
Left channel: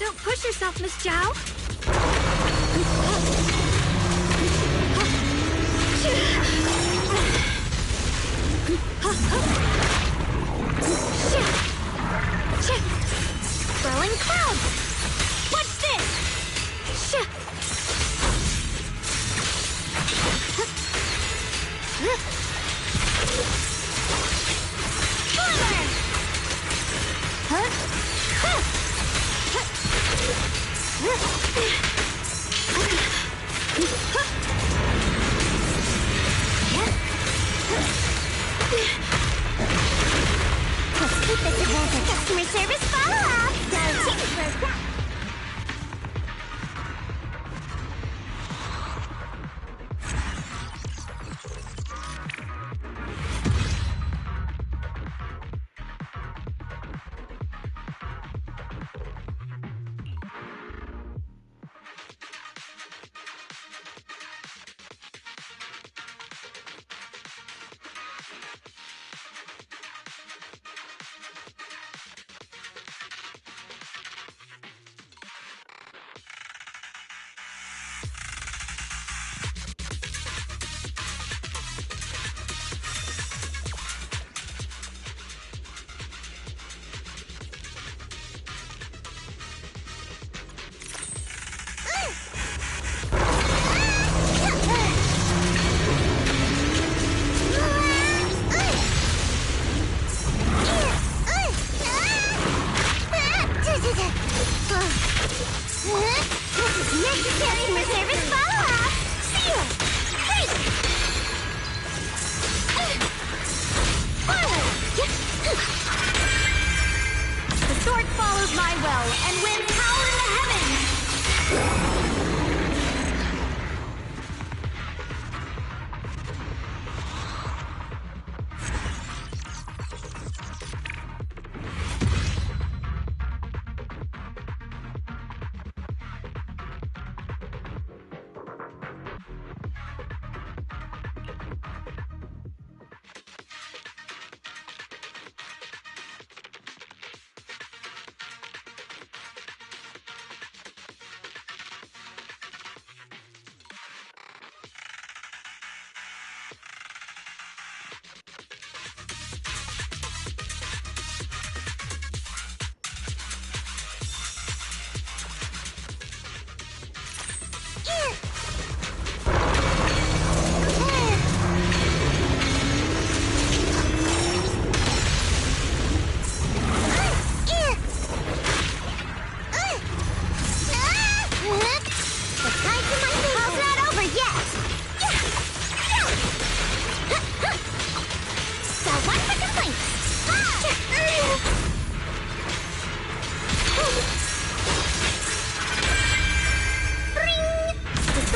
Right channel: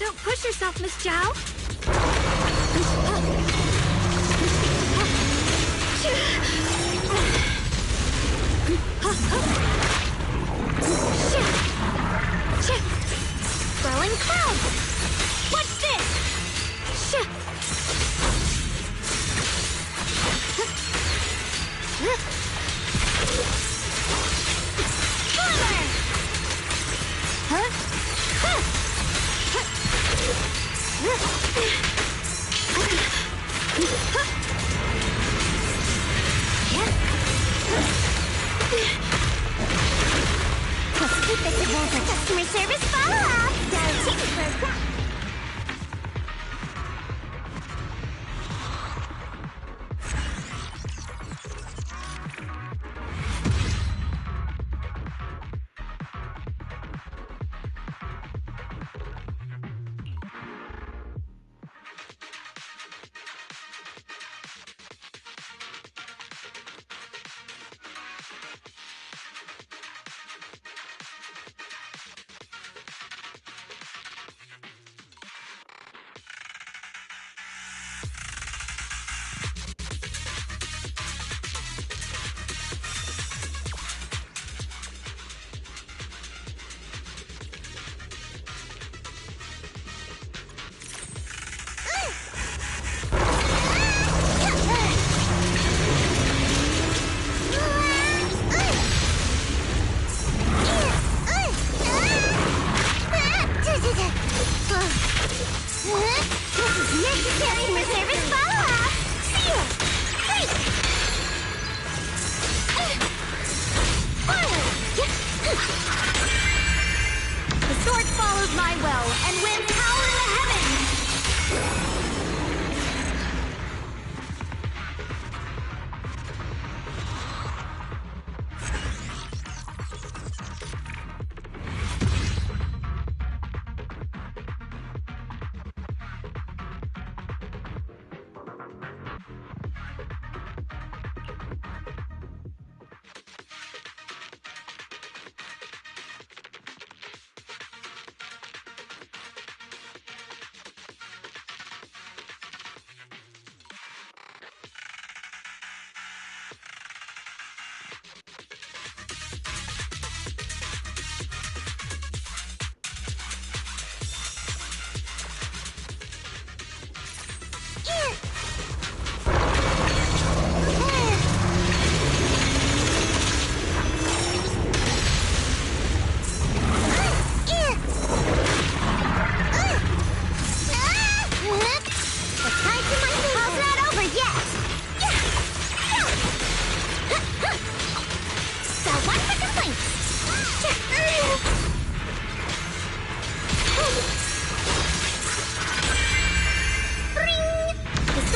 Don't push yourself, Miss Zhao. Throwing clouds! What's this? Fire! Let's keep this advantage. Customer service follow-up! Gotta take it for a crack. This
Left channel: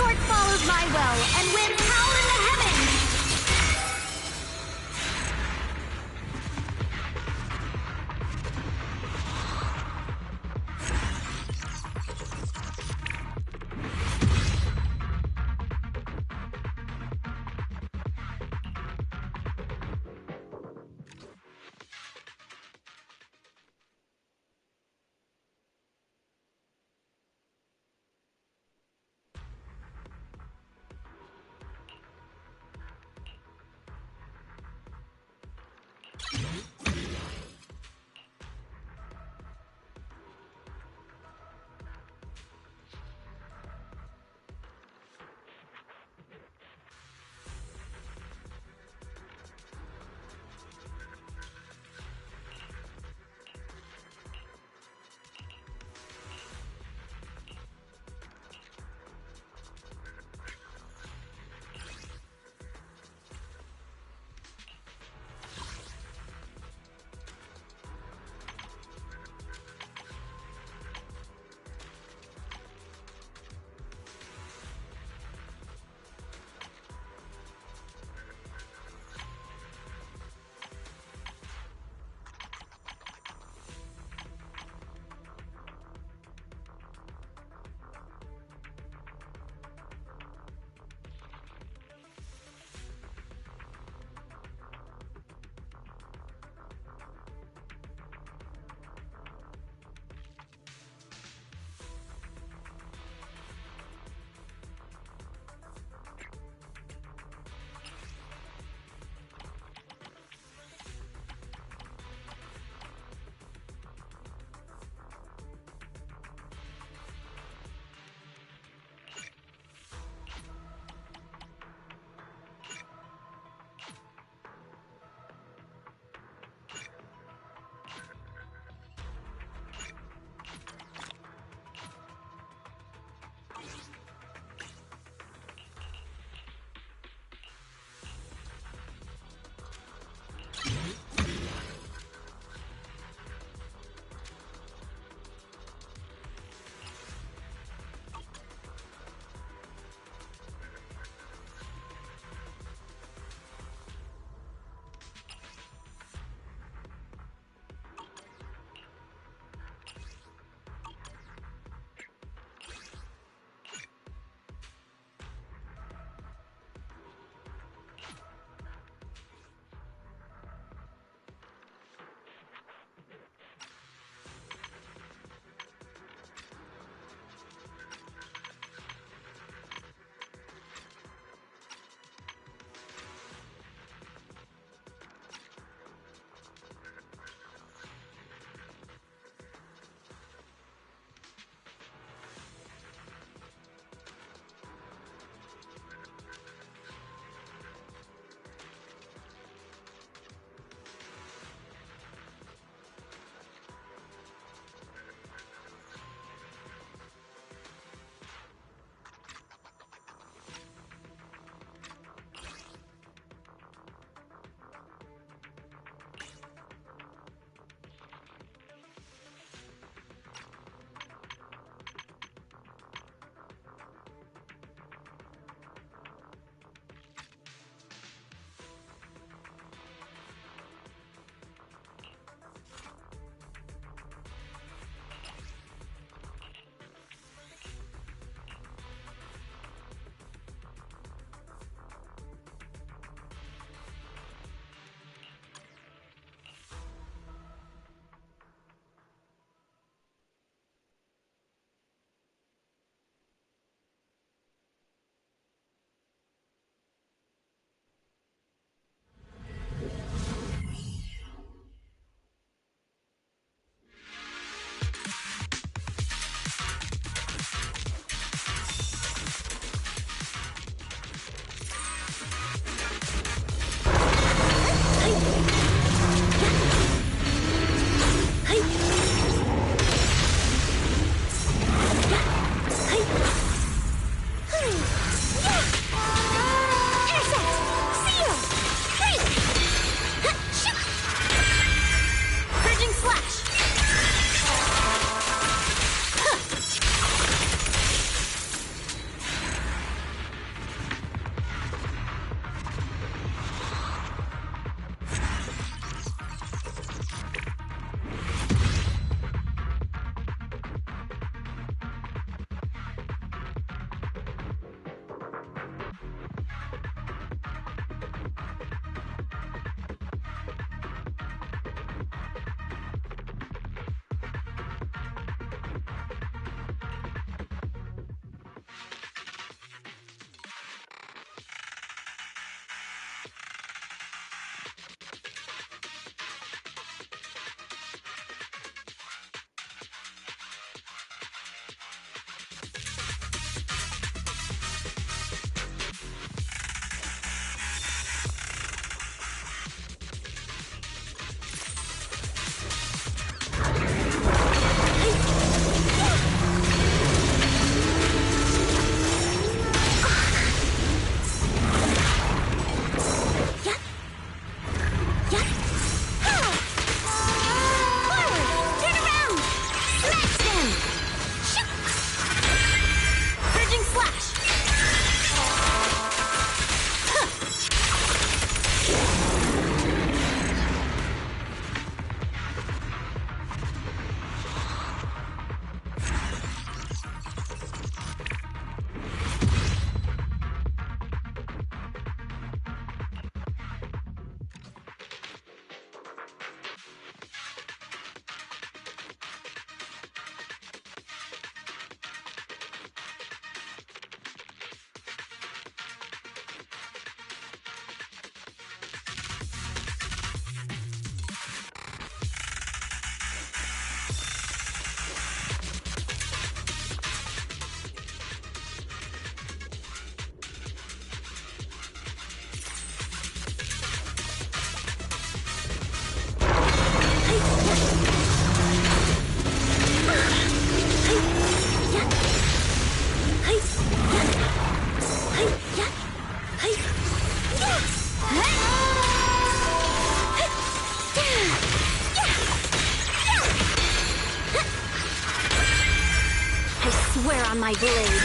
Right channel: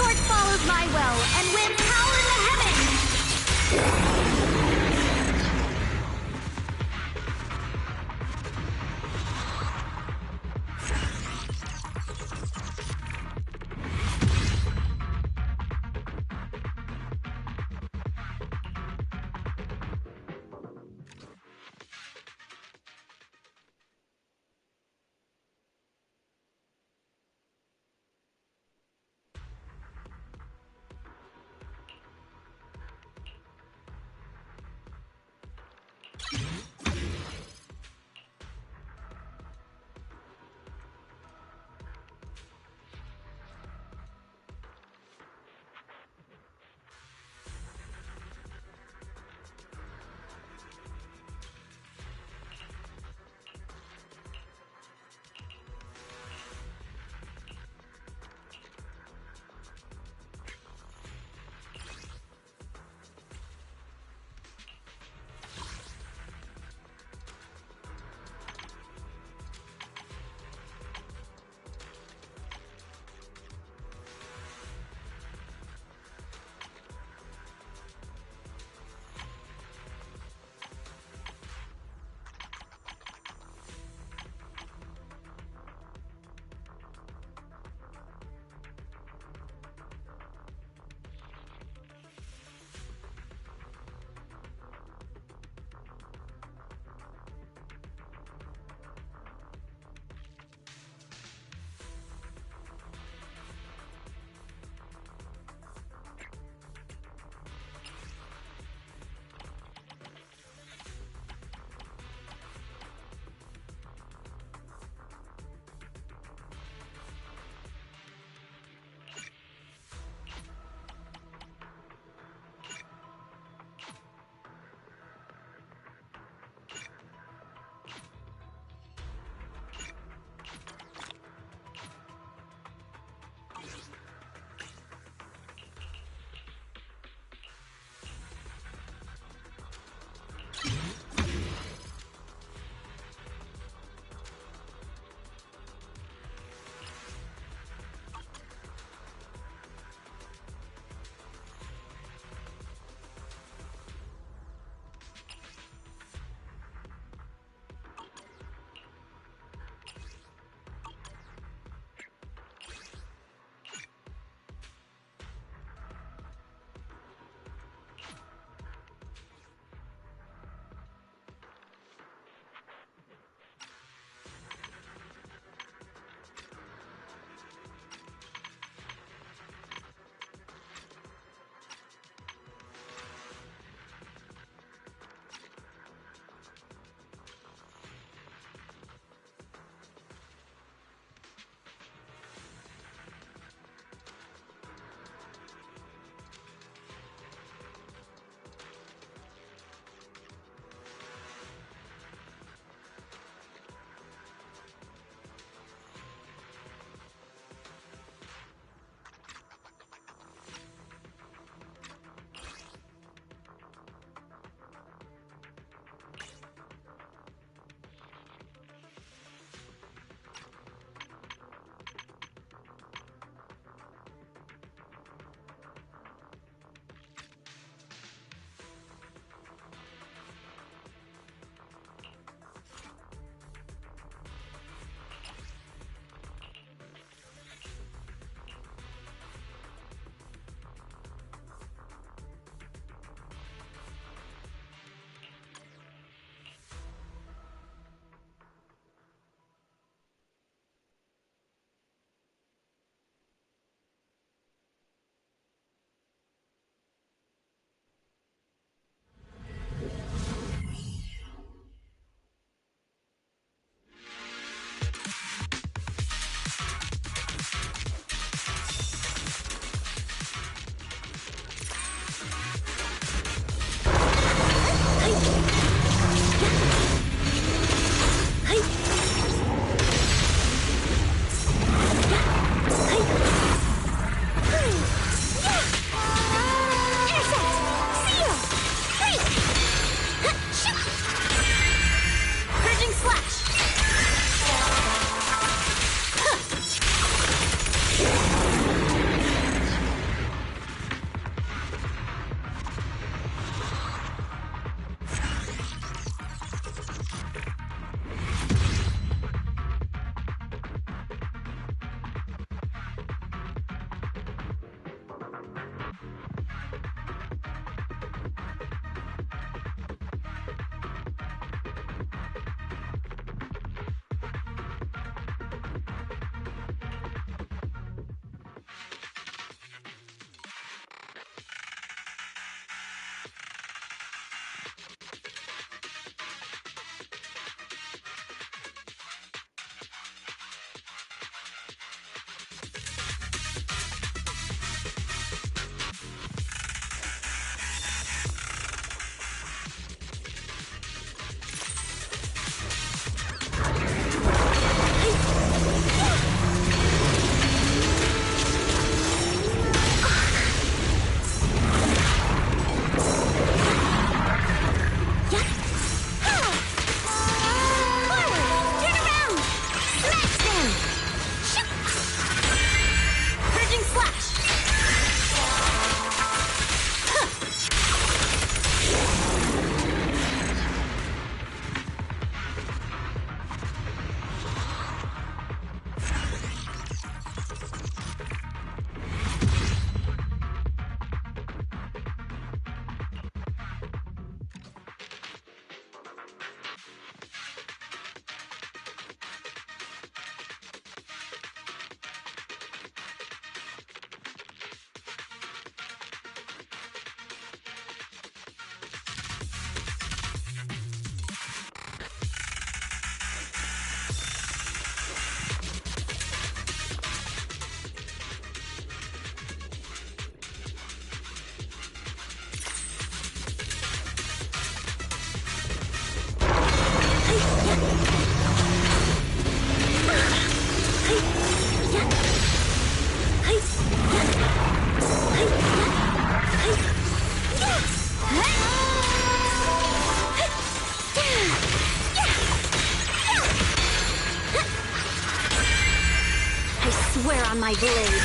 Swear on my blade.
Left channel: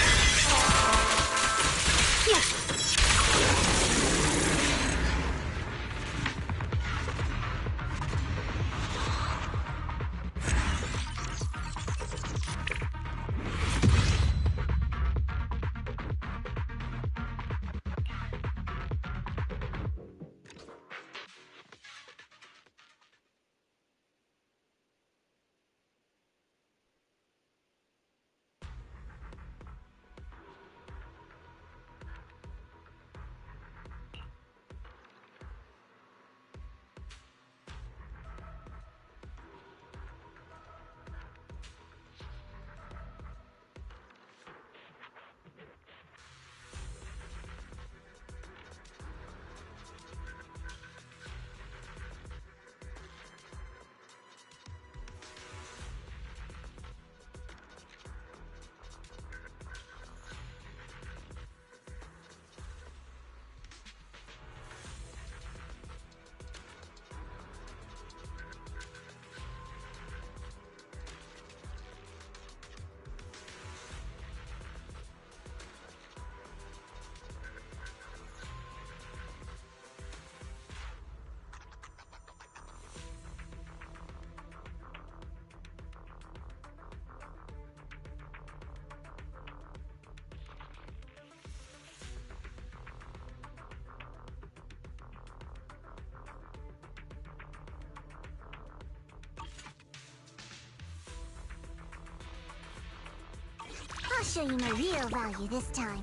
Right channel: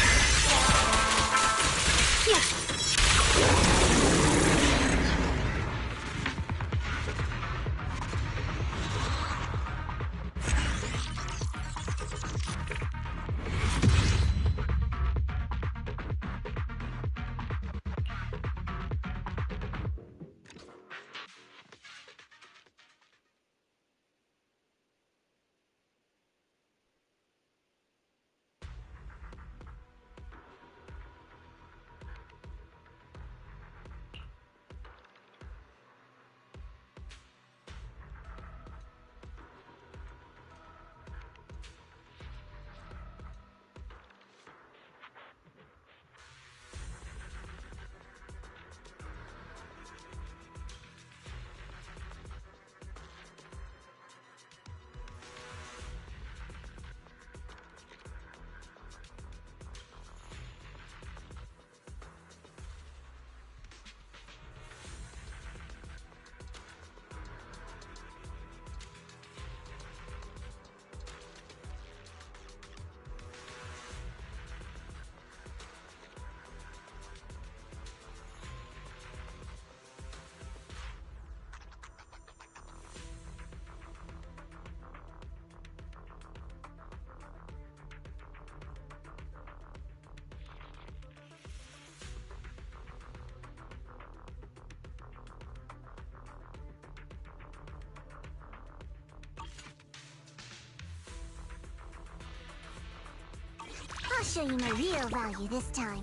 Yeah. I'll show you my real value this time.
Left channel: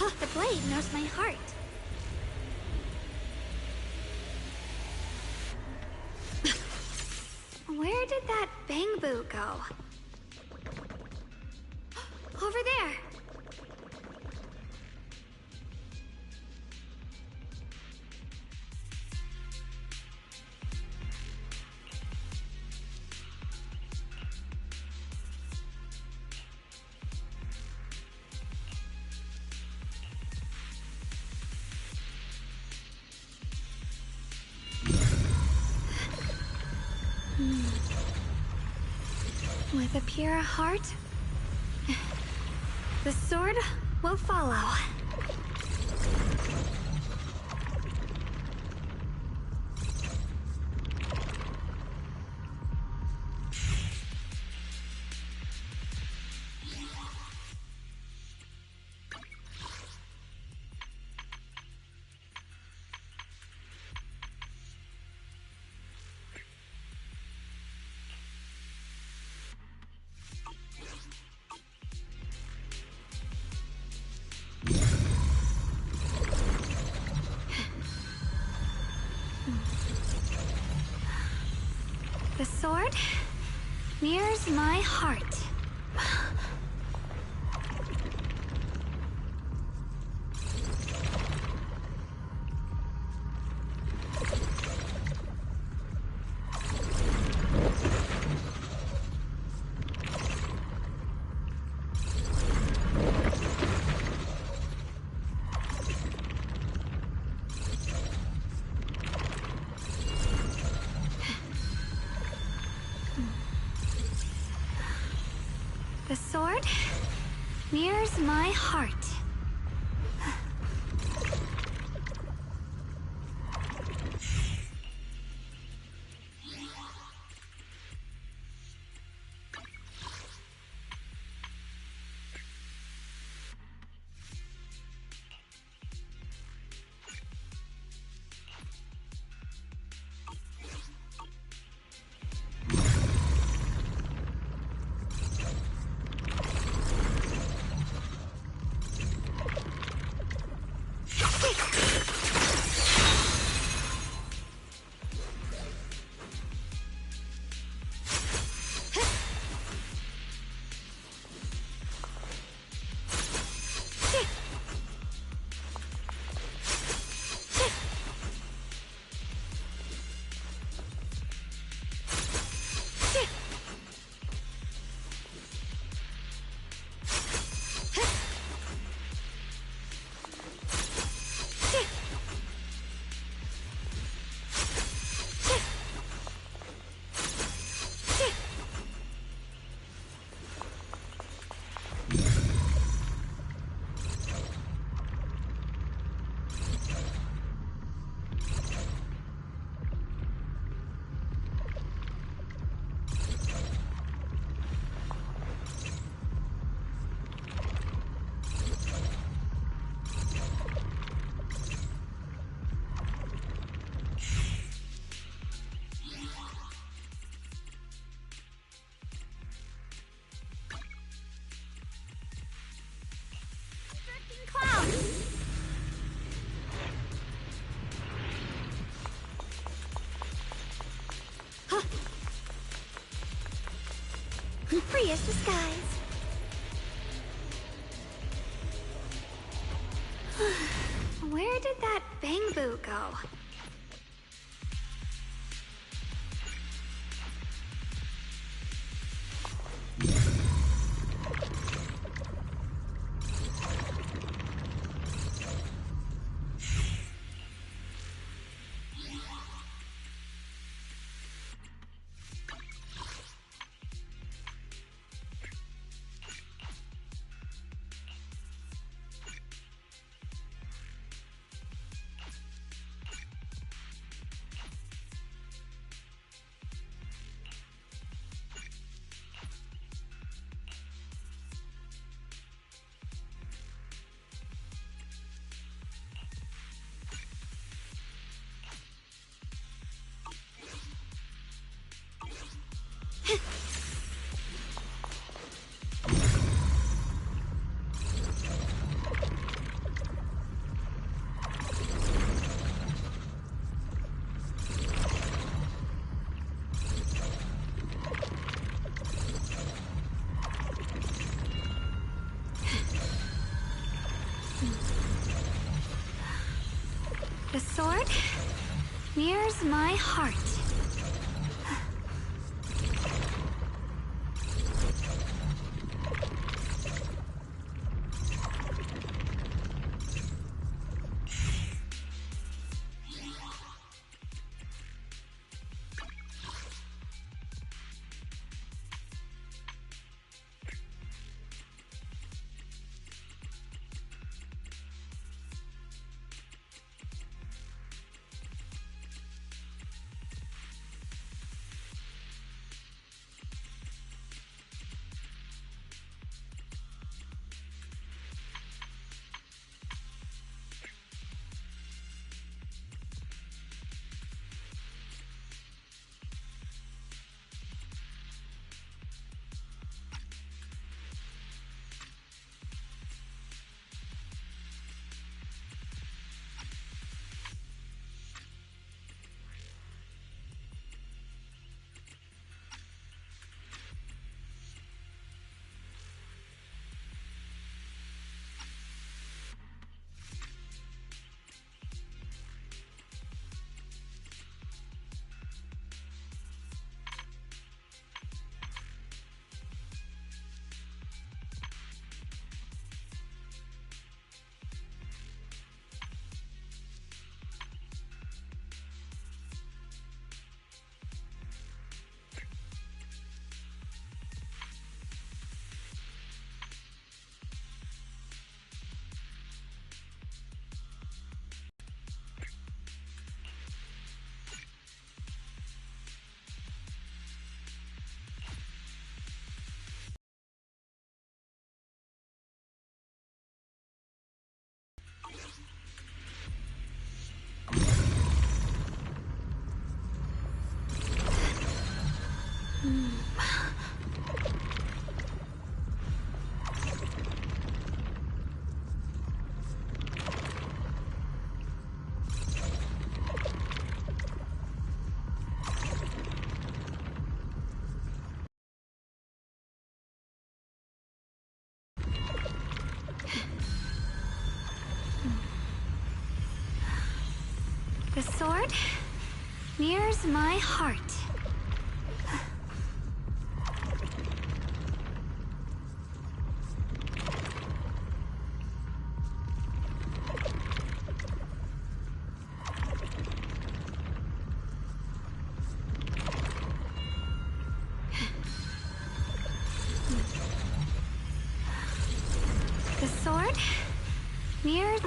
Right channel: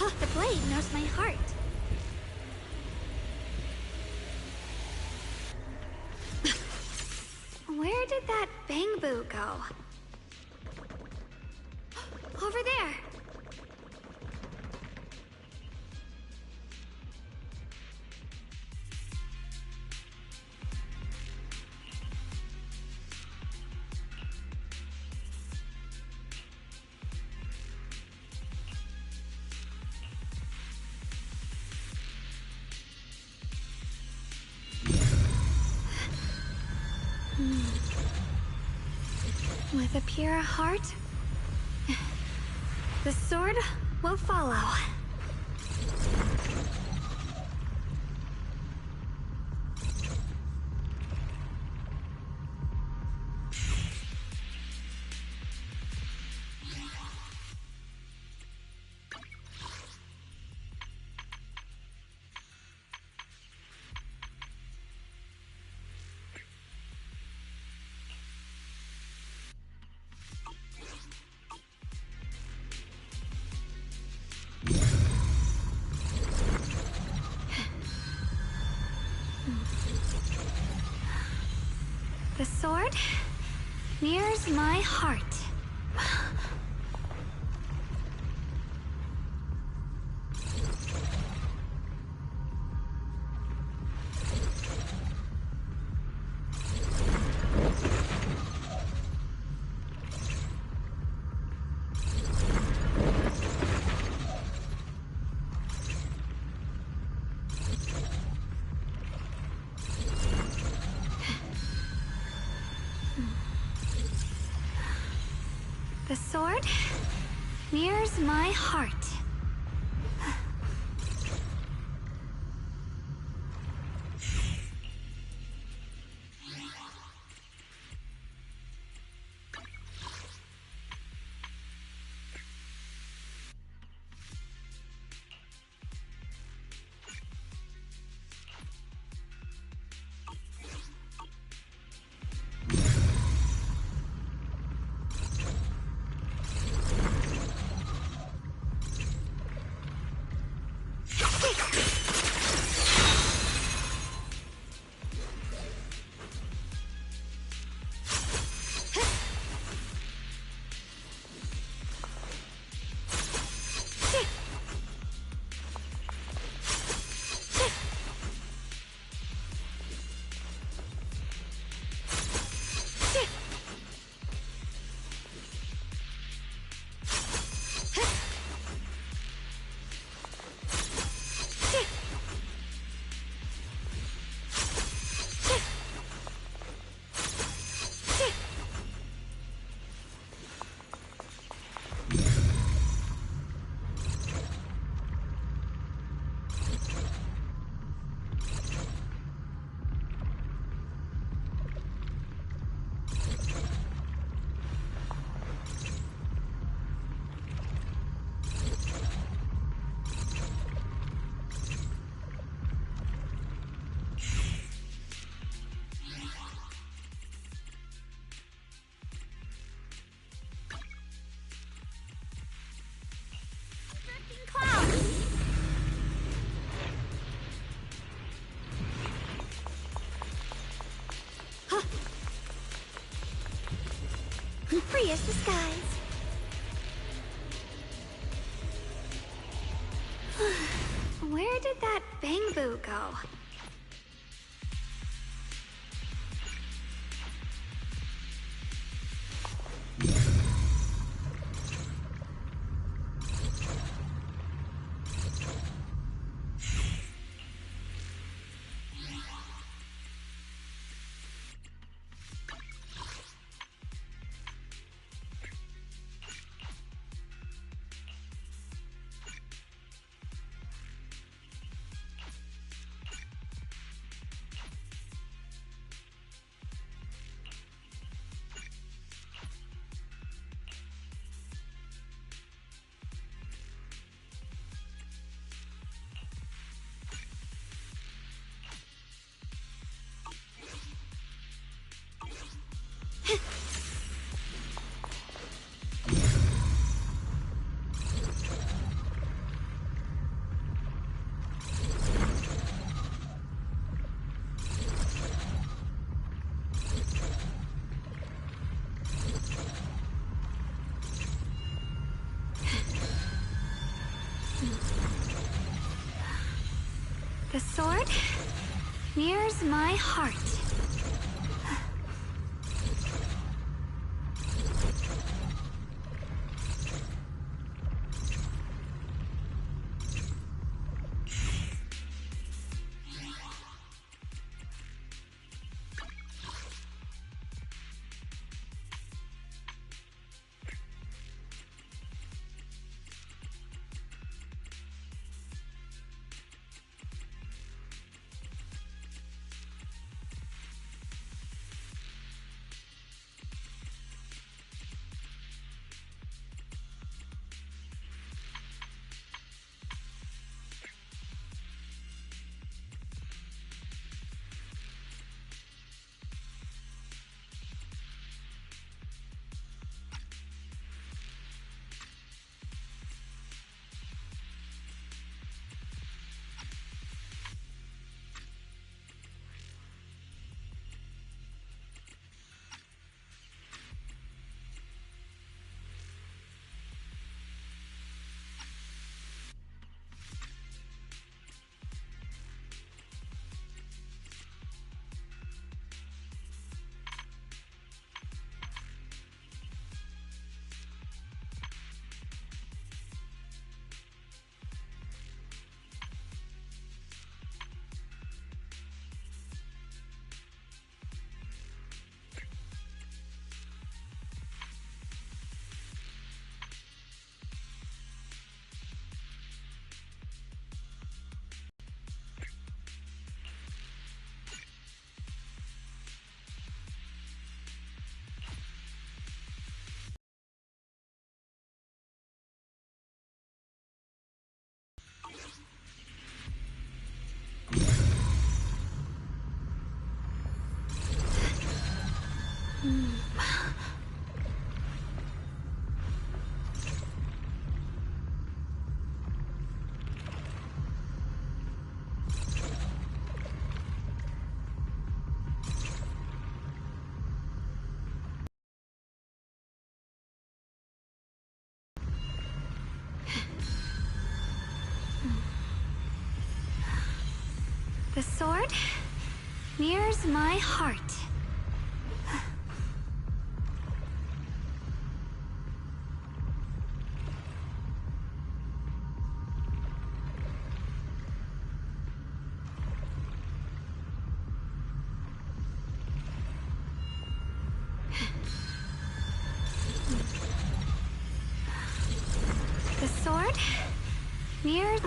Oh, the blade knows my heart. Where did that bang boo go? Over there! With a pure heart, the sword will follow. The sword mirrors my heart. The sword mirrors my heart. Free as the skies. Where did that Bangbu go? The sword mirrors my heart. The sword mirrors my heart. The sword mirrors...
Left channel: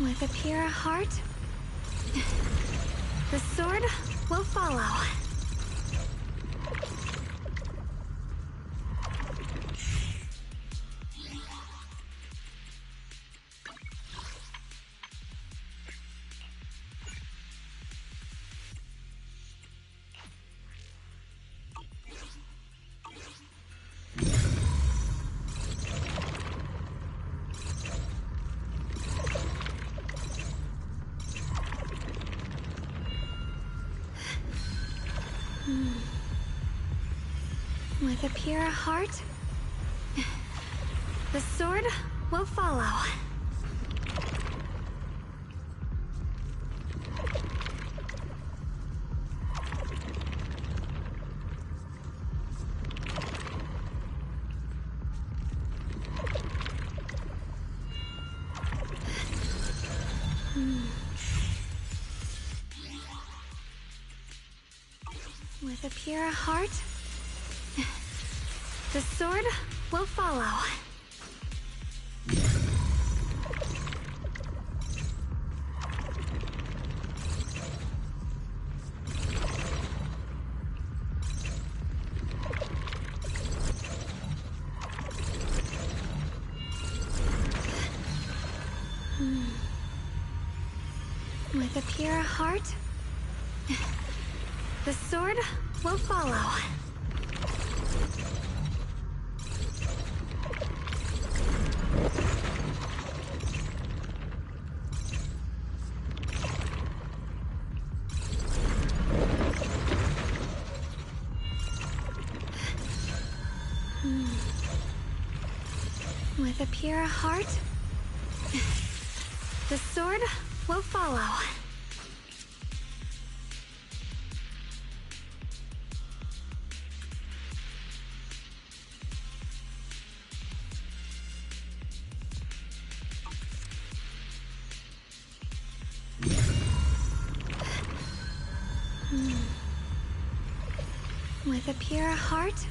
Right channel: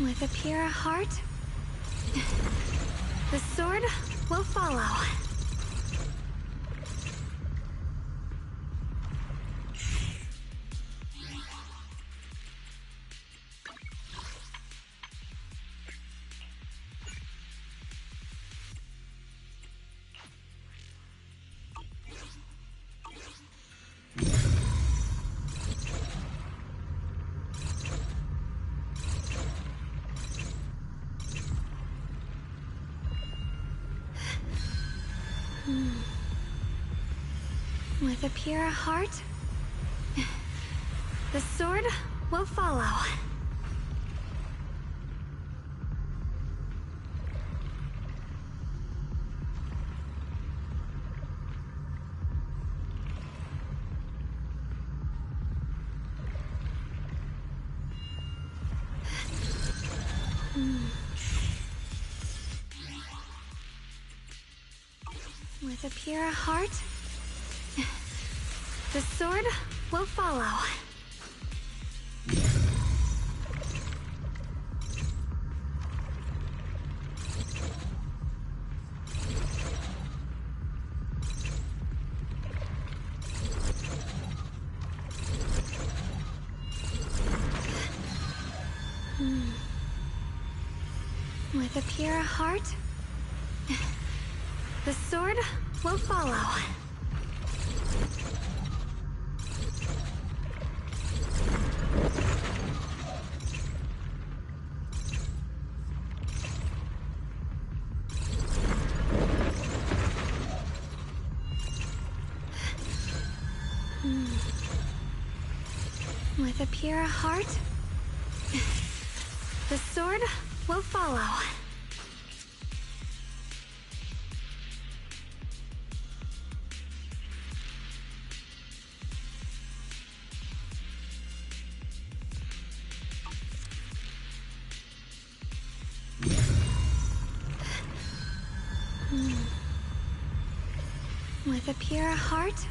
With a pure heart, the sword will follow. With a pure heart, the sword will follow. With a pure heart, the sword will follow. With a pure heart, the sword will follow. With a pure heart, the sword will follow. With a pure heart,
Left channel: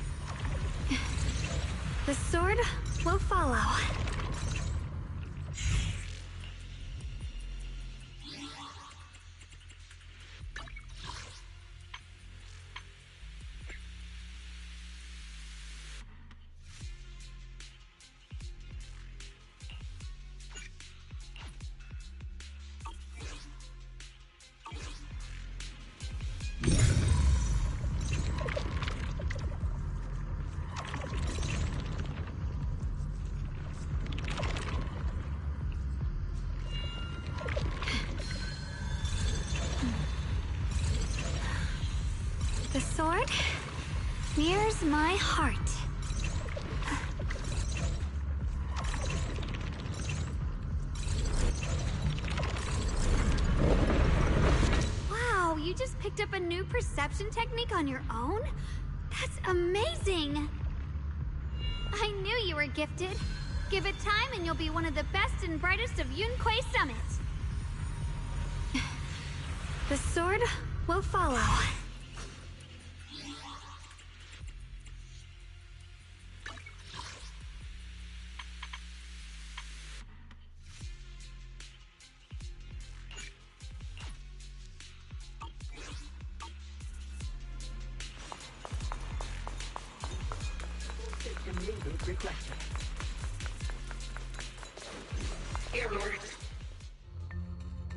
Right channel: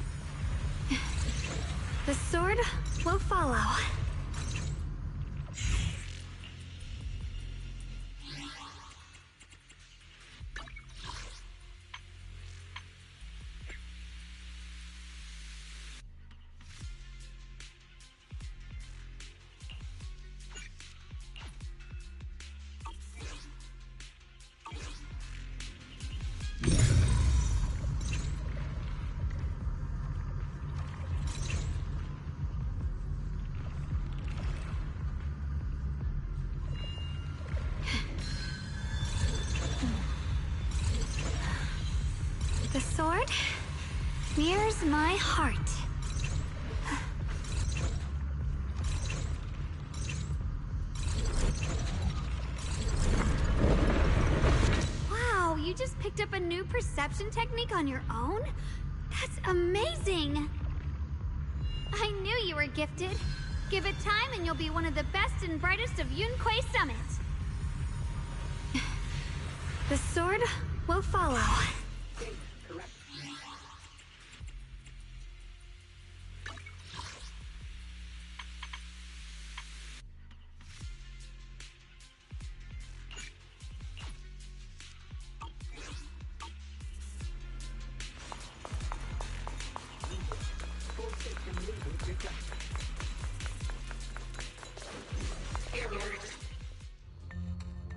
the sword will follow. The sword nears my heart. Wow, you just picked up a new perception technique on your own? That's amazing! I knew you were gifted. Give it time and you'll be one of the best and brightest of Yunquei Summit. The sword will follow.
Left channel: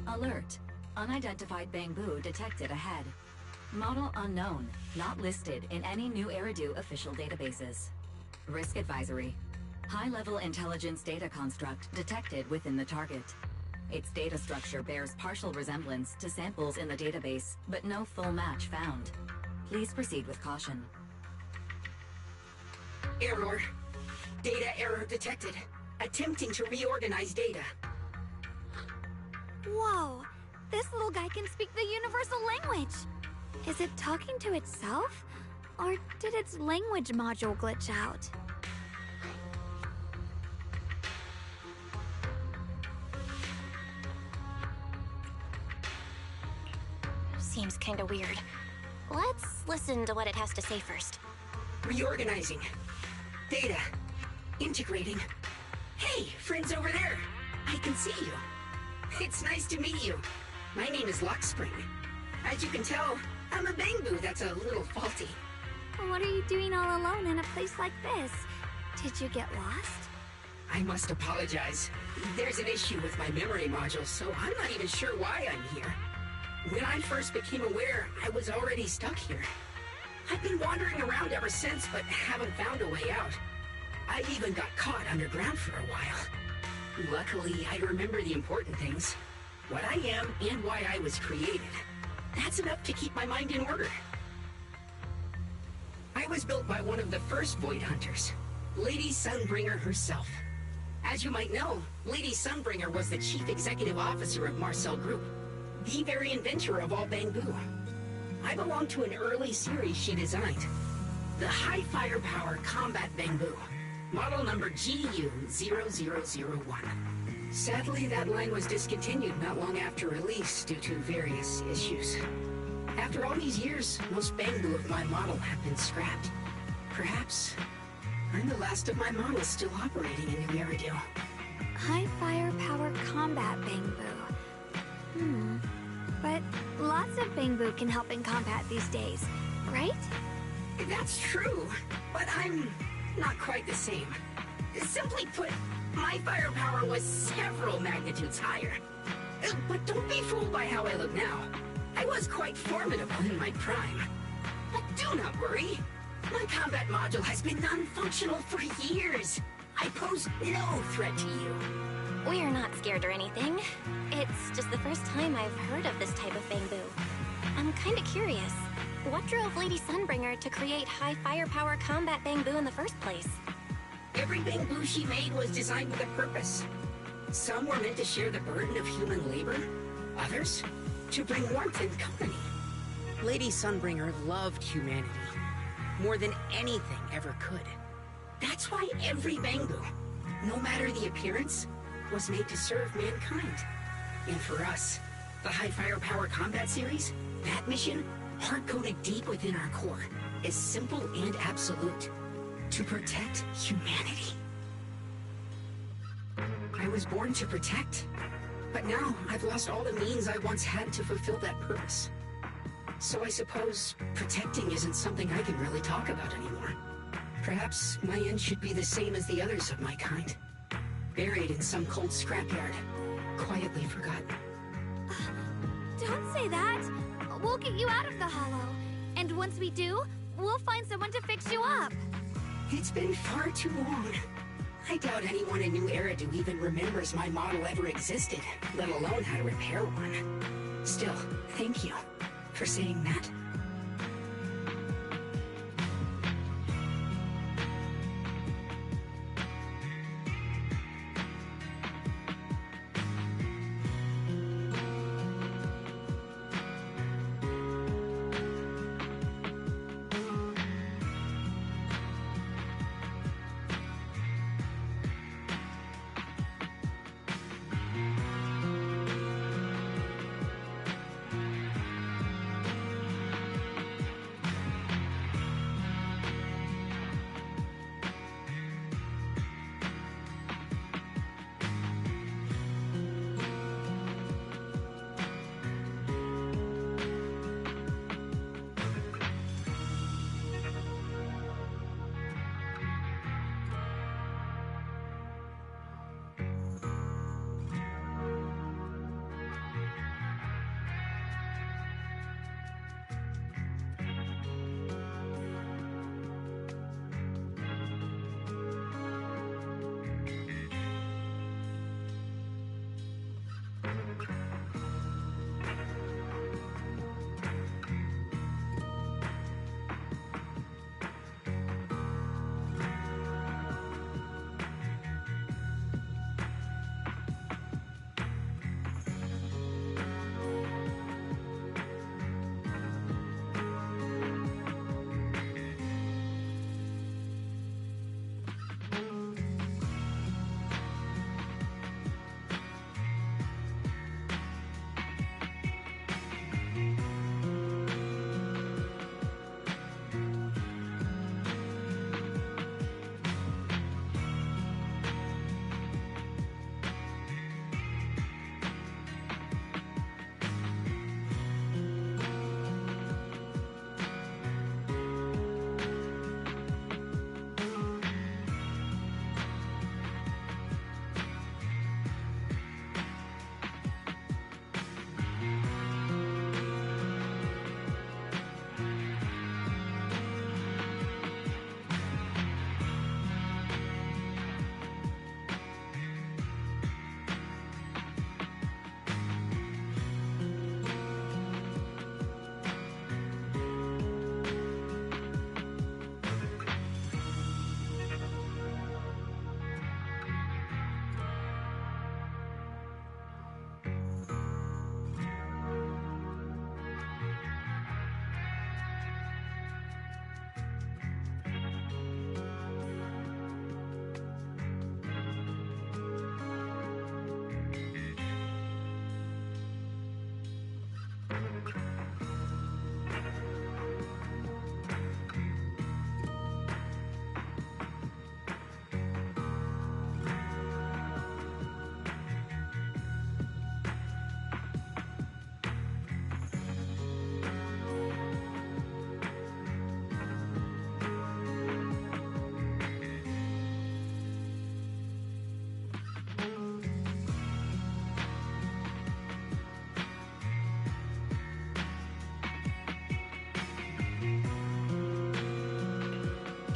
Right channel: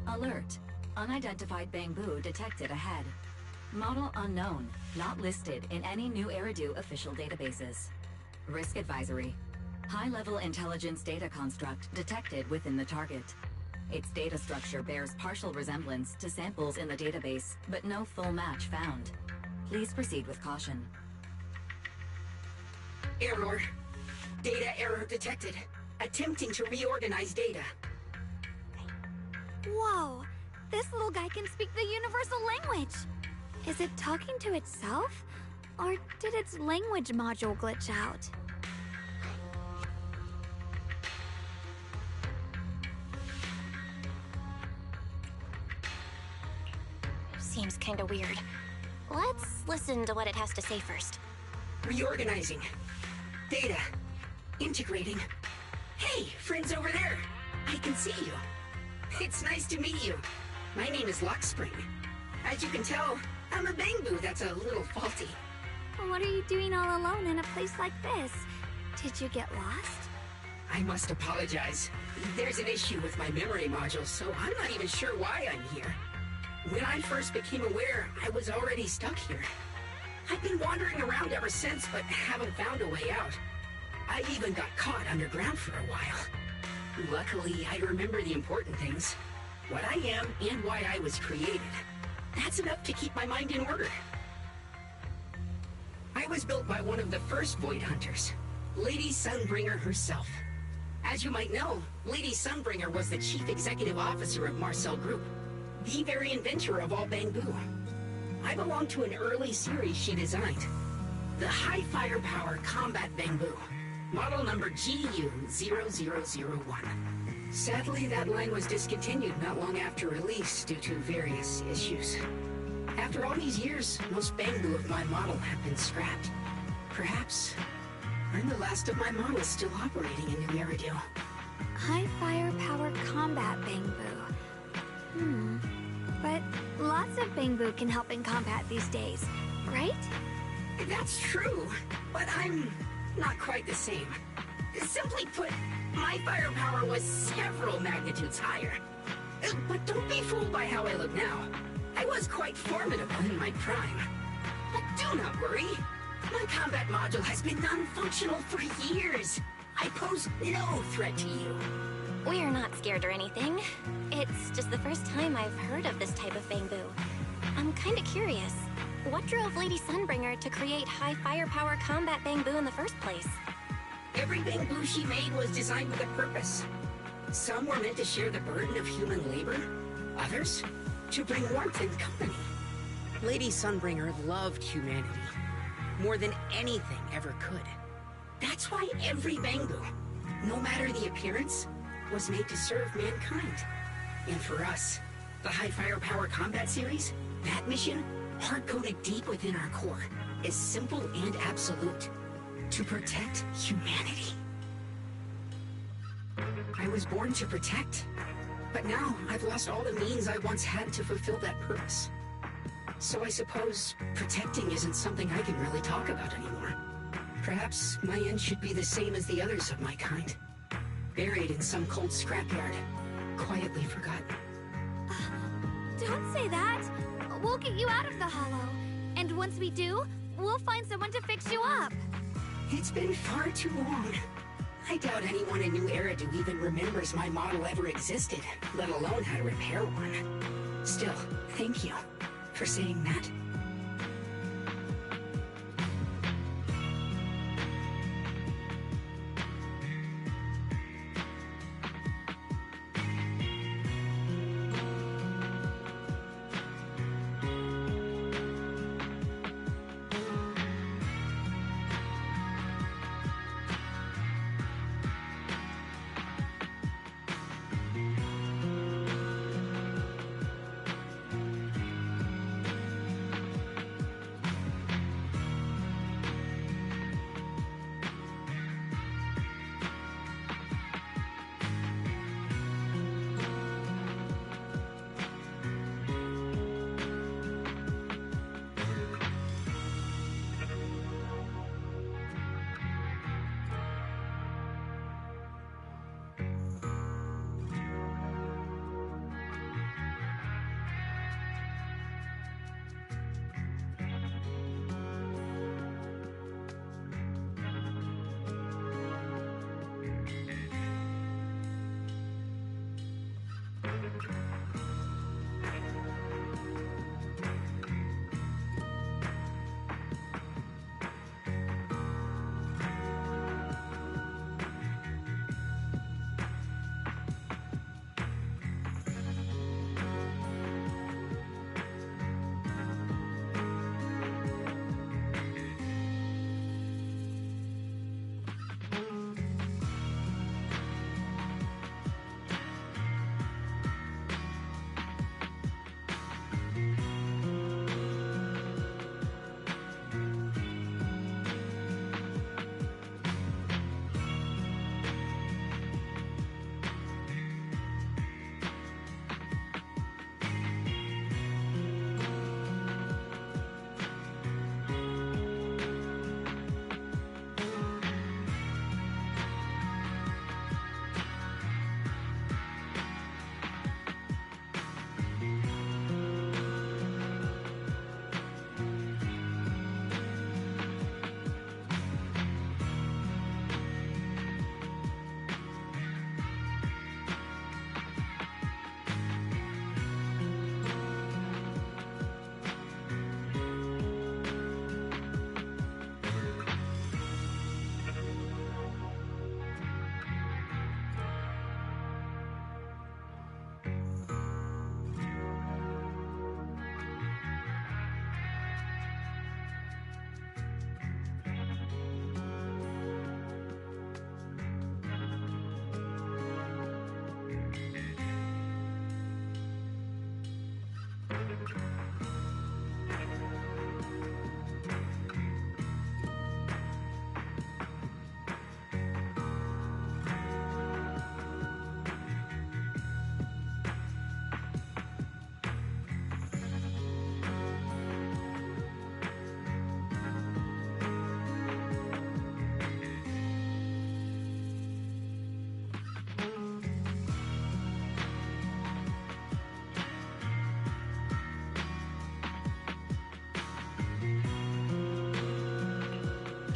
Alert. Unidentified bamboo detected ahead. Model unknown. Not listed in any new Eridu official databases. Risk advisory. High-level intelligence data construct detected within the target. Its data structure bears partial resemblance to samples in the database, but no full match found. Please proceed with caution. Error. Data error detected. Attempting to reorganize data. Whoa! This little guy can speak the universal language! Is it talking to itself? Or did its language module glitch out? Seems kinda weird. Let's listen to what it has to say first. Reorganizing. Data. Integrating. Hey! Hey, friends over there. I can see you. It's nice to meet you. My name is Lockspring. As you can tell, I'm a Bangbu that's a little faulty. What are you doing all alone in a place like this? Did you get lost? I must apologize. There's an issue with my memory module, so I'm not even sure why I'm here. When I first became aware, I was already stuck here. I've been wandering around ever since, but haven't found a way out. I even got caught underground for a while. Luckily, I remember the important things. What I am and why I was created. That's enough to keep my mind in order. I was built by one of the first Void Hunters, Lady Sunbringer herself. As you might know, Lady Sunbringer was the chief executive officer of Marcel Group, the very inventor of all Bangbu. I belong to an early series she designed, the High Firepower Combat Bangbu, model number GU0001. Sadly, that line was discontinued not long after release due to various issues. After all these years, most Bangbu of my model have been scrapped. Perhaps I'm the last of my models still operating in New Eridu. High firepower combat Bangbu. But lots of Bangbu can help in combat these days, right? That's true, but I'm not quite the same. Simply put, my firepower was several magnitudes higher. But don't be fooled by how I look now. I was quite formidable in my prime. But do not worry. My combat module has been non-functional for years. I pose no threat to you. We're not scared or anything. It's just the first time I've heard of this type of Bangbu. I'm kinda curious. What drove Lady Sunbringer to create high firepower combat Bangbu in the first place? Every Bangbu she made was designed with a purpose. Some were meant to share the burden of human labor. Others, to bring warmth and company. Lady Sunbringer loved humanity. More than anything ever could. That's why every Bangbu, no matter the appearance, was made to serve mankind. And for us, the High Firepower Combat Series, that mission, hard-coded deep within our core, is simple and absolute. To protect humanity. I was born to protect, but now I've lost all the means I once had to fulfill that purpose. So I suppose protecting isn't something I can really talk about anymore. Perhaps my end should be the same as the others of my kind. Buried in some cold scrapyard, quietly forgotten. Don't say that! We'll get you out of the hollow. And once we do, we'll find someone to fix you up. It's been far too long. I doubt anyone in New Eridu even remembers my model ever existed, let alone how to repair one. Still, thank you for saying that.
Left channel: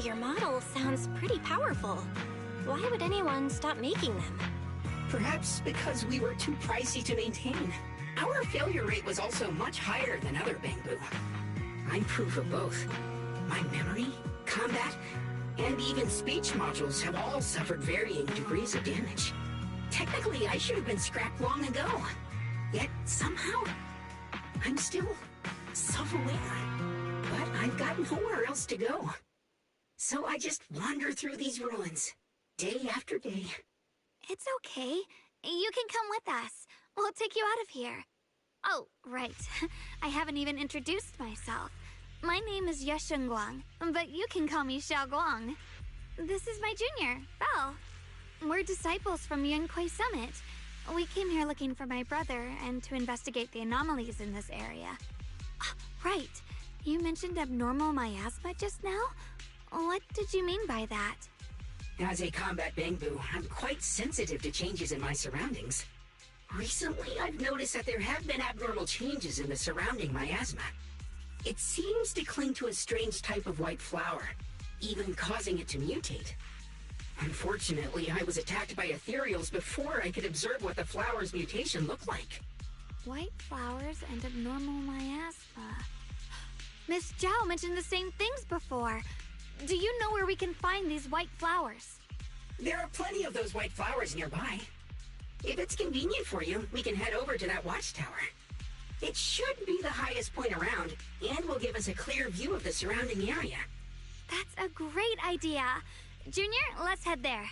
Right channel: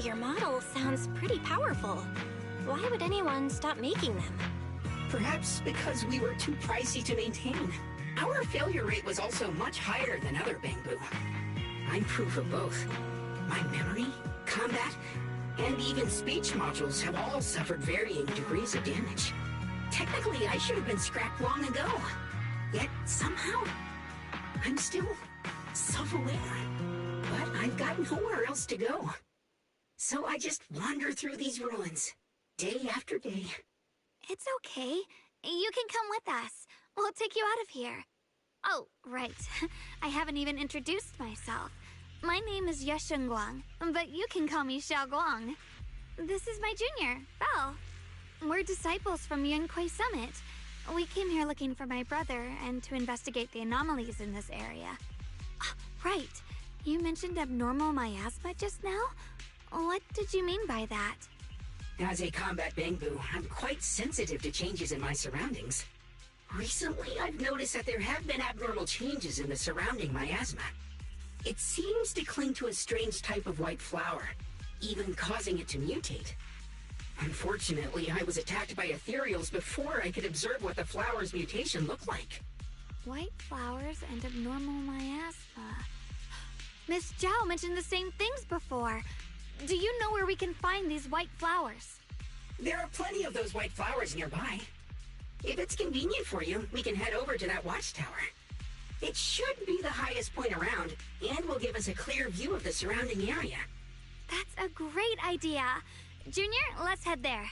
Your model sounds pretty powerful. Why would anyone stop making them? Perhaps because we were too pricey to maintain. Our failure rate was also much higher than other Bangbu. I'm proof of both. My memory, combat, and even speech modules have all suffered varying degrees of damage. Technically, I should have been scrapped long ago. Yet, somehow, I'm still self-aware. But I've got nowhere else to go. So I just wander through these ruins, day after day. It's okay. You can come with us. We'll take you out of here. Oh, right. I haven't even introduced myself. My name is Shunguang, but you can call me Xiaoguang. This is my junior, Belle. We're disciples from Yunquai Summit. We came here looking for my brother and to investigate the anomalies in this area. Right. You mentioned abnormal miasma just now? What did you mean by that? As a combat Bangbu, I'm quite sensitive to changes in my surroundings. Recently, I've noticed that there have been abnormal changes in the surrounding miasma. It seems to cling to a strange type of white flower, even causing it to mutate. Unfortunately, I was attacked by ethereals before I could observe what the flower's mutation looked like. White flowers and abnormal miasma. Miss Zhao mentioned the same things before. Do you know where we can find these white flowers? There are plenty of those white flowers nearby. If it's convenient for you, we can head over to that watchtower. It should be the highest point around, and will give us a clear view of the surrounding area. That's a great idea. Junior, let's head there.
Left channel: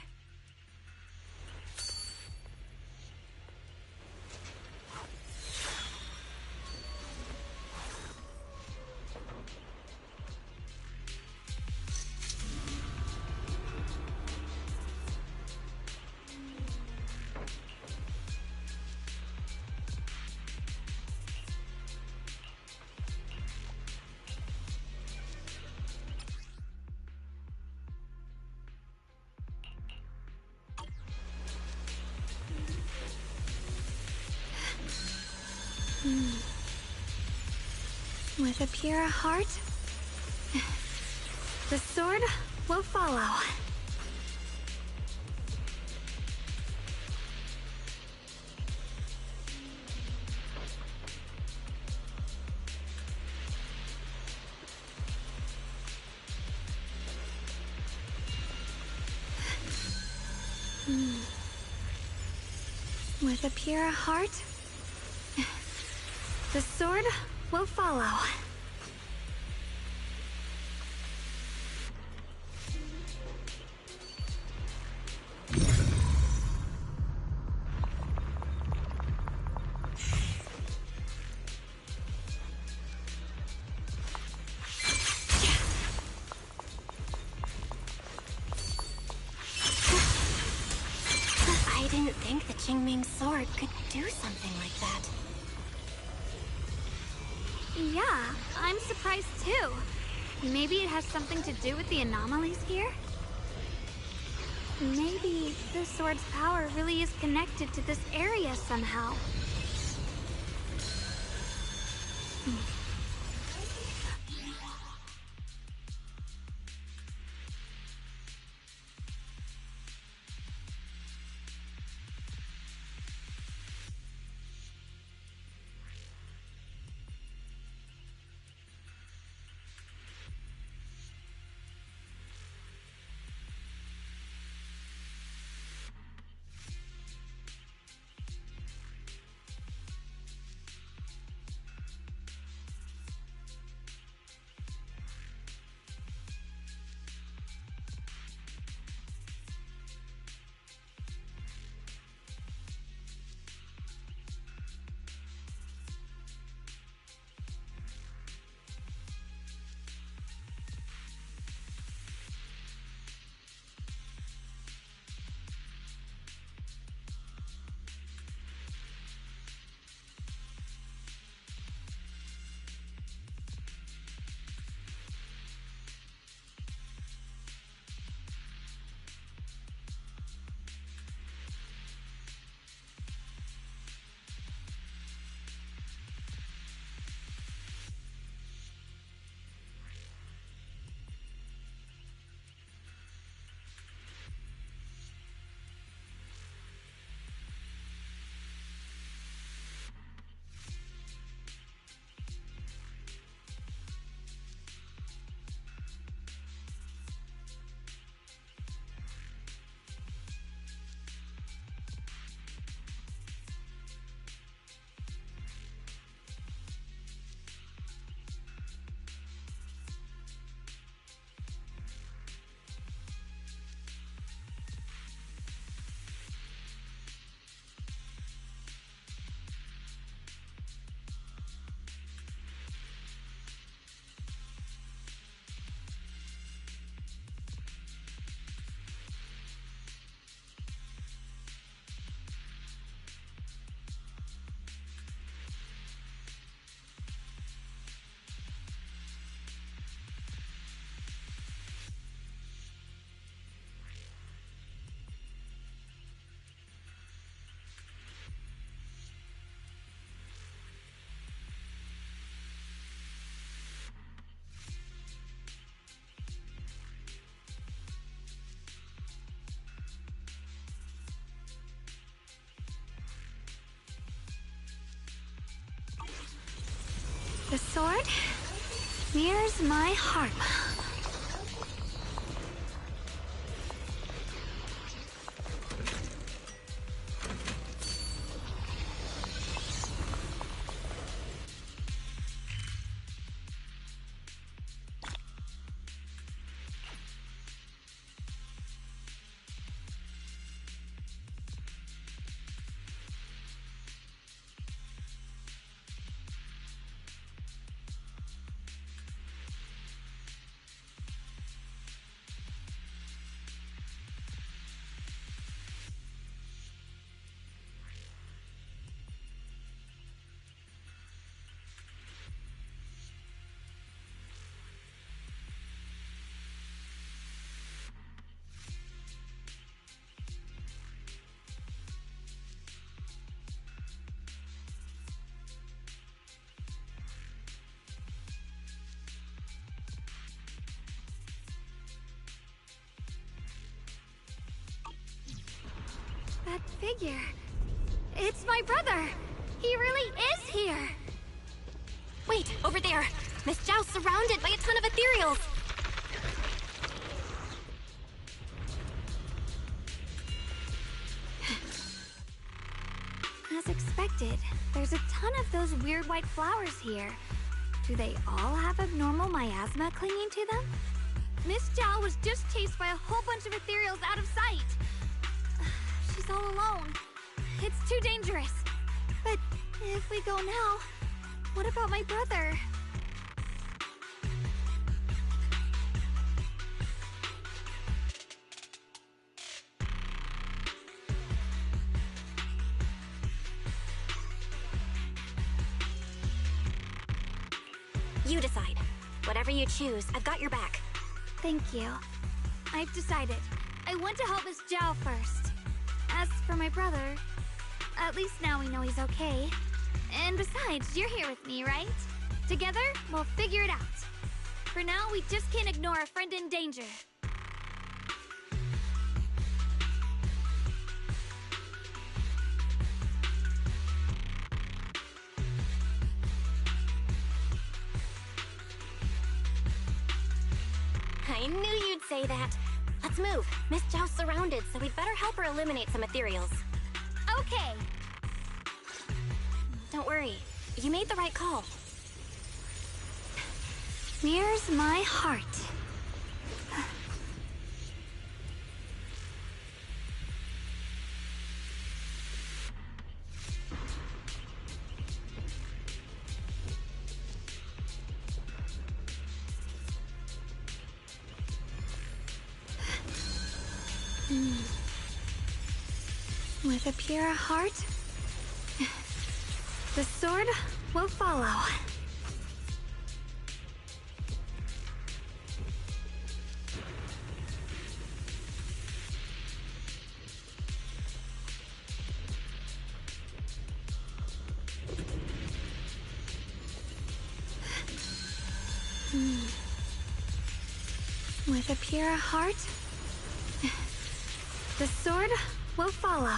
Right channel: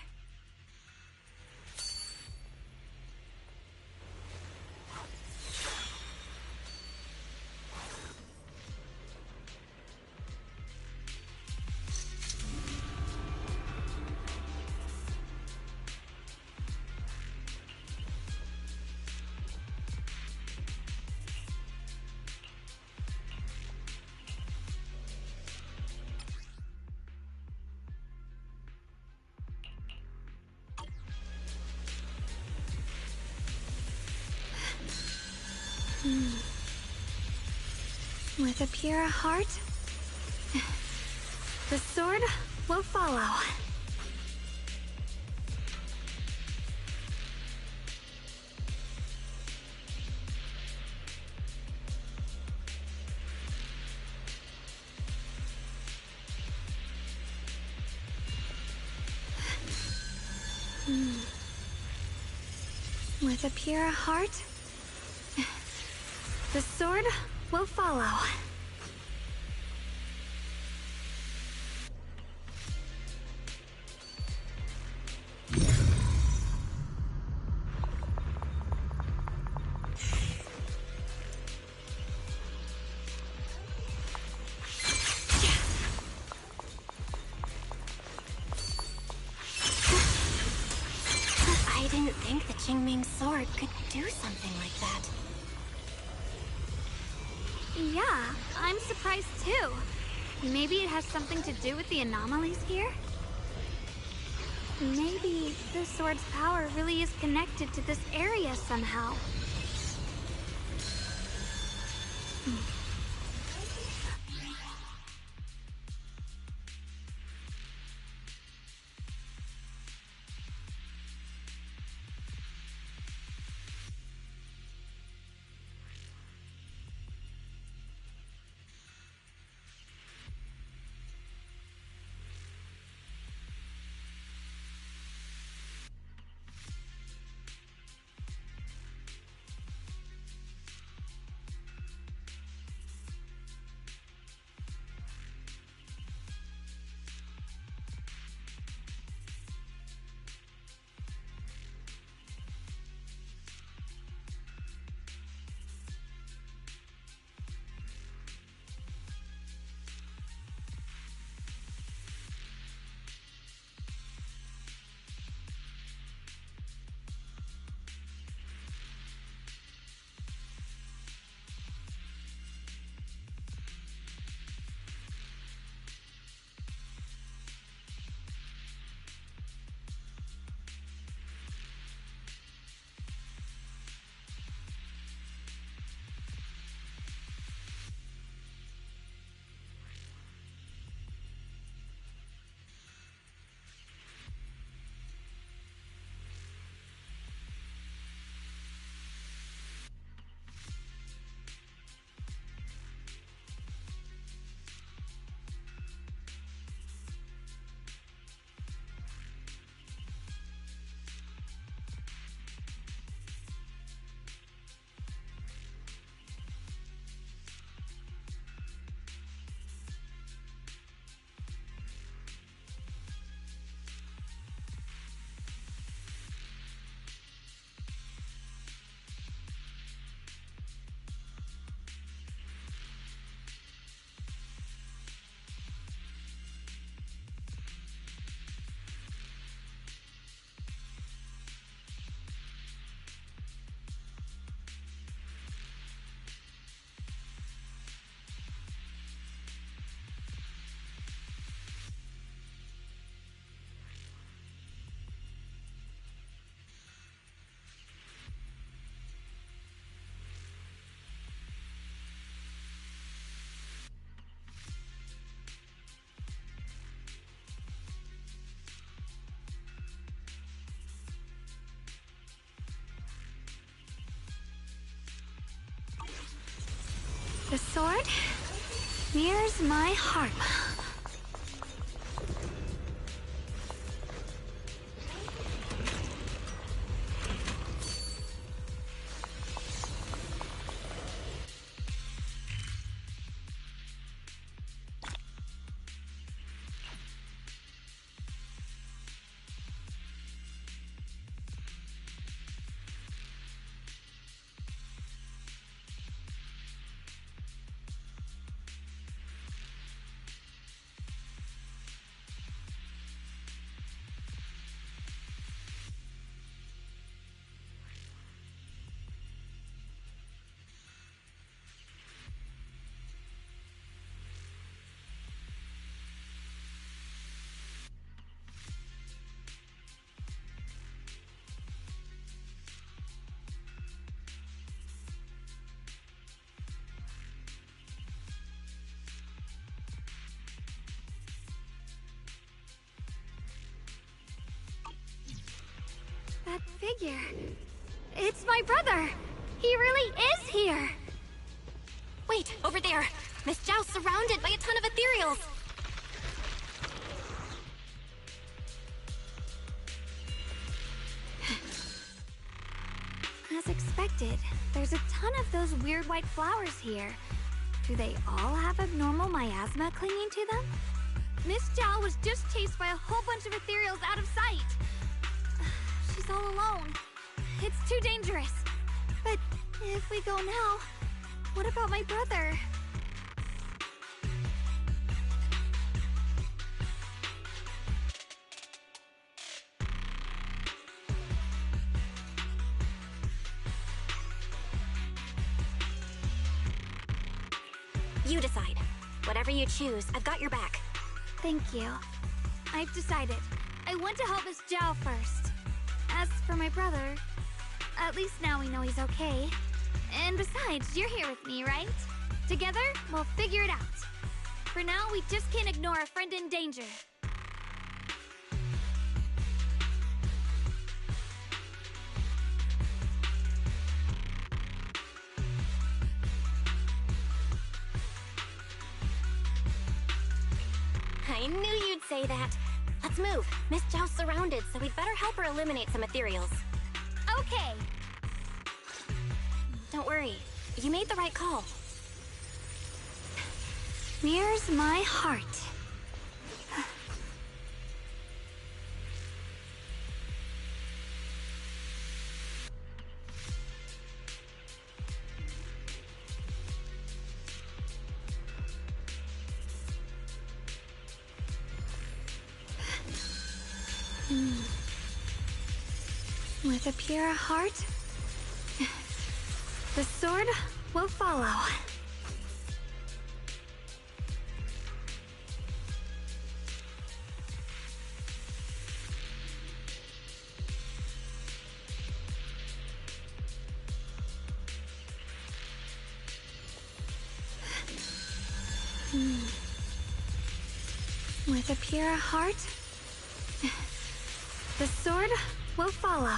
With a pure heart, the sword will follow. With a pure heart, the sword will follow. I didn't think the Qingming sword could do something like that. Yeah, I'm surprised too. Maybe it has something to do with the anomalies here? Maybe the sword's power really is connected to this area somehow. The sword mirrors my heart. That figure. It's my brother. He really is here. Wait, over there. Miss Zhao's surrounded by a ton of ethereals. As expected, there's a ton of those weird white flowers here. Do they all have abnormal miasma clinging to them? Miss Zhao was just chased by a whole bunch of ethereals out of sight. She's all alone. It's too dangerous. But if we go now, what about my brother? You decide. Whatever you choose, I've got your back. Thank you. I've decided. I want to help Miss Zhao first. As for my brother, at least now we know he's okay. And besides, you're here with me, right? Together, we'll figure it out. For now, we just can't ignore a friend in danger. I knew you'd say that. Let's move. Miss Zhao's surrounded, so we'd better help her eliminate some ethereals. Okay. Don't worry. You made the right call. Mirrors my heart. With a pure heart, the sword will follow. With a pure heart, the sword will follow.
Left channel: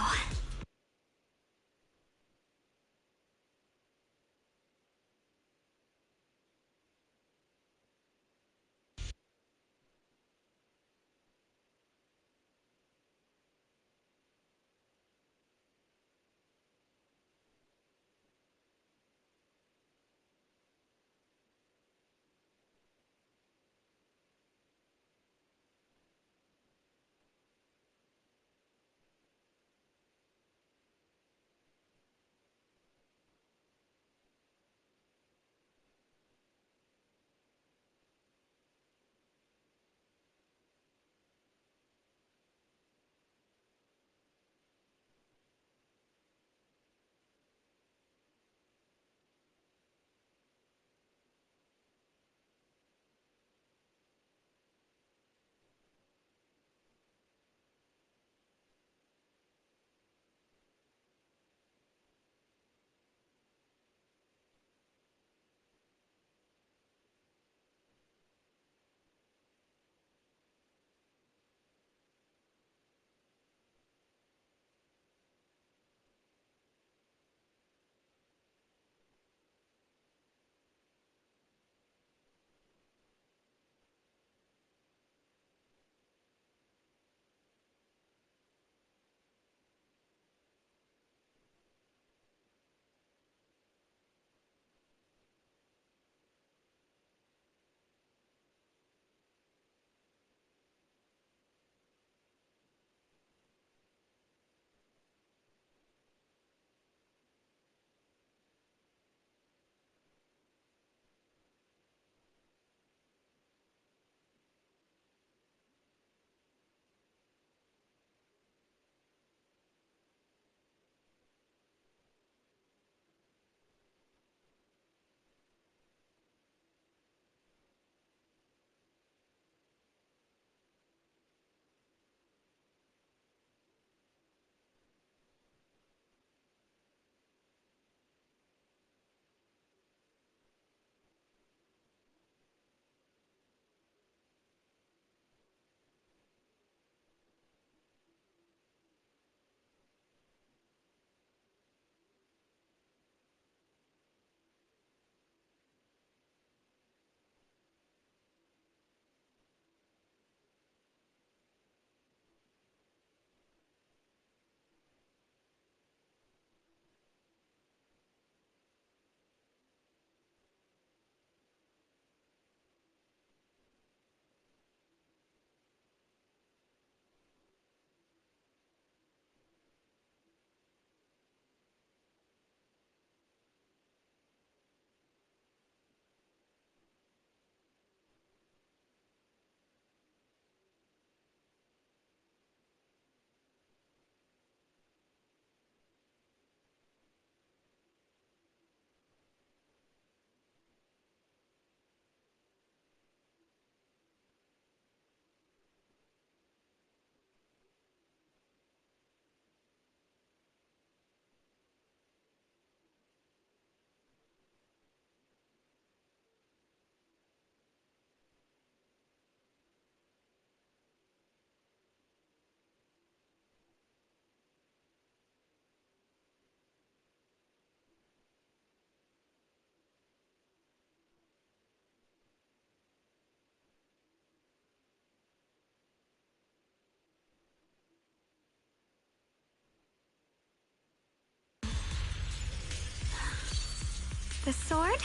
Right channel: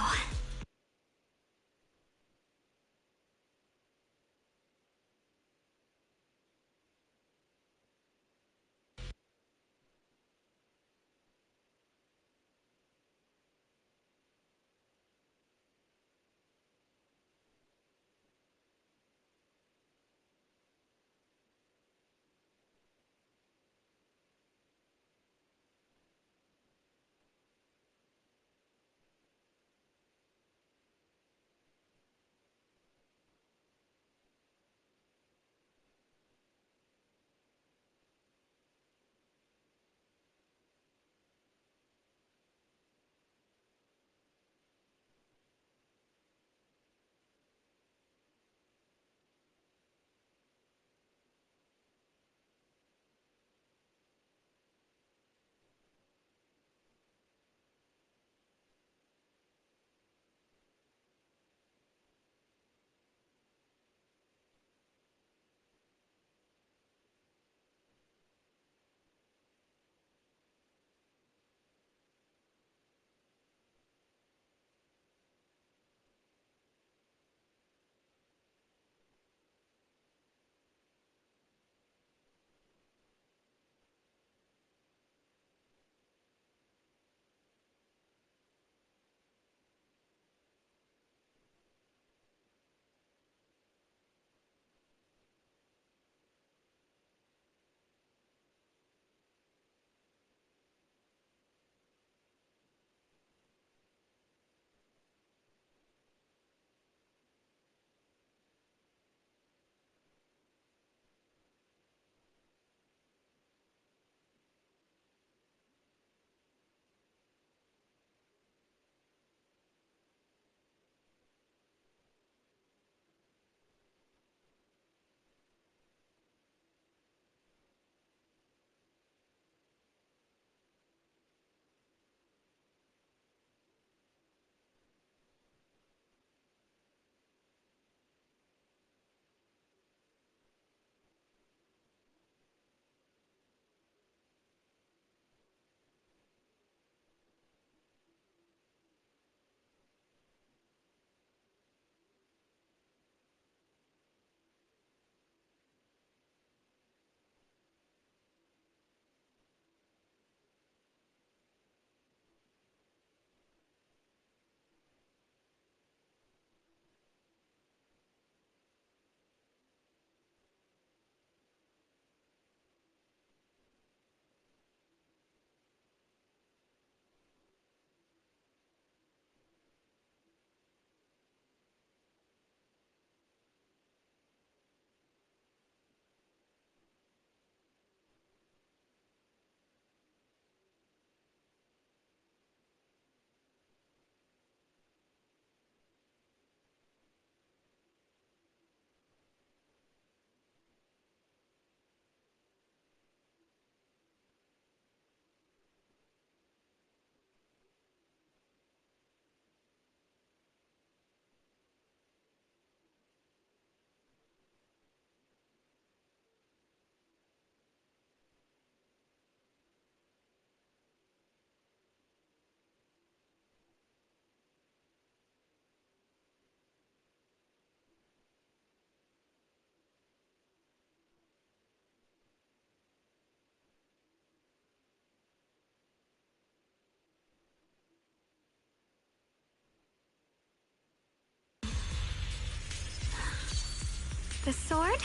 The sword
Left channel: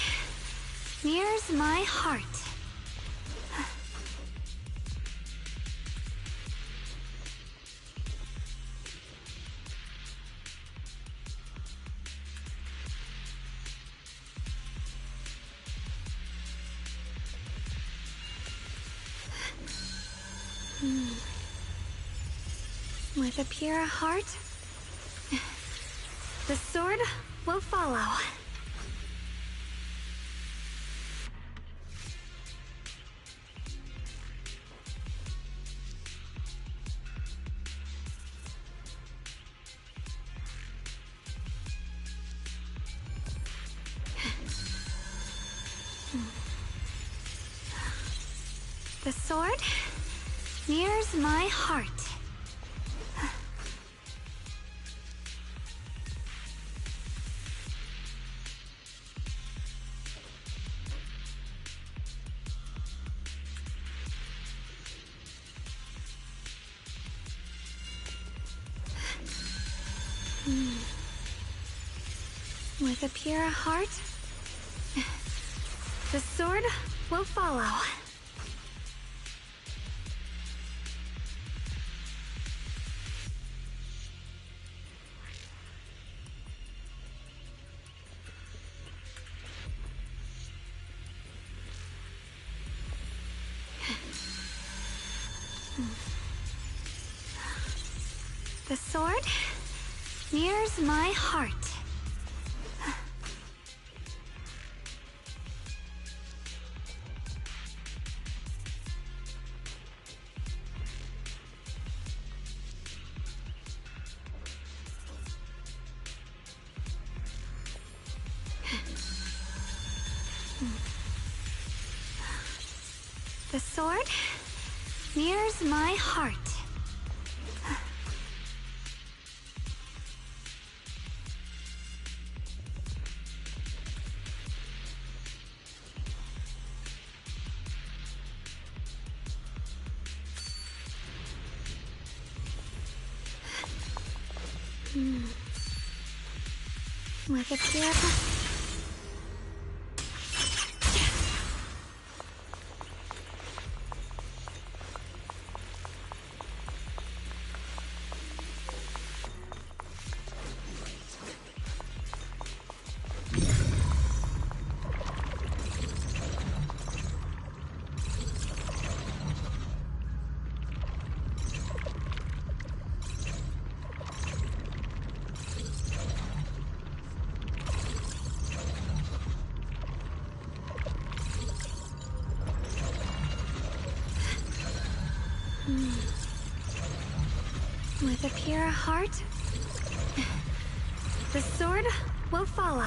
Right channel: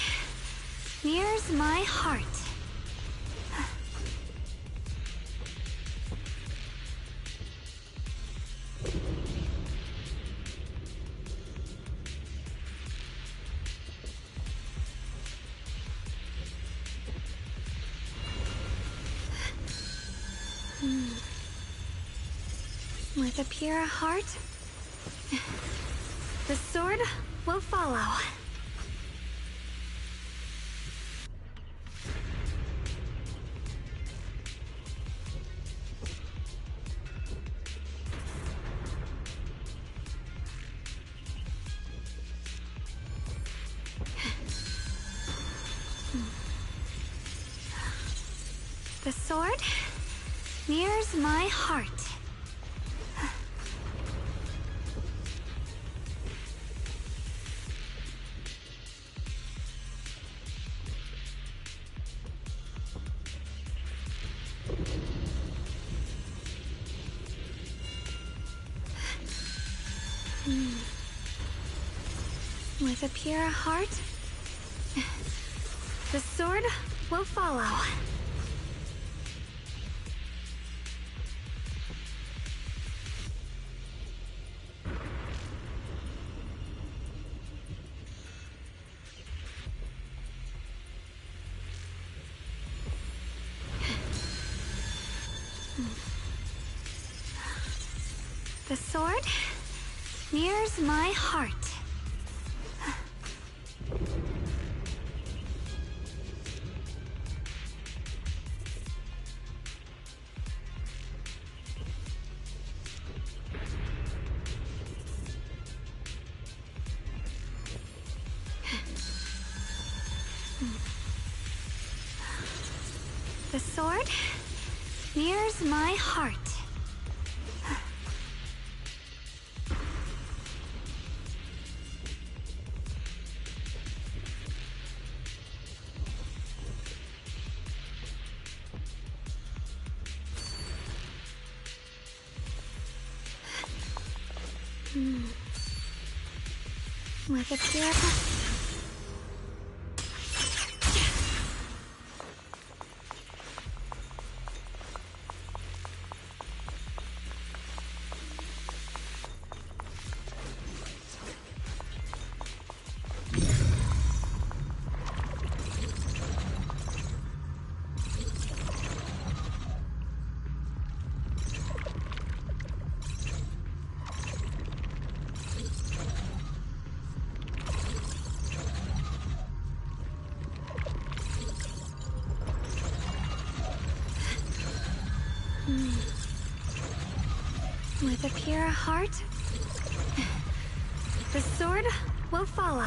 mirrors my heart. With a pure heart, the sword will follow. The sword mirrors my heart. With a pure heart, the sword will follow. The sword mirrors my heart. The sword mirrors my heart. With a pure... With a pure heart, the sword will follow.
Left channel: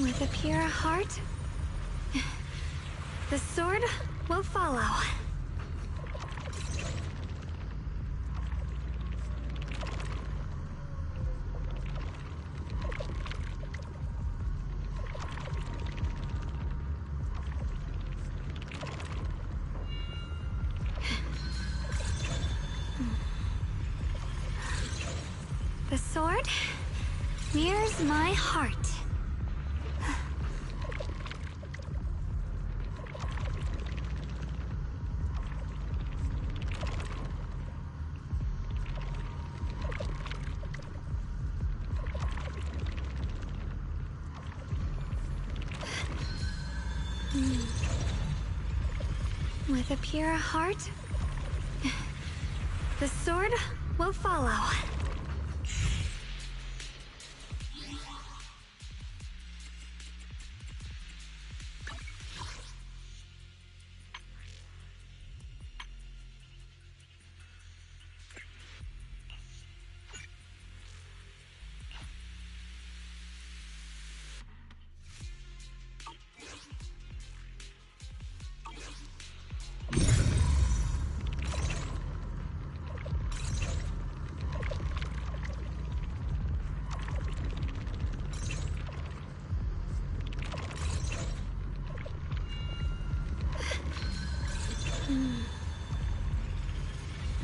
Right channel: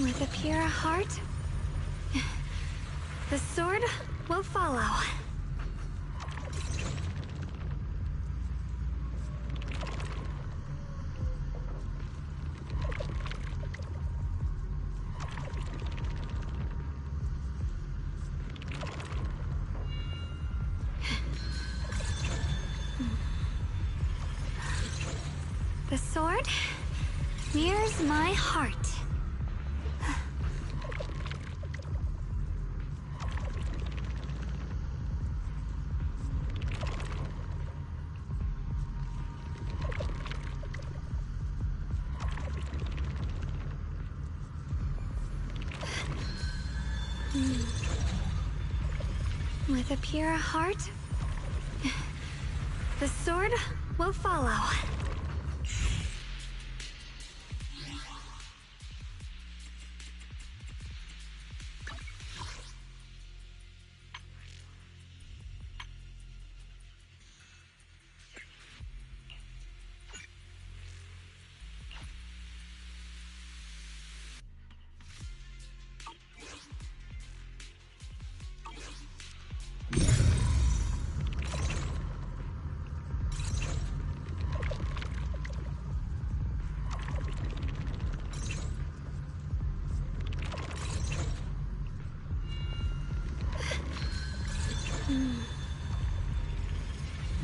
With a pure heart, the sword will follow. The sword mirrors my heart. With a pure heart, the sword will follow.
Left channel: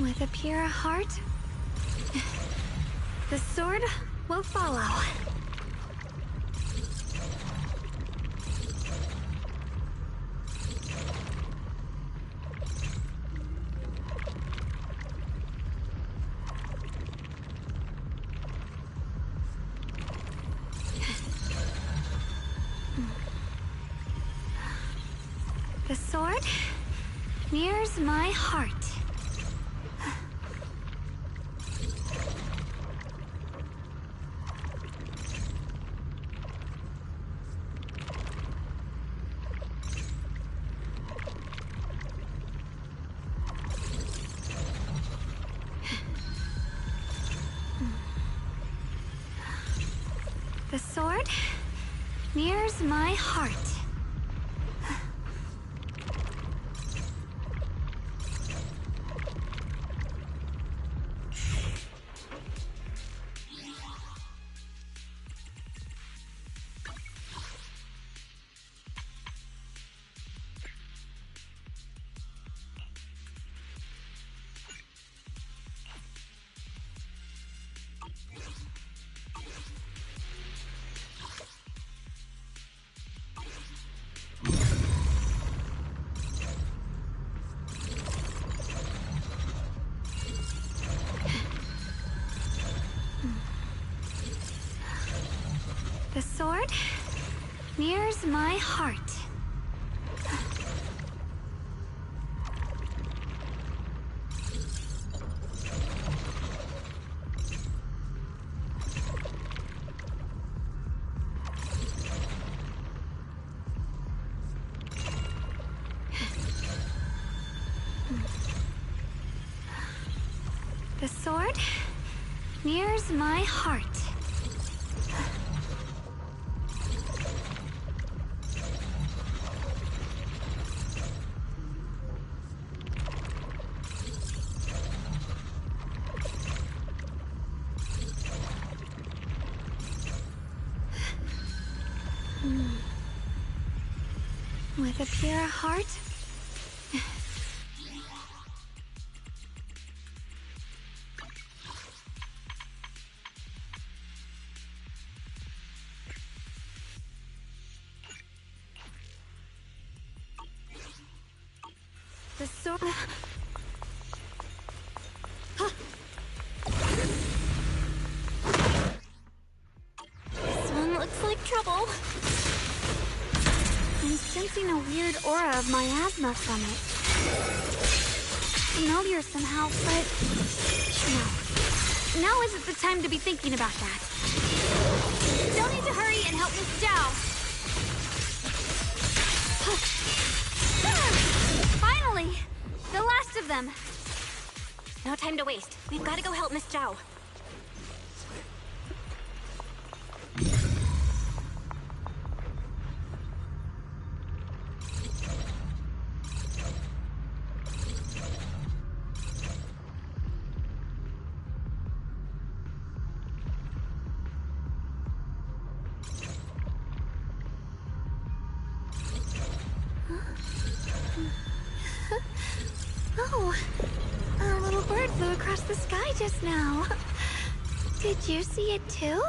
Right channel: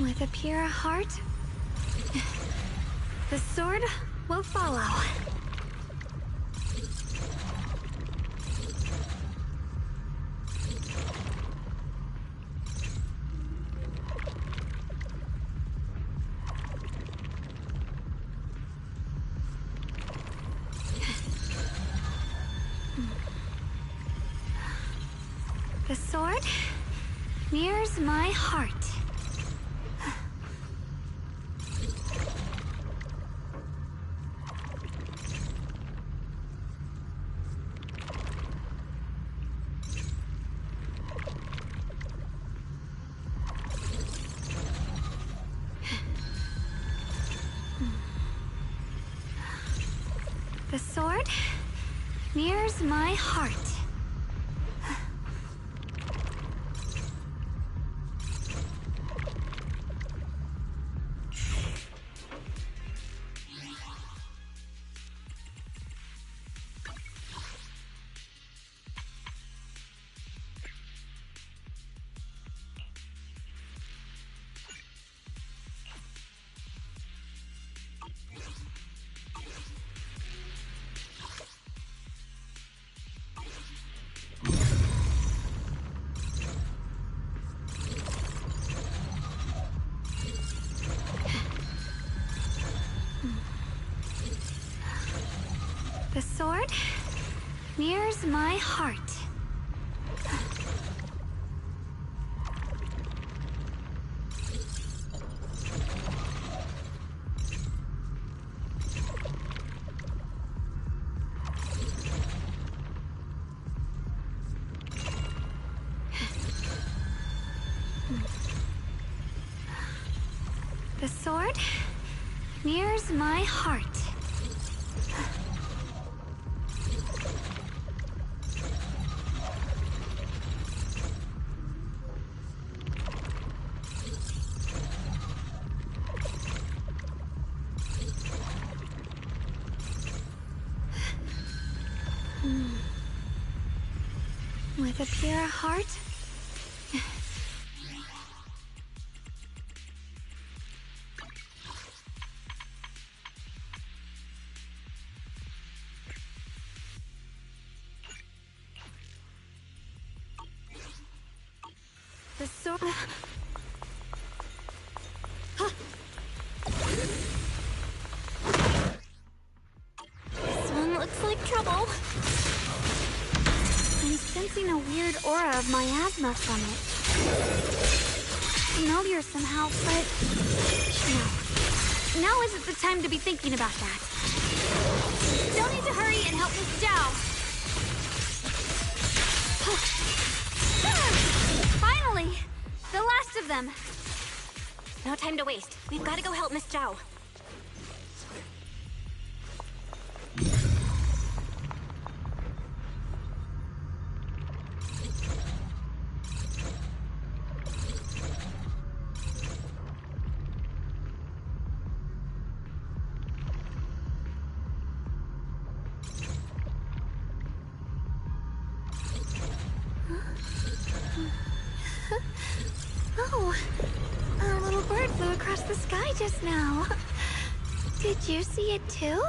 With a pure heart, the sword will follow. The sword mirrors my heart. The sword mirrors my heart. The sword mirrors my heart. The sword mirrors my heart. With a pure heart, the sword. This one looks like trouble. I'm sensing a weird aura of miasma from it. Familiar somehow, but no. Now isn't the time to be thinking about that. Still need to hurry and help Miss Zhao. Finally! The last of them. No time to waste. We've got to go help Miss Zhao. Oh, a little bird flew across the sky just now. Did you see it too?